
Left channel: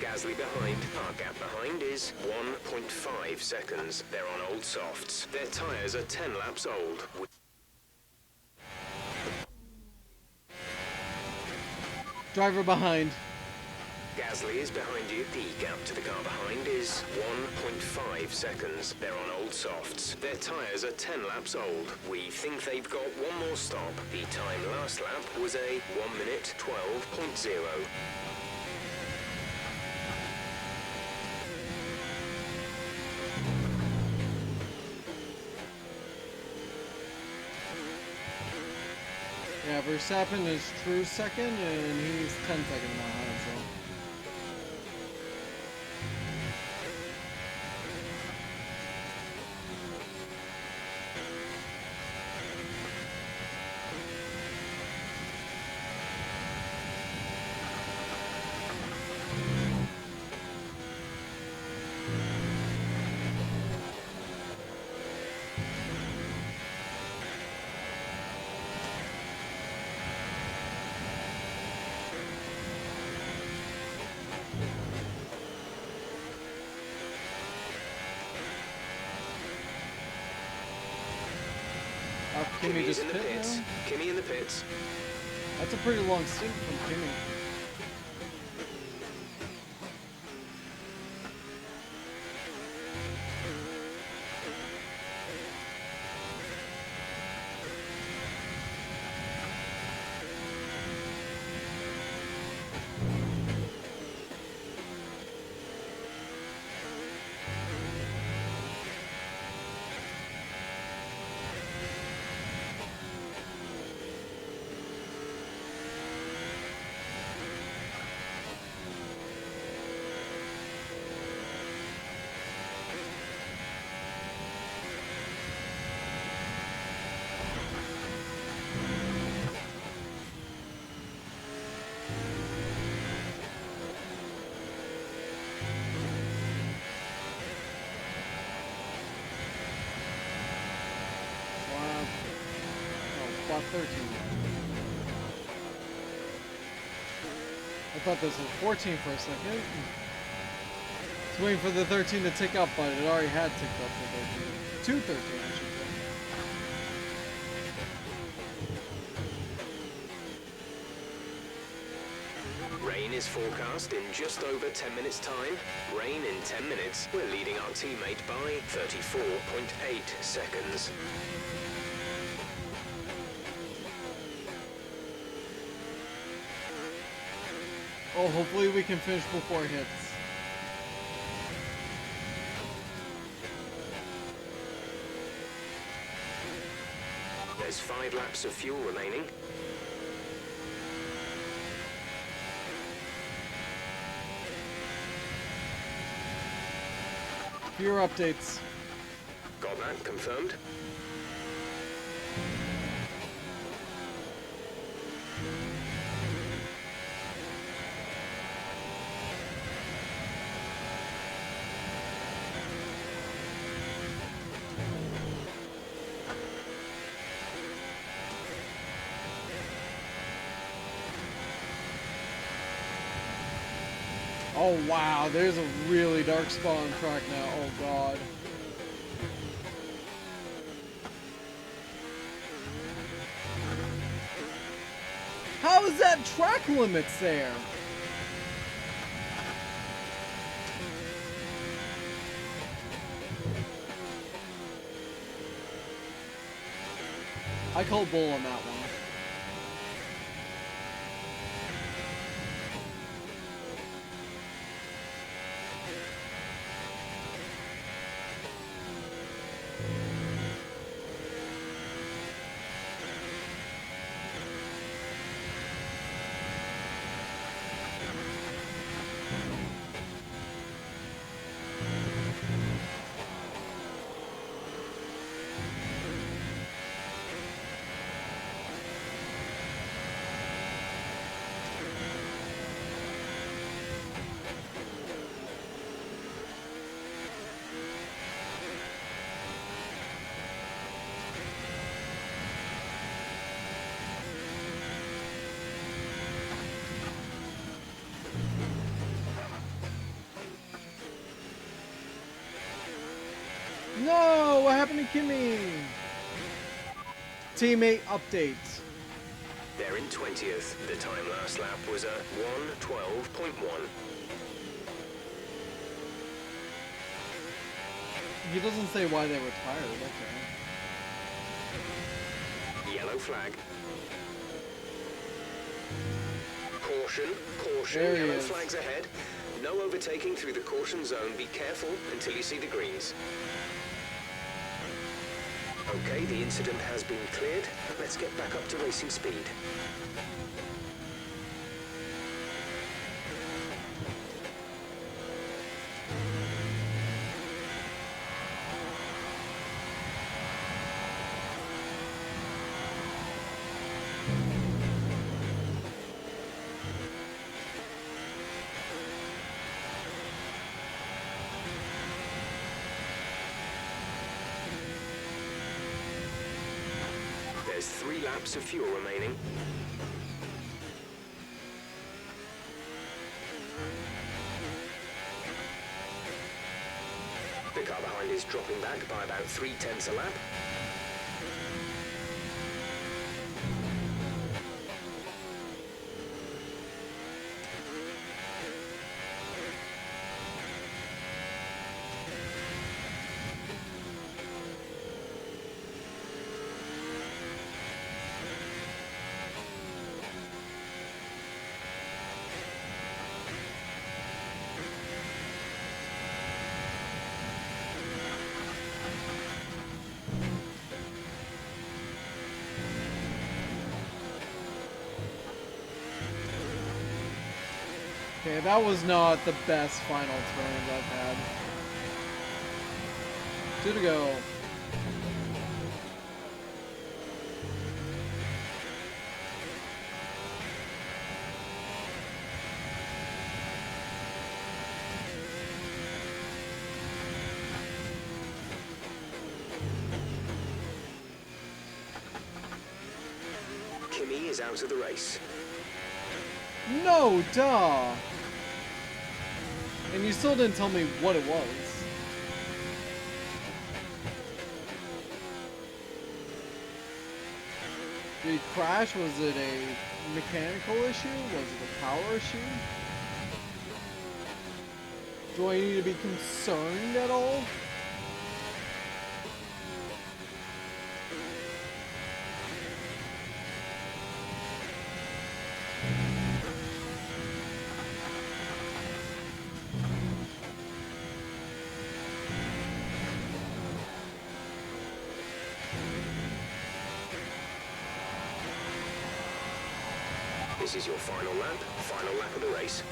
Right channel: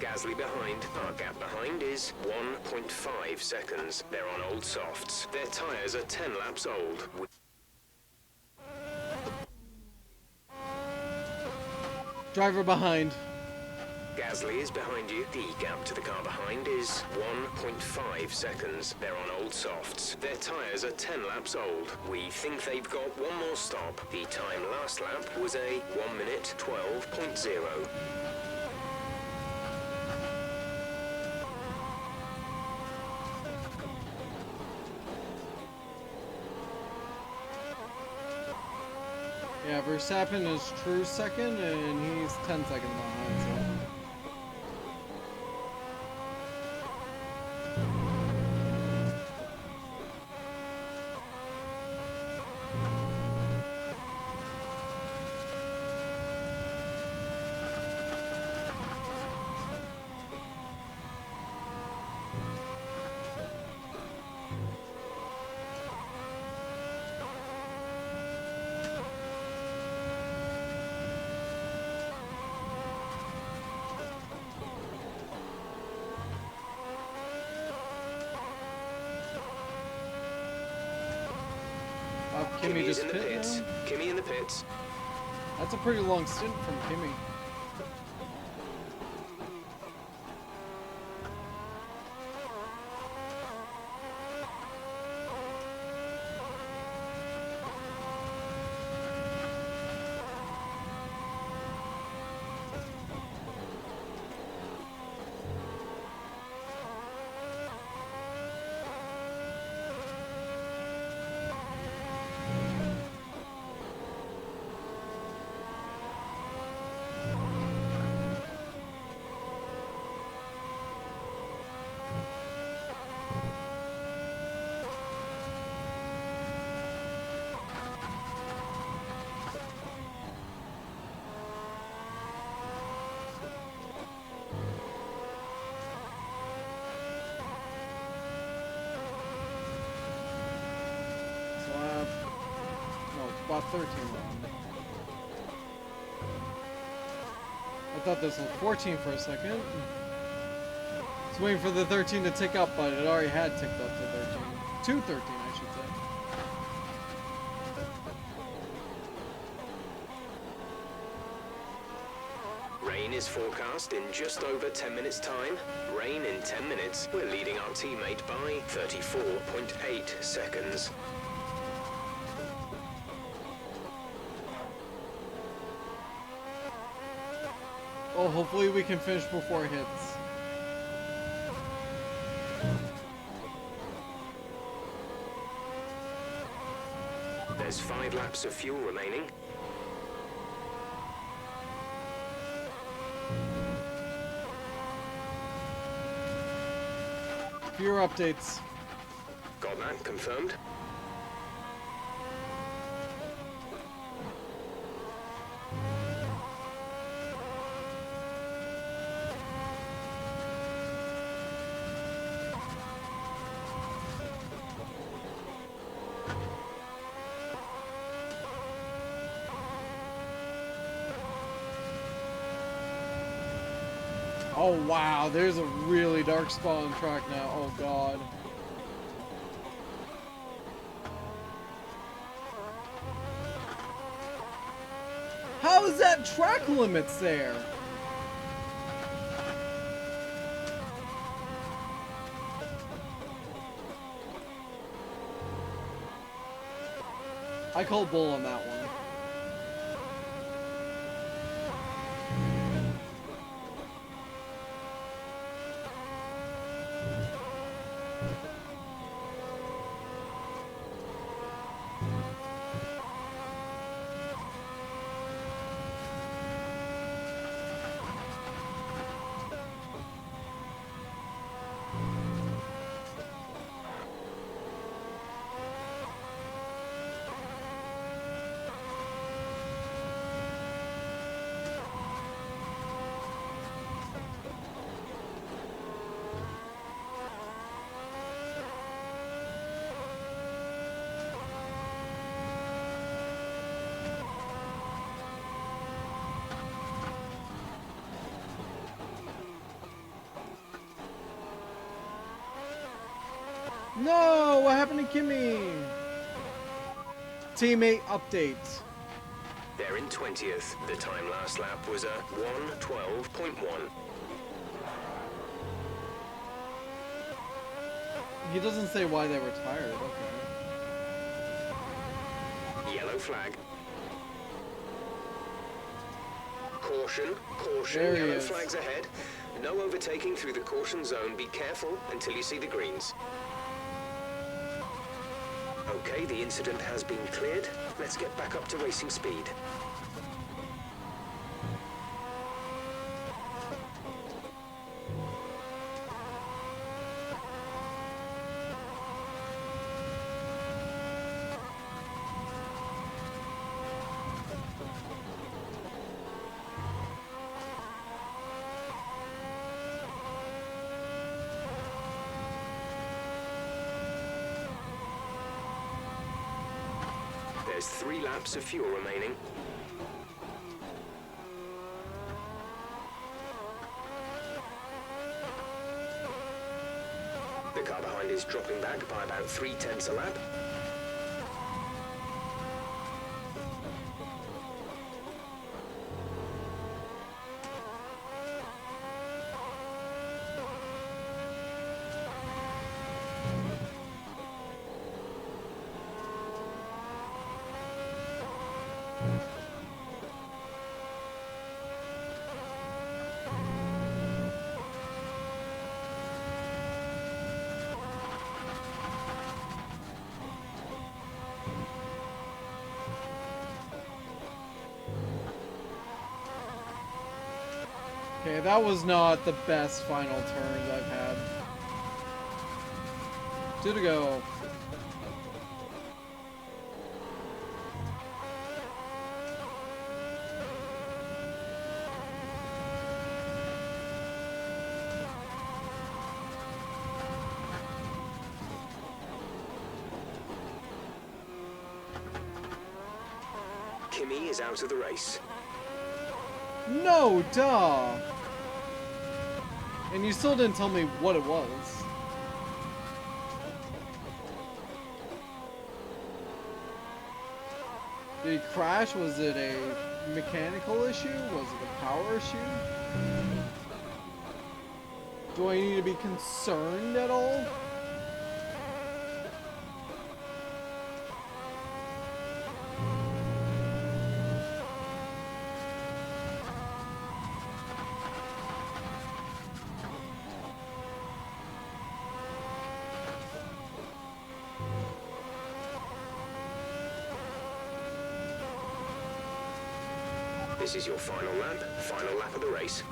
Gasly behind. Our gap behind is 1.5 seconds. They're on old softs. Their tyres are 10 laps old. Driver behind. Gasly is behind you. The gap to the car behind is 1.5 seconds. They're on old softs. Their tyres are 10 laps old. We think they've got one more stop. The time last lap was a 1 minute 12.0. Yeah, Verstappen is true second, and he's 10 seconds behind, so. Kimmy Kimmy's just in the pit pits. now? Kimmy in the pits. That's a pretty long stint from Kimmy. Lap. No, lap 13 now. I thought this was 14 for a second. Just waiting for the 13 to tick up, but it already had ticked up to 13. To 13, I should say. Rain is forecast in just over 10 minutes' time. Rain in 10 minutes. We're leading our teammate by 34.8 seconds. Oh, hopefully we can finish before it hits. There's 5 laps of fuel remaining. Fewer updates. Got that confirmed. Oh wow, there's a really dark spot on track now. Oh god. How is that track limits there? I call bull on that one. No, what happened to Kimmy? Teammate update. They're in 20th. The time last lap was a 1:12.1. He doesn't say why they were tired. Okay. Yellow flag. Caution, caution, There he yellow is. flags ahead. No overtaking through the caution zone. Be careful until you see the greens. Okay, the incident has been cleared. Let's get back up to racing speed. There's 3 laps of fuel remaining. The car behind is dropping back by about 0.3 a lap. Okay, that was not the best final turns I've had. 2 to go. Kimmy is out of the race. No, duh. And you still didn't tell me what it was. Did he crash? Was it a mechanical issue? Was it a power issue? Do I need to be concerned at all? This is your final lap of the race.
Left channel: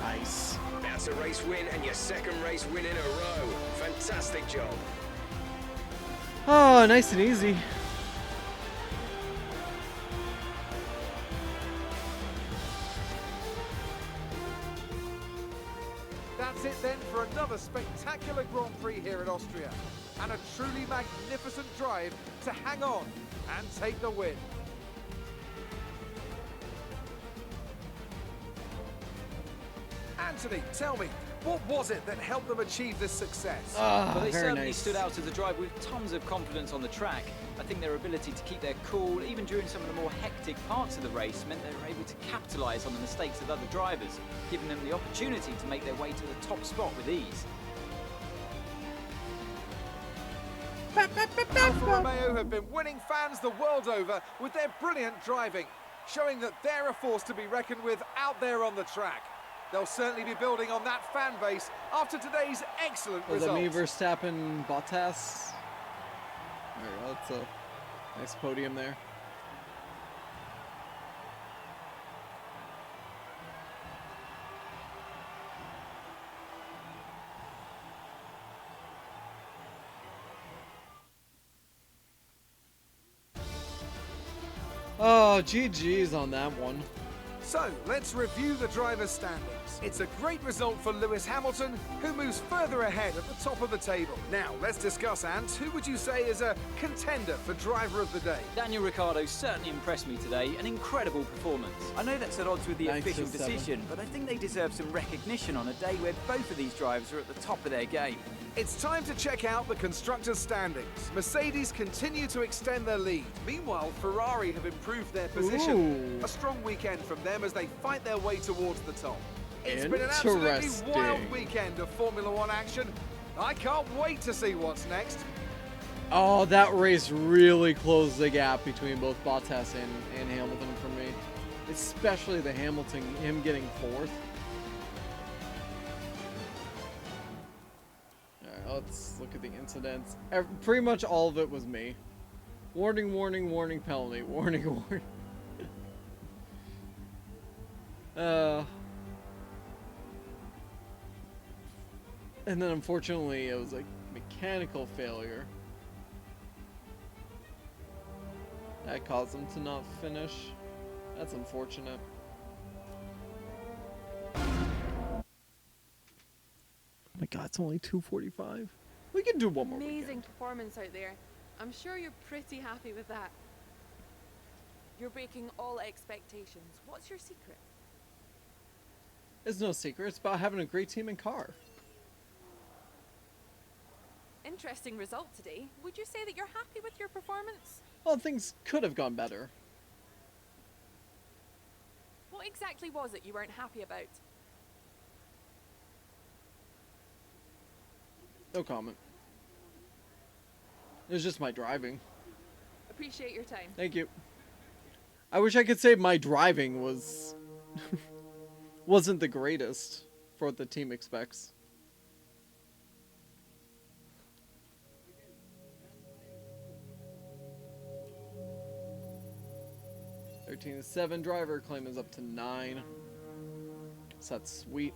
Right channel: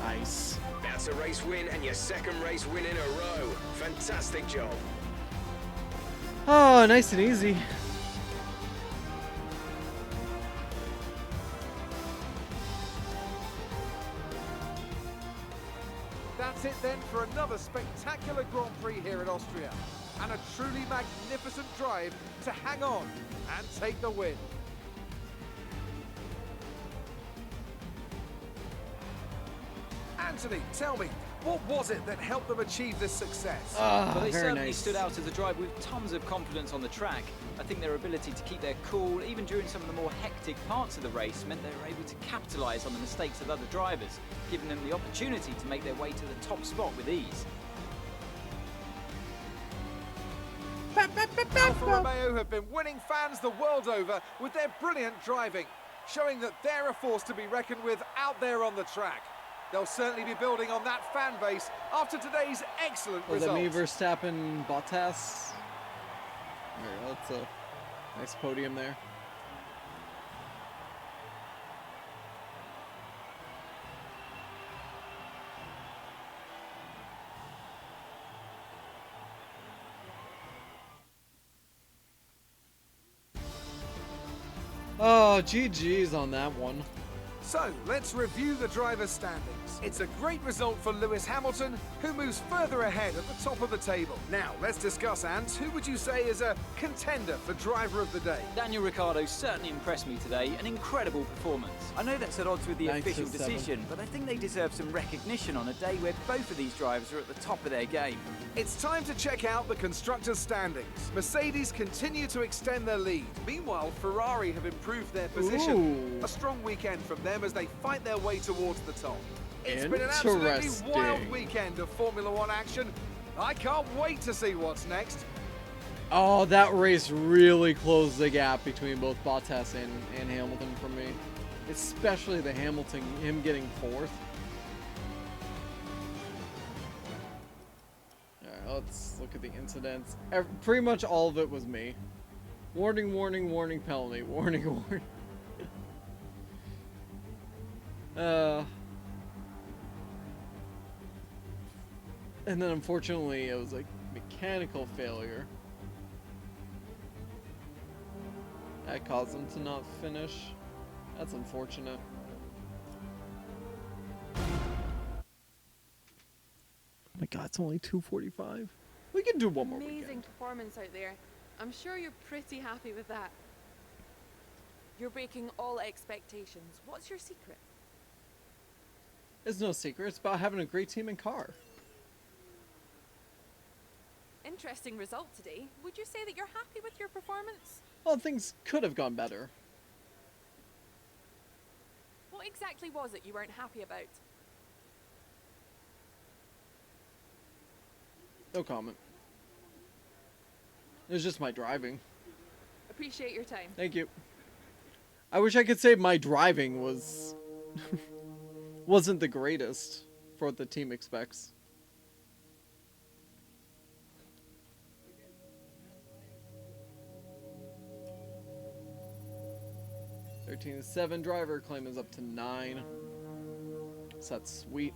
Nice. That's a race win and your second race win in a row. Fantastic job. Oh, nice and easy. That's it then for another spectacular Grand Prix here at Austria. And a truly magnificent drive to hang on and take the win. Anthony, tell me, what was it that helped them achieve this success? Well, they Very certainly nice. stood out as a drive with tons of confidence on the track. I think their ability to keep their cool, even during some of the more hectic parts of the race, meant they were able to capitalise on the mistakes of other drivers, giving them the opportunity to make their way to the top spot with ease. Alfa Romeo have been winning fans the world over with their brilliant driving, showing that they're a force to be reckoned with out there on the track. They'll certainly be building on that fan base after today's excellent Was results. that me, Verstappen, Bottas? There we go. That's a nice podium there. Oh, GG's on that one. So, let's review the drivers' standings. It's a great result for Lewis Hamilton, who moves further ahead at the top of the table. Now, let's discuss, Ant, who would you say is a contender for driver of the day? Daniel Ricciardo certainly impressed me today, an incredible performance. I know that's at odds with the 9 to official 7. decision, but I think they deserve some recognition on a day where both of these drivers are at the top of their game. It's time to check out the constructors' standings. Mercedes continue to extend their lead. Meanwhile, Ferrari have improved their position. Ooh. A strong weekend from them as they fight their way towards the top. It's been an absolutely wild Interesting. weekend of Formula One action. I can't wait to see what's next. Oh, that race really closed the gap between both Bottas and Hamilton for me. Especially the Hamilton, him getting fourth. Alright, let's look at the incidents. Pretty much all of it was me. Warning, warning, warning, penalty. Warning, warning. And then unfortunately it was like mechanical failure. That caused them to not finish. That's unfortunate. Oh my god, it's only 2:45. We can do one more Amazing weekend. performance out there. I'm sure you're pretty happy with that. You're breaking all expectations. What's your secret? It's no secret. It's about having a great team and car. Interesting result today. Would you say that you're happy with your performance? Well, things could have gone better. What exactly was it you weren't happy about? No comment. It was just my driving. Appreciate your time. Thank you. I wish I could say my driving was wasn't the greatest for what the team expects. (13-7) driver claim is up to 9. So that's sweet.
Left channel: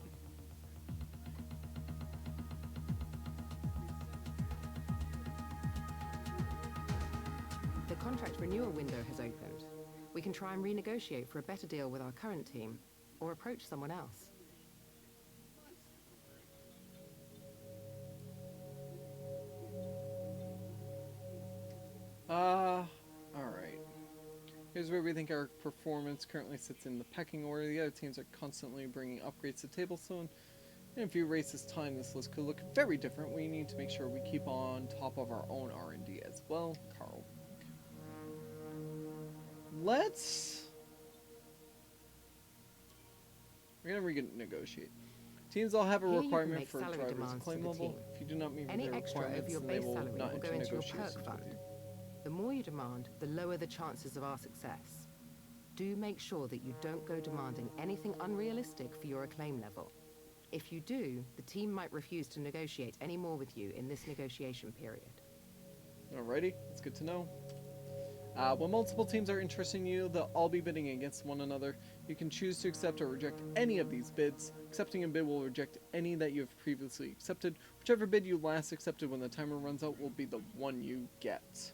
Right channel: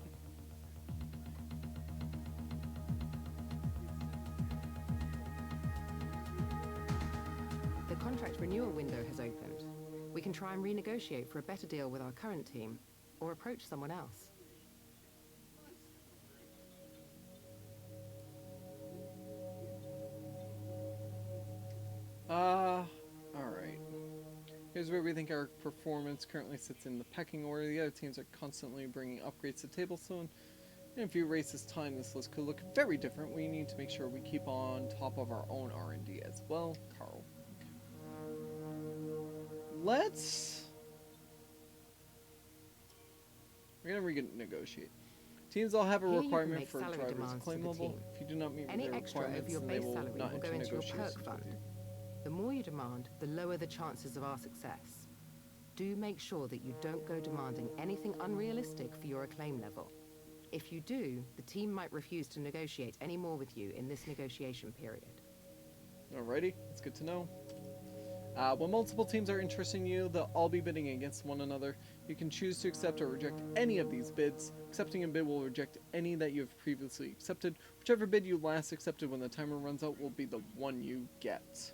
The contract renewal window has opened. We can try and renegotiate for a better deal with our current team, or approach someone else. Alright. Here's where we think our performance currently sits in the pecking order. The other teams are constantly bringing upgrades to Tablestone. In a few races time, this list could look very different. We need to make sure we keep on top of our own R&D as well. Carl. We're going to renegotiate. Teams all have a Here you can requirement make for salary driver's demands to claim the level. team. If you do not meet with Any their extra over requirements, your then they base will salary not will go enter into your negotiations perk with fund. you. The more you demand, the lower the chances of our success. Do make sure that you don't go demanding anything unrealistic for your acclaim level. If you do, the team might refuse to negotiate any more with you in this negotiation period. Alrighty, that's good to know. When multiple teams are interested in you, they'll all be bidding against one another. You can choose to accept or reject any of these bids. Accepting a bid will reject any that you have previously accepted. Whichever bid you last accepted when the timer runs out will be the one you get.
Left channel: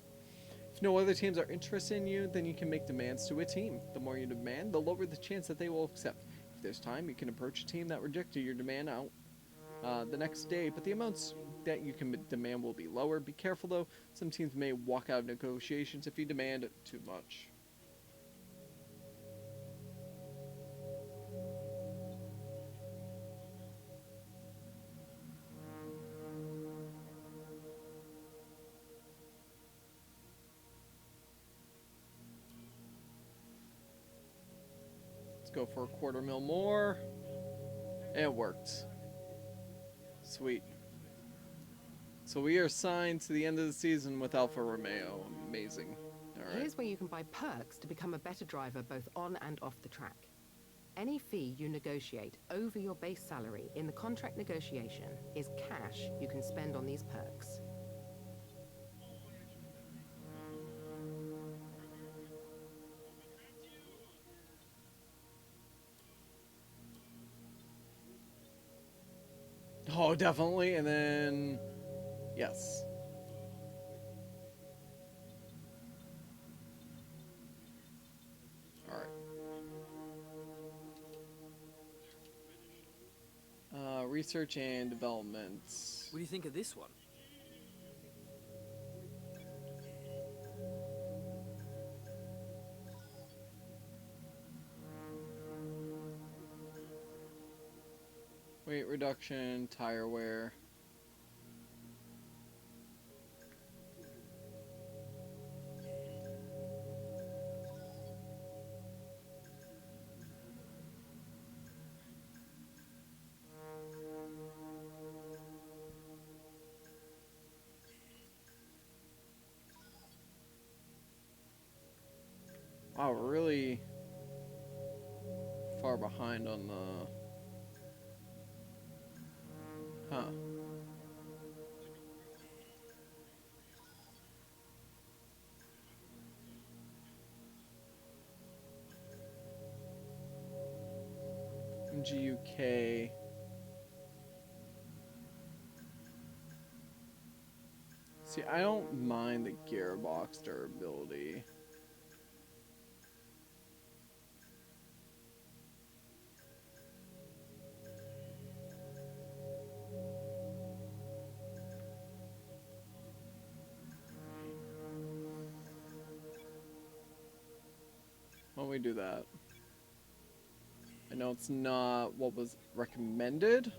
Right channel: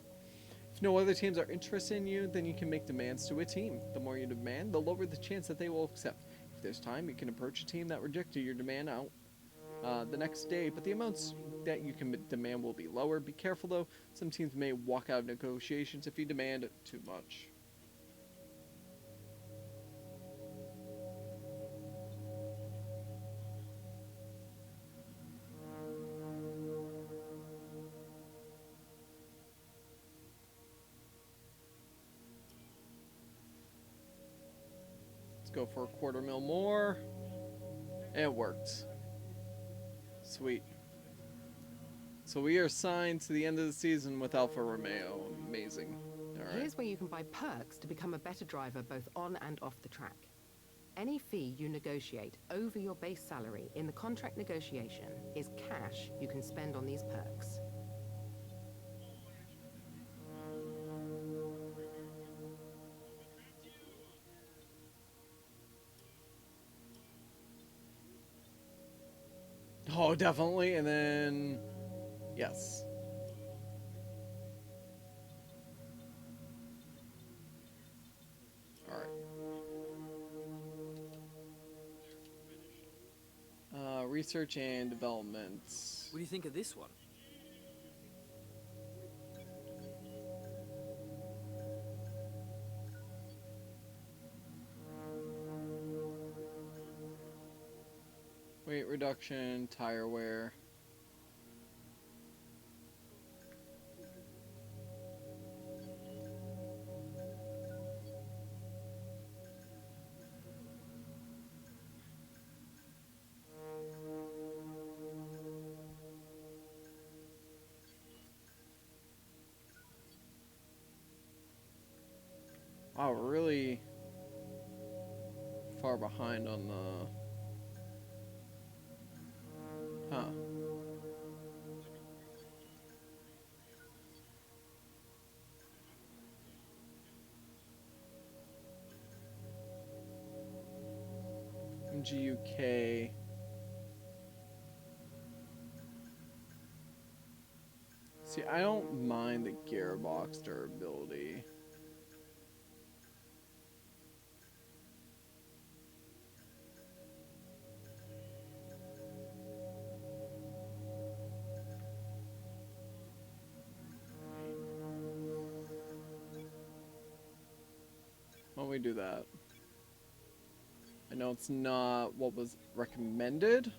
If no other teams are interested in you, then you can make demands to a team. The more you demand, the lower the chance that they will accept. If there's time, you can approach a team that rejected your demand out the next day, but the amounts that you can demand will be lower. Be careful though, some teams may walk out of negotiations if you demand too much. Let's go for a $250,000 more. And it worked. Sweet. So we are signed to the end of the season with Alfa Romeo. Amazing. Alright. Here's where you can buy perks to become a better driver both on and off the track. Any fee you negotiate over your base salary in the contract negotiation is cash you can spend on these perks. Oh, definitely. And then, yes. All right. Research and development. What do you think of this one? Weight reduction, tire wear. Wow, we're really far behind on the... Huh. MGUK. See, I don't mind the gearbox durability. don't we do that? I know it's not what was recommended,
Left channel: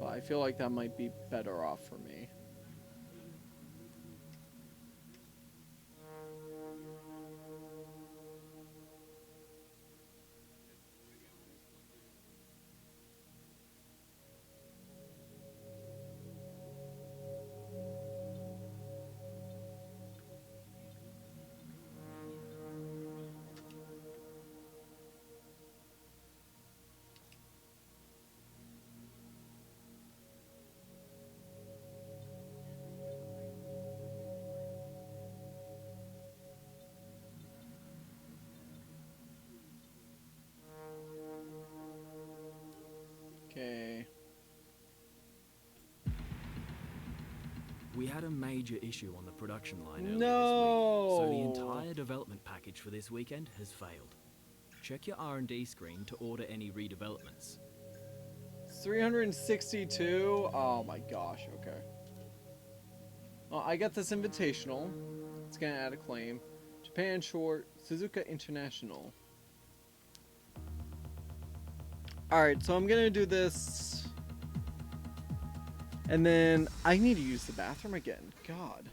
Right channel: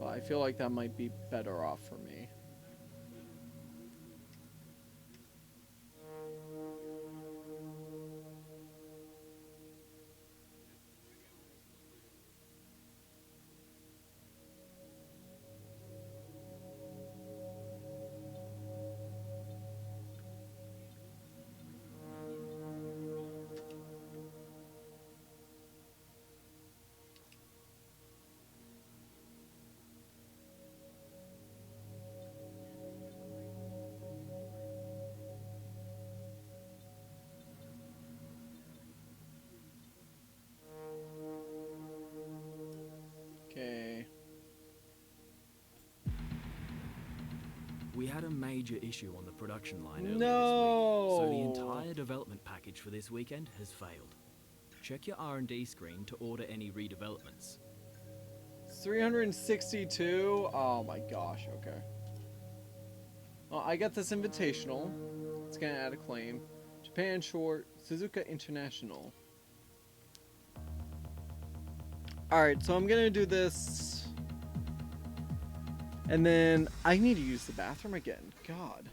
but I feel like that might be better off for me. Okay. We had a major issue on the production line earlier No! this week, so the entire development package for this weekend has failed. Check your R&D screen to order any redevelopments. 362? Oh my gosh, okay. Well, I got this invitational. It's gonna add a claim. Japan Short, Suzuka International. Alright, so I'm gonna do this. And then I need to use the bathroom again. God.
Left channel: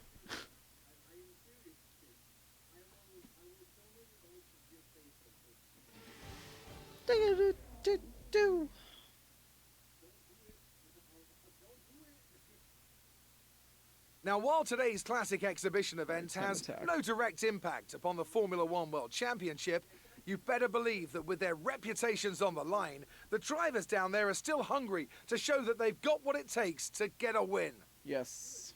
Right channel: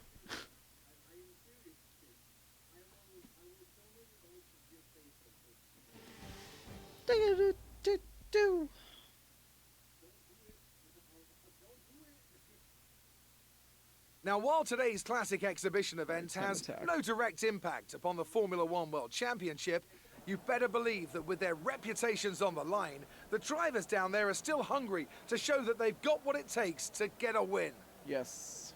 Now, while today's classic exhibition event has attack. no direct impact upon the Formula One World Championship, you better believe that with their reputations on the line, the drivers down there are still hungry to show that they've got what it takes to get a win. Yes.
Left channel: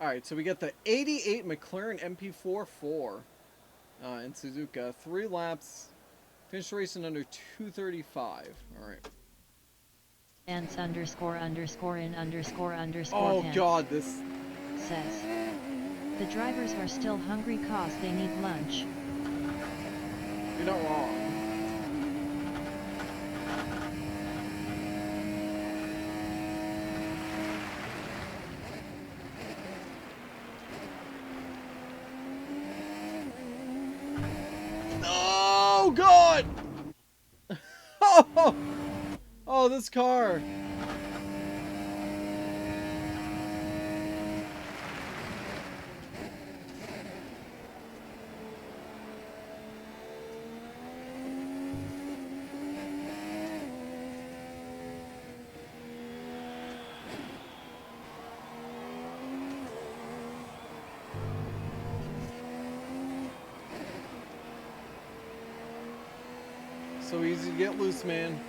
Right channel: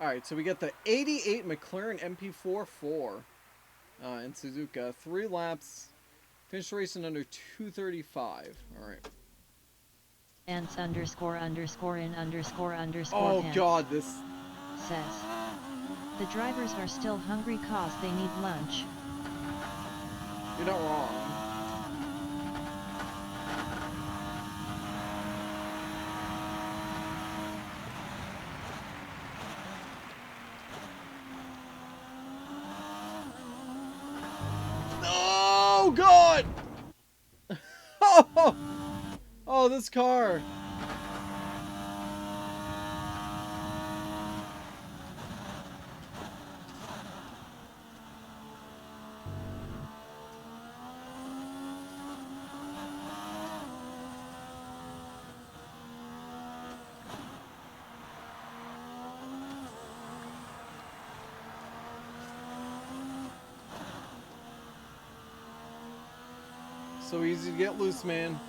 Alright, so we get the 88 McLaren MP44 in Suzuka. 3 laps. Finished the race in under 2:35. Alright. Ants underscore underscore in underscore underscore Oh pants god, this... says. The drivers are still hungry cause they need lunch. You're not wrong. Oh god! Oh! Oh, this car! So easy to get loose, man.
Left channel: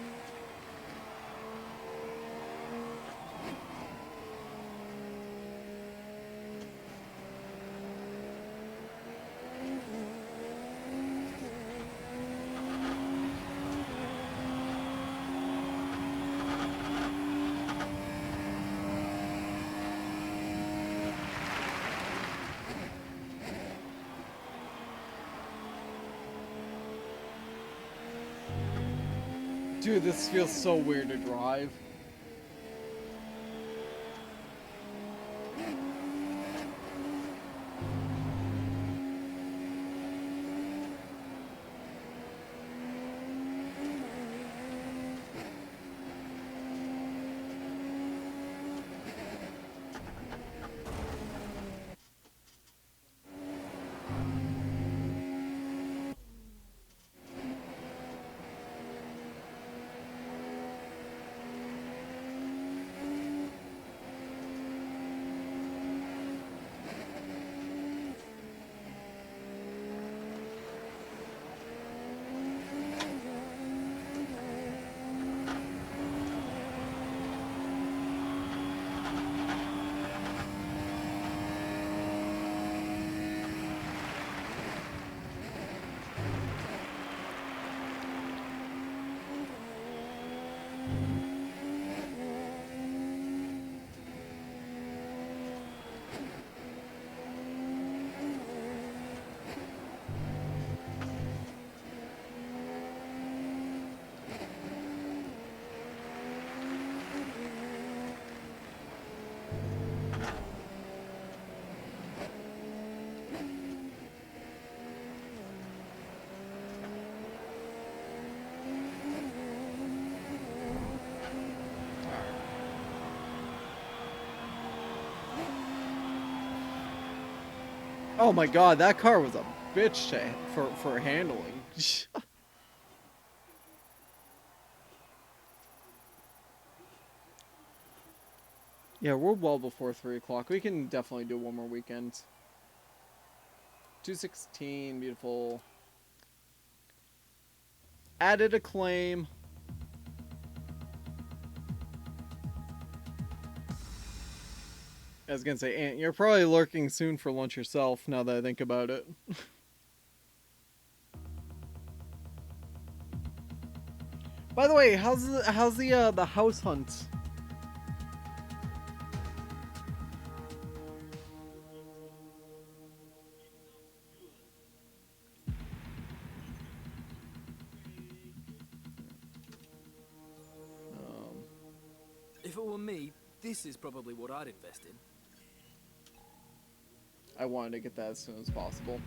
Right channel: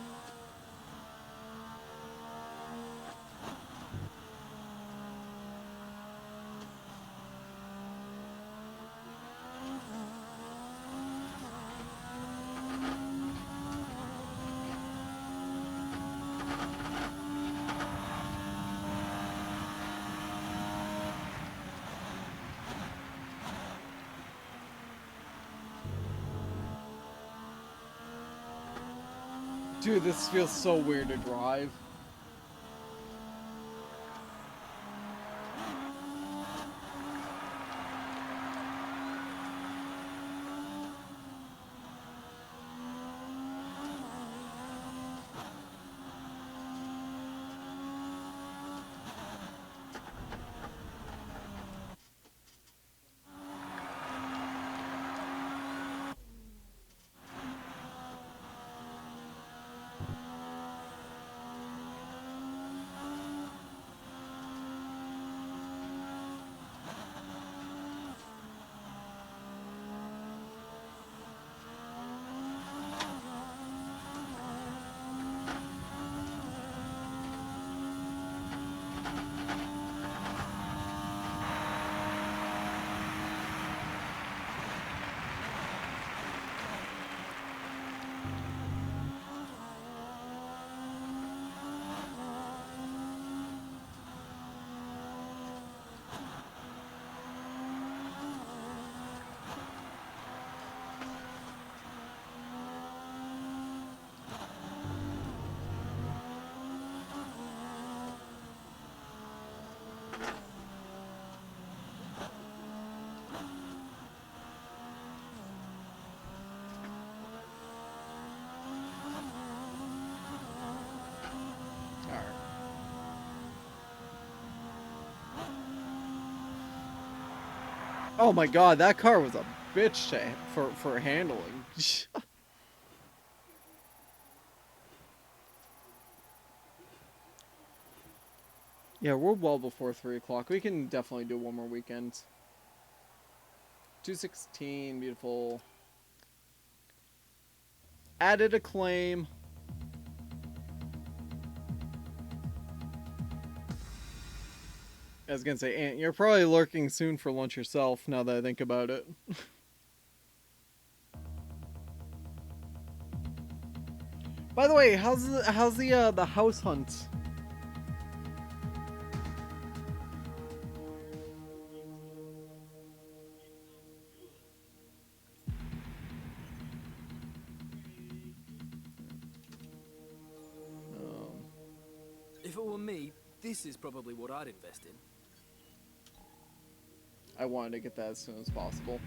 Dude, this feels so weird to drive. Oh my god, that car was a bitch for handling. Yeah, we're well before 3 o'clock. We can definitely do one more weekend. 216, beautiful. Added a claim. I was gonna say, Aunt, you're probably lurking soon for lunch yourself, now that I think about it. By the way, how's the house hunt? Um, If it were me, this is probably what I'd invest in. I wanted to get that as soon as possible.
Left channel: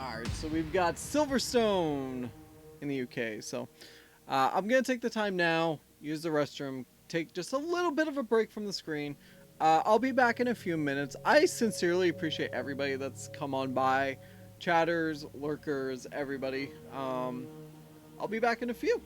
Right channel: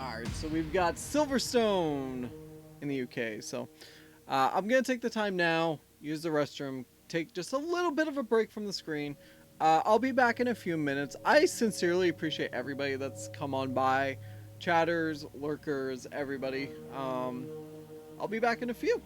Alright, so we've got Silverstone in the UK. So I'm going to take the time now, use the restroom, take just a little bit of a break from the screen. I'll be back in a few minutes. I sincerely appreciate everybody that's come on by. Chatters, lurkers, everybody. I'll be back in a few.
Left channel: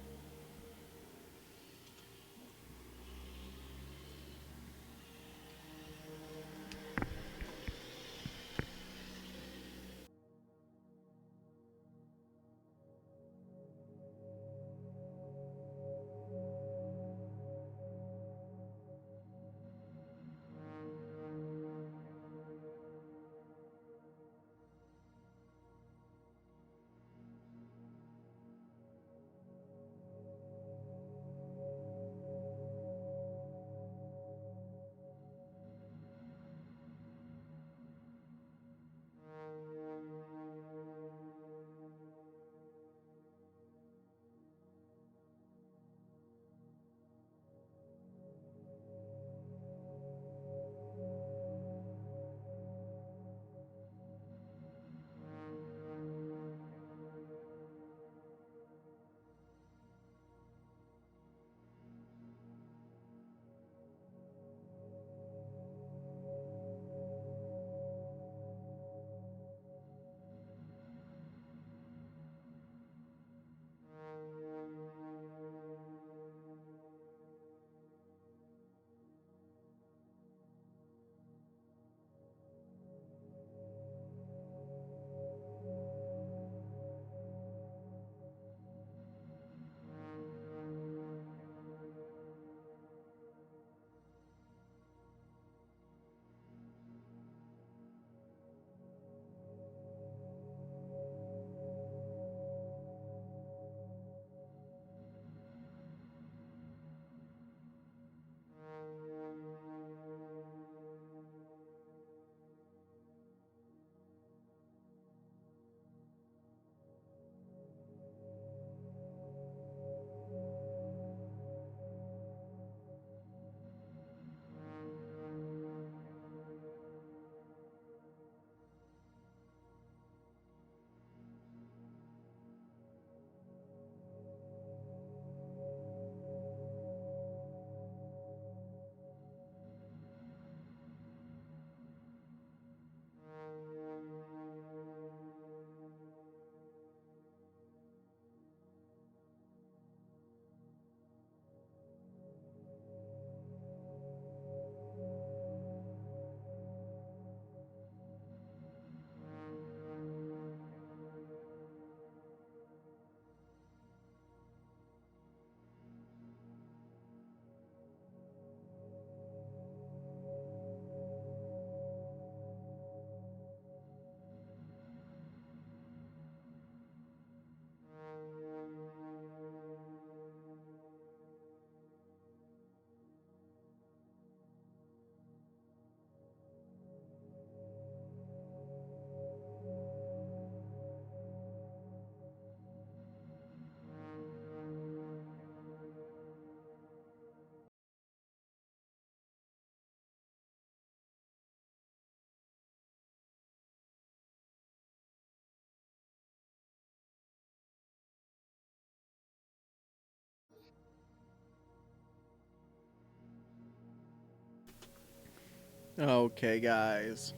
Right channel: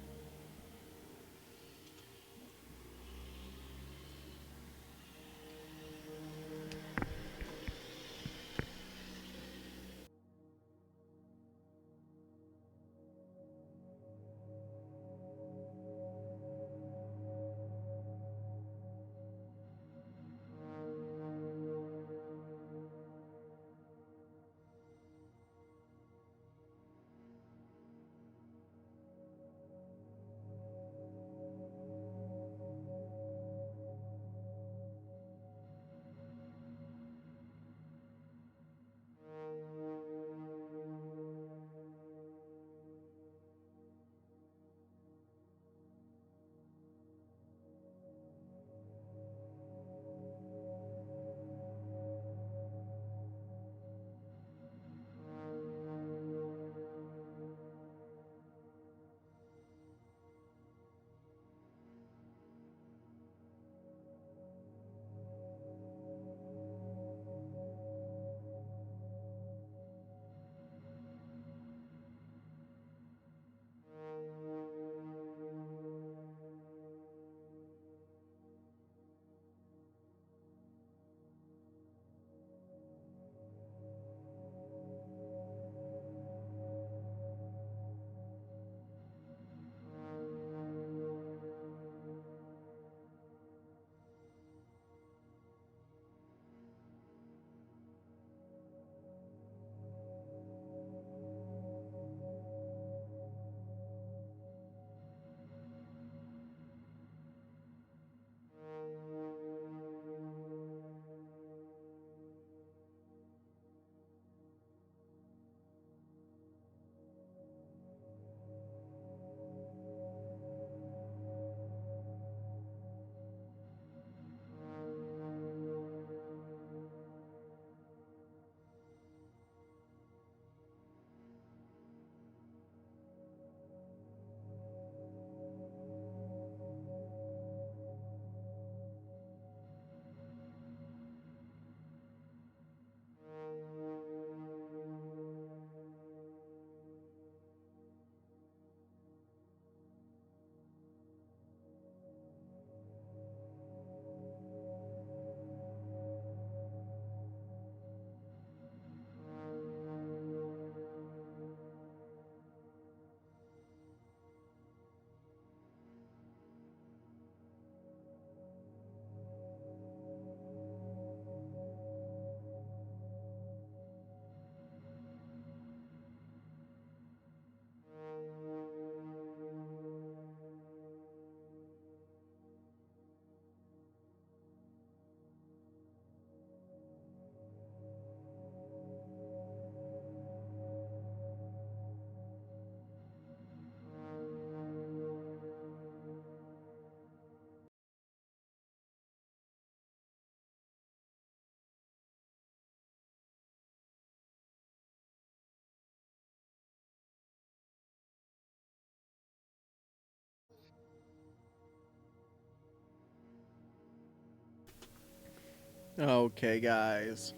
Okay, guys.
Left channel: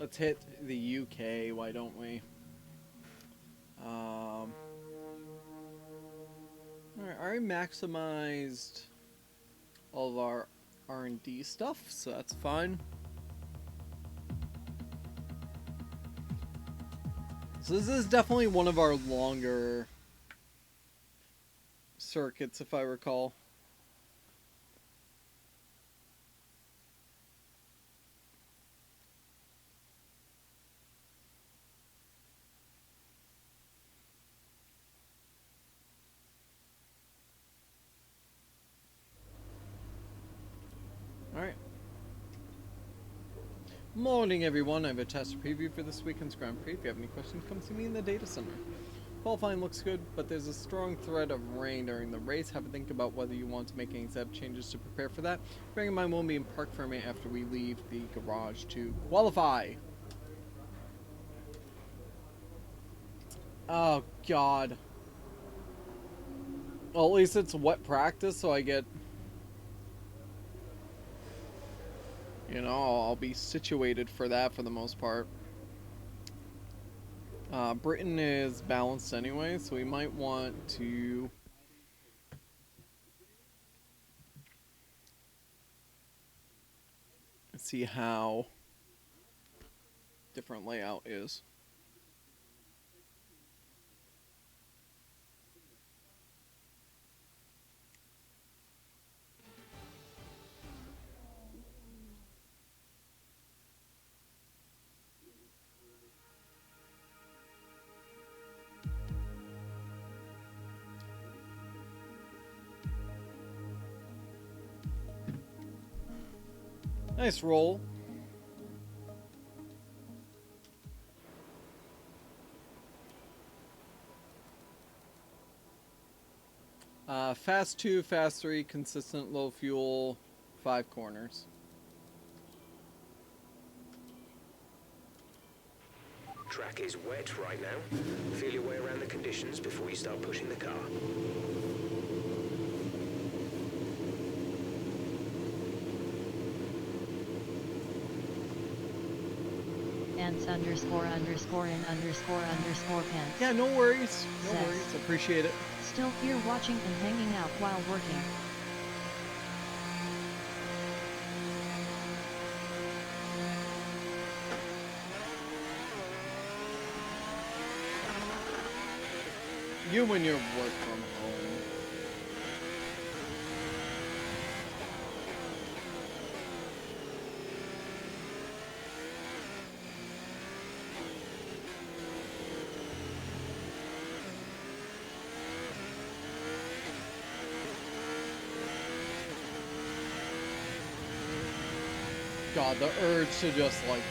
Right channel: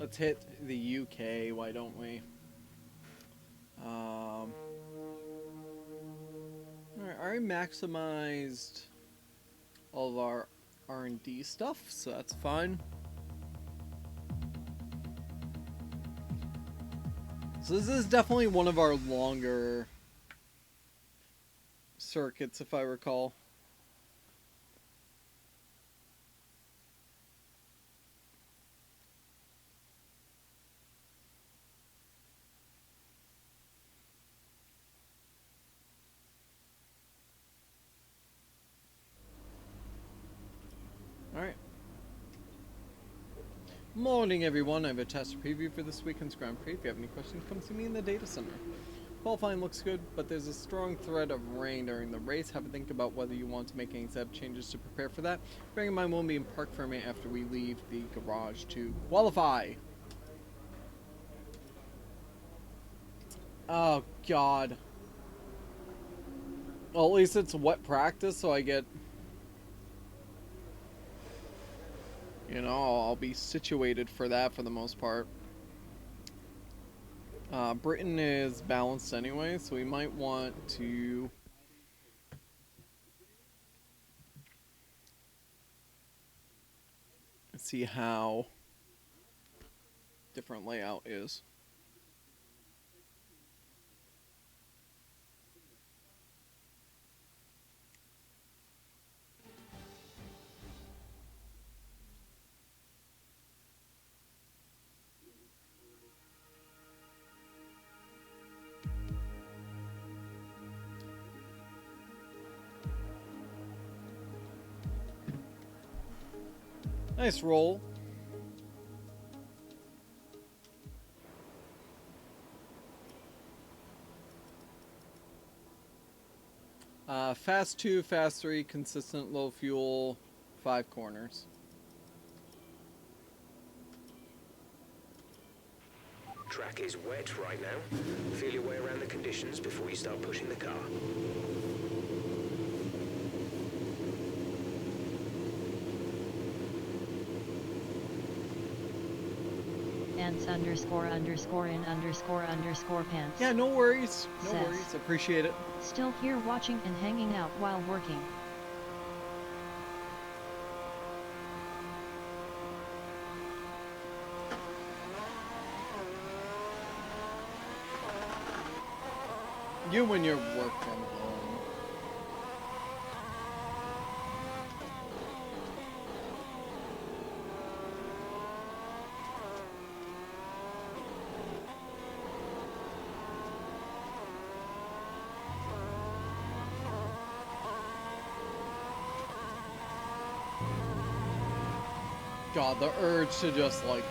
Let's hit the UK, why don't we? Alright, I already maximized all of our R&D stuff, so that's fine. So this is definitely one of our longer circuits, if I recall. Alright. Morning, everyone. I have a test preview for this weekend's Grand Prix. If you have any questions, come see me in the data center. Qualifying looks good, but there's a strong threat of rain during the race. Have a think about whether you want to make any setup changes to prepare for that. Bearing in mind we'll be in park for a minute after we leave the garage to qualify. Oh, God. Well, at least it's wet practice, so I get... You know, I'll be situated for that for the most part. Britain is balanced anyway, so we might want to... see how different layout is. Nice roll. Fast 2, fast 3, consistent low fuel, 5 corners. Track is wet right now. Feel your way around the conditions before you start pushing the car. Ants __in__pants. Yeah, no worries. No Says, worries. Appreciate it. Still here watching and hanging out while working. You when you work from home. God, the urge to just like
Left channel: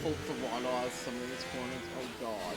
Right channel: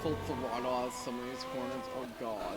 full throttle out some of these corners. Oh God.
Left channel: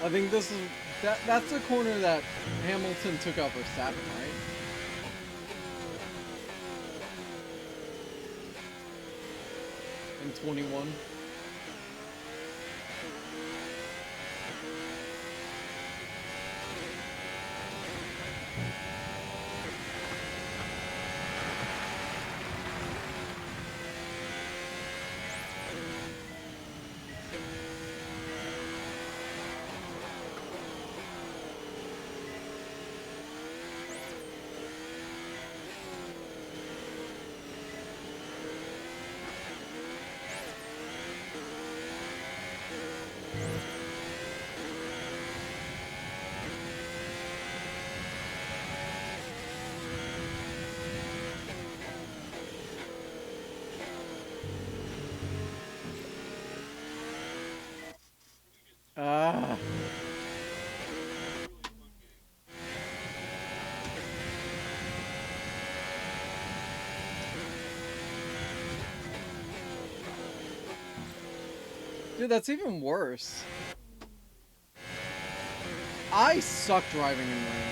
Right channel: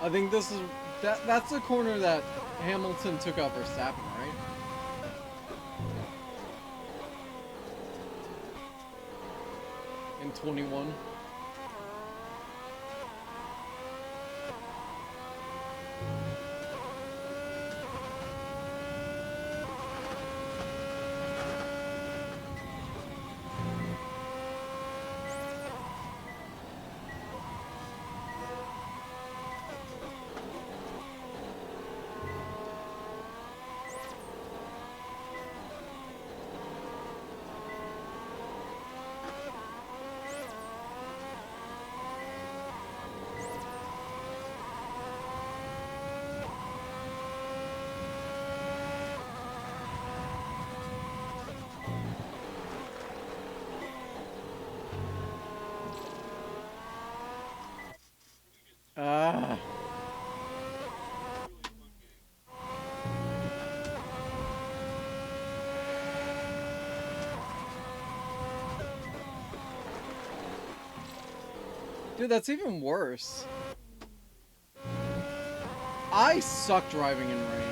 I think this is that's the corner that Hamilton took out Verstappen, right? In 21. Dude, that's even worse. I suck driving in rain.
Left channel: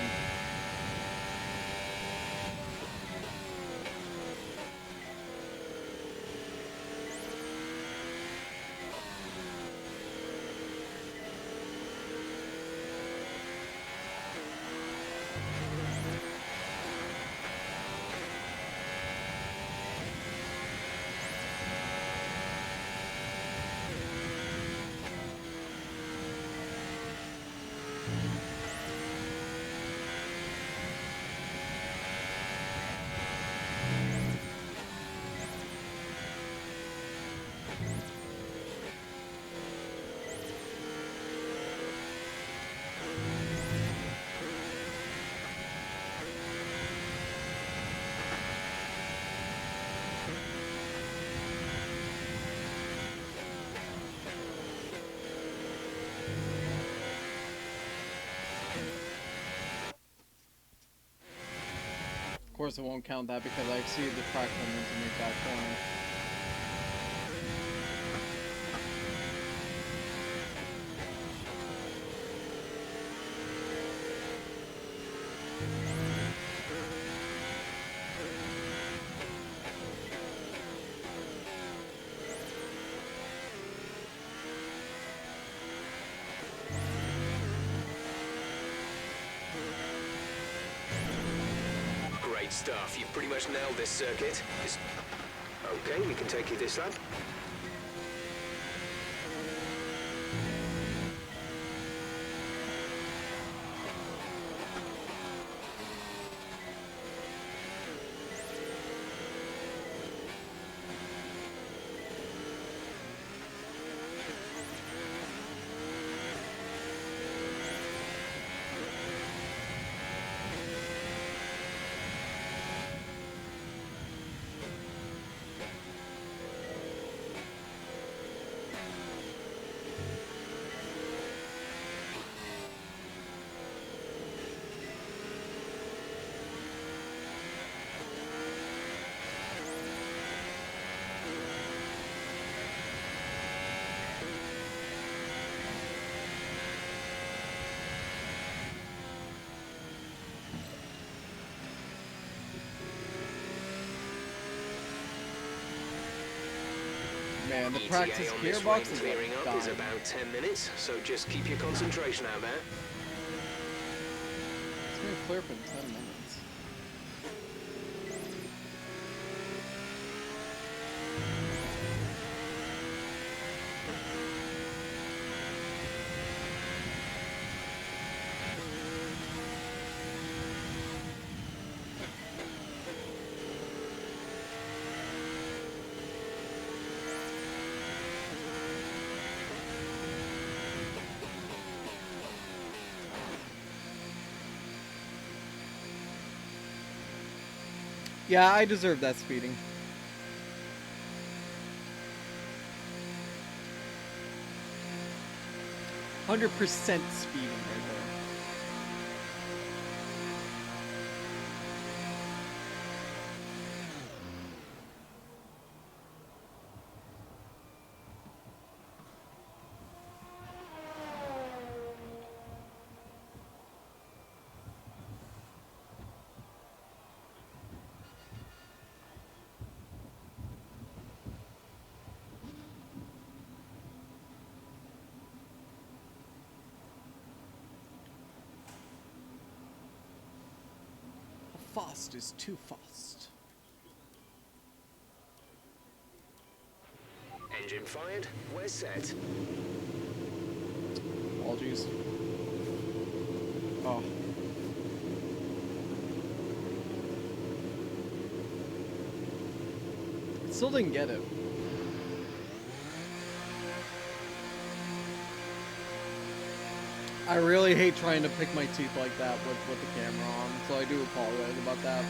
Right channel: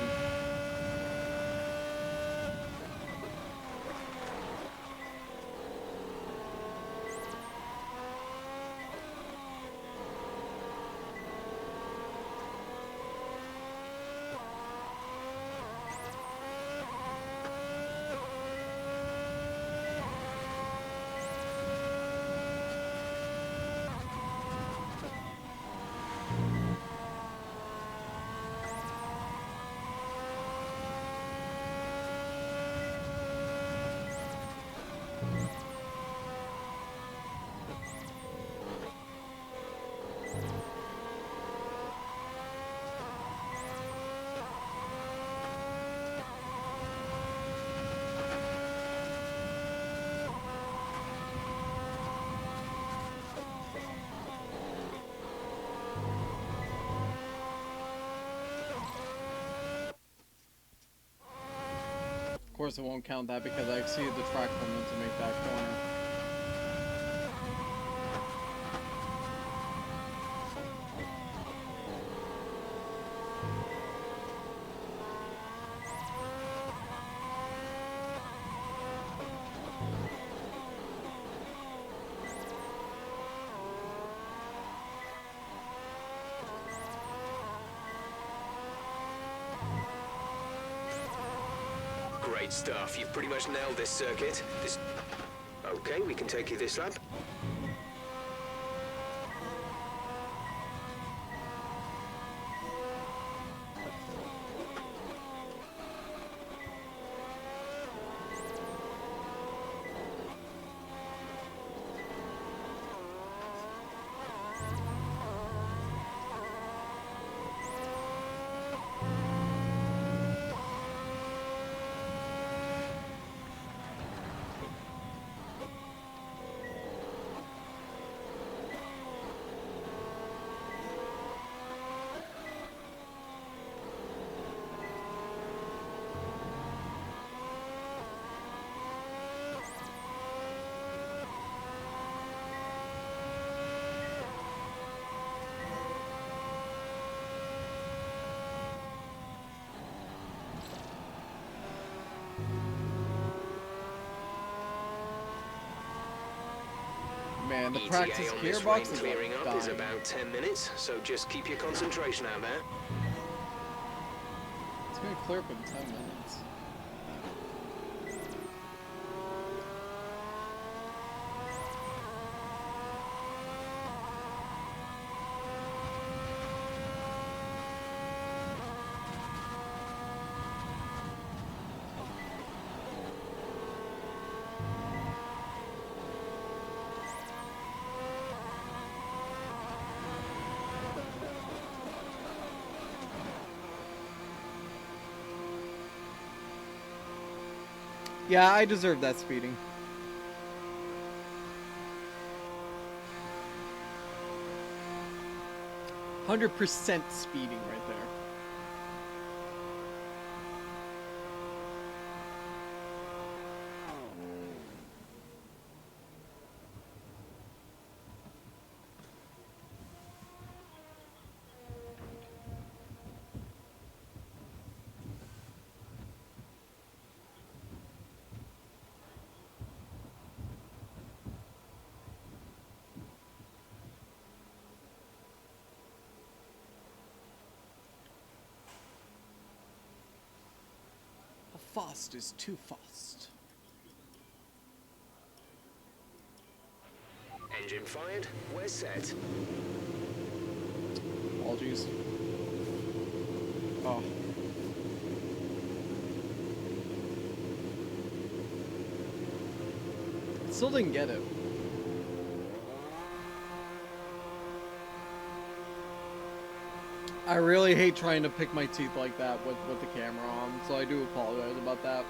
Of course it won't count that because I exceeded the track limit to make that corner. Great stuff. You've pretty much nailed this circuit. Okay, we can take you this lap. Man, the ETA practice on this gearbox rain is clearing like up is dying. about 10 minutes, so just keep your concentration out there. It's gonna clear up in 10 minutes. Yeah, I deserve that speeding. $100% speeding right there. How fast is too fast? Engine fired, we're set. Apologies. Oh. Still didn't get it. I really hate trying to pick my teeth like that with the camera on, so I do apologize about that.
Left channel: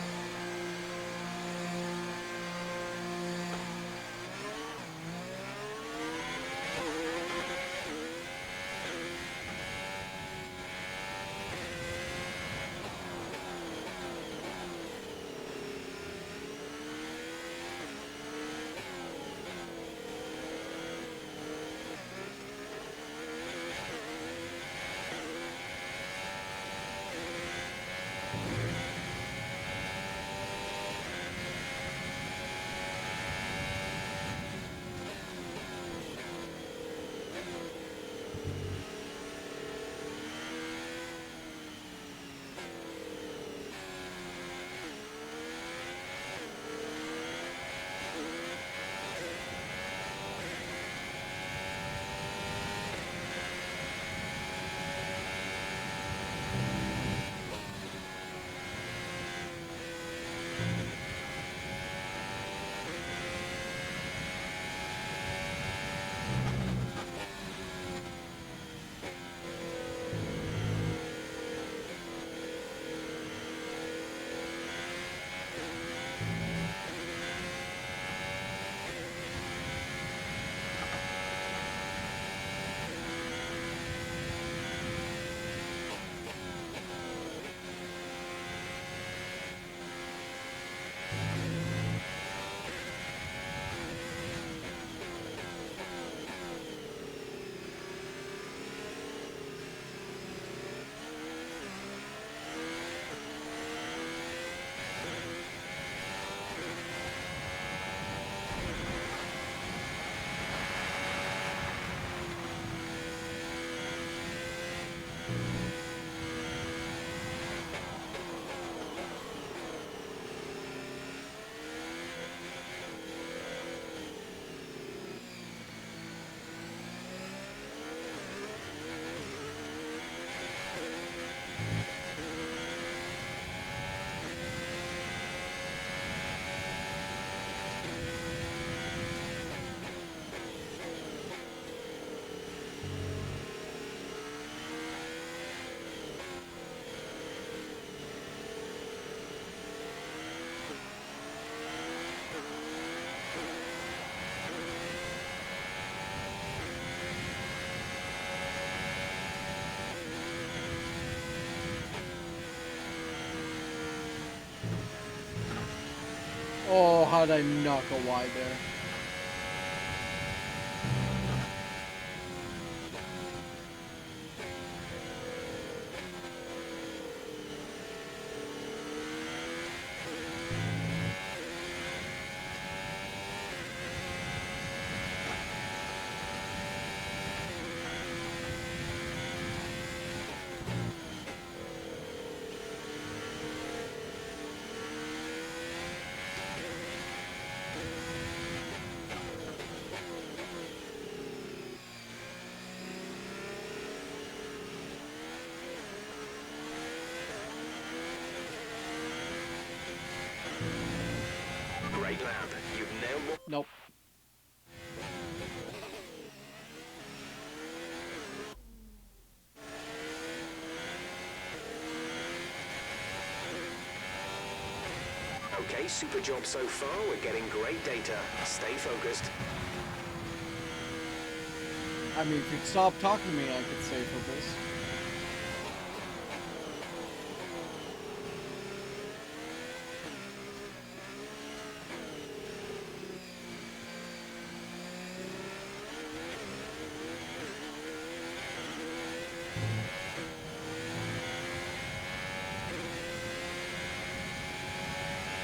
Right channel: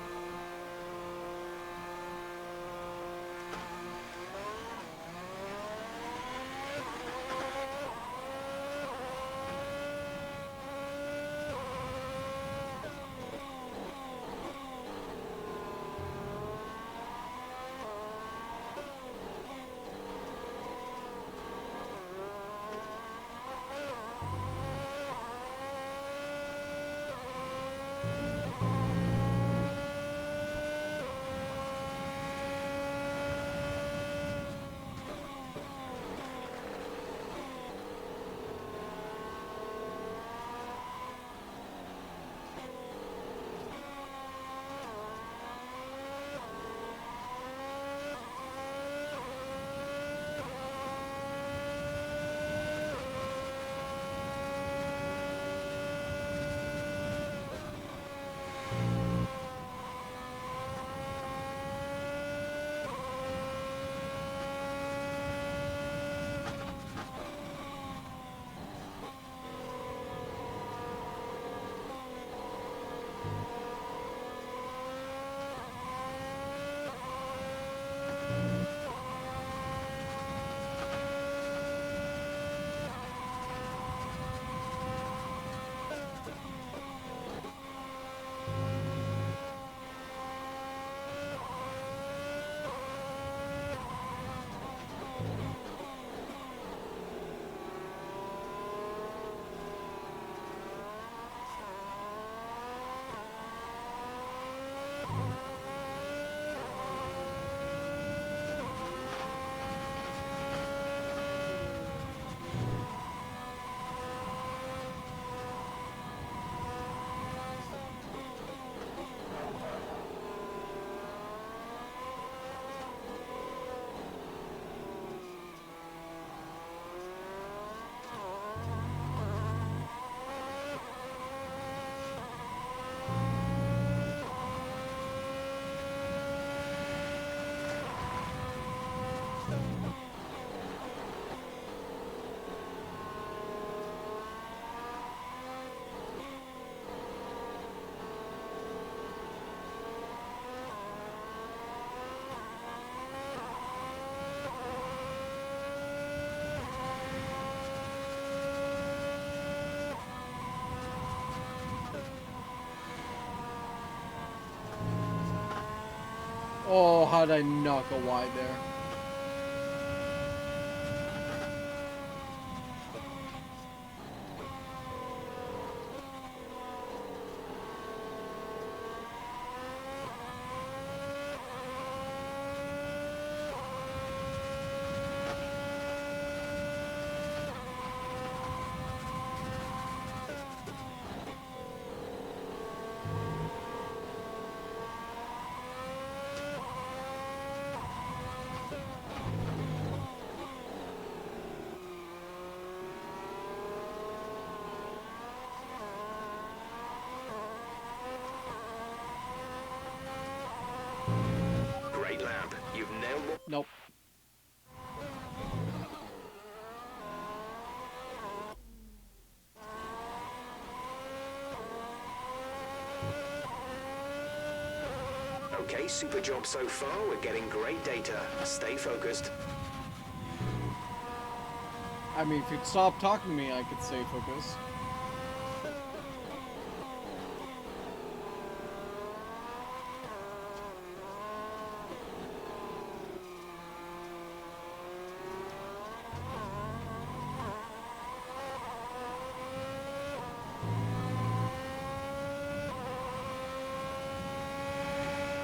Oh, how'd I knock a wide there? Great lap. You've nailed what... Nope. Okay, super job so far. We're getting great data. Stay focused. I mean, if you'd stop talking to me, I could stay focused.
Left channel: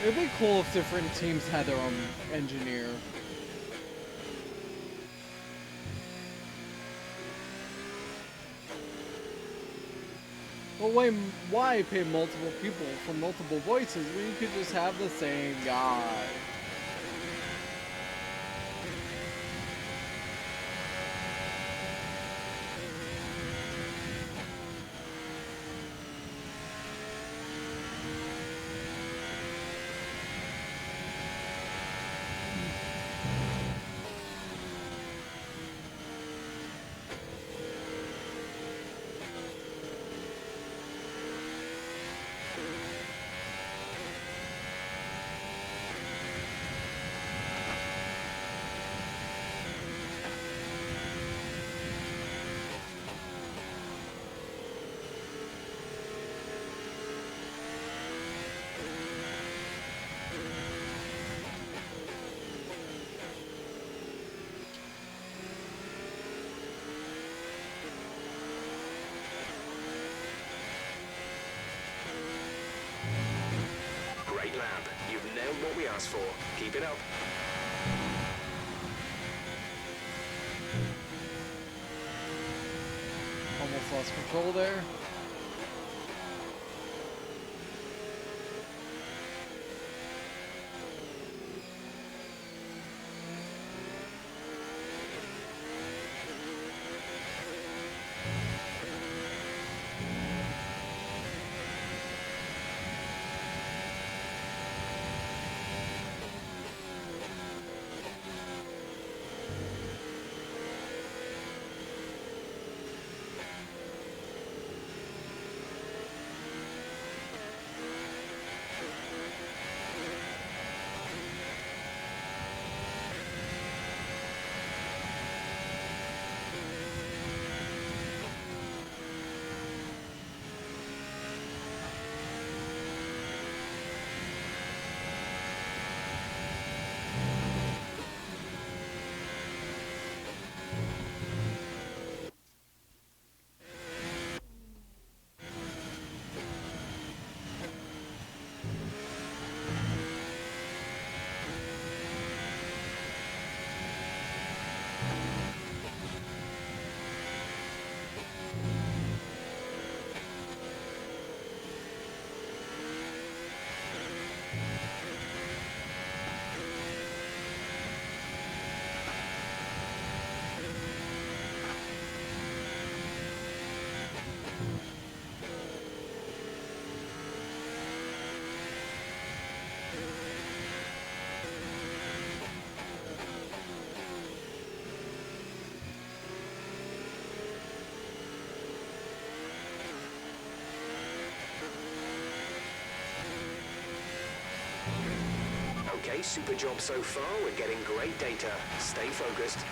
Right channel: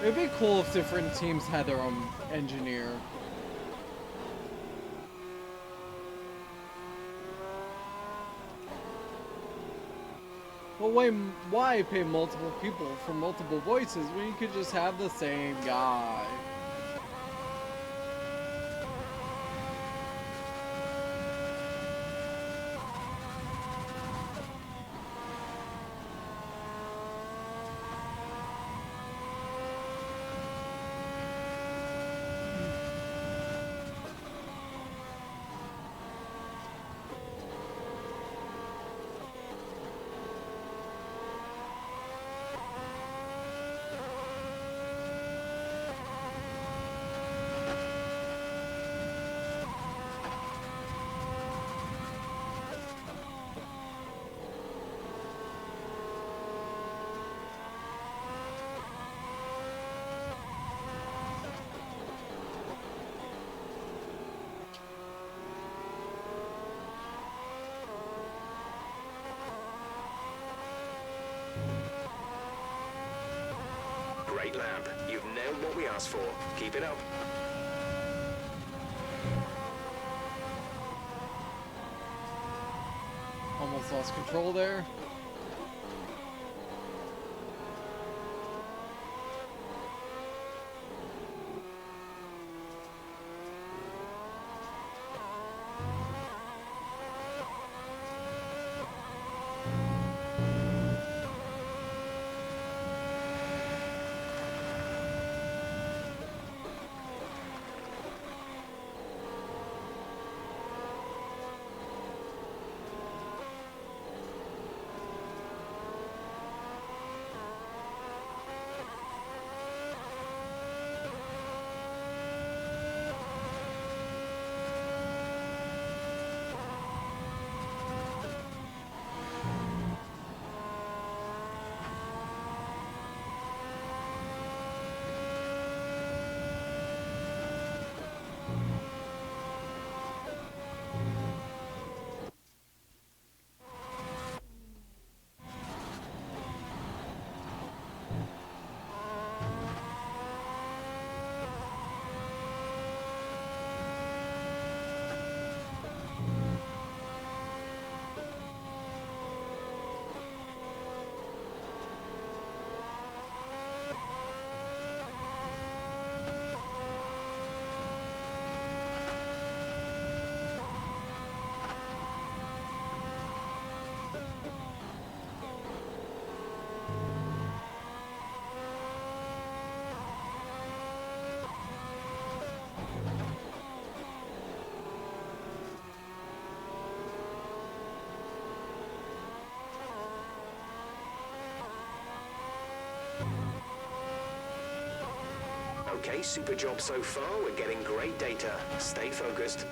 It'd be cool if different teams had their own engineer. But why pay multiple people for multiple voices when you could just have the same guy? Great lap. You've nailed what we asked for. Keep it up. Almost lost control there. Okay, super job so far. We're getting great data. Stay focused.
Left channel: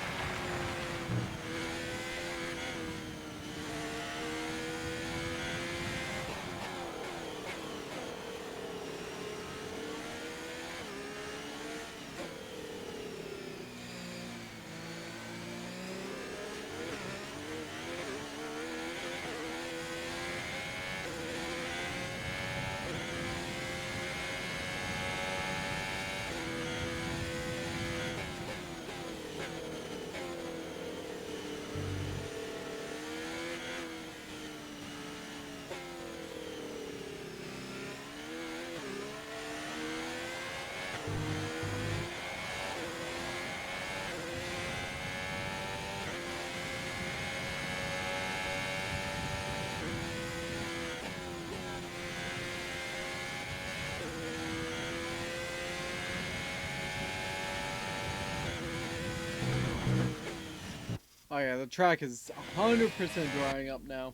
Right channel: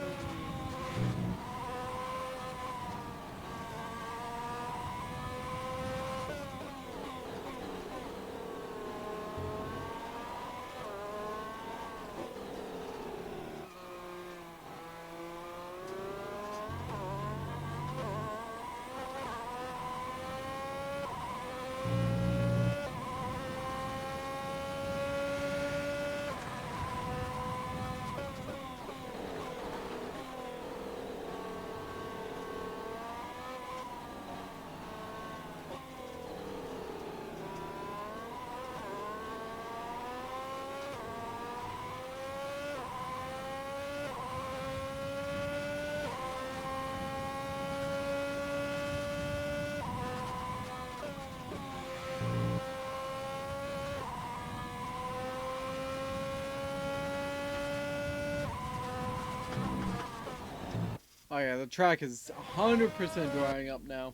Oh yeah, the track is 100% drying up now.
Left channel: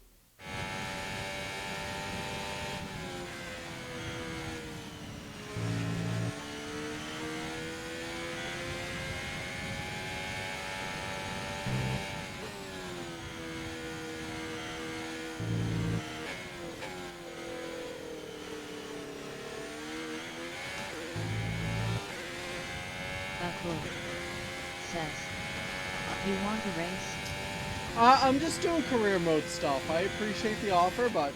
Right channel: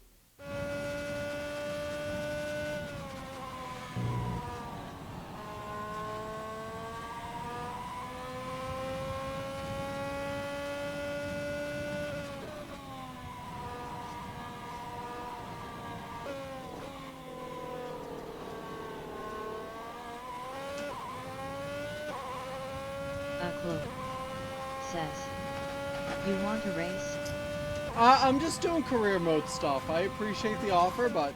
A clue. Says. You want a race? I'm just doing career mode stuff. I appreciate the offer, but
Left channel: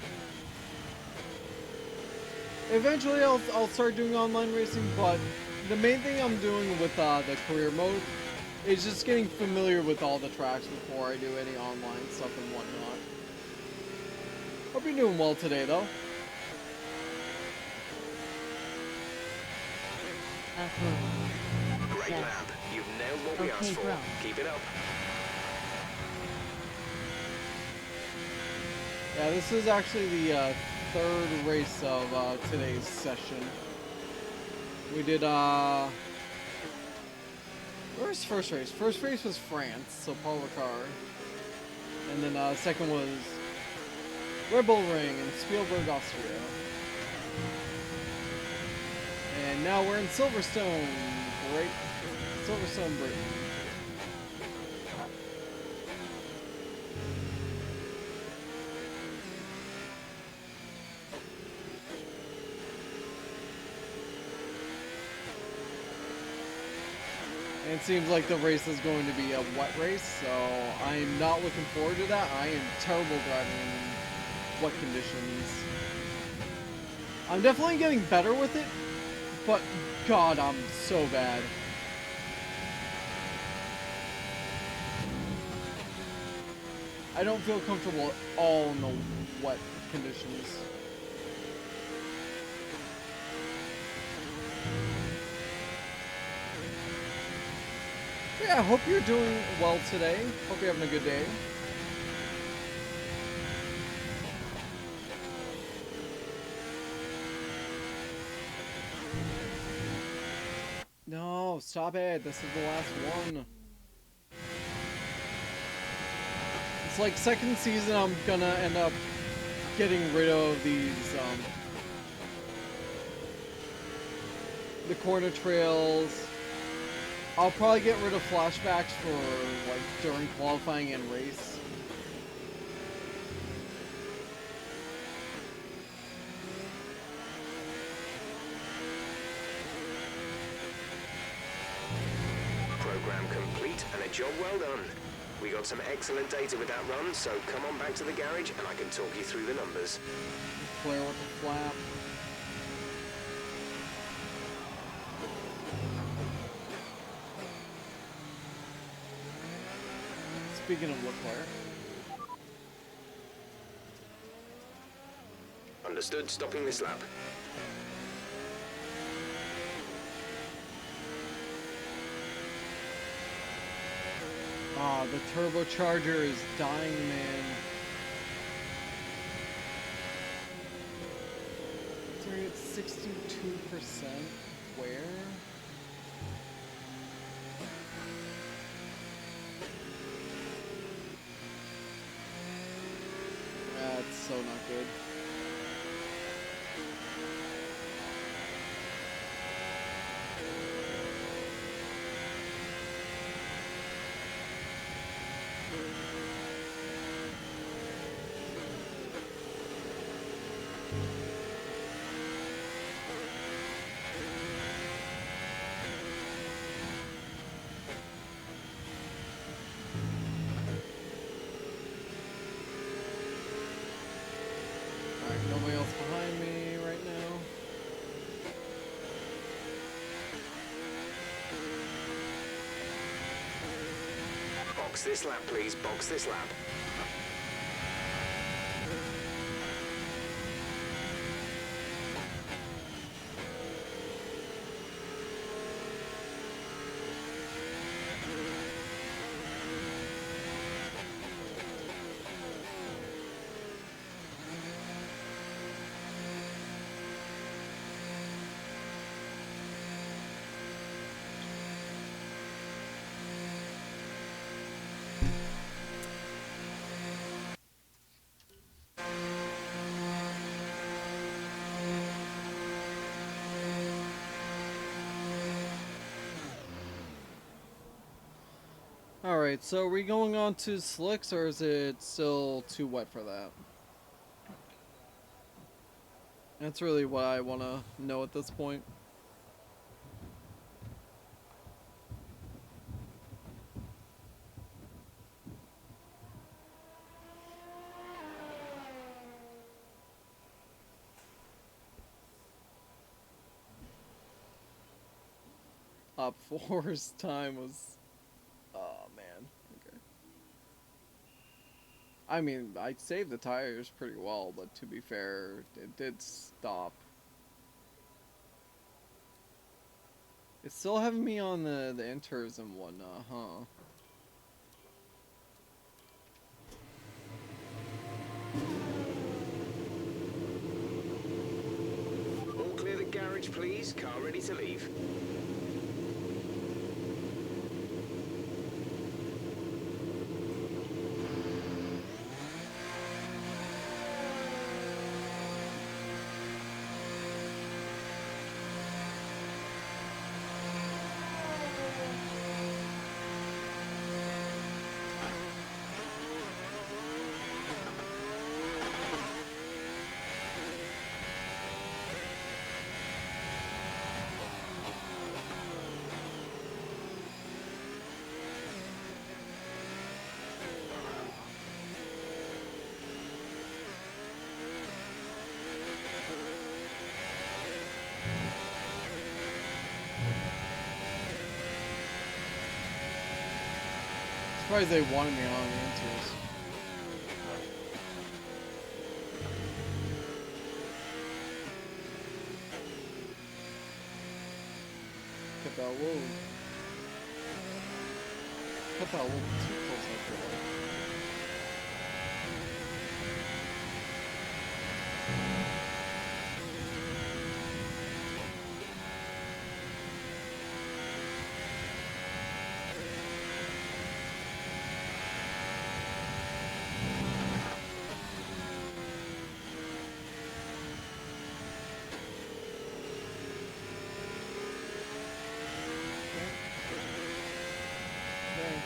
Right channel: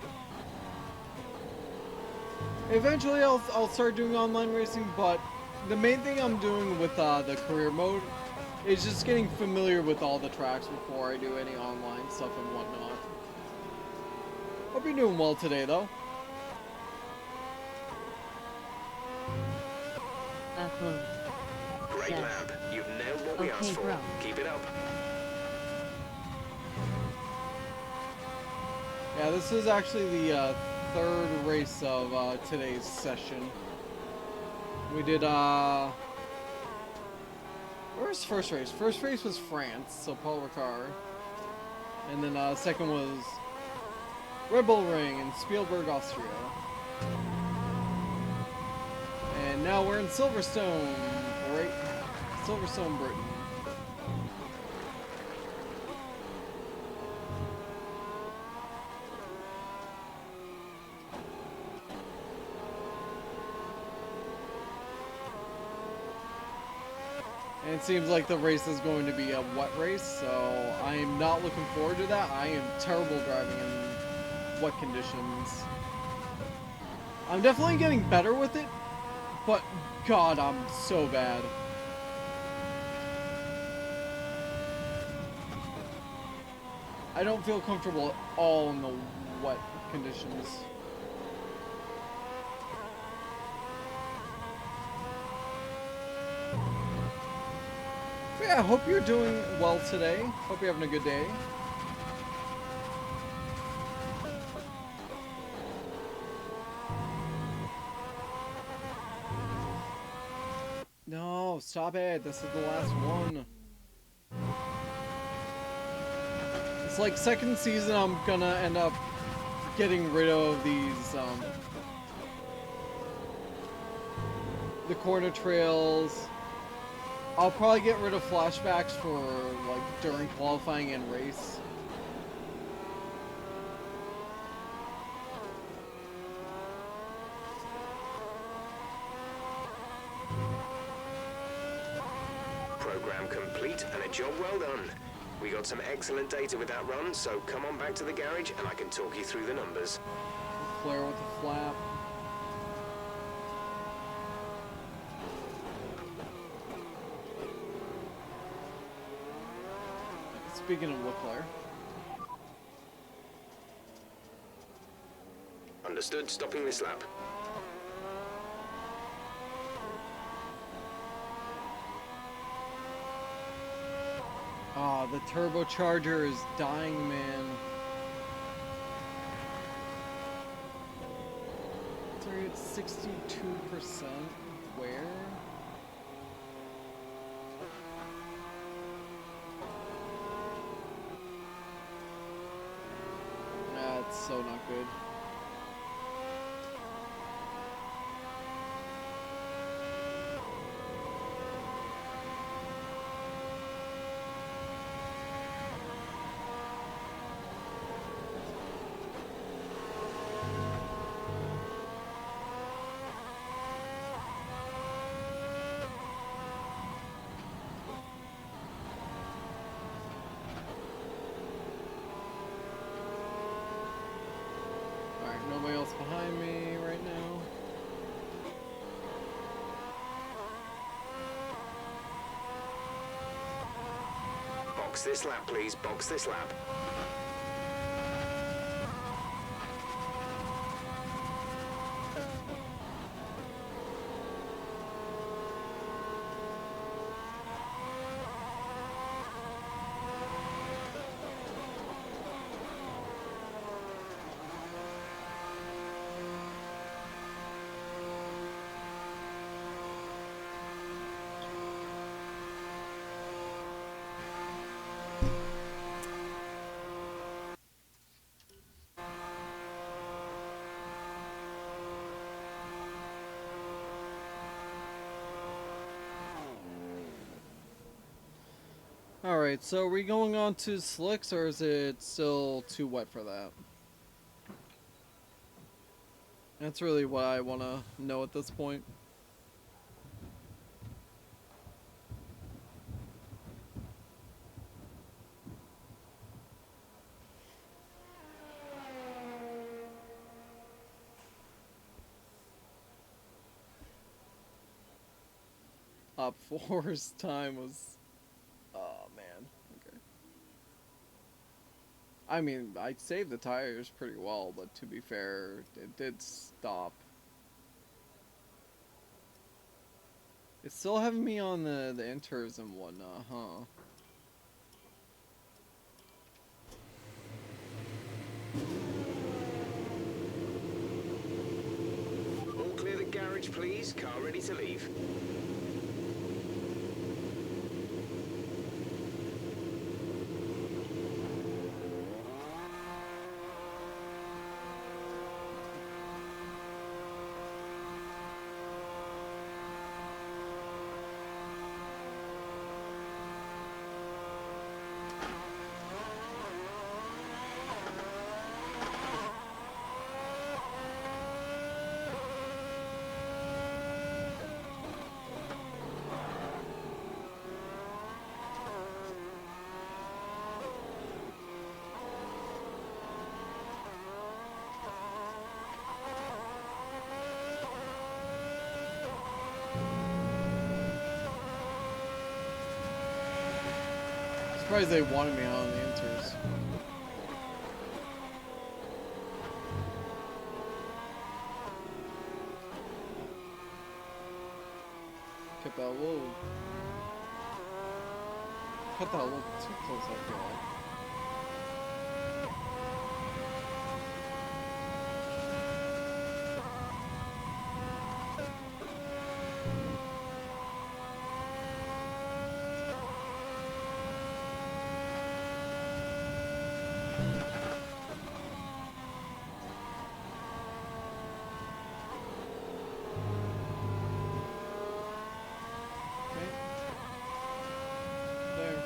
eventually I'll start doing online racing. But the main thing I'm doing with the career mode is just getting familiar with all the tracks before I do any online stuff and whatnot. Hope you're doing well today, though. A clue. Great Says. lab. You've nailed what we Okay, asked for. bro. Keep it up. Yeah, this is actually the third race of today's session. We did where's first race? First race was France, so Paul Ricard. And then second was Red Bull Ring in Spielberg, Austria. And now we're in Silverstone, right? Silverstone, Britain. And it seems like the race is going to be a wet race, so I'm not looking forward to that. I am terrible driving in wet conditions. I'm definitely getting better with it, but God, I'm so bad. I don't feel comfortable at all in the wet conditions. But yeah, I hope you're doing well today. Hope you're having a good day. No, stop it. This is the last one. It's like second season I'm gonna end up getting rid of these the corner trails. I'll probably get rid of flashbacks for like during qualifying and race. Program complete and a job well done. We got some excellent data with that run, so come on back to the garage and I can talk you through the numbers. Flare with the flap. Speaking of Leclerc. Understood, stopping this lap. Ah, the turbocharger is dying, man. It's already at 62%. Where? That's so not good. Alright, nobody else behind me right now. Box this lap, please. Box this lap. Alright, so are we going on to slicks or is it still too wet for that? That's really what I want to know at this point. Op 4's time was... Oh, man. Okay. I mean, I saved the tires pretty well, but to be fair, it did stop. It's still having me on the inters and whatnot, huh? All clear the garage, please. Car ready to leave. Surprised they wanted me on the inters. Cut that a little... Cut that a little too close, I feel like. There.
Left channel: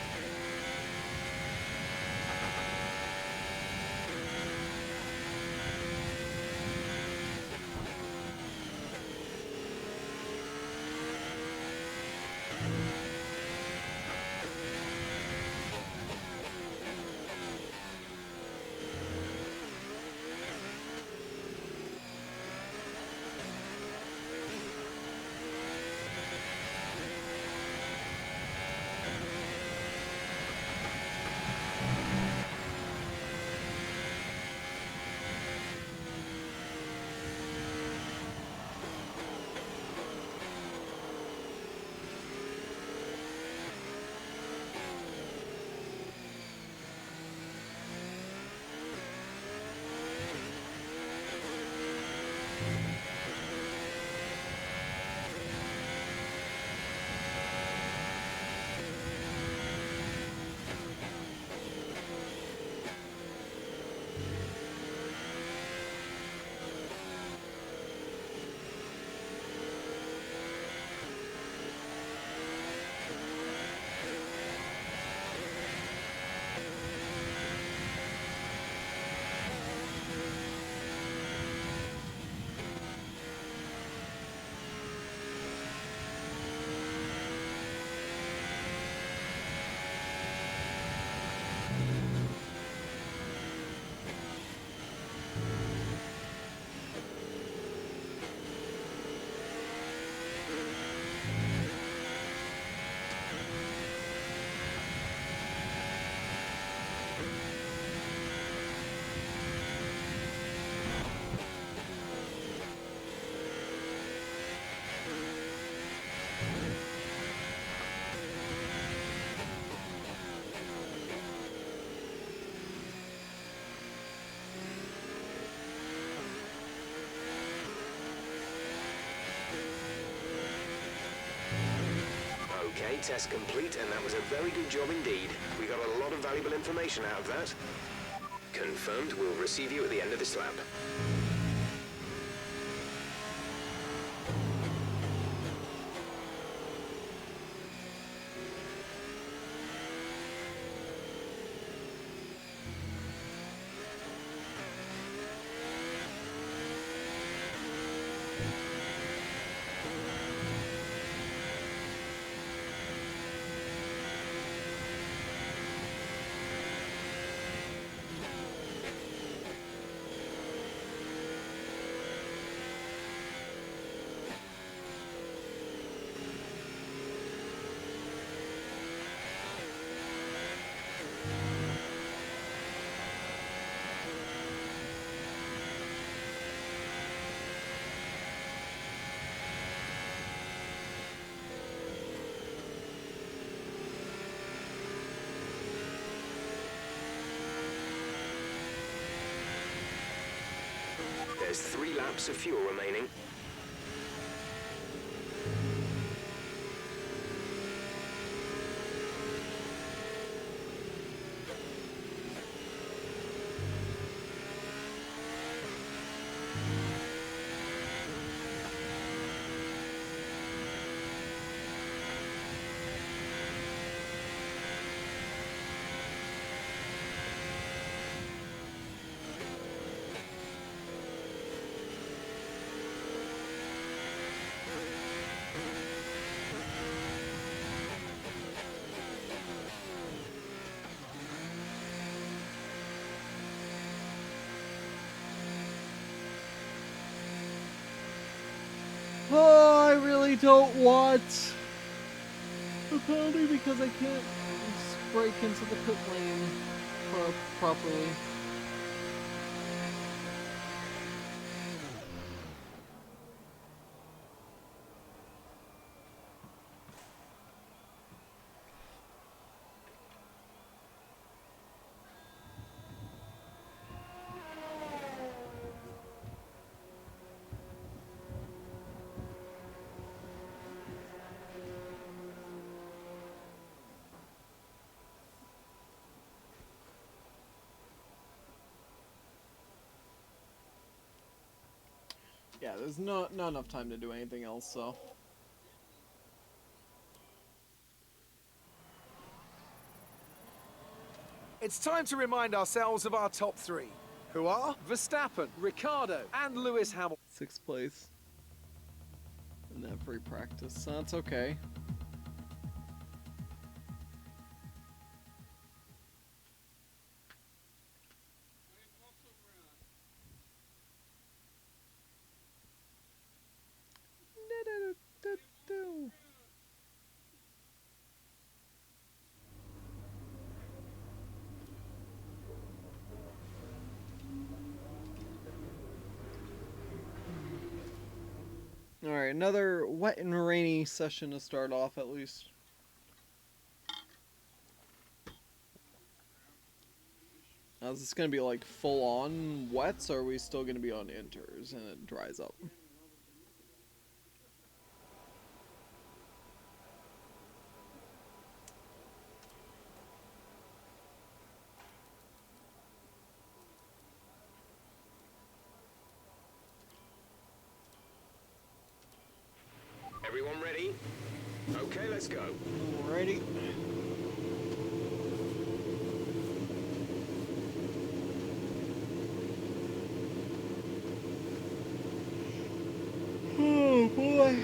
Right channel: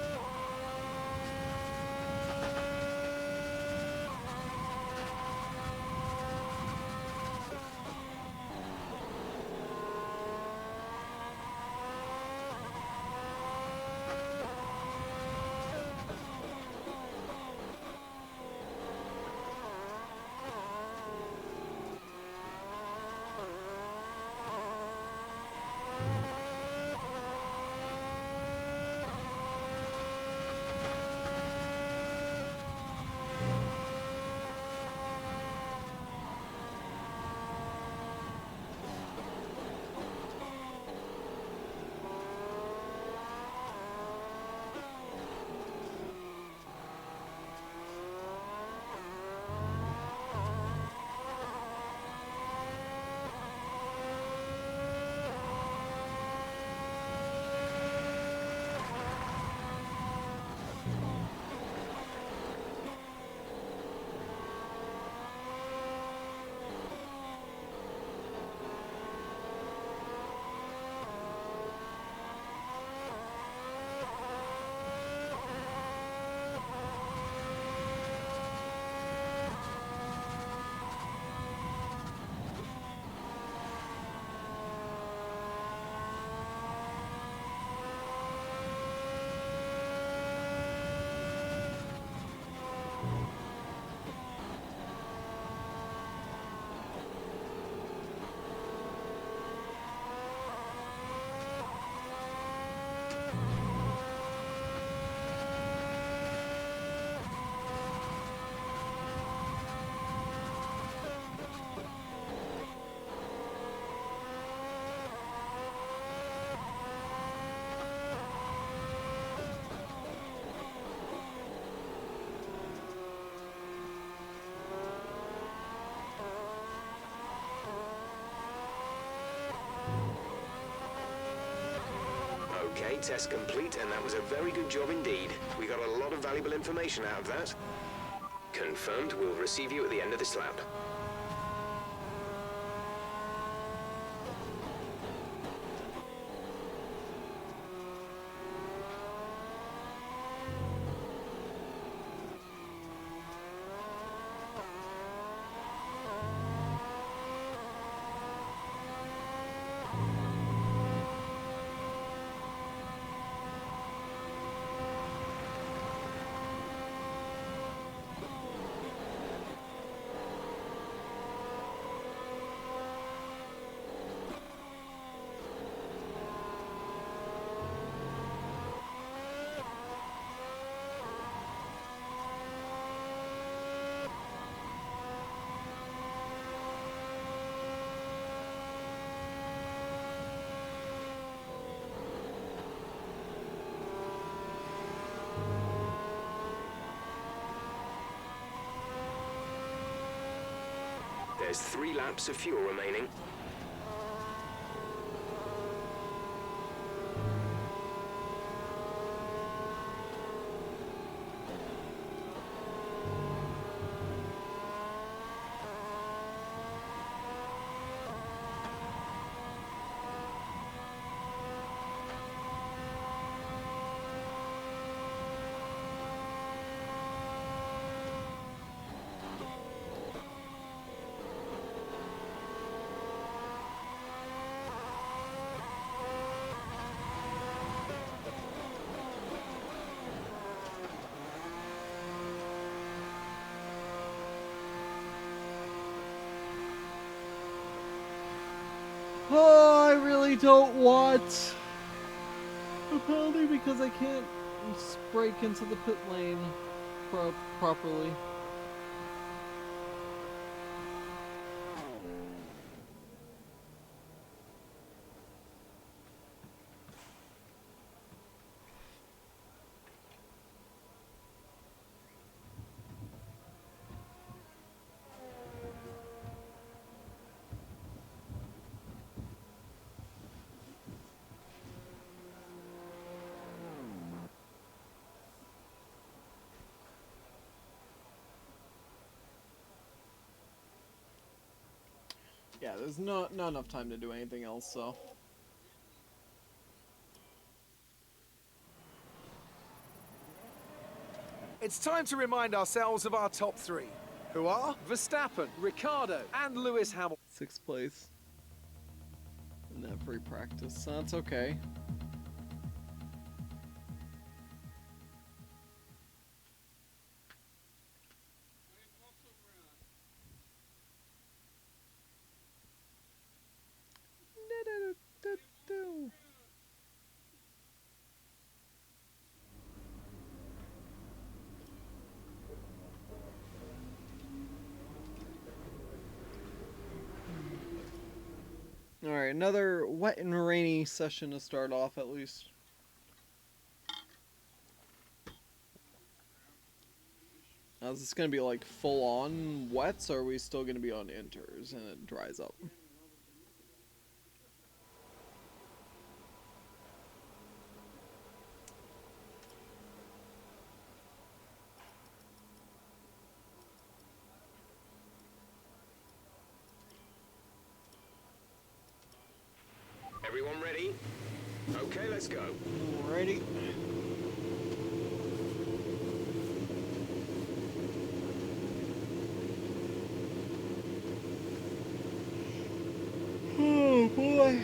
Okay, test complete, and that was a very good job indeed. We got a lot of valuable information out of that. Confirmed, we'll receive you at the end of this lap. There's 3 laps of fuel remaining. Oh, I really don't want a penalty because I can't break into the pit lane properly. Yeah, there's not enough time to do anything else, so. It's time to remind ourselves of our top 3, who are Verstappen, Ricciardo, and Lewis Hamilton. 6th place. In that free practice, so that's okay. Alright, another wet and rainy session to start off at least. Now, is this going to be like full on wets, or are we still going to be on inters and it dries up? Everyone ready? Okay, let's go. Alrighty. Oh boy.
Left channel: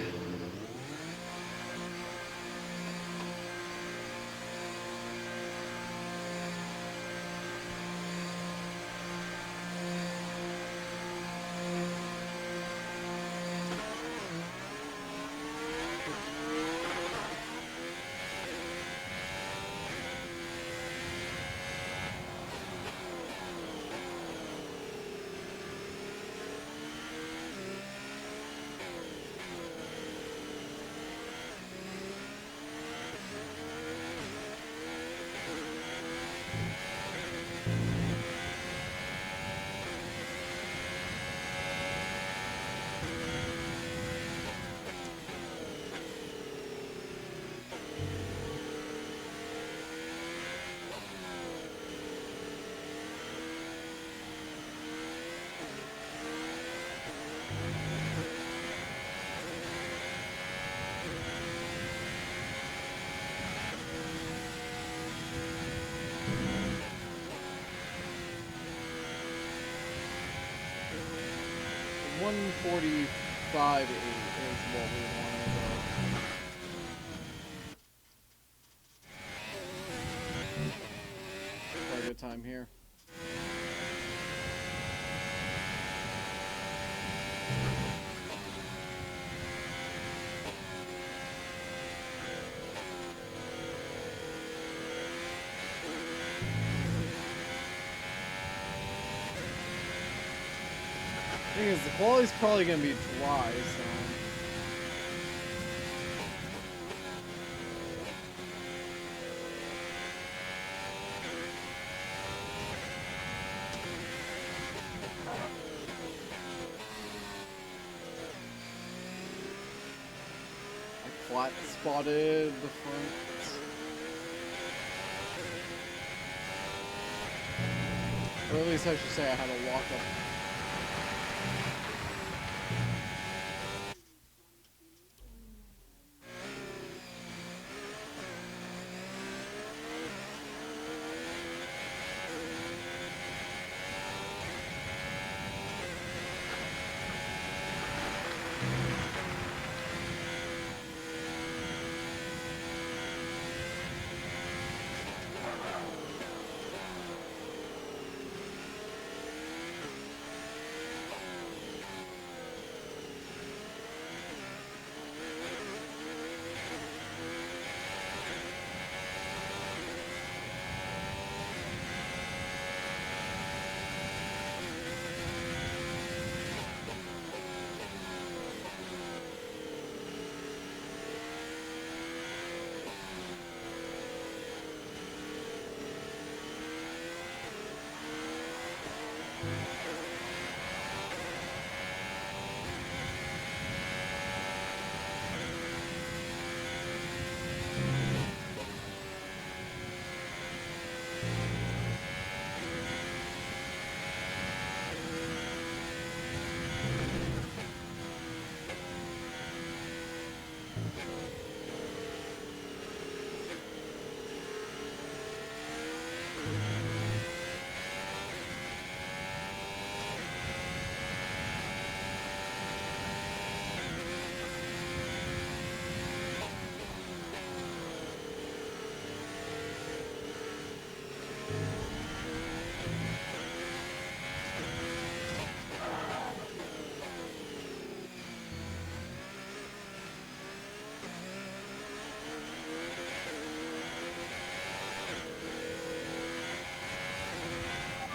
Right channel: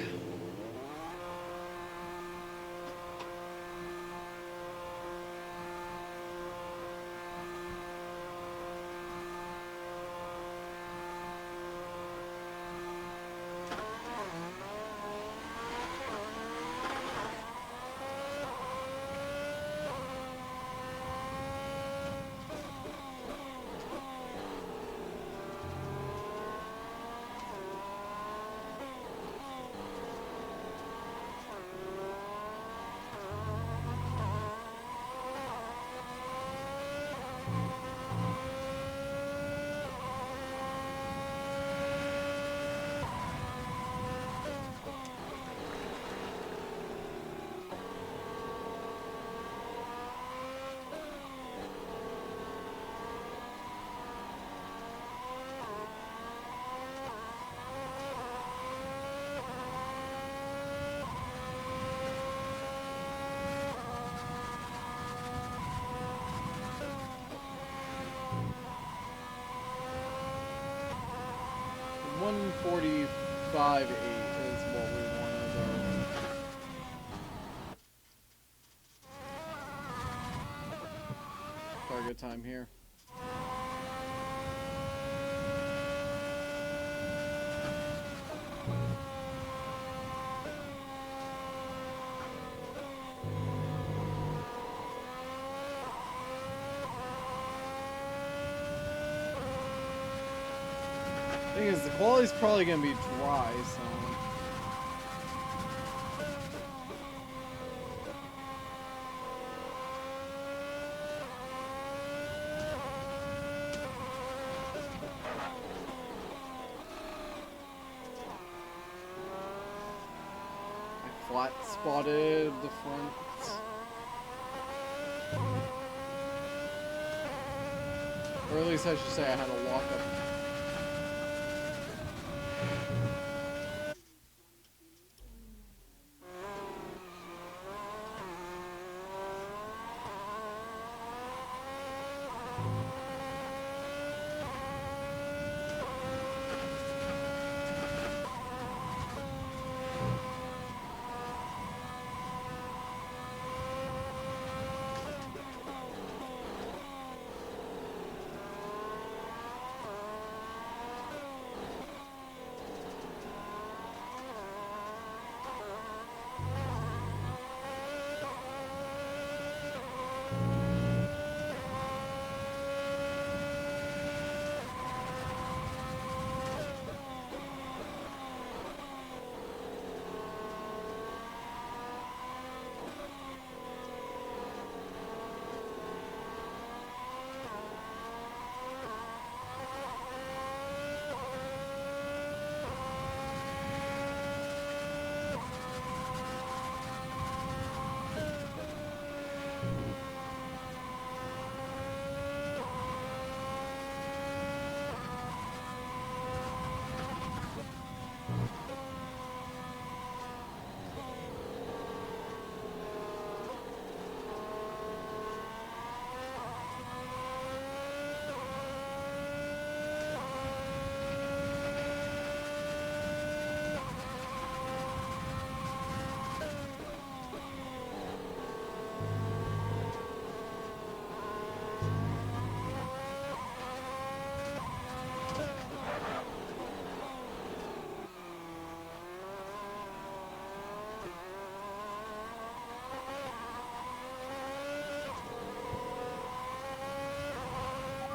.145.8 is what we wanted. Target time here. Thing is, the quality's probably gonna be dry, so. flat spotted the front. Or at least I should say I had a lock up.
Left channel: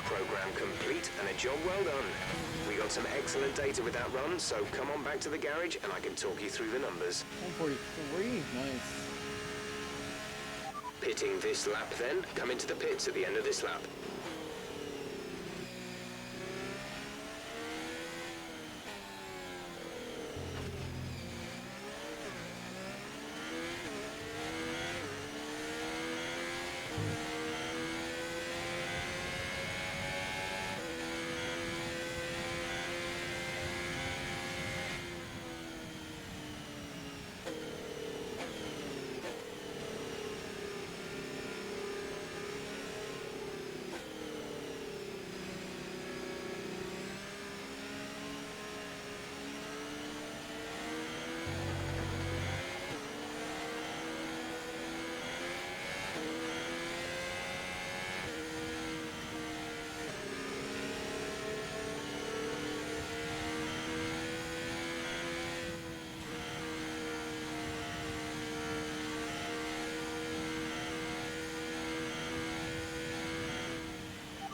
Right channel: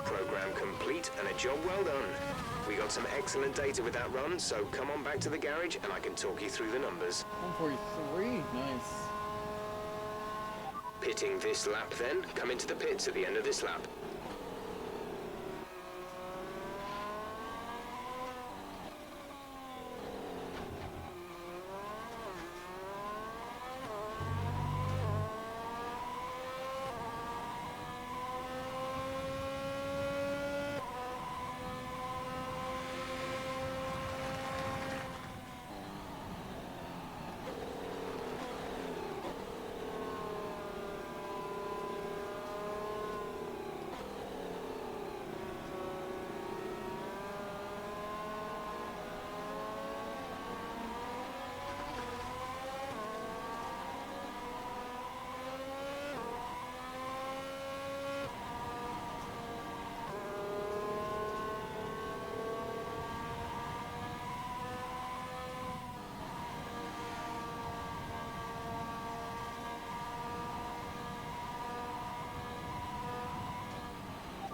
Program complete and a job well done. We got some excellent data with that run, so come on back to the garage and I can talk you through the numbers. 143, nice. Pitting this lap then. Come into the pits at the end of this lap.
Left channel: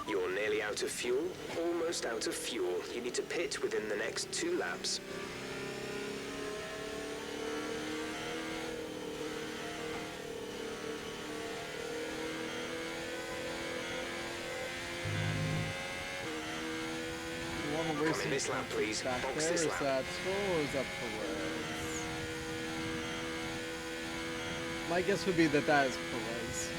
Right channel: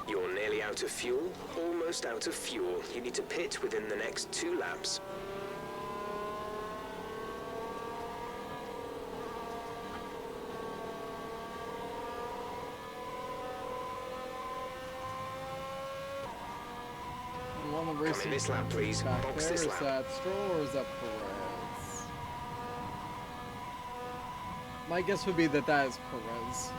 You're nearly out of fuel, almost out of fuel. You need to pit within the next 2 laps. Come in this lap, please. Back Box there, this is lap. that Stroll or is that Perez? My guess would be that that is Perez.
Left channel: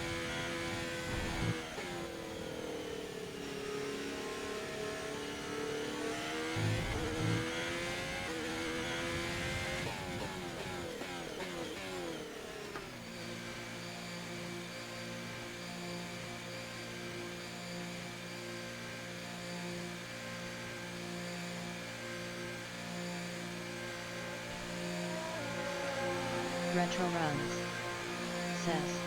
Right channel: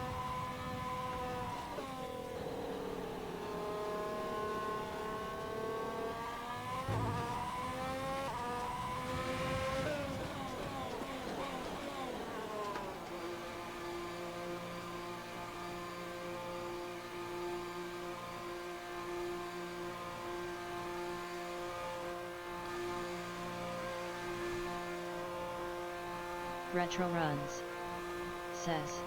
Retro Runs says,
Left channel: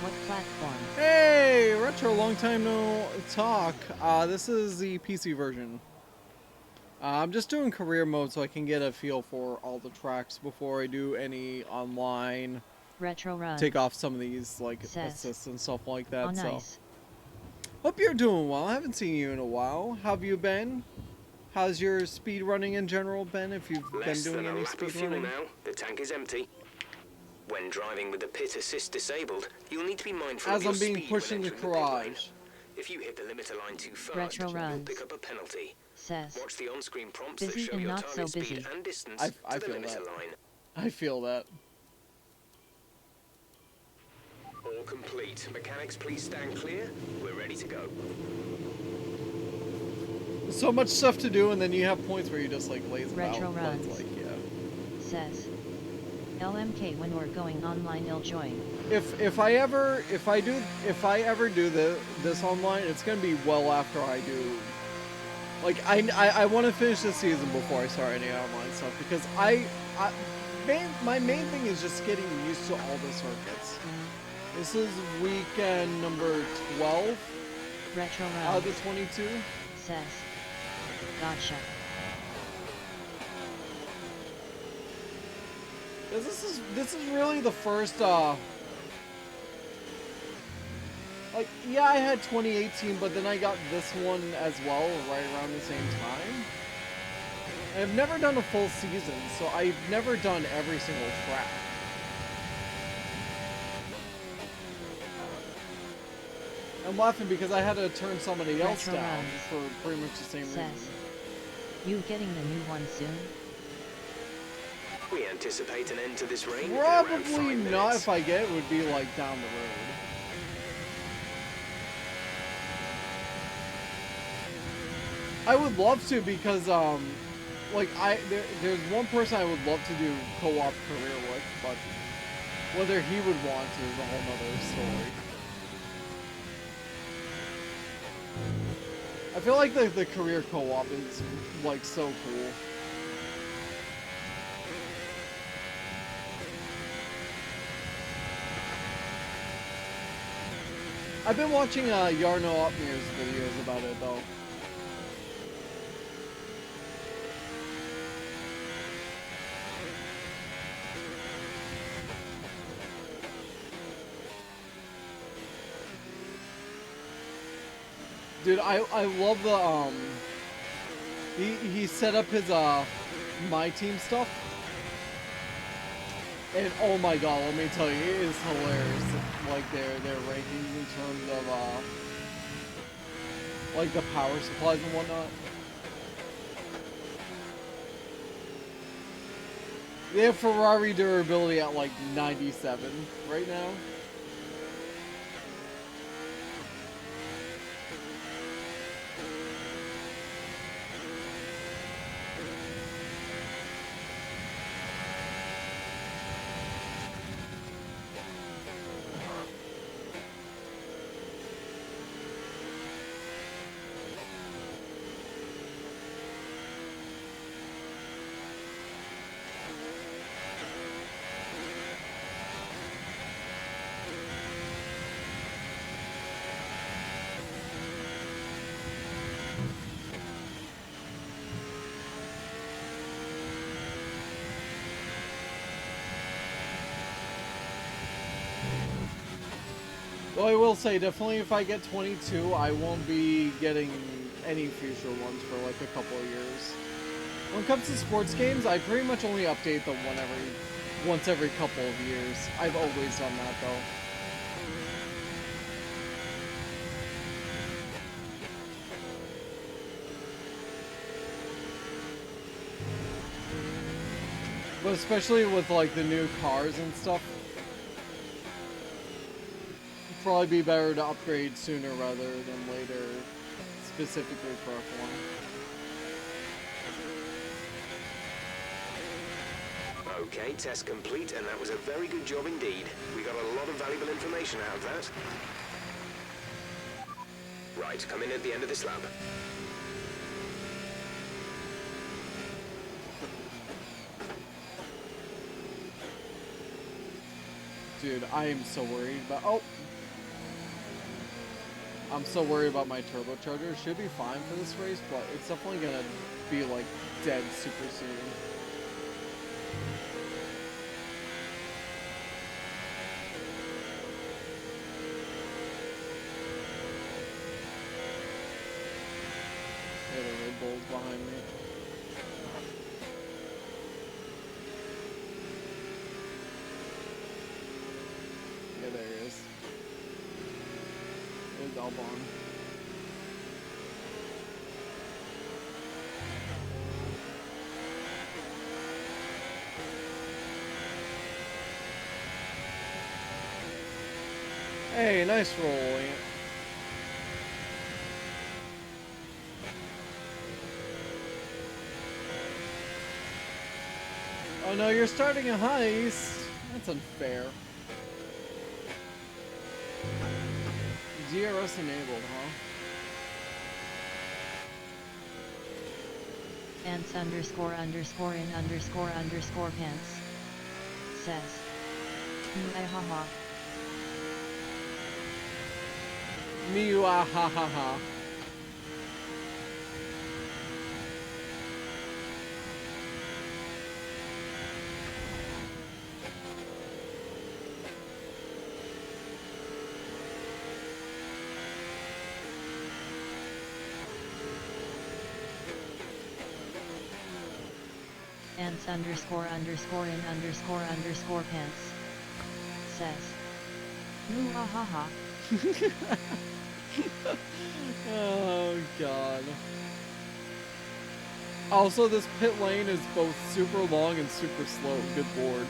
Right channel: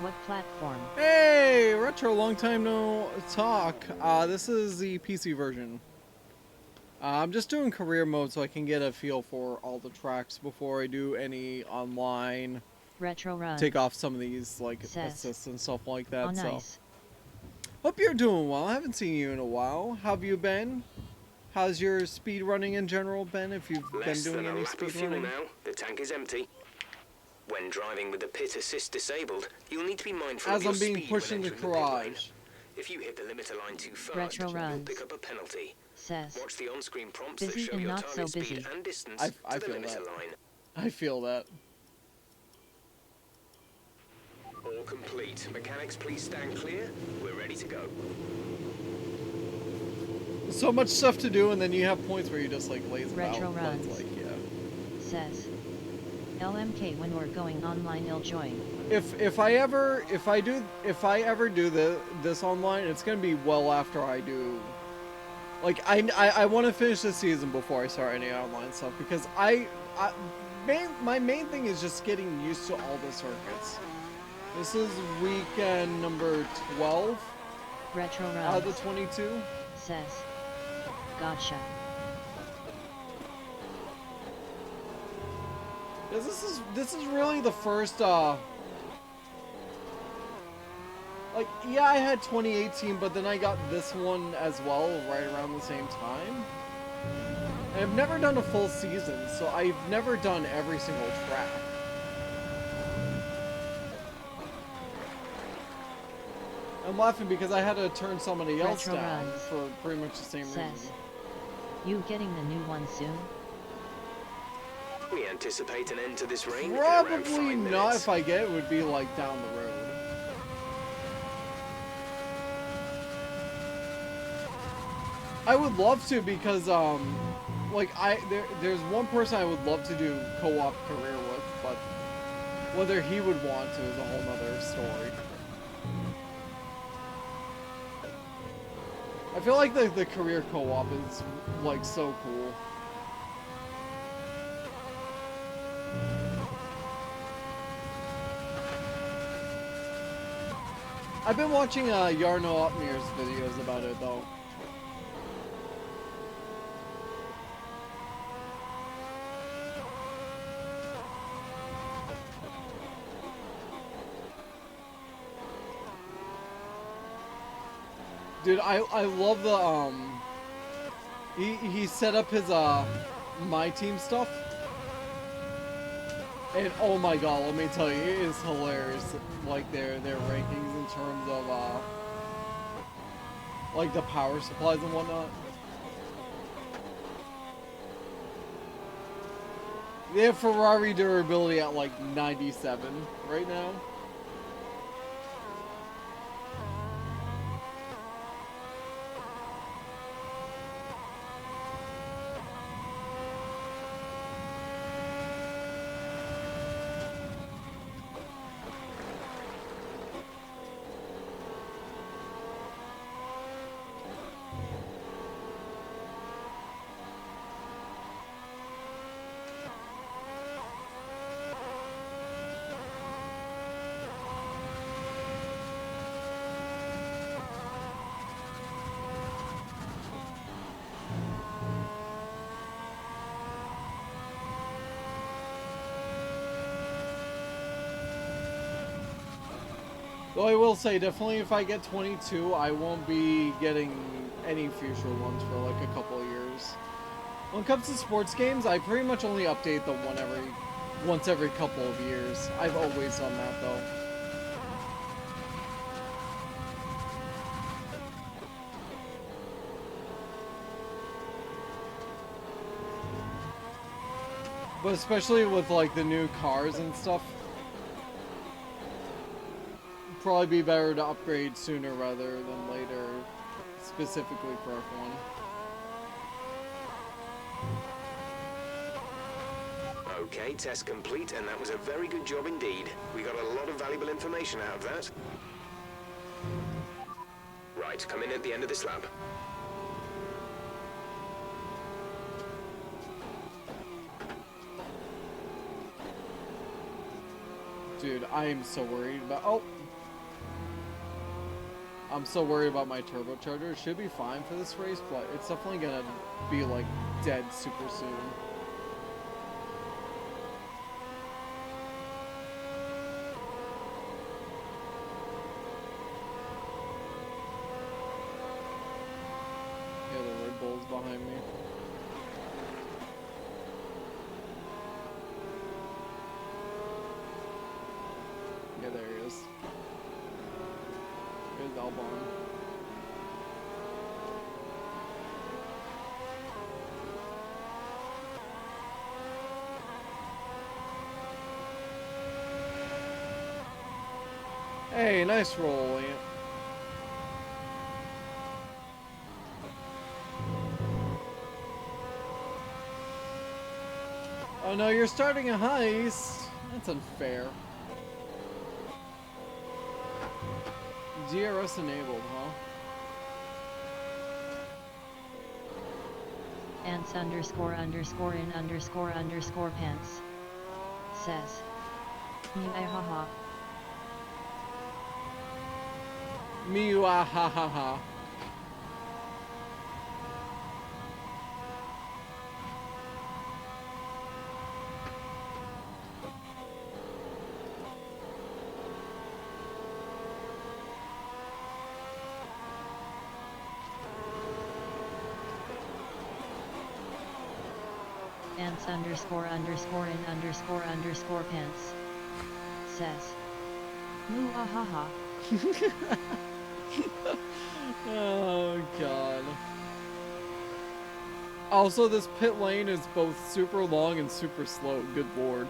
what platform? Hey, Retro, long time no talk. This is the PC version. I'm just doing career mode so I can get a feel for all the tracks before I do any online. Retro Runs Take off some of these like says, assists and stuff like that. oh, So, nice. hope you're doing well. I haven't seen you in a while. How have you been? How's your speed running in general been? If you've Less been doing than a any lap of speed fuel running? now. The tank is empty. When driving with the pit assist disabled, you'll need to be mindful As of your I'm being speed pushed when in the entering pit lane. garage. If you hit the limiter line too fast, Retro you'll Runs pick up a penalty. says, Watch the on-screen prompts that busy show and your not so target speed busy. and distance I to the feel limiter that. line. I feel that. All complete. Mechanics, please stand clear. We're ready to go. So much stuff to do, and then you have points where you just like lays it out. Retro But runs. it's like, yeah. Says. LMK when we're going online I'll join. If I ever do this online, it's gonna be well after I do. Like I want to finish this season before I start any online stuff because my main thing is just getting used to all the circuits. This is weekend number 12 Retro runs. out of the 22. Says. Gotcha. This is really the first like, yeah, I had 2018, but then I got this one as well right around the same time. I've never done a full season, so I've never done every single track. I'm laughing because I had to turn somebody else Retro down runs. for pretty much the same Says. reason. You getting the new one soon? We anticipate an end to this rain in around 5 Probably not. minutes. If I get it, would be like down the road. I would love to because like there's one person I would love to do co-op career with, but whether he would want to is a whole nother story. I feel like the career co-op is like so cool. I've been watching Yarno Upmir's videos about it though. Dude, I love the he set up his my team stuff. And oh my god, let me tell you, it is hilarious like their rankings in terms of like the power supplies and whatnot. They have Ferrari durability at like 97 right now. Though I will say, definitely if I get 22, I won't be getting any future ones for like a couple of years. When it comes to sports games, I pretty much only update them once every couple of years. I've always done that though. But especially with like the new cars and stuff, probably be better to upgrade sooner rather than later, specifically for F1. Okay, test complete, and that was a very good job indeed. We got a lot of valuable information out of that. Right, come in at the end of this lap. Dude, I am so worried about... Oh! I'm so worried about my turbocharger. It should be fine for this race, but it's definitely gonna be, like, dead super soon. Yeah, the Red Bull's behind me. Yeah, there he is. There's Albon. Hey, nice roll, Ant. Oh no, you're starting a heist. That's unfair. DRS enabled, huh? Ants underscore underscore in underscore underscore pants. Says. Haha. Miu ah ha ha ha. Ants underscore underscore in underscore underscore pants. Says. Muahaha. Oh god. Also, this pit lane is both super long and super slow. Good lord.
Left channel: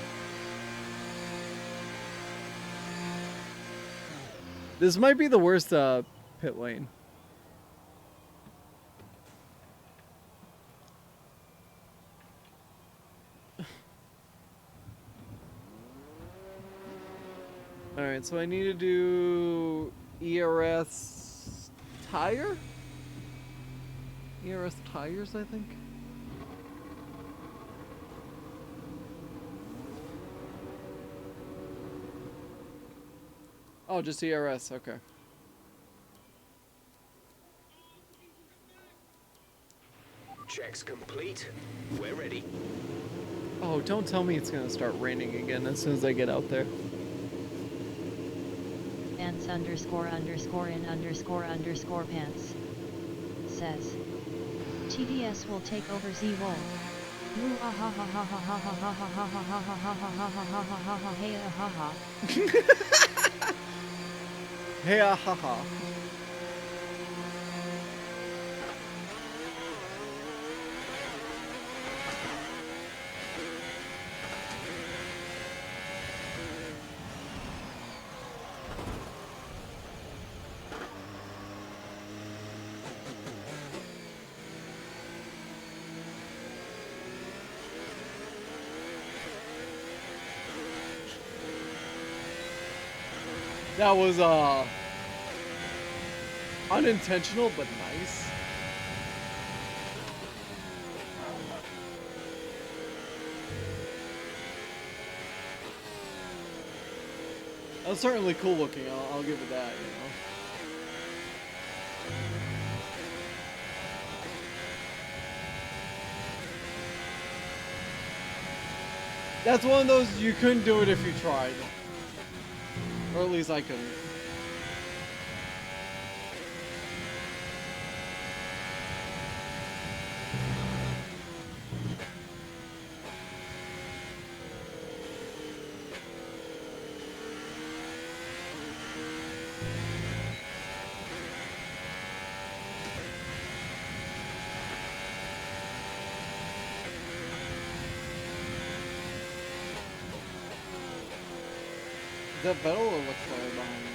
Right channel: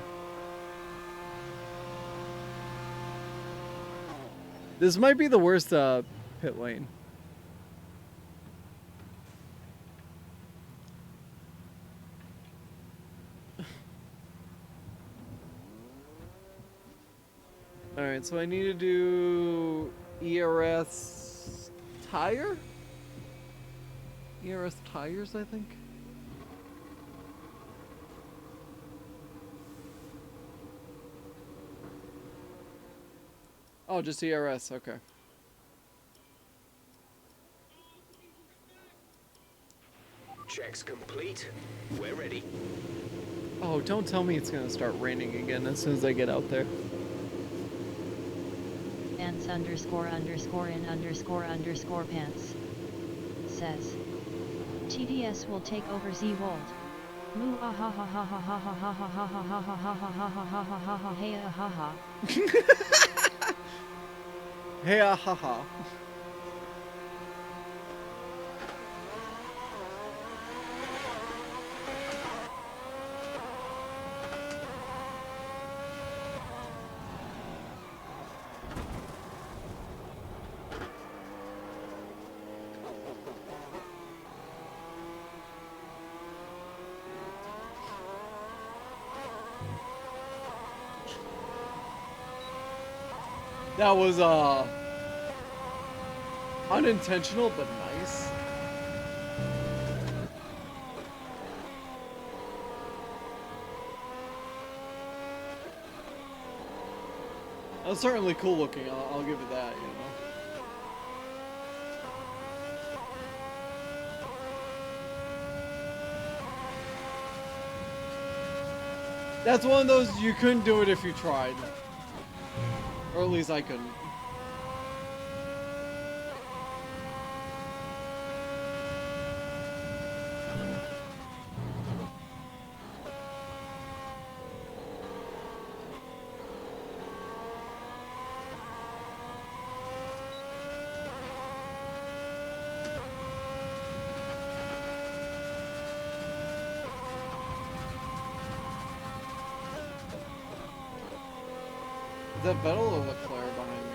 This might be the worst pit lane. Alright, so I need to do ERS tire? ERS tires, I think? Oh, just ERS, okay. Checks complete. We're ready. Oh, don't tell me it's gonna start raining again as soon as I get out there. Ants underscore underscore in underscore underscore pants. Says. TDS will take over Z-Wold. Hey, ah, ha, ha. That was unintentional but nice. That was certainly cool looking. I'll give it that, you know. That's one of those you couldn't do it if you tried. Or at least I couldn't. Is that Vettel or Leclerc behind me?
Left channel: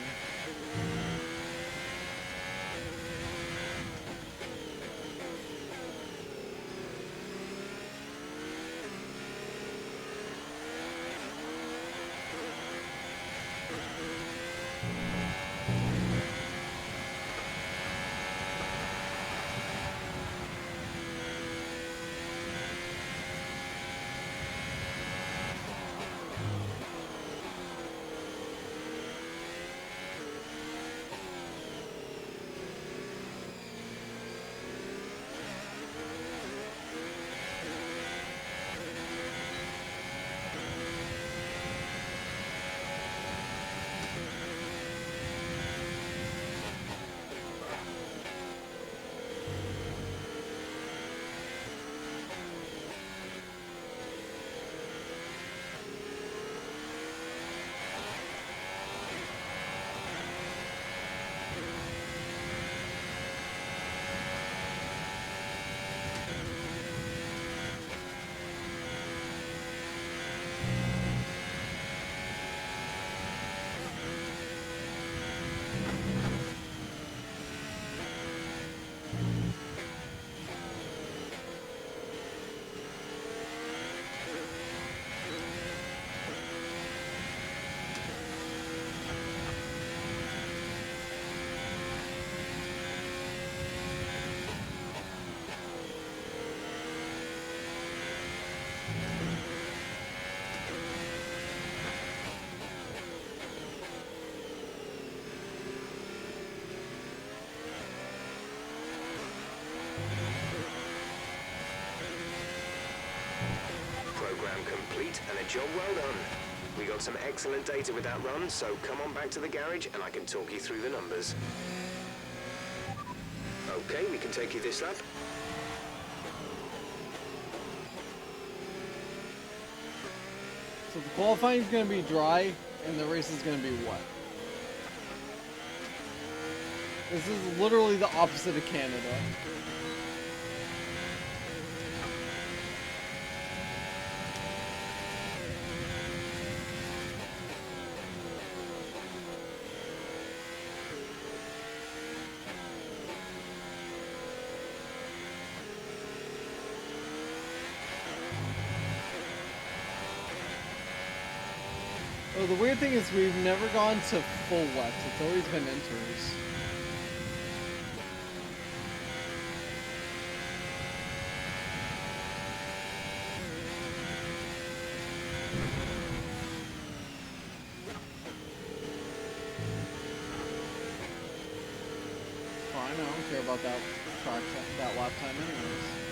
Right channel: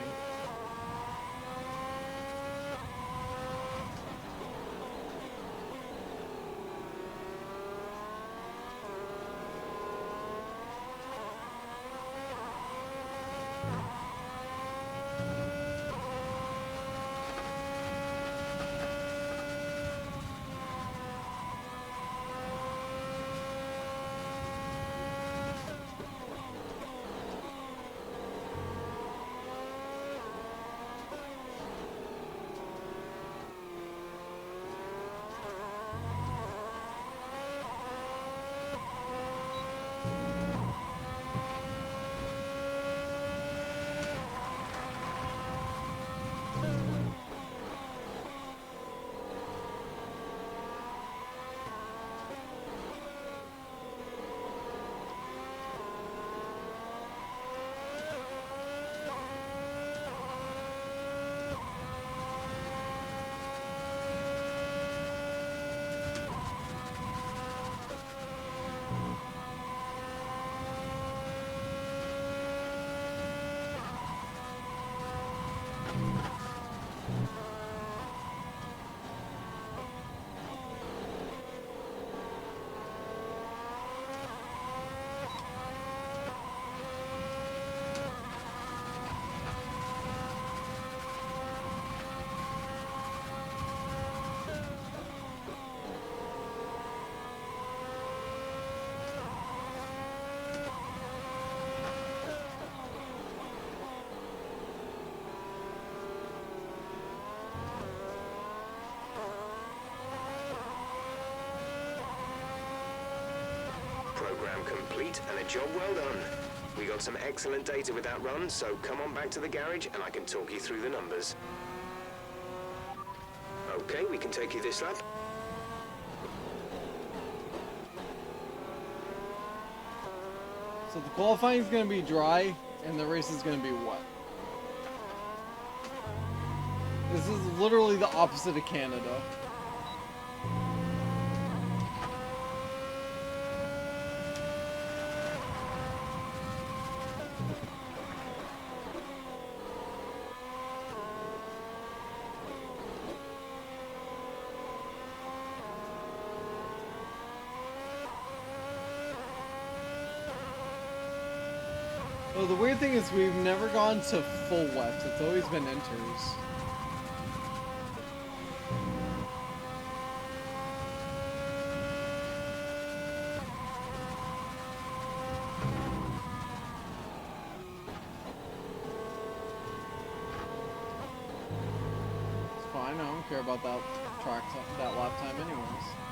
program complete and a job well done. We got some excellent data with that run, so come on back to the garage and I can talk you through the numbers. Okay, we can take you this lap. So the qualifying is going to be dry, and the race is going to be wet. This is literally the opposite of Canada. Oh, the weird thing is we've never gone to full wet. It's always been inters. It's fine. I don't care about that that lap time anyways.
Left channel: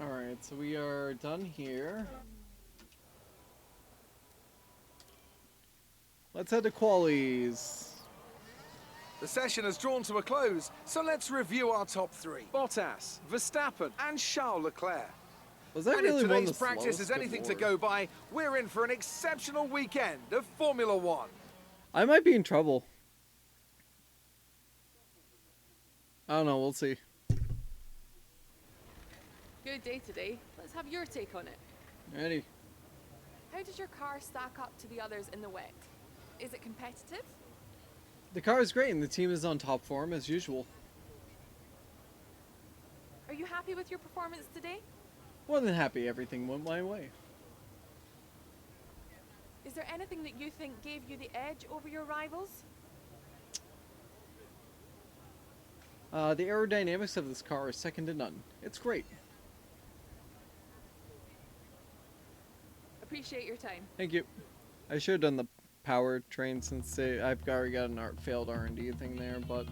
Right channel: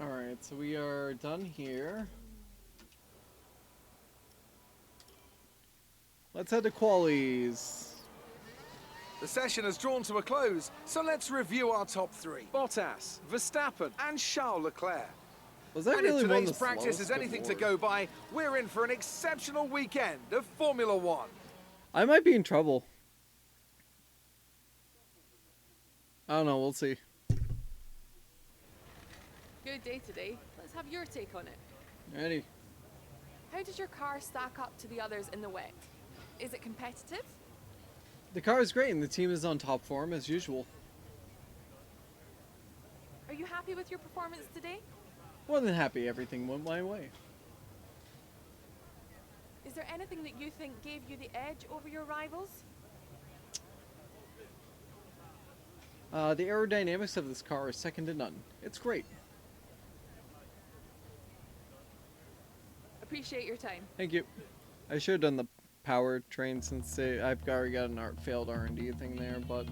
Alright, so we are done here. Let's head to qualies. The session has drawn to a close, so let's review our top three. Bottas, Verstappen, and Charles Leclerc. Was that And if really one of today's the practice slowest? is Good anything to lord. go by, we're in for an exceptional weekend of Formula One. I might be in trouble. I don't know, we'll see. Good day today. Let's have your take on it. Ready? How does your car stack up to the others in the wet? Is it competitive? The car is great and the team is on top form as usual. Are you happy with your performance today? More than happy everything went my way. Is there anything that you think gave you the edge over your rivals? The aerodynamics of this car is second to none. It's great. Appreciate your time. Thank you. I should have done the powertrain since I've already got an failed R&D thing there, but...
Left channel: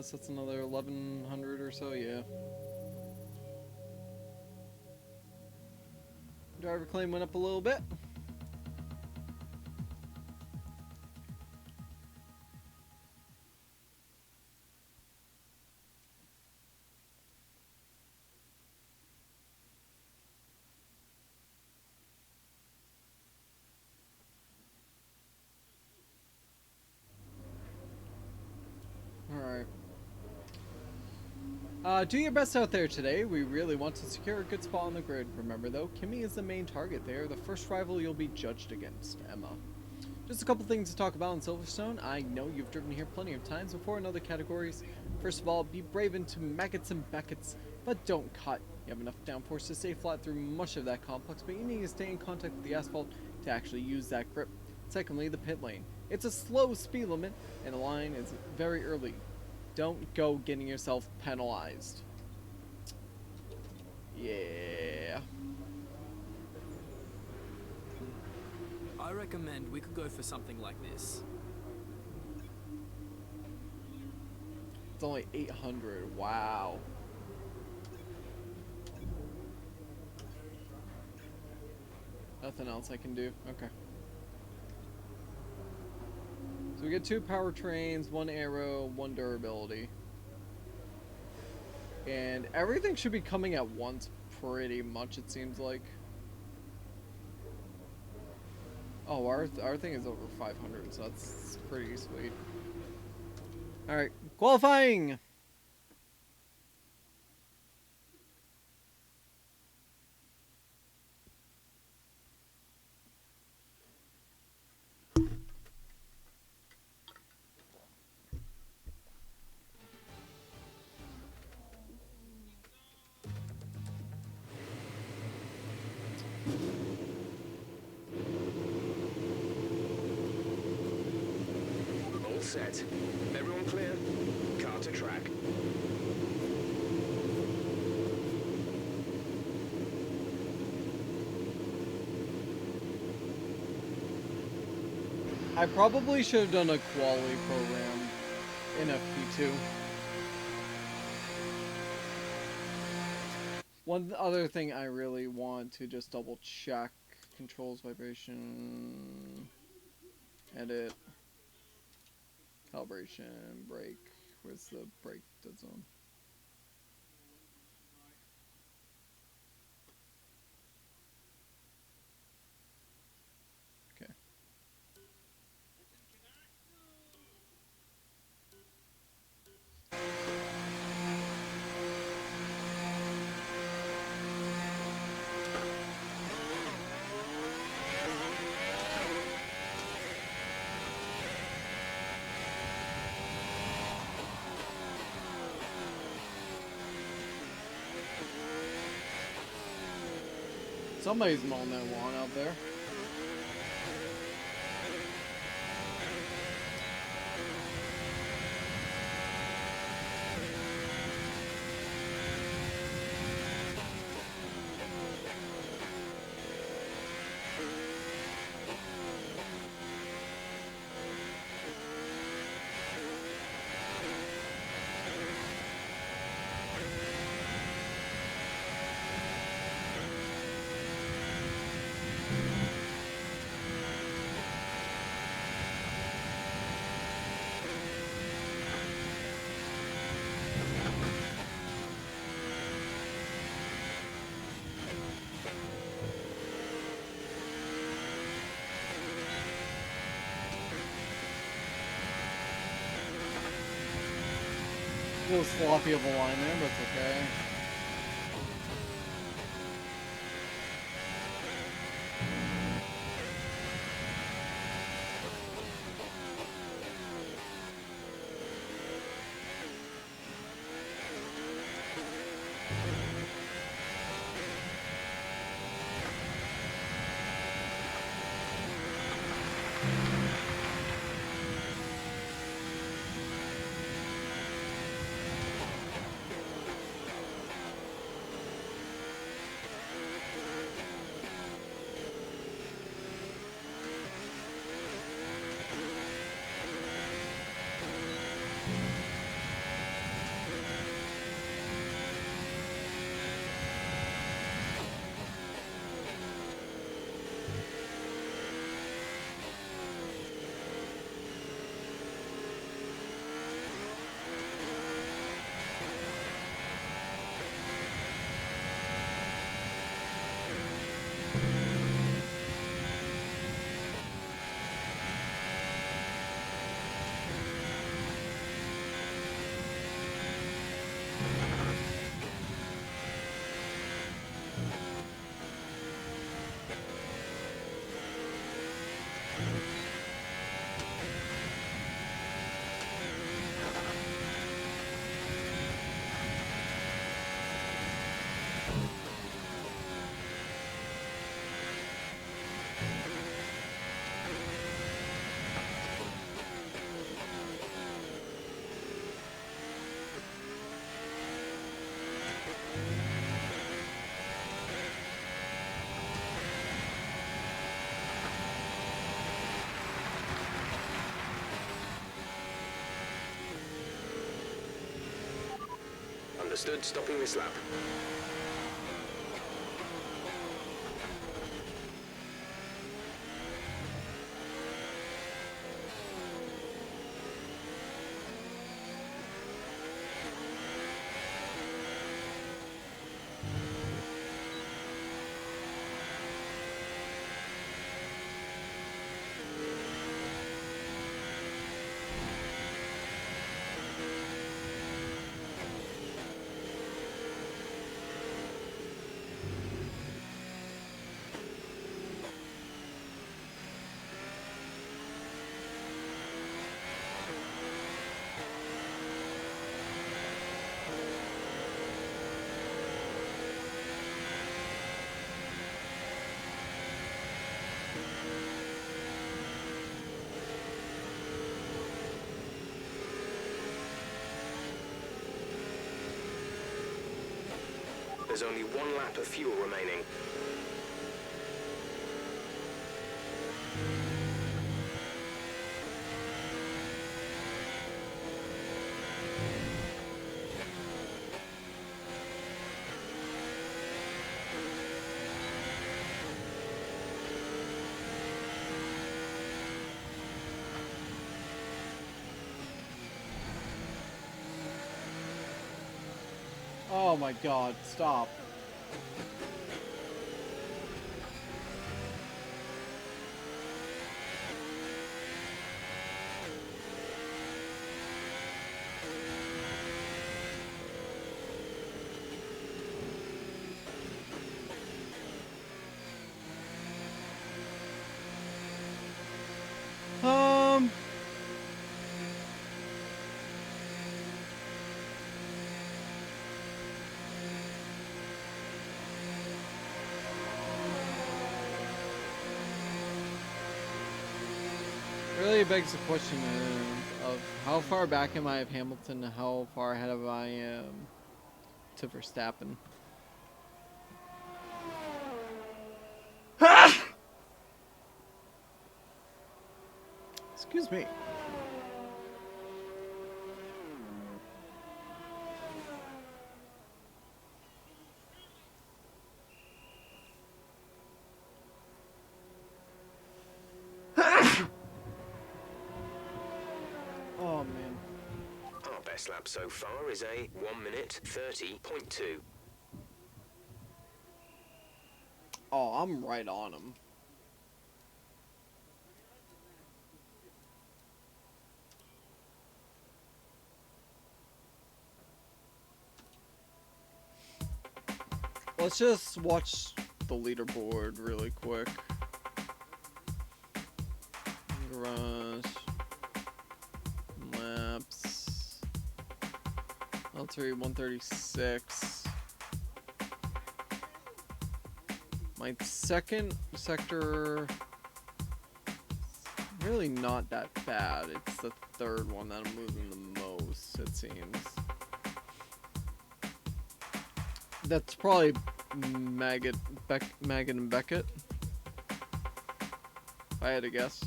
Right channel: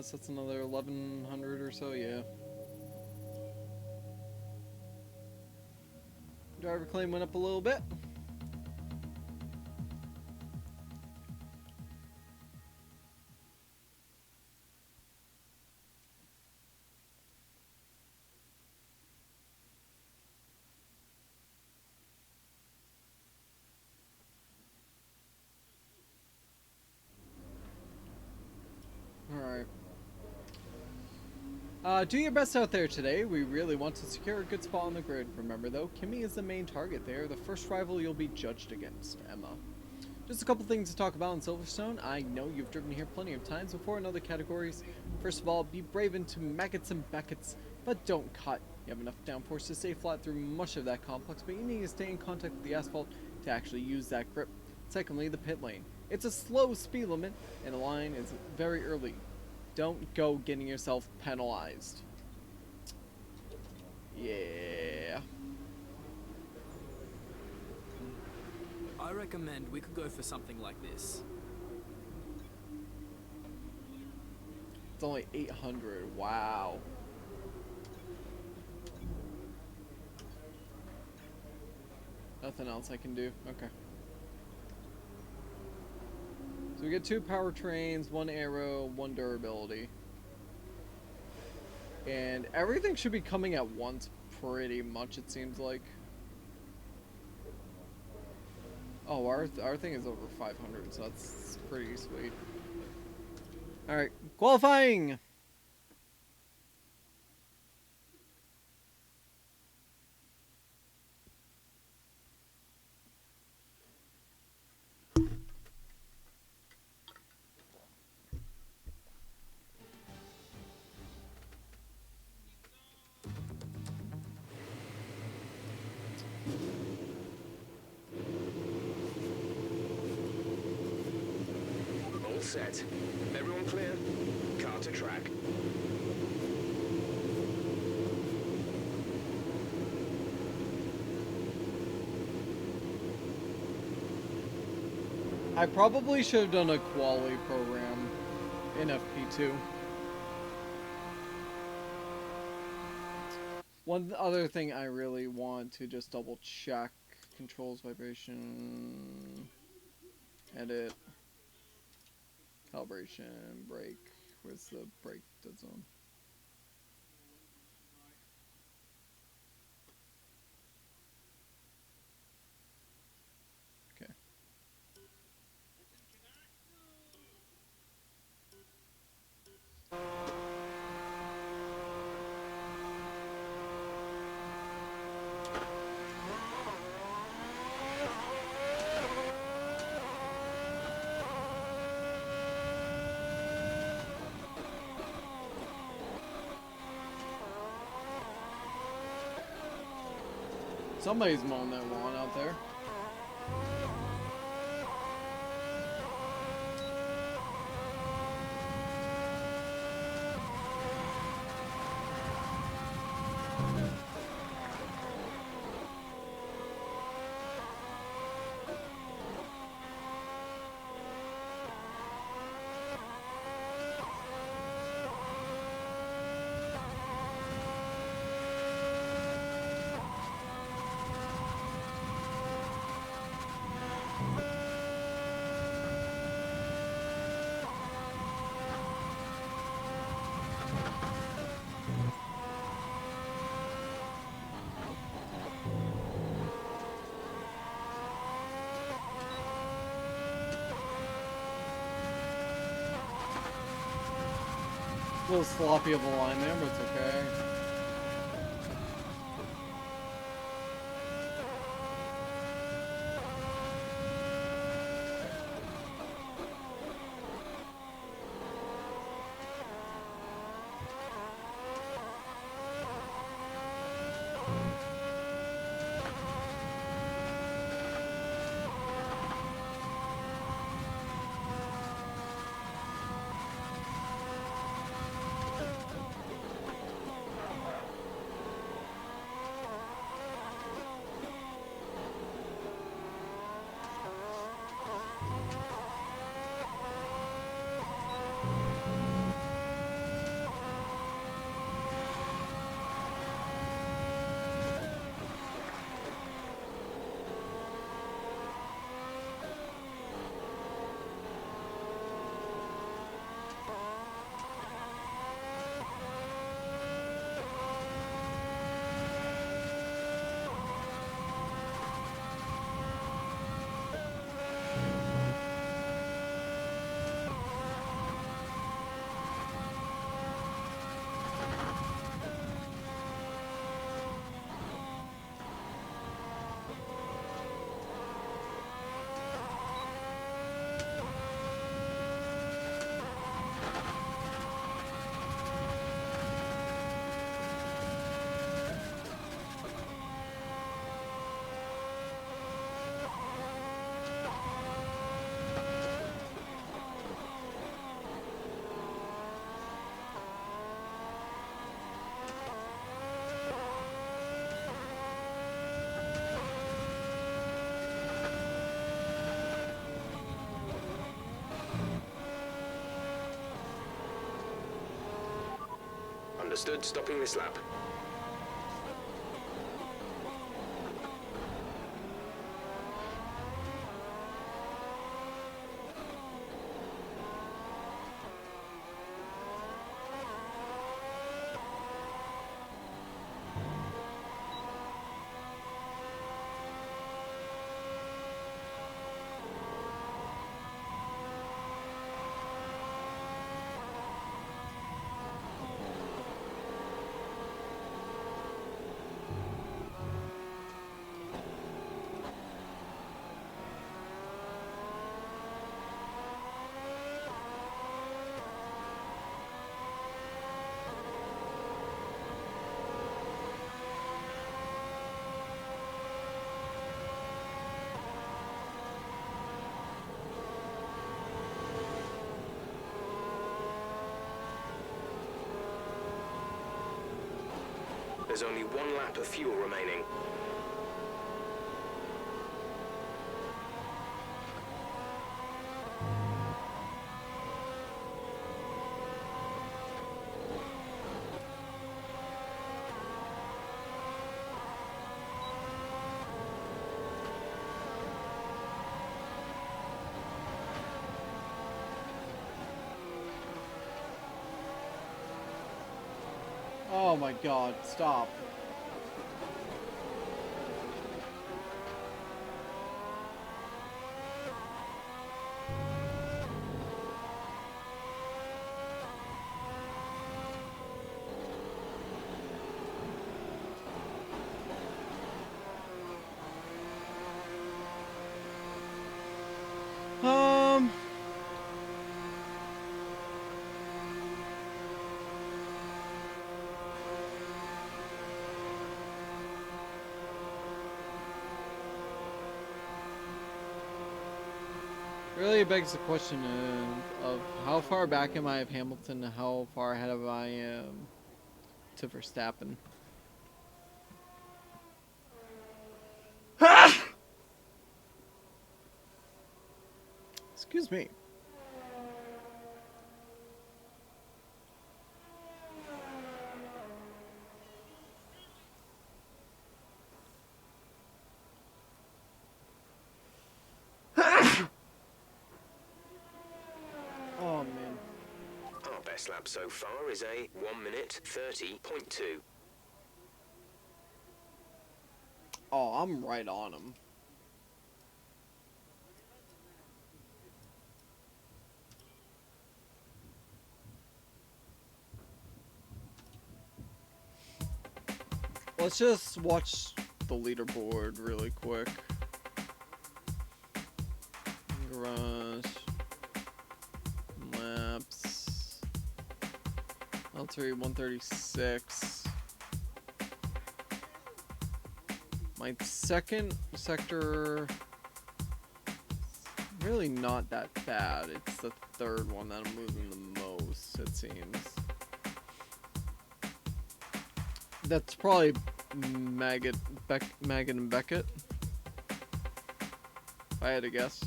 so that's another 1100 or so, yeah. Driver claim went up a little bit. Alright. Do your best out there today. We really want to secure a good spot on the grid. Remember though, Kimmy is the main target. They are the first rival you'll be judged against, Emma. Just a couple things to talk about in Silverstone. I know you've driven here plenty of times before in other categories. First of all, be brave into Maggots and Beckets, but don't cut. You have enough downforce to stay flat through much of that complex, but you need to stay in contact with the asphalt to actually use that grip. Secondly, the pit lane. It's a slow speed limit, and the line is very early. Don't go getting yourself penalized. Yeah. I recommend we could go for something like this. It's only 800. Wow. Nothing else I can do. Okay. So we get 2 powertrains, 1 aero, 1 durability. And everything should be coming at once pretty much, it seems like. Oh, our thing is over 500, so that's pretty sweet. Alright, qualifying! All set. Everyone clear? Car to track. I probably should have done a quali program in FP2. One other thing I really want to just double check: controls, vibration, edit, calibration, brake. Where's the brake dead zone? Okay. Somebody's mowing that lawn out there. A little sloppy of a line there, but it's okay. Understood, stopping this lap. There's only one lap of fuel remaining. Oh my god, stop. Um... Really begs the question of how far back am I of Hamilton and how far ahead of I am to Verstappen. Excuse me. Oh man. Our best lap so far is a 1:30.2. Oh, I'm right on him. Let's just watch the leaderboard really quick. Garage. Laps. L3 136. My second sector, really not that bad. It's the third one that I'm losing the most, it seems. That's probably Maggot and Beckett, if I had to guess.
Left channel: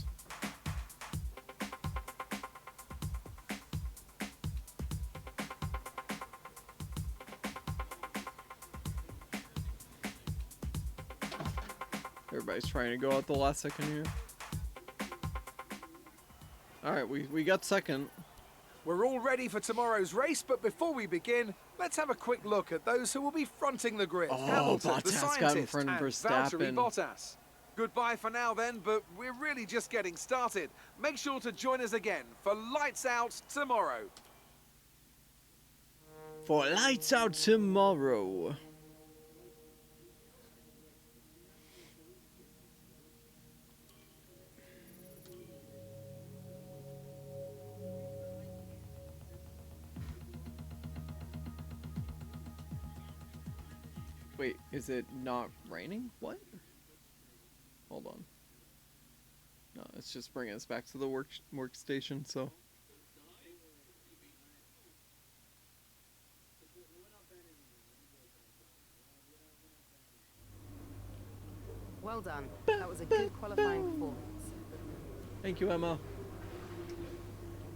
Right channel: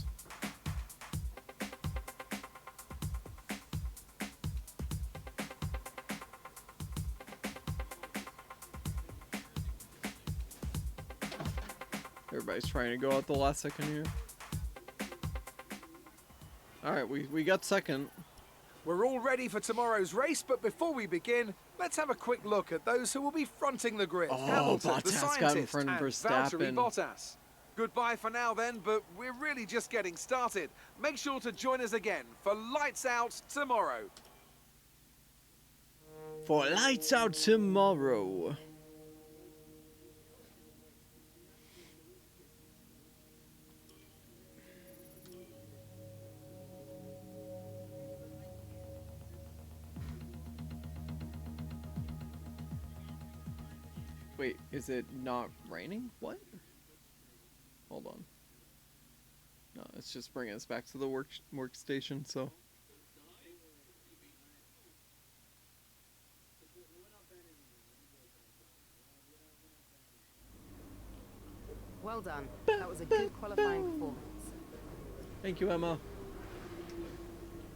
Everybody's trying to go out the last second here. Alright, we got second. We're all ready for tomorrow's race, but before we begin, let's have a quick look at those who will be fronting the grid. Oh, Hamilton, the Bottas got in scientist, front of and Valtteri Verstappen. Bottas. Goodbye for now then, but we're really just getting started. Make sure to join us again for Lights Out tomorrow. For Lights Out tomorrow. Wait, is it not raining? What? Hold on. No, it's just bringing us back to the workstation, so. Well done. That was a good qualifying performance. Thank you, Emma.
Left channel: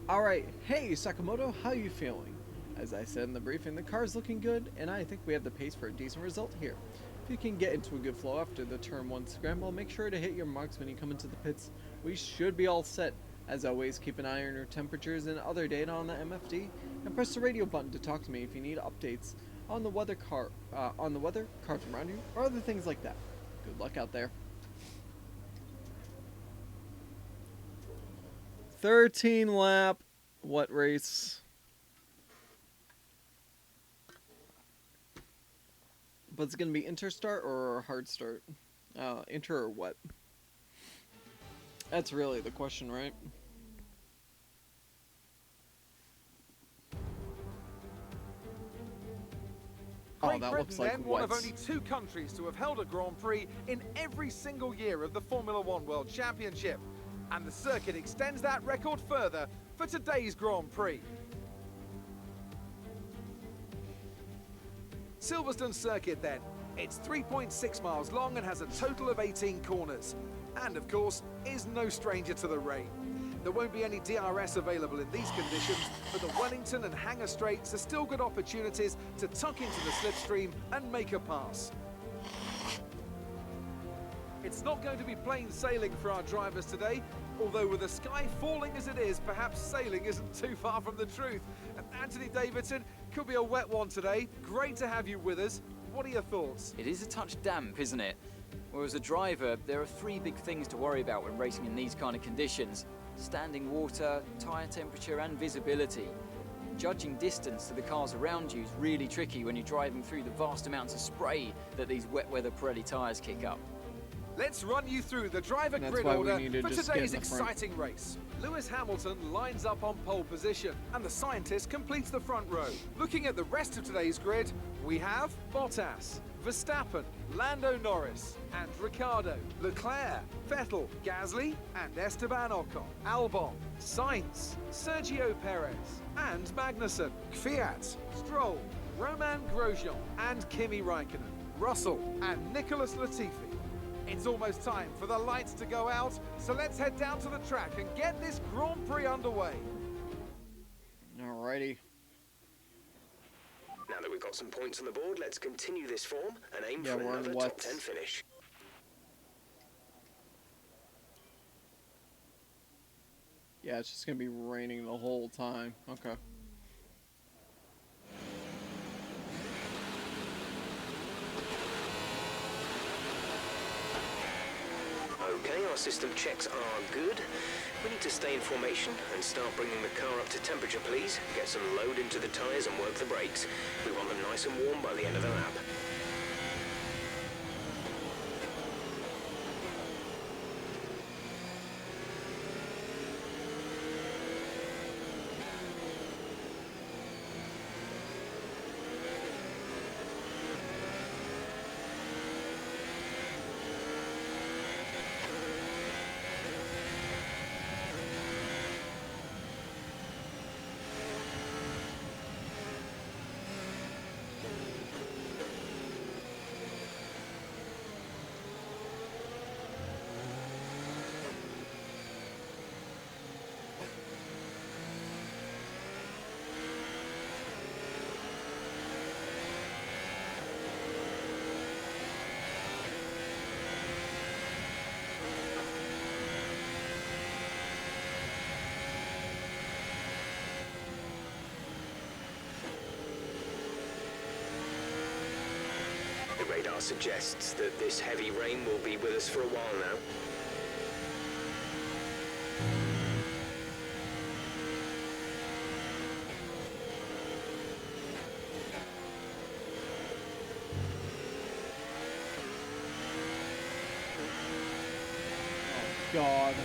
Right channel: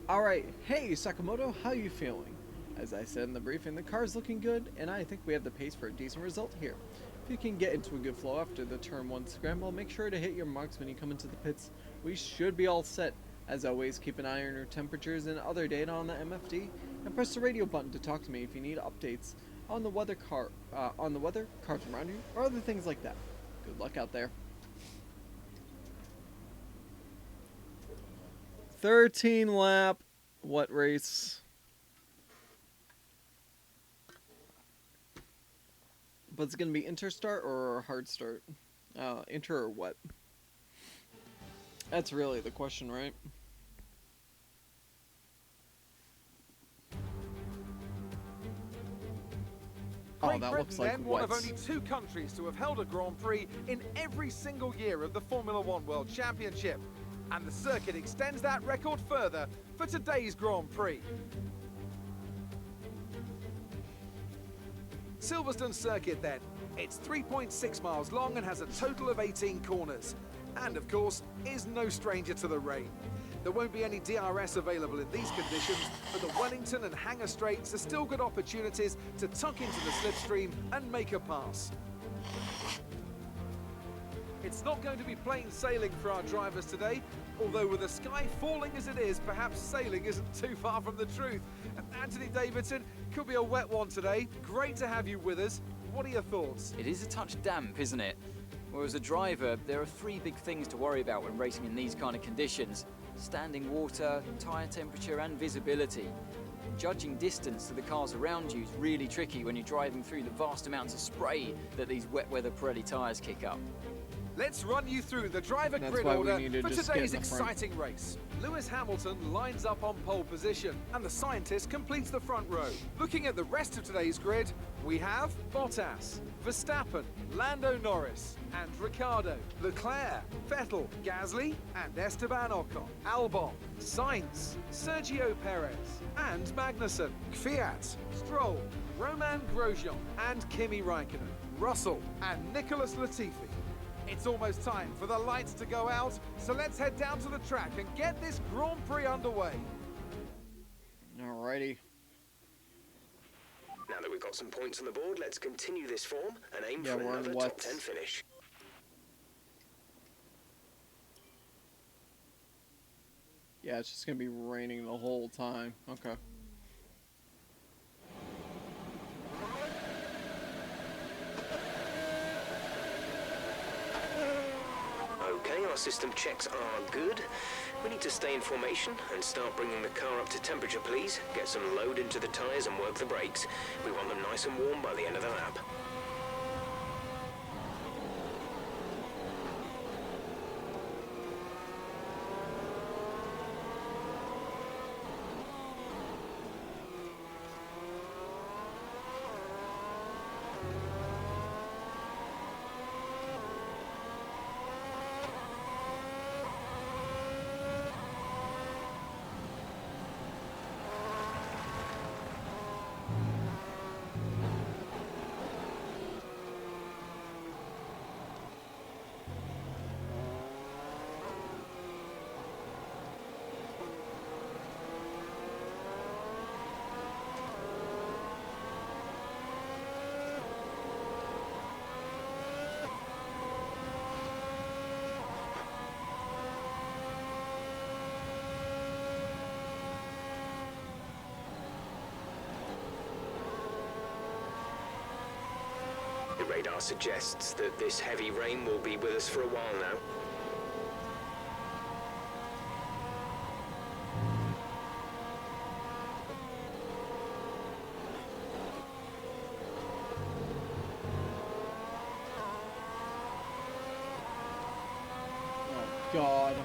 Alright, hey Sakamoto, how you feeling? As I said in the briefing, the car's looking good, and I think we have the pace for a decent result here. If you can get into a good flow after the turn 1 scramble, make sure to hit your marks when you come into the pits. We should be all set. As always, keep an eye on your temperatures and other data on the MFD, and press the radio button to talk to me if you need updates on the weather, cars around you, or other things like that. Good luck out there. 13 lap, what race? But it's going to be interstart or hard start? Inter or what? That's really the question, right? Oh, Great that Britain, looks like then, what? one of only 2 countries to have held a Grand Prix in every single year of the Formula One World Championship. And the circuit extends that record further for today's Grand Prix. Silverstone Circuit then. It's 3.6 miles long and has a total of 18 corners. And of course, is no stranger to the rain. There won't be any DRS available in these conditions, but the Wellington and Hangar Straights are still good opportunities to tuck into the slipstream and make a pass. It's not going to be plain sailing for our drivers today, although with the sky falling as it is, perhaps sailing isn't too far from the truth. And Anthony Davidson, could be a wet one today. Great to have you with us. What are your thoughts? It is a touch damp, isn't it? Well, as a driver, there are 3 big things to worry about when racing in these kind of conditions: standing water, tyre temperature and visibility. Judging distance to the cars around you is really tricky when you're driving through the vast amounts of spray that these wet weather Pirelli tyres kick up. Let's run you through the driver That's grid why we order need to for just get today's in the front. exciting race. Lewis Hamilton lines up on pole position, and the scientist completes the front row. Looking at the rest of today's grid, we have Bottas, Verstappen, Lando Norris, and Ricciardo, Leclerc, Vettel, Gasly, and Esteban Ocon, Albon, Sainz, Sergio Perez, and Magnussen, Kvyat, Stroll, Roman Grosjean, and Kimi Raikkonen, Russell, and Nicholas Latifi. It's almost time for the lights to go out, so let's head down to the track and get this Grand Prix underway. Alrighty. Now that we've got some points on the board, let's continue this form and aim Yeah, for we're on another what? top 10 finish. Yeah, it's just gonna be raining the whole time. Okay. Okay, our system checks are good. We need to stay in formation and start bringing the car up to temperature, please. Get some load into the tyres and work the brakes. We want them nice and warm by the end of the lap. The radar suggests that this heavy rain will be with us for a while now. Oh God.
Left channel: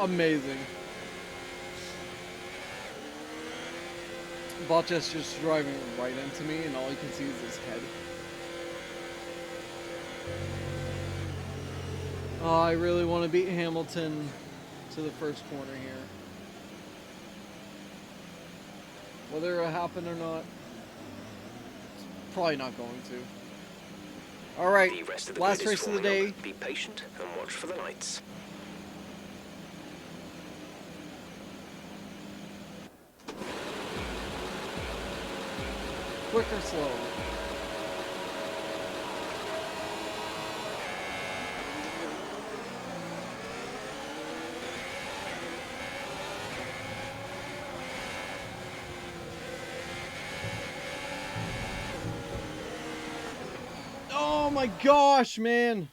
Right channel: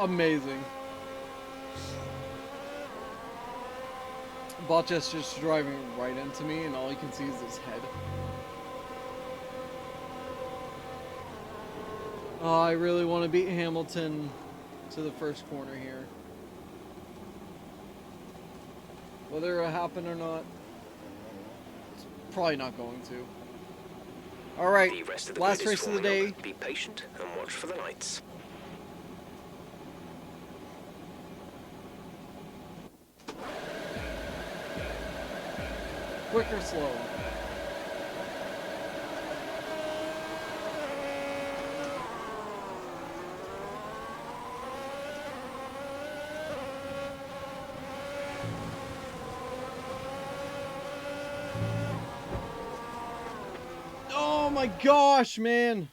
Amazing. Bottas just driving right into me, and all you can see is his head. Oh, I really want to beat Hamilton to the first corner here. Whether it happen or not, it's probably not going to. All right, The rest of the last grid is race of the forming day. up. Be patient and watch for the lights. Quick or slow? Oh my gosh, man!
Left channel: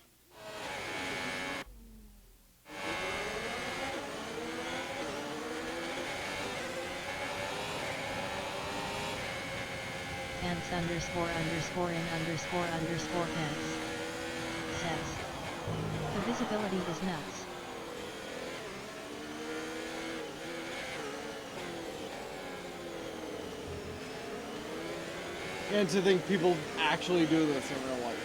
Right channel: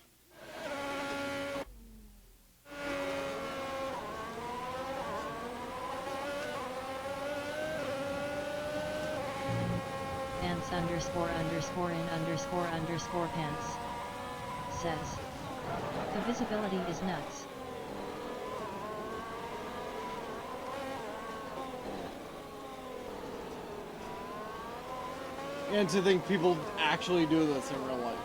Pants underscore underscore in underscore underscore pants says, the visibility is nuts. And to think people actually do this in real life.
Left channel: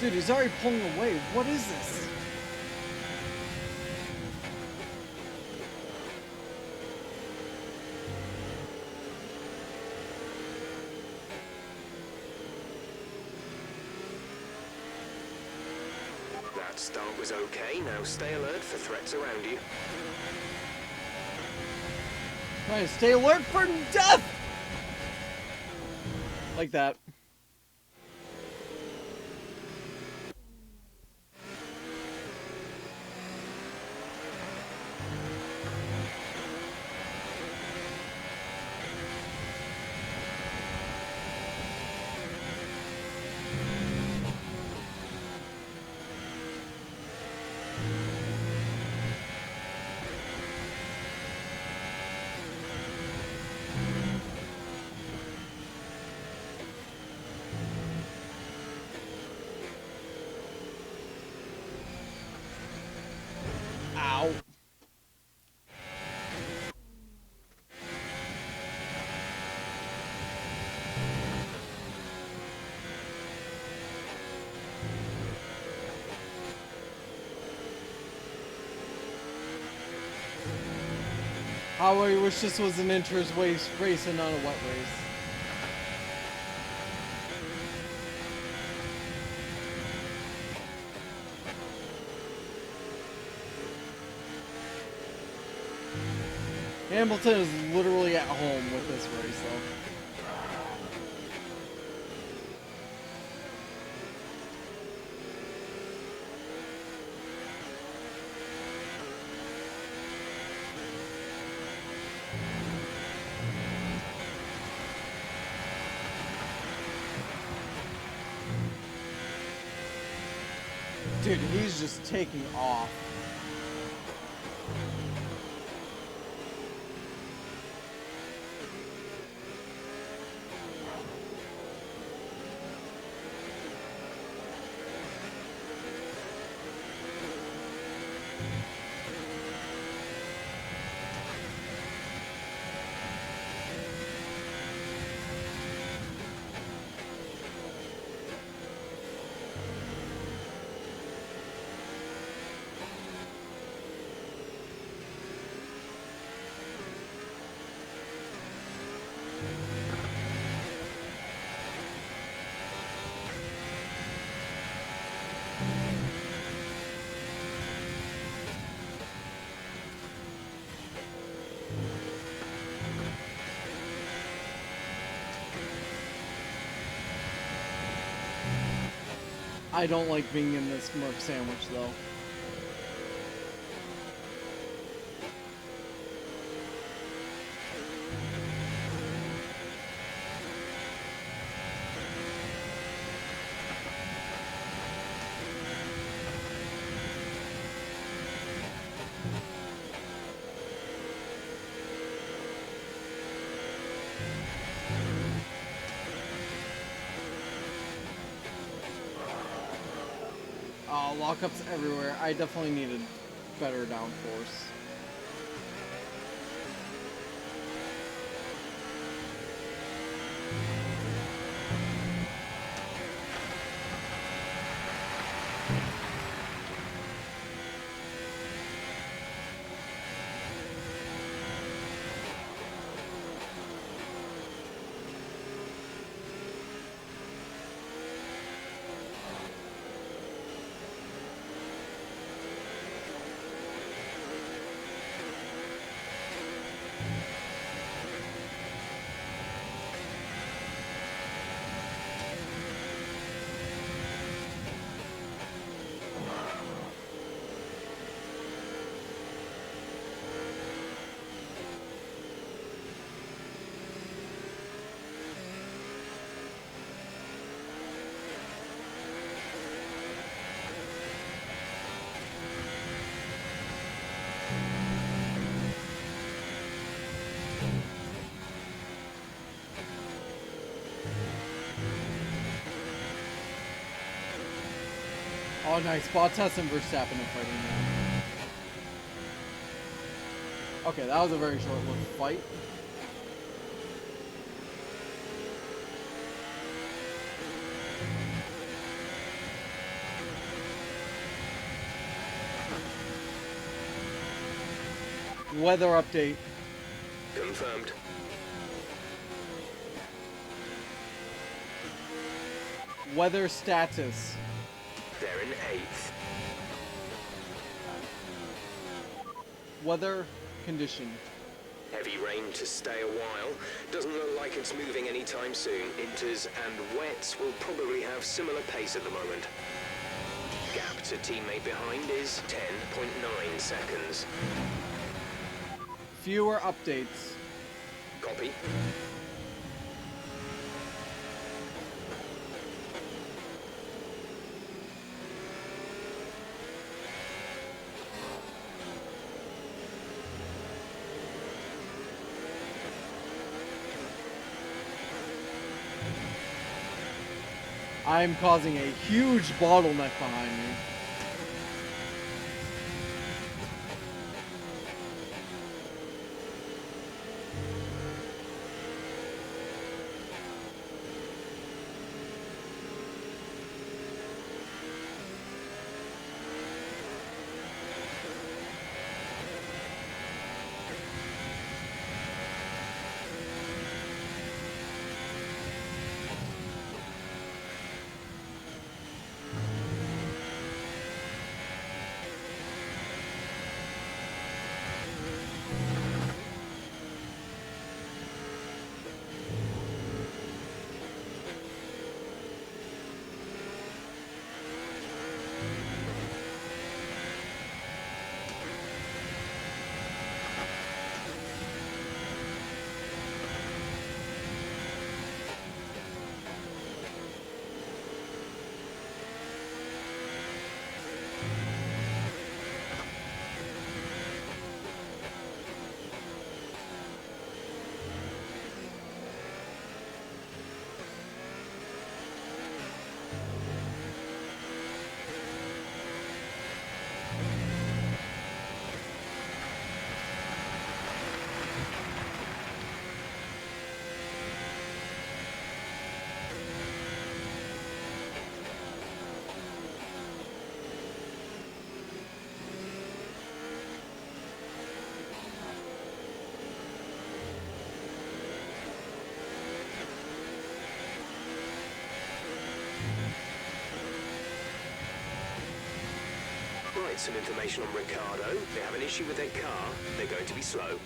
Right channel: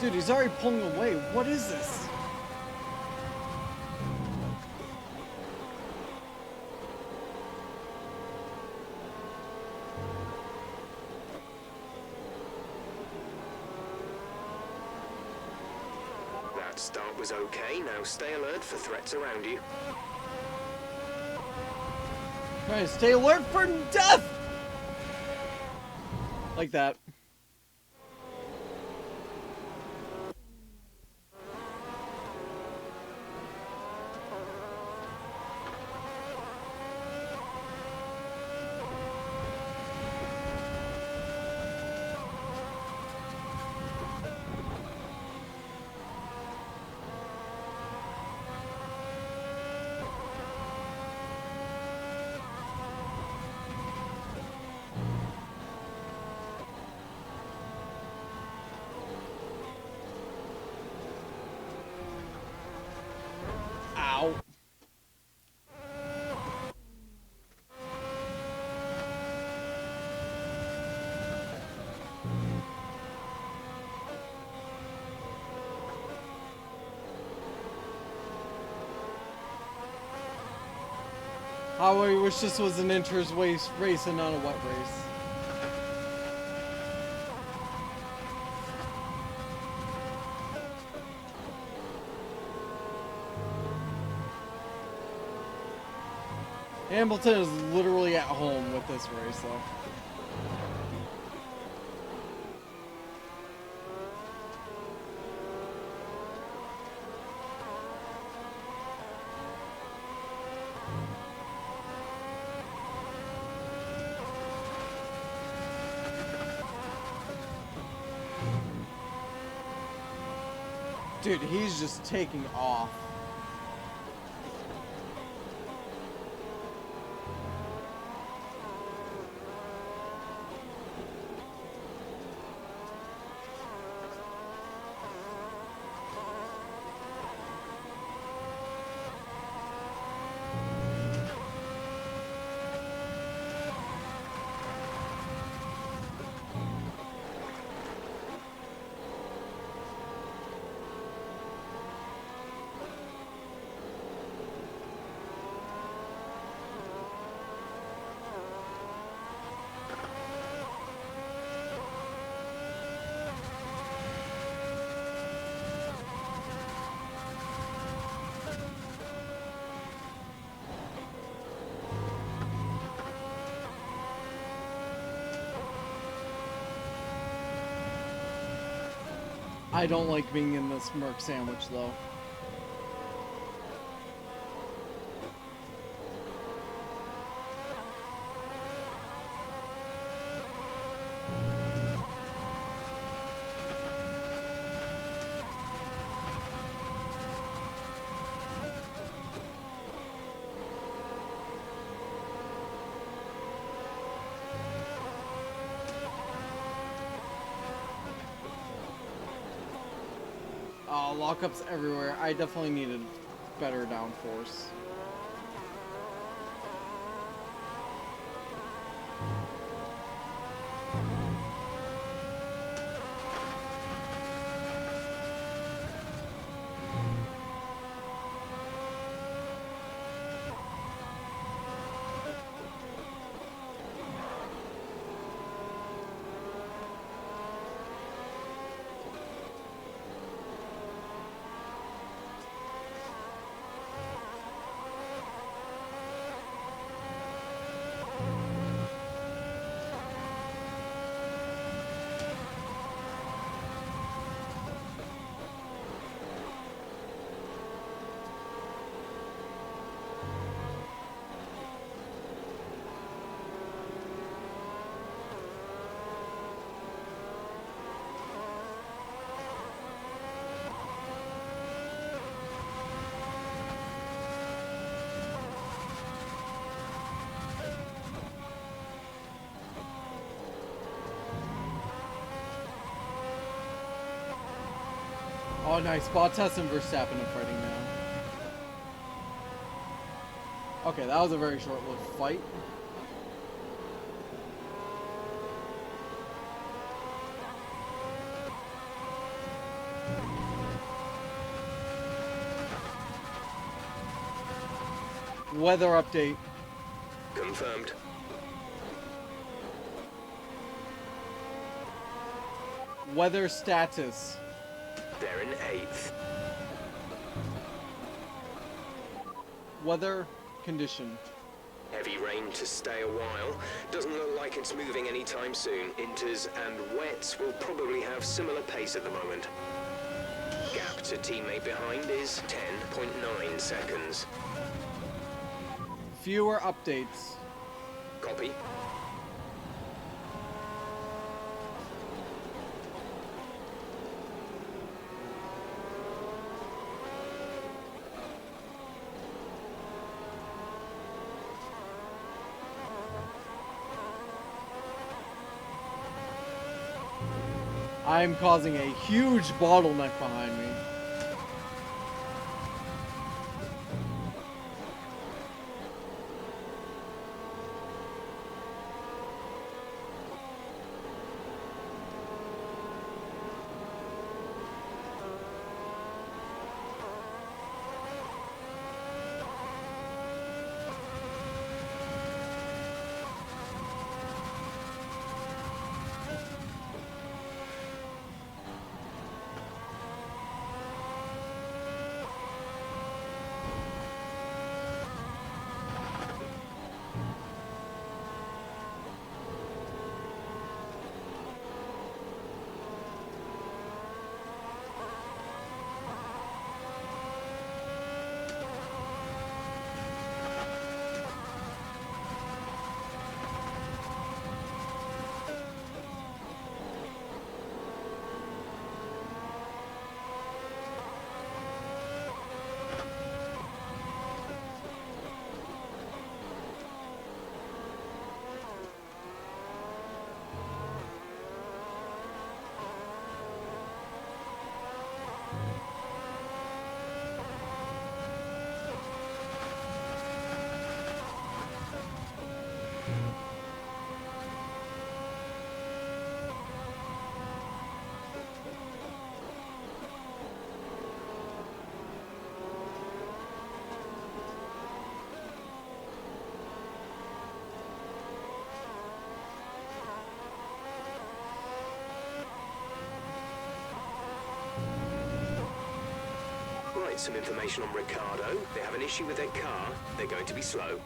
Dude, he's already pulling away. What is this? That start was okay. Now stay alert for threats around you. Trying to stay alert for death! Like that. Ow. How I wish this was an inches race and not a wet race. Hamilton is literally at home with this race, though. Dude, he's just taking off. I don't like being in this Merc sandwich, though. Lockups everywhere. I definitely needed better downforce. Oh, nice. Bottas and Verstappen are fighting now. Okay, that was a very short-lived fight. Weather update. Confirmed. Weather status. They're in 8th. Weather condition. Heavy rain to stay a while. Doesn't look like it's moving anytime soon. Inters and wets will probably have similar pace at the moment. Gap to teammate behind is 10.9 seconds. Fewer updates. Copy. I'm causing a huge bottleneck behind me. Right, some information on Ricardo. They have an issue with their car. They're going to be slow.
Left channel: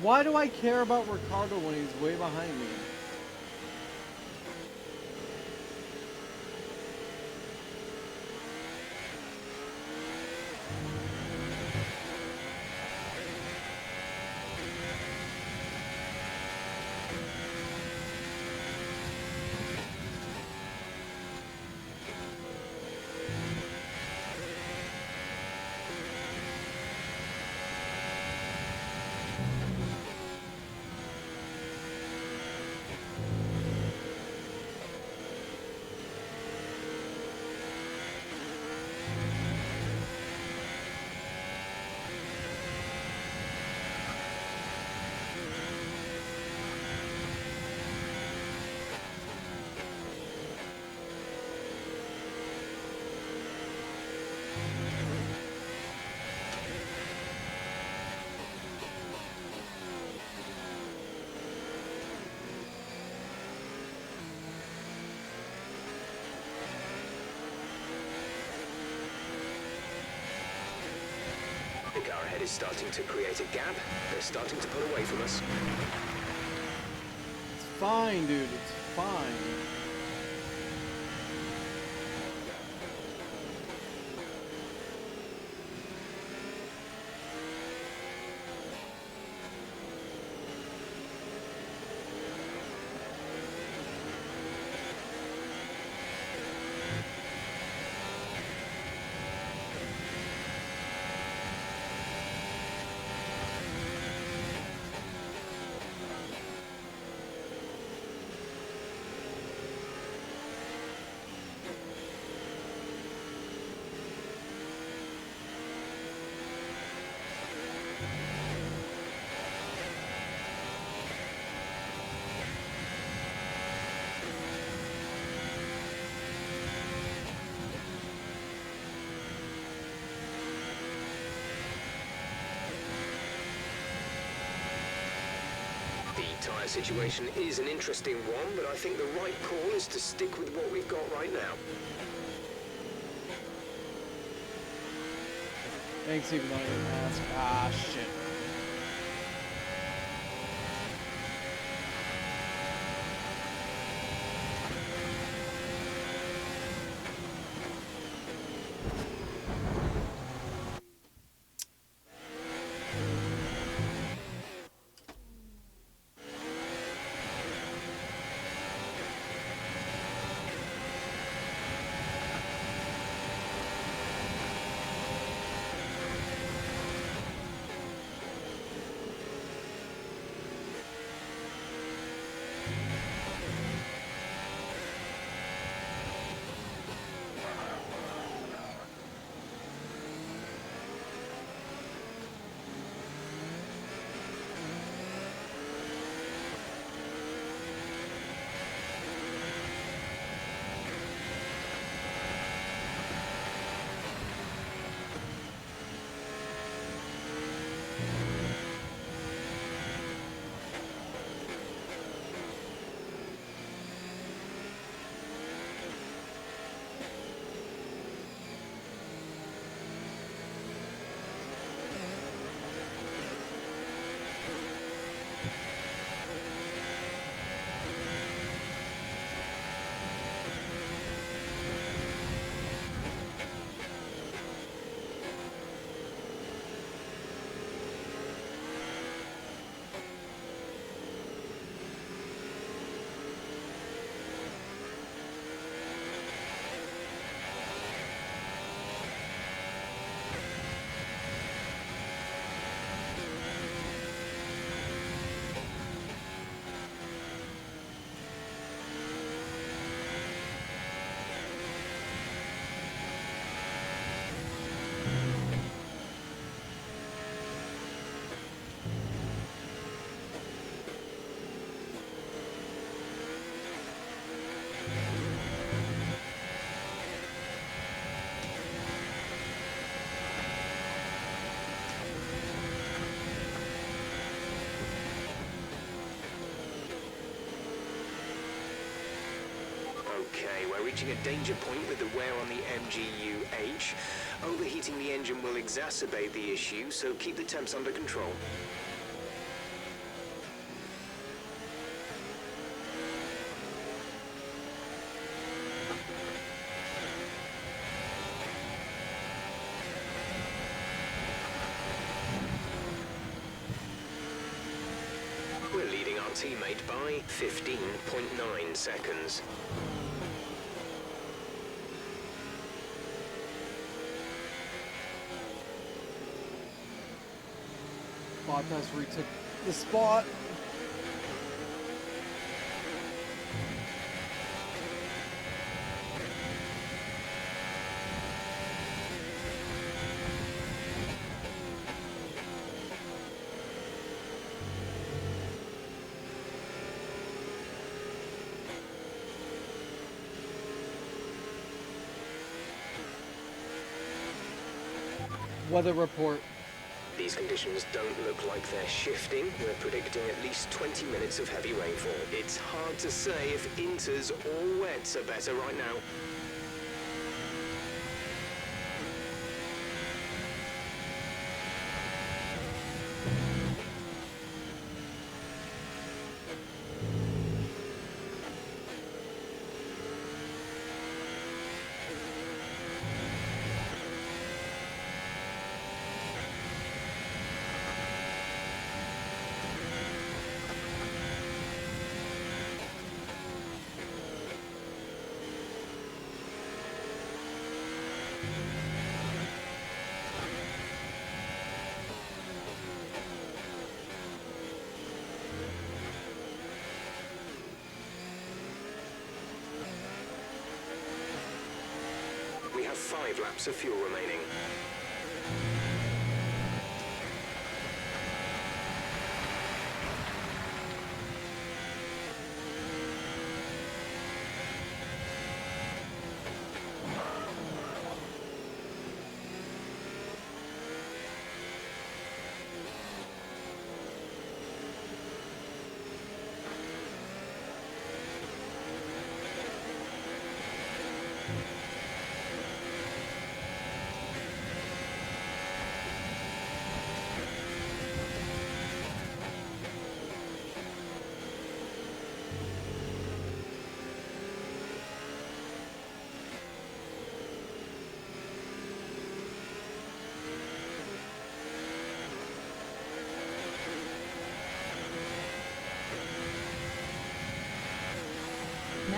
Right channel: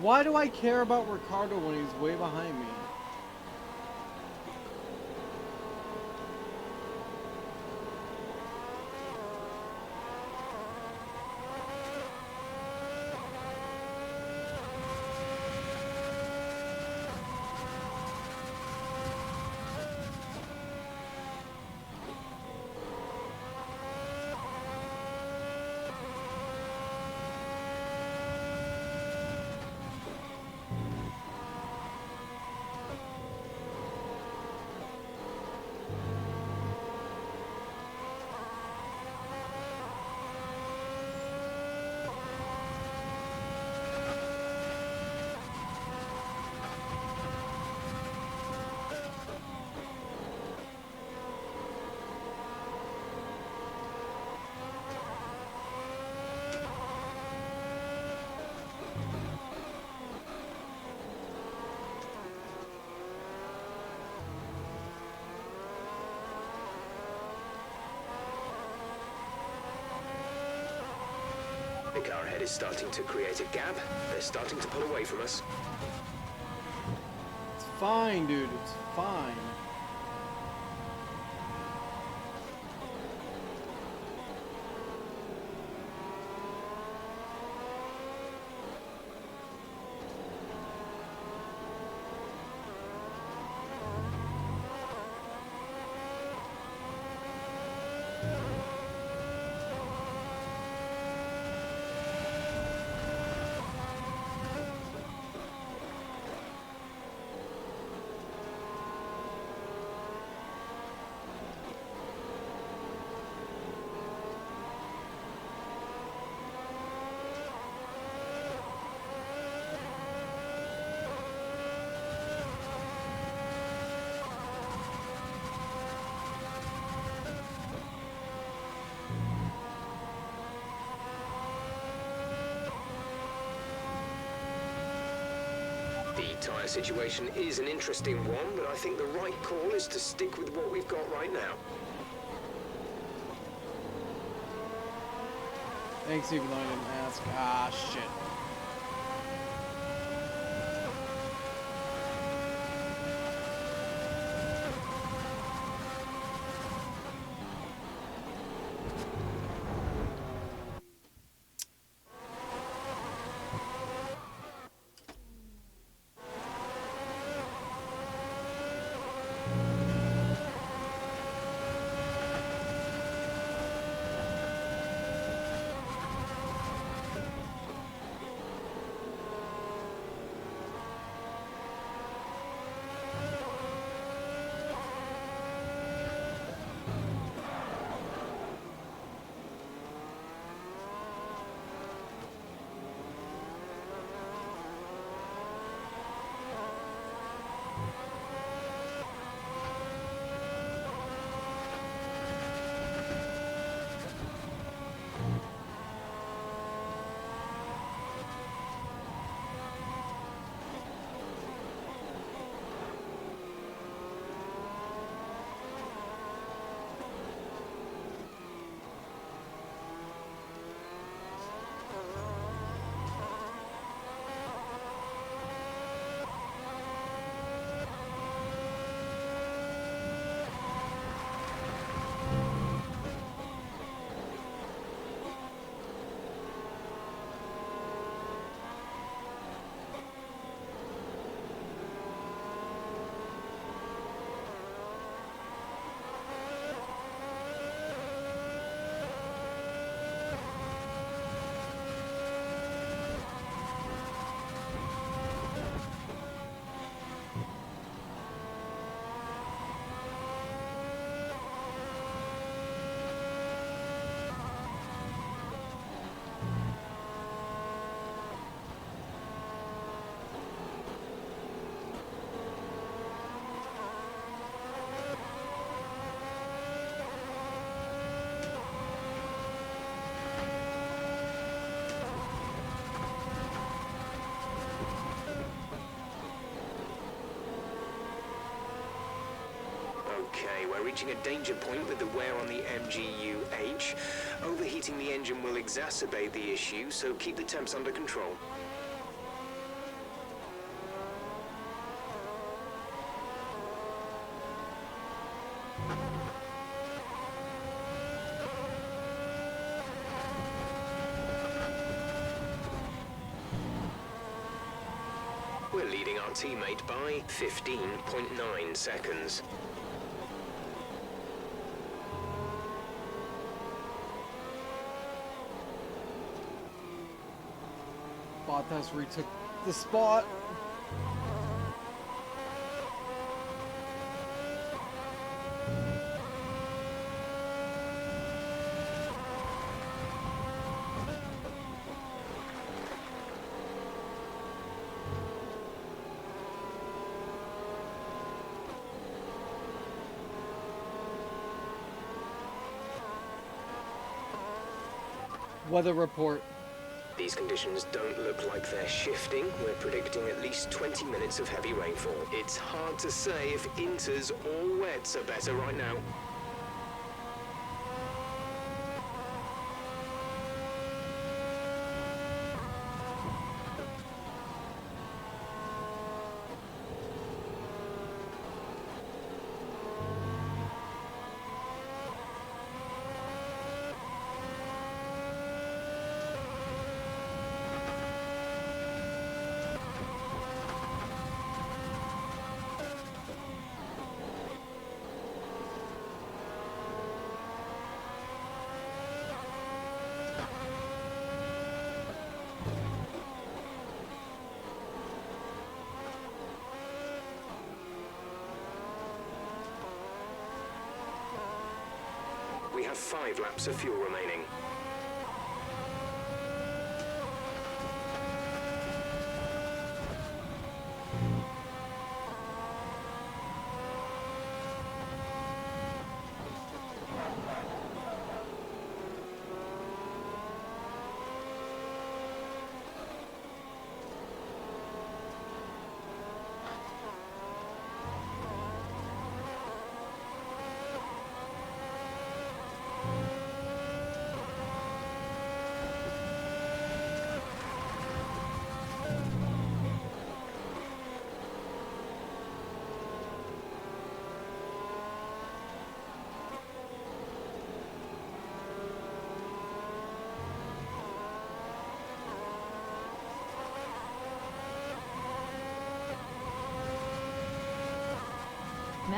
Why do I care about Ricardo when he's way behind me? The car ahead is starting to create a gap. They're starting to pull away from us. It's fine, dude. It's fine. The tyre situation is an interesting one, but I think the right call is to stick with what we've got right now. Thanks, even though I didn't ask. Ah, shit. Okay, we're reaching a danger point with the wear on the MGU-H. Overheating the engine will exacerbate the issue, so keep the temps under control. We're leading our teammate by 15.9 seconds. Bottas retook the spot. Weather report. These conditions don't look like they're shifting. We're predicting at least 20 minutes of heavy rainfall. It's hard to say if inters or wets are better right now. We have 5 laps of fuel remaining.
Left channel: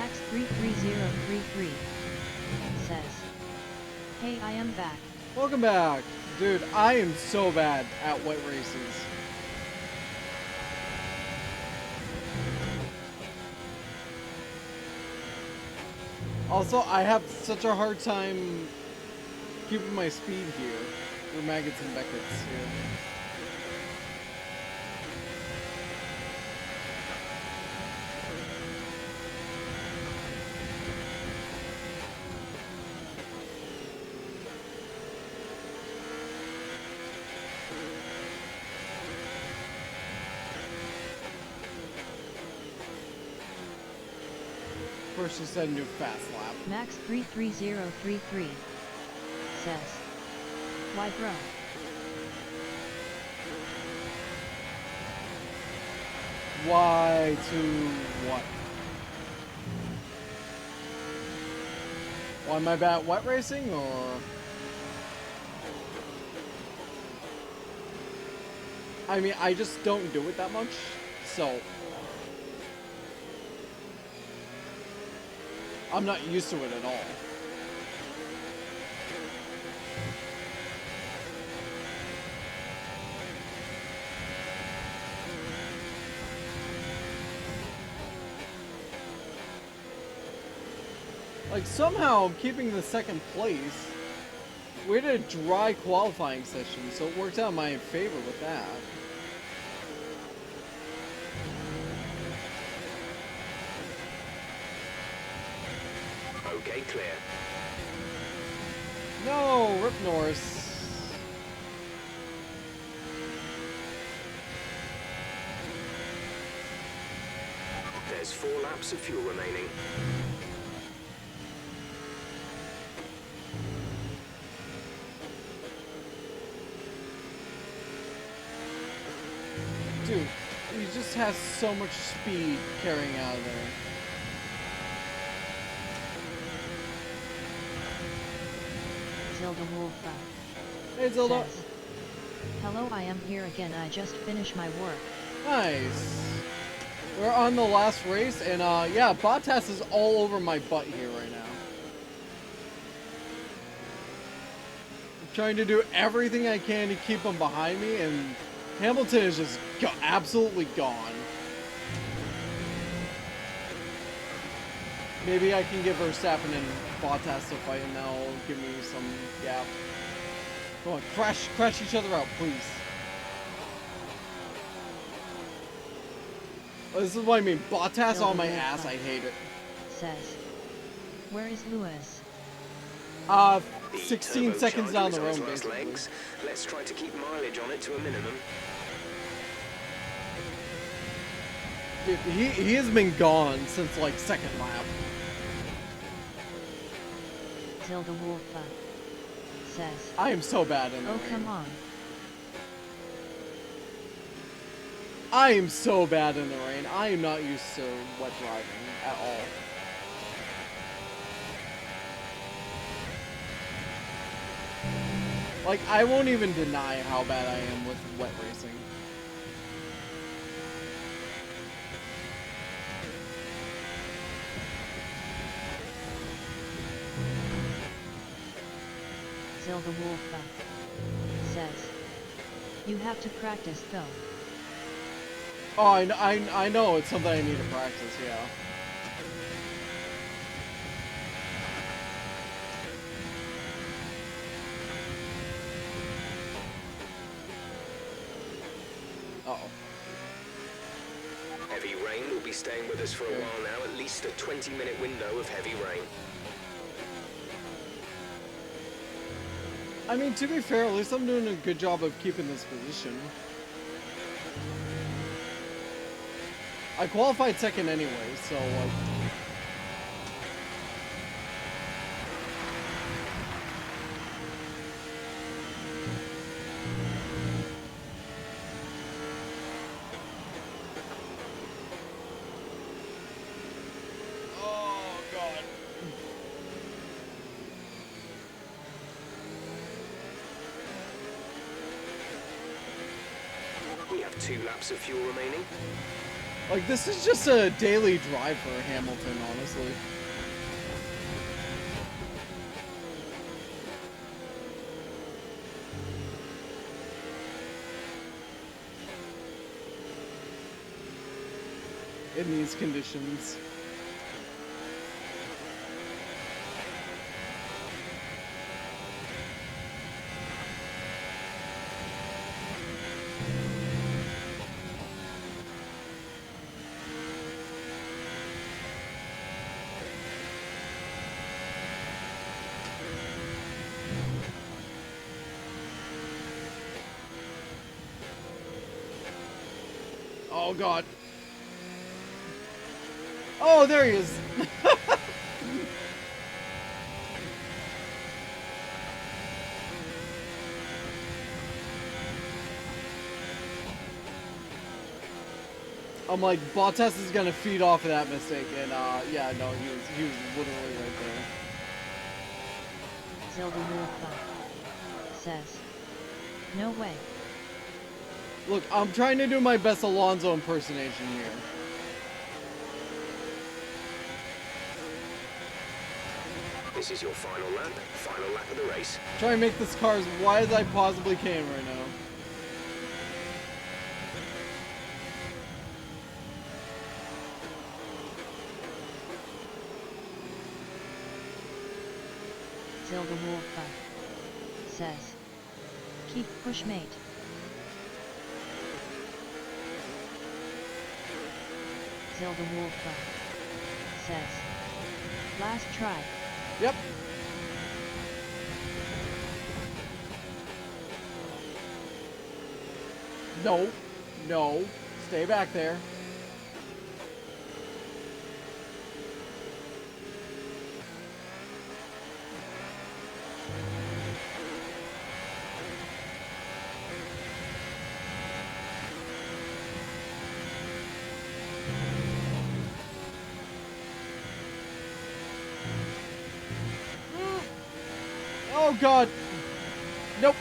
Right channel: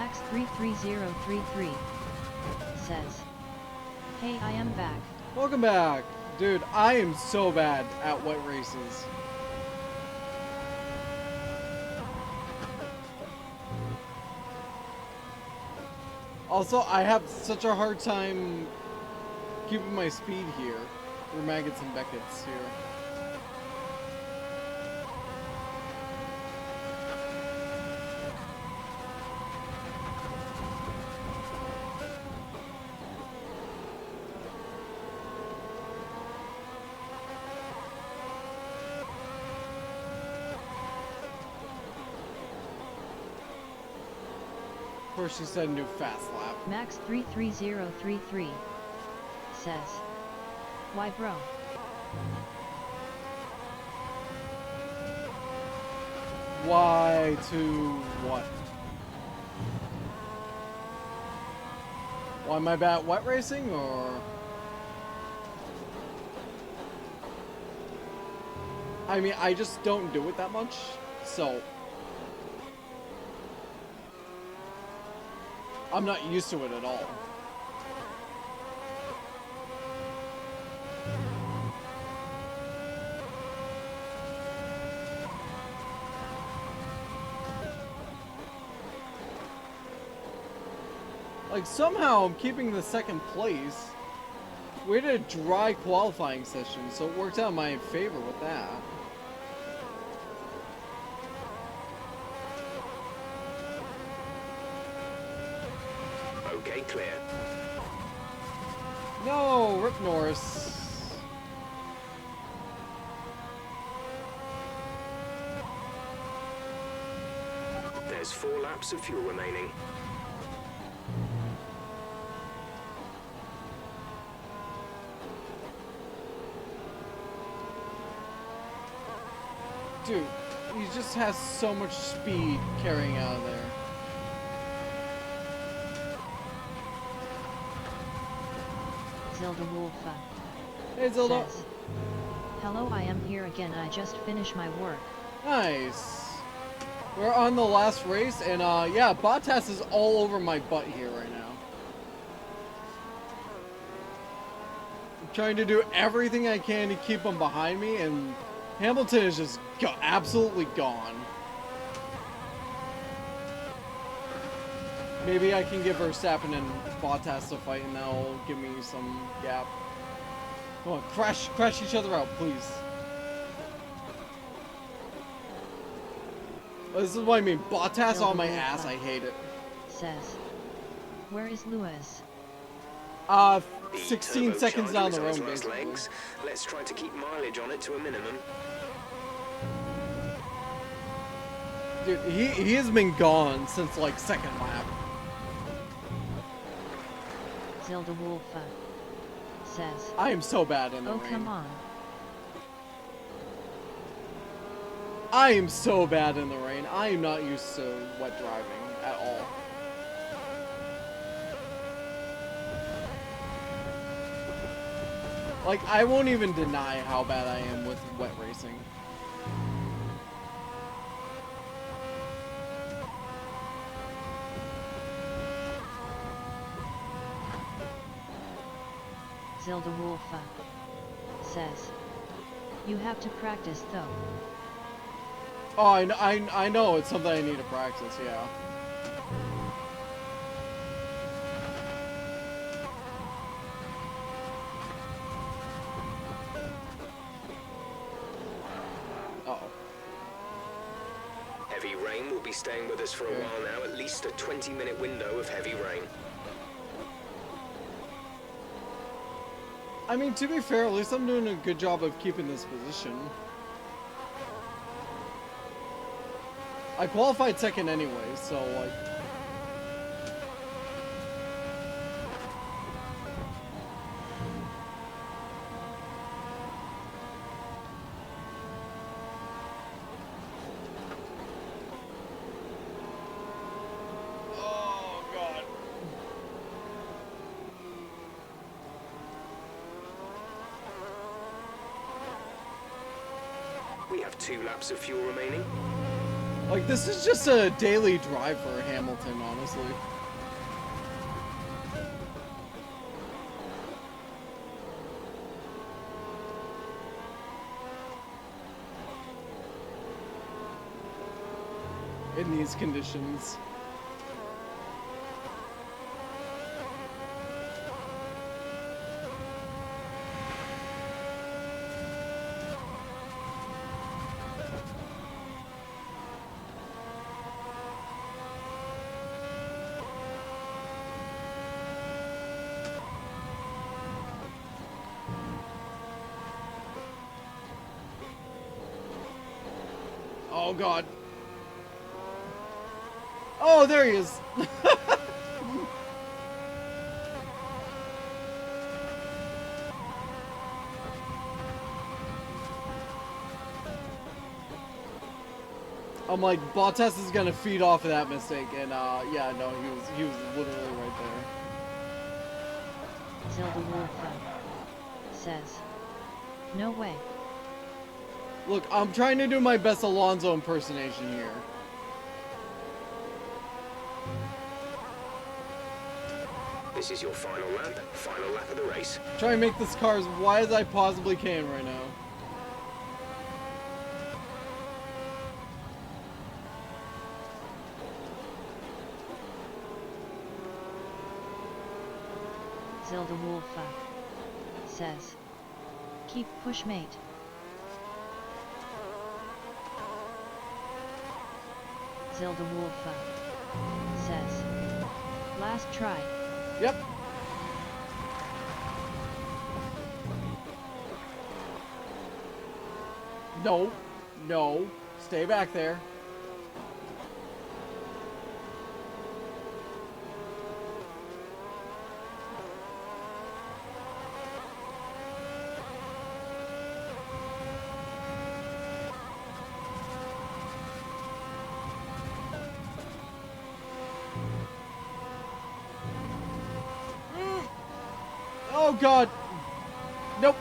Max33033 says, "Hey, I am back." Welcome back. Dude, I am so bad at wet races. Also, I have such a hard time keeping my speed here. Through Maggots and Beckett's here. First she said new fast lap. Max33033 says, "Why bro? Why to what? Why am I bad at wet racing, or? I mean, I just don't do it that much, so I'm not used to it at all. Like, somehow I'm keeping the second place. We had a dry qualifying session, so it worked out in my favor with that. Okay, clear. No, Rip Norris. There's 4 laps of fuel remaining. Dude, he just has so much speed carrying out of there. Zilda Wolfa Hey, Zilda. says, "Hello, I am here again. I just finished my work." Nice. We're on the last race, and yeah, Bottas is all over my butt here right now. I'm trying to do everything I can to keep him behind me, and Hamilton is just absolutely gone. Maybe I can give Verstappen and Bottas a fight, and that'll give me some gap. Come on, crash each other out, please. This is what I mean. Bottas on my ass. I hate it. Says, "Where is Lewis?" 16 seconds turbocharger down is the on its road, last basically. legs. Let's try to keep mileage on it to a minimum. Dude, he has been gone since like second lap. Zilda Wolfa says, I am so bad in the "Oh, rain. come on." I am so bad in the rain. I am not used to wet driving at all. Like, I won't even deny how bad I am with wet racing. Zilda Wolfa says, "You have to practice though." Oh, I know it's something I need to practice, yeah. Uh-oh. Heavy rain will be staying with us for a while now, at least a 20-minute window of heavy rain. I mean, to be fair, at least I'm doing a good job of keeping this position. I qualified second anyway, so, like... Oh, God. We have 2 laps of fuel remaining. Like, this is just a daily drive for Hamilton, honestly. In these conditions. Oh god. Oh, there he is. I'm like, Bottas is gonna feed off of that mistake, and yeah, no, he was literally right there. Zelda Wolfa says, no way. Look, I'm trying to do my best Alonso impersonation here. This is your final lap of the race. Try and make this car as wide as I possibly can right now. Zelda Wolfa says, keep push mate. Zelda Wolfa says, last try. Yep. No. No. Stay back there. Oh god. Nope.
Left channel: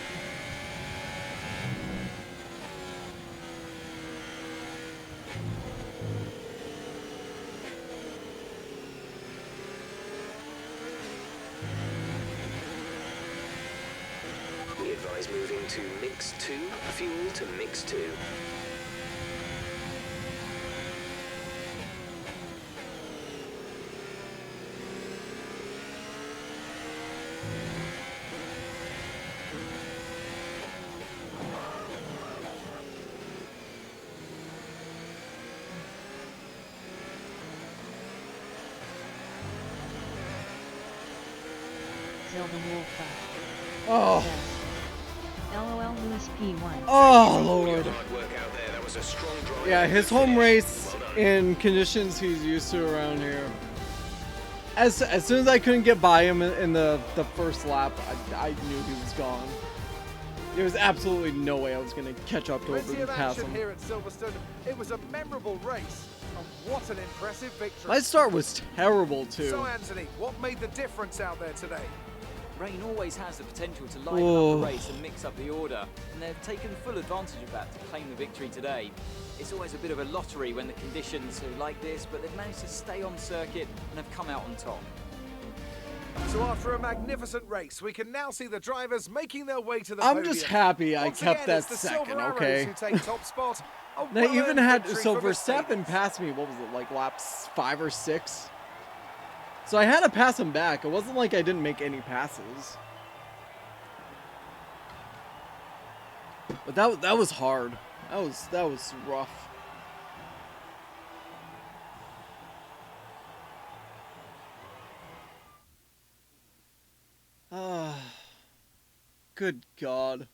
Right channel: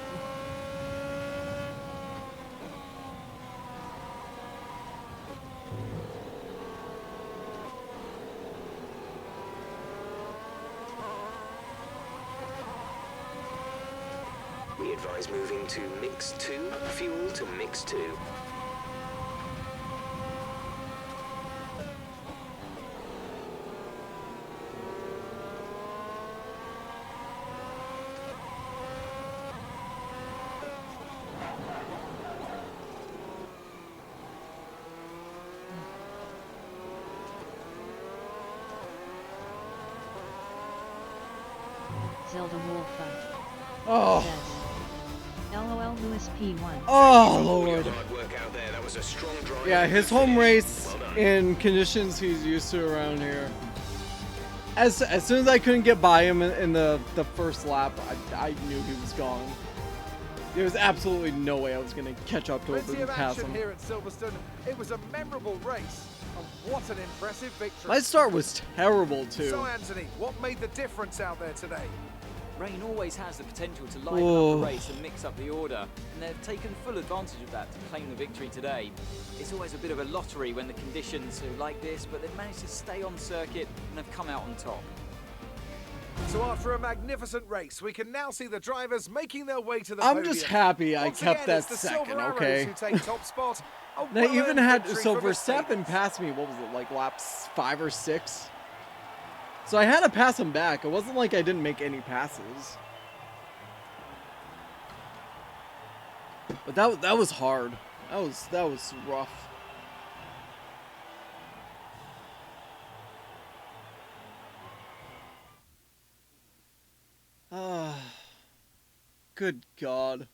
We advise moving to mix 2, fuel to mix 2. Zelda Wolfa Oh. says, LOL Lewis P1. Oh lord. Hard work out there. That was a strong drive. Yeah, his Good home finish. race Well done. in conditions he's used to around here. As soon as I couldn't get by him in the first lap, I knew he was gone. There was absolutely no way I was going to catch up to him Plenty and of pass action him. here at Silverstone. It was a memorable race, and what an impressive victory. My start was terrible too. So, Anthony, what made the difference out there today? Rain always has the potential to liven Oh. up the race and mix up the order, and they've taken full advantage of that to claim the victory today. It's always a bit of a lottery when the conditions are like this, but they've managed to stay on circuit and have come out on top. So after a magnificent race, we can now see the drivers making their way to the I'm podium. just happy I Once kept again, it's that the second, Silver Arrows okay? who take top spot. A And I even well-earned had, victory so for Verstappen Mercedes. passed me, what was it, like laps 5 or 6? So I had to pass him back. It wasn't like I didn't make any passes. But that was hard. That was rough. Ah, good God.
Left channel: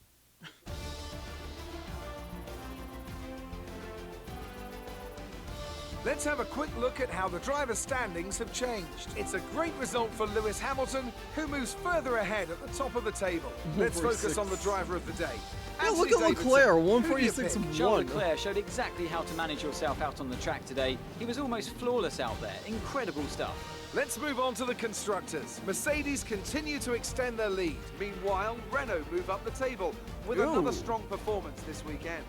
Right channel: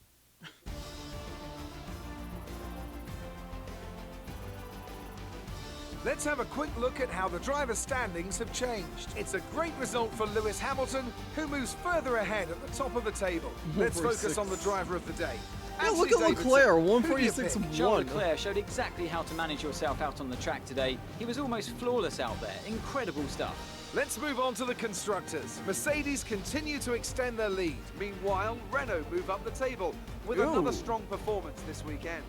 Let's have a quick look at how the drivers' standings have changed. It's a great result for Lewis Hamilton, who moves further ahead at the top of the table. Let's focus on the driver of the day. Yeah, look Anthony at Davidson. Leclerc, Who do you 146 pick? and Charles 1. Leclerc showed exactly how to manage yourself out on the track today. He was almost flawless out there. Incredible stuff. Let's move on to the constructors. Mercedes continue to extend their lead. Meanwhile, Renault move up the table with Ooh. another strong performance this weekend.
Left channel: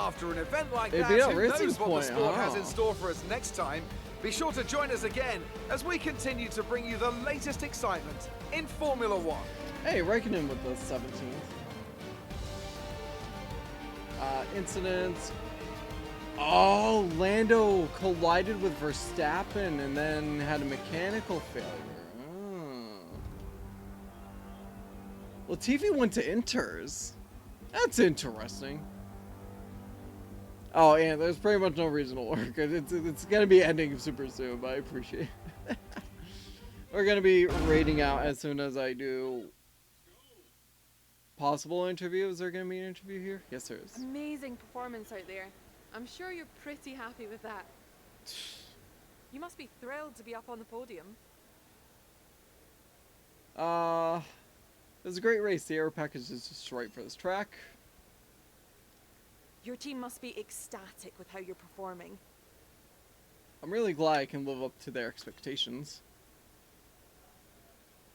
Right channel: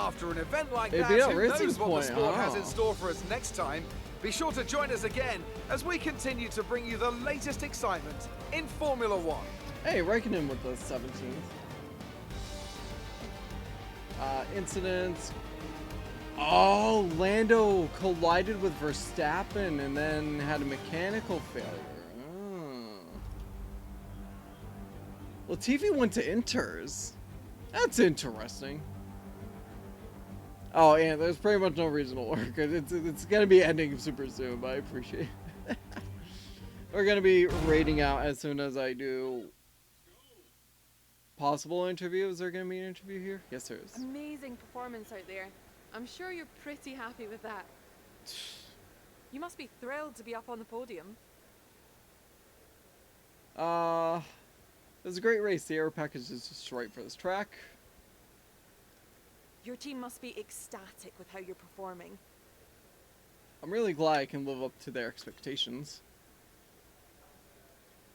After an event like It'd that, be at who Racing's knows what point, the sport has huh? in store for us next time? Be sure to join us again as we continue to bring you the latest excitement in Formula One. Hey, Raikkonen with the 17th. Incidents. Oh, Lando collided with Verstappen and then had a mechanical failure. Oh. Latifi went to Inters. That's interesting. Oh, and there's pretty much no reason to lurk. It's gonna be ending super soon, but I appreciate it. We're gonna be rating out as soon as I do possible interview. Is there gonna be an interview here? Yes, there is. Amazing performance out there. I'm sure you're pretty happy with that. You must be thrilled to be up on the podium. It was a great race. The aero package is just right for this track. Your team must be ecstatic with how you're performing. I'm really glad I can live up to their expectations.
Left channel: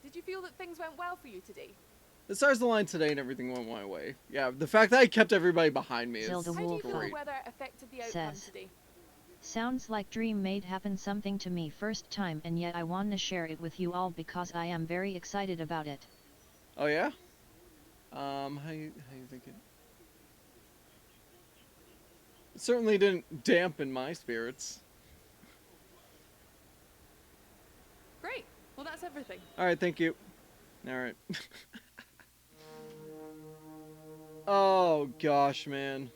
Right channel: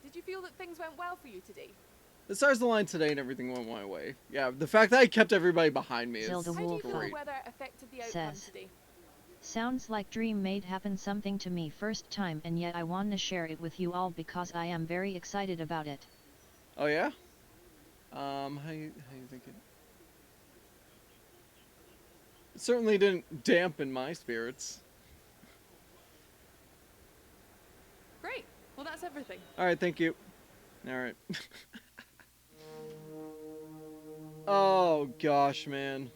Did you feel that things went well for you today? The stars aligned today and everything went my way. Yeah, the fact that I kept everybody behind me is Zelda How do you feel the great. weather affected the outcome Says. today? Sounds like dream made happen something to me first time, and yet I wanna share it with you all because I am very excited about it. Oh yeah? How you thinking? It certainly didn't dampen my spirits. Great. Well, that's everything. Alright, thank you. Alright. Oh gosh, man.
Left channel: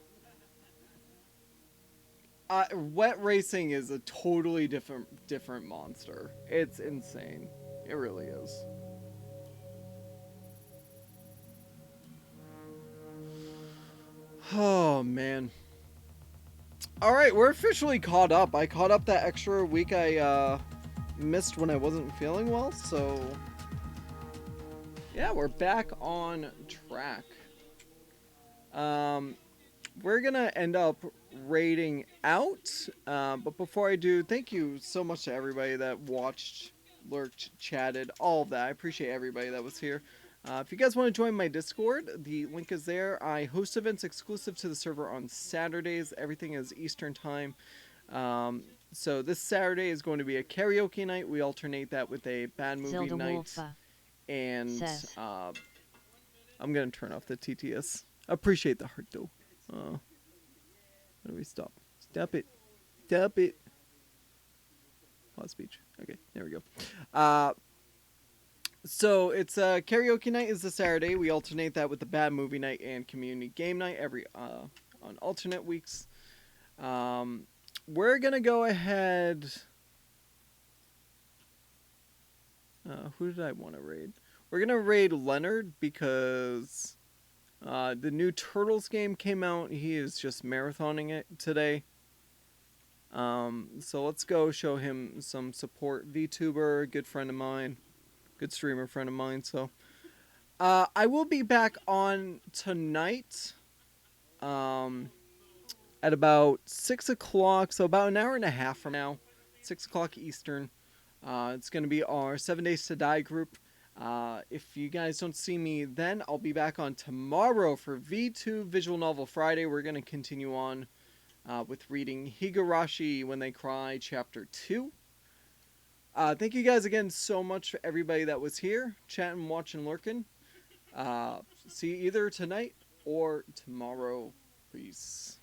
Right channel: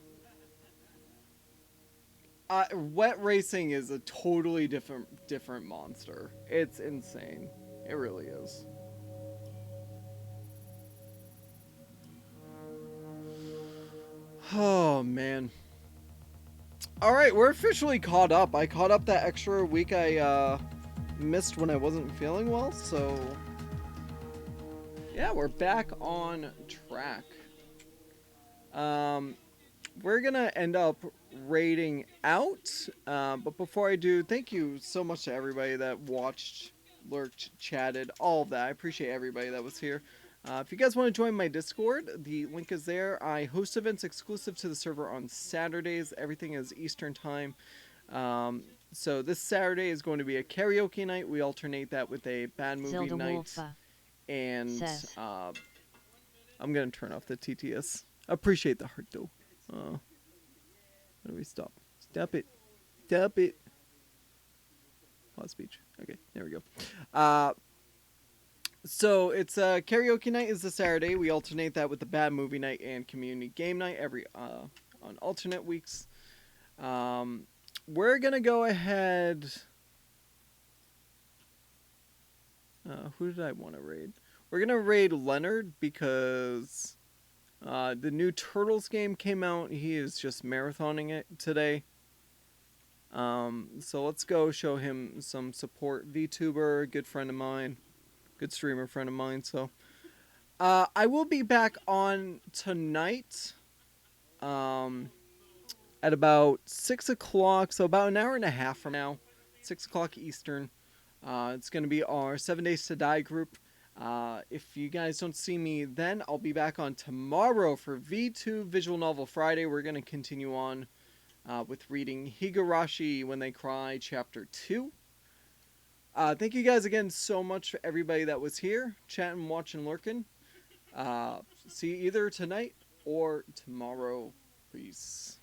Wet racing is a totally different monster. It's insane. It really is. Oh man. Alright, we're officially caught up. I caught up that extra week I missed when I wasn't feeling well, so yeah, we're back on track. We're gonna end up rating out, but before I do, thank you so much to everybody that watched, lurked, chatted, all of that. I appreciate everybody that was here. If you guys want to join my Discord, the link is there. I host events exclusive to the server on Saturdays. Everything is Eastern time. So this Saturday is going to be a karaoke night. We alternate that with a bad movie Zelda night. Wolfa And says. I'm gonna turn off the TTS. Appreciate the heart though. How do we stop? Stop it. Stop it. Pause speech. Okay, there we go. So it's karaoke night is the Saturday. We alternate that with the bad movie night and community game night every on alternate weeks. We're gonna go ahead. Who did I want to raid? We're gonna raid Leonard because the new Turtles game came out. He is just marathoning it today. So let's go show him some support. VTuber, good friend of mine, good streamer friend of mine. So I will be back on tonight at about 6 o'clock, so about an hour and a half from now, 6 o'clock Eastern. It's going to be our 7 Days to Die group. If you guys don't see me then, I'll be back on tomorrow for V2 Visual Novel Friday. We're going to continue on with reading Higurashi When They Cry Chapter 2. Thank you guys again so much for everybody that was here, chatting, watching, lurking. See you either tonight or tomorrow. Peace.